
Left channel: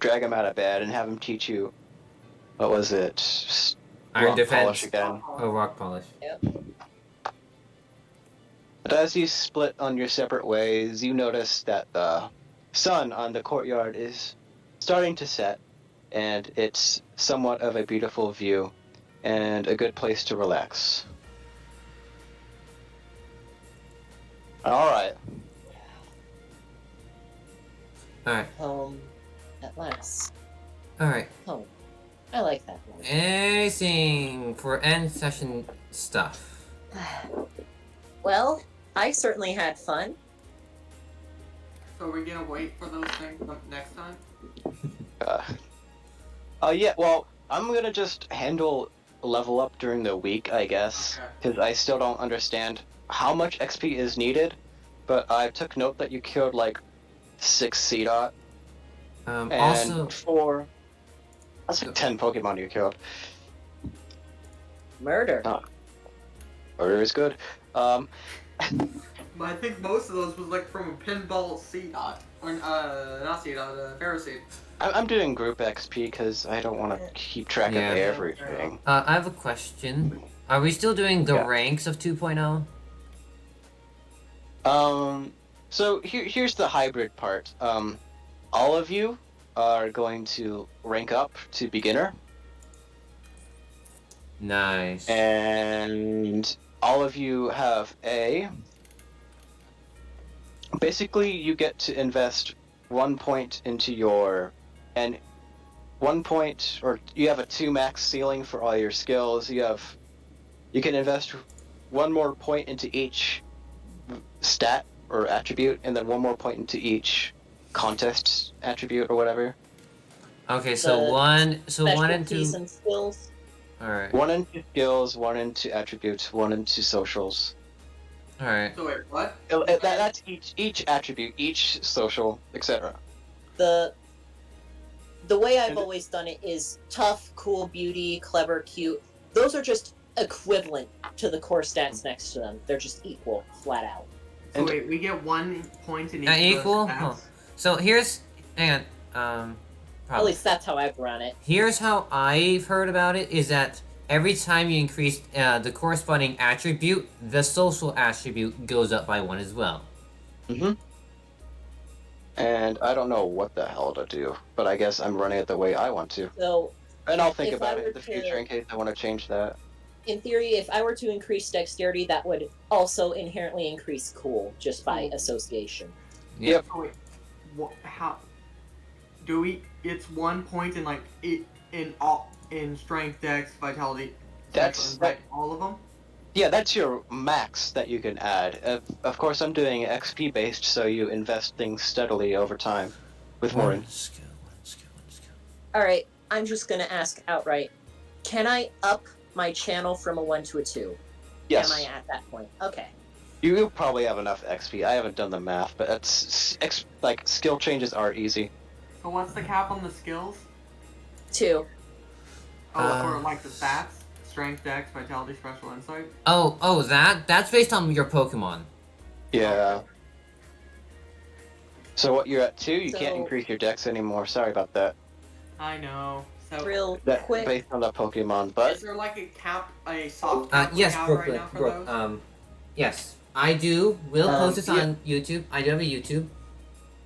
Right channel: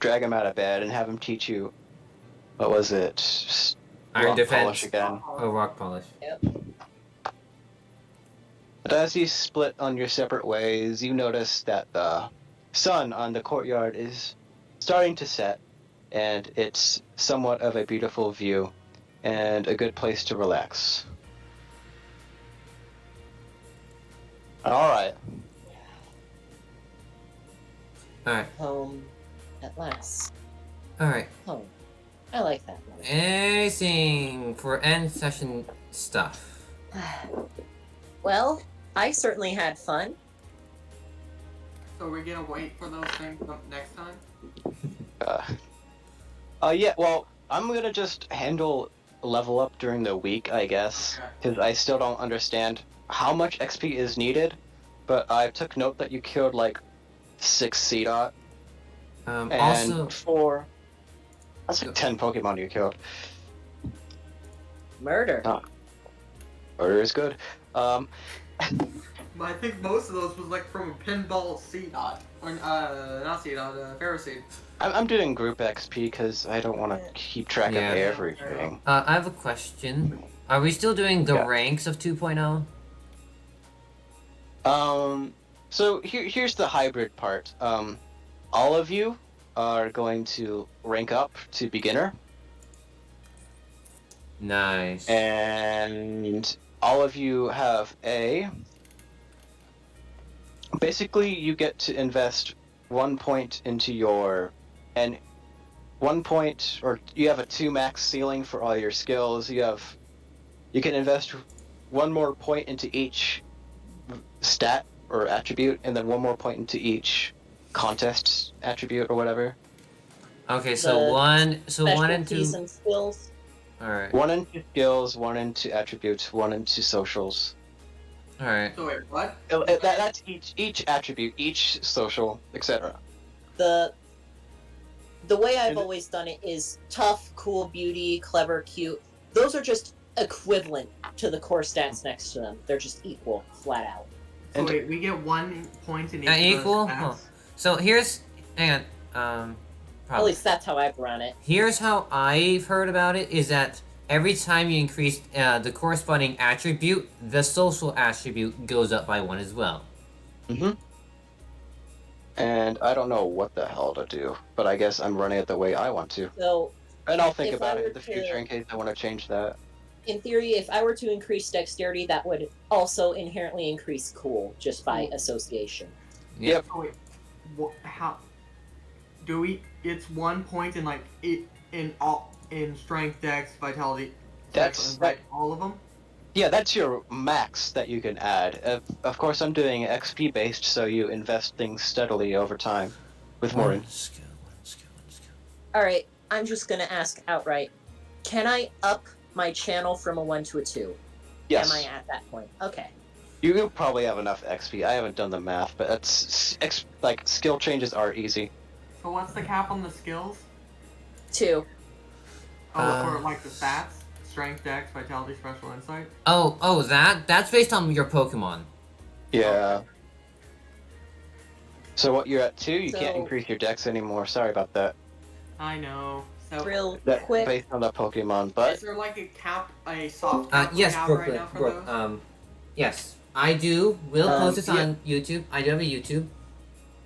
drag him out of bed, and have him teach you, what was it? Iron Rock defense. polish again. Oh, rock polish. Yep. But as you split on your separate ways, you notice that the sun on the courtyard is starting to set, and it's somewhat of a beautiful view, and a good place to relax. Alright. Alright, Home at last. alright. Home. I like that one. Anything for end session stuff. Well, I certainly had fun. So we're gonna wait for those things next time? Yeah, well, I'm gonna just handle level up during the week, I guess, because I still don't understand how much XP is needed, but I took note that you killed like 6 C-Dot, and Also, that's like 10 Pokemon you killed. Murder. Order is good. But I think most of those was like from a pinball C-Dot. Or, not C-Dot, Pharisee. I'm doing group XP because I don't want to keep track Yeah. of everything. I have a question. Are we still doing the Yeah. ranks of 2.0? So here's the hybrid part. All of you are going to rank up to beginner, Nice. and all of you have a... Basically, you get to invest 1 point into your... And 1 point, or you have a 2 max ceiling for all your skills. You can invest 1 more point into each stat or attribute, and then 1 more point into each contest attribute or whatever. Okay, so The one and Specialties two. and skills. All right. 1 into skills, 1 into attributes, 1 into socials. All right. So wait, what? That's each attribute, each social, etc. The way I've And- always done it is tough, cool, beauty, clever, cute. Those are just equivalent to the core stats next to them. They're just equal, flat out. So And- wait, we get 1 point in each Equal? of those Huh. stats? So here's and At probably least that's how I've run it. here's how I've heard about it is that every time you increase the corresponding attribute, the social attribute goes up by 1 as well. Mm-hmm. And I don't know what the hell to do, but I guess I'm running it the way I want to. So, And I'll think If about I it were in the future to- in case I want to change that. in theory, if I were to increase dexterity, that would also inherently increase cool just by association. Yeah. Yep. Oh, wait, how? Do we? It's 1 point in like in strength, dex, vitality. That's- special insight, all of them. Yeah, that's your max that you can add. Of course, I'm doing XP based, so you invest things steadily over time, with more. One skill. All right, I'm just gonna ask outright: can I up my channel from a 1 to a 2? Yes, Am I at that point? Okay. you probably have enough XP. I haven't done the math, but like skill changes are easy. So what's the cap on the skills? 2. Oh, or like the stats? Strength, dex, vitality, special insight. Oh, that's based on your Pokemon. Yeah. So what you're at 2, you can't So- increase your dex anymore. Sorry about that. I know. So Real That's quick. based on the Pokemon, but is there like a cap, a soft cap Yes, cap Brooke. right now for Brooke. those? Yes, I do. We'll post this yeah. on YouTube. I do have a YouTube.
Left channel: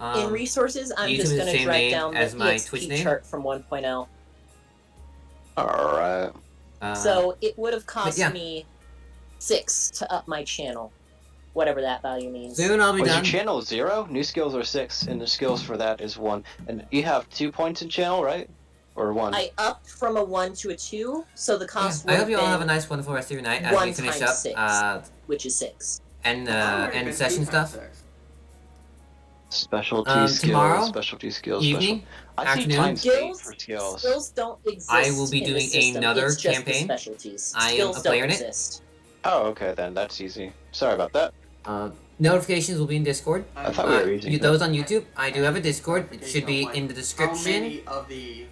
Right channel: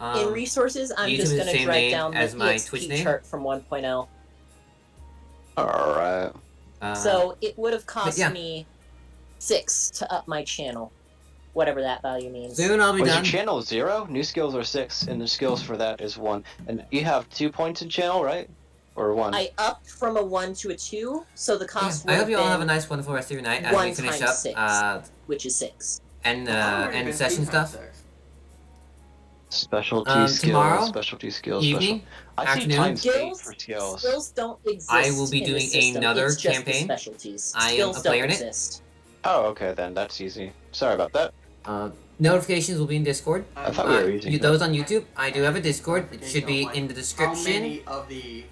In resources, I'm YouTube just is the gonna same write name down as the my EXP Twitch name. chart from 1.0. alright. So it would have cost yeah. me 6 to up my channel, whatever that value means. soon I'll be Was your done. channel 0? New skills are 6, and the skills for that is 1. And you have 2 points in channel, right? Or 1? I upped from a 1 to a 2, so the Yeah, cost I hope would you all have a been, nice, wonderful rest of your night as we 1 finish times up 6. Which is 6. and Already been session 3 stuff. times 6. Specialty skills, tomorrow, specialty skills, Evening, I see afternoon. times 8 Skills, for skills. skills don't exist. I will be in the doing system. another It's just the campaign. specialties. I am Skills a player don't in it. exist. Oh, okay then, that's easy. Sorry about that. Notifications will be in Discord. I thought we were using that. Those on YouTube, I do have a Discord. It should be in the How description. many of the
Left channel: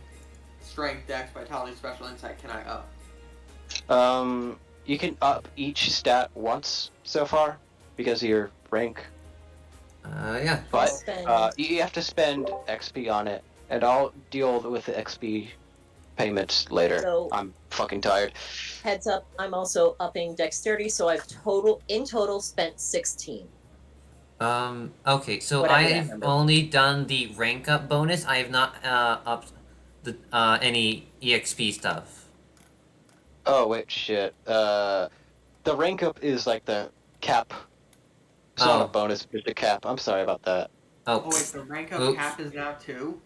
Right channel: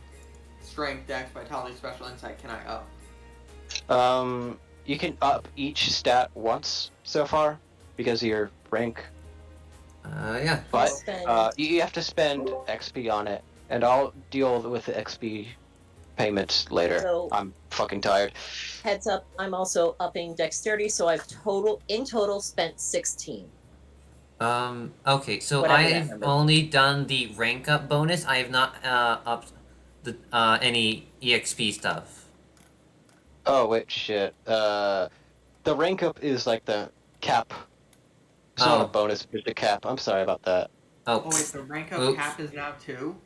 strength, dex, vitality, special insight can I up? You can up each stat once so far because of your rank, Yeah. but Spend- you have to spend XP on it, and I'll deal with the XP payments later. So- I'm fucking tired. Heads up, I'm also upping dexterity, so I've in total spent 16. Okay, so Whatever that I've number. only done the rank up bonus. I have not upped the any EXP stuff. Oh wait, shit. The rank up is like the cap. It's not Oh. a bonus, it's a cap. I'm sorry about that. Oh Oh, wait, the rank up Oops. cap is now 2?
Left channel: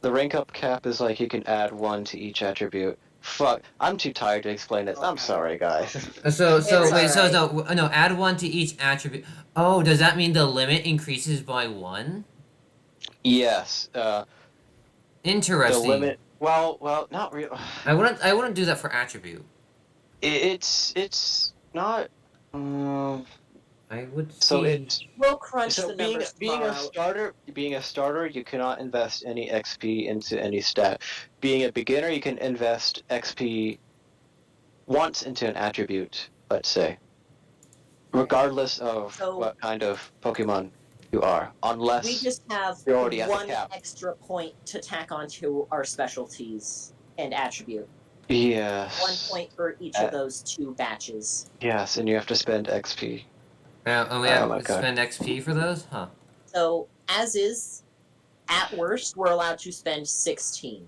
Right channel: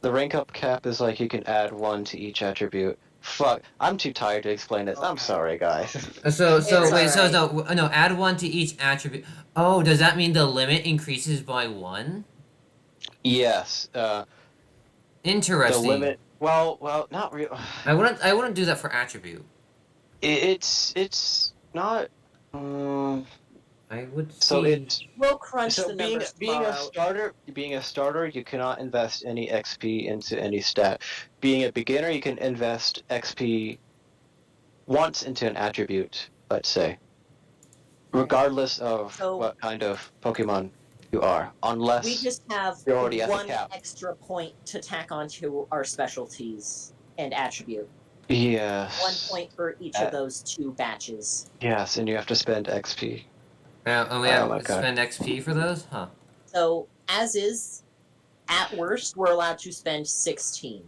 The rank up cap is like you can add 1 to each attribute. Fuck, I'm too tired to explain this. I'm Okay. sorry, guys. so It's wait, so alright. no, add 1 to each attribute. Oh, does that mean the limit increases by 1? Yes. The Interesting. limit. Well, not real. I wouldn't do that for attribute. It's not. I would So see. it's We'll crunch so the being numbers being a tomorrow. starter, you cannot invest any XP into any stat. Being a beginner, you can invest XP once into an attribute. Let's say, regardless of So- what kind of Pokemon you are, unless We just have You're already at the 1 cap. extra point to tack onto our specialties and attribute. yes, 1 point for each of those 2 batches. yes, and you have to spend XP. We Oh have my to God. spend XP for those, huh? So, as is, at worst, we're allowed to spend 16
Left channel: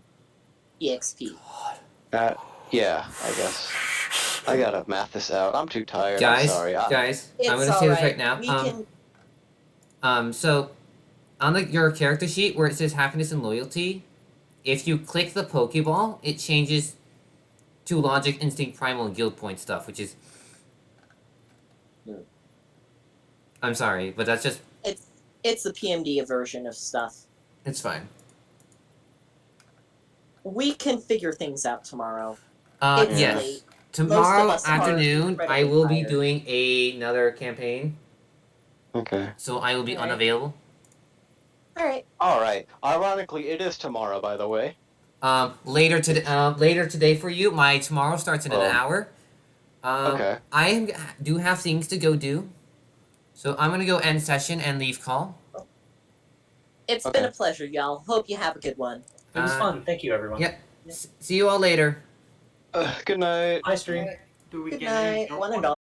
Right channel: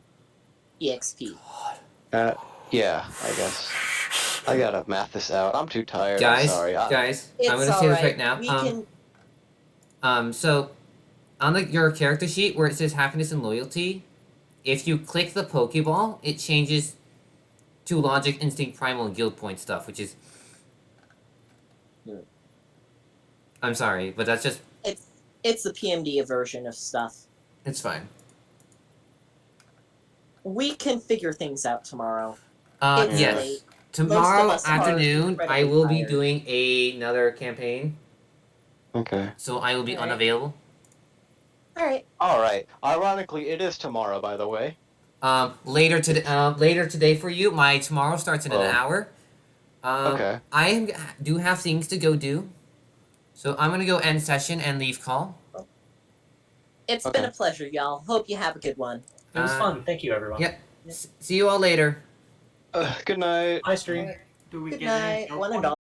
EXP. Yeah, I guess. I gotta math this out. I'm too tired. I'm Guys, sorry. guys, It's I'm gonna say this alright. right now. We can, So on your character sheet where it says happiness and loyalty, if you click the Pokeball, it changes to Logic, Instinct, Primal, and Guild Point stuff, which is. I'm sorry, but that's just. It's the PMD version of stuff. It's fine. We can figure things out tomorrow. It's Yes. late. Tomorrow Most of us are afternoon, I incredibly will be tired. doing another campaign, Okay. so I will be Alright. unavailable. All right. All right. Ironically, it is tomorrow, by the way. Later today for you. My tomorrow starts in an hour. Okay. Do have things to go do, so I'm gonna go end session and leave call. It's been a pleasure, y'all. Hope you have a good one. It was fun. Thank you, everyone. Yep. See you all later. Good night. Hi, stream. Do we Good get any night, help one and on all.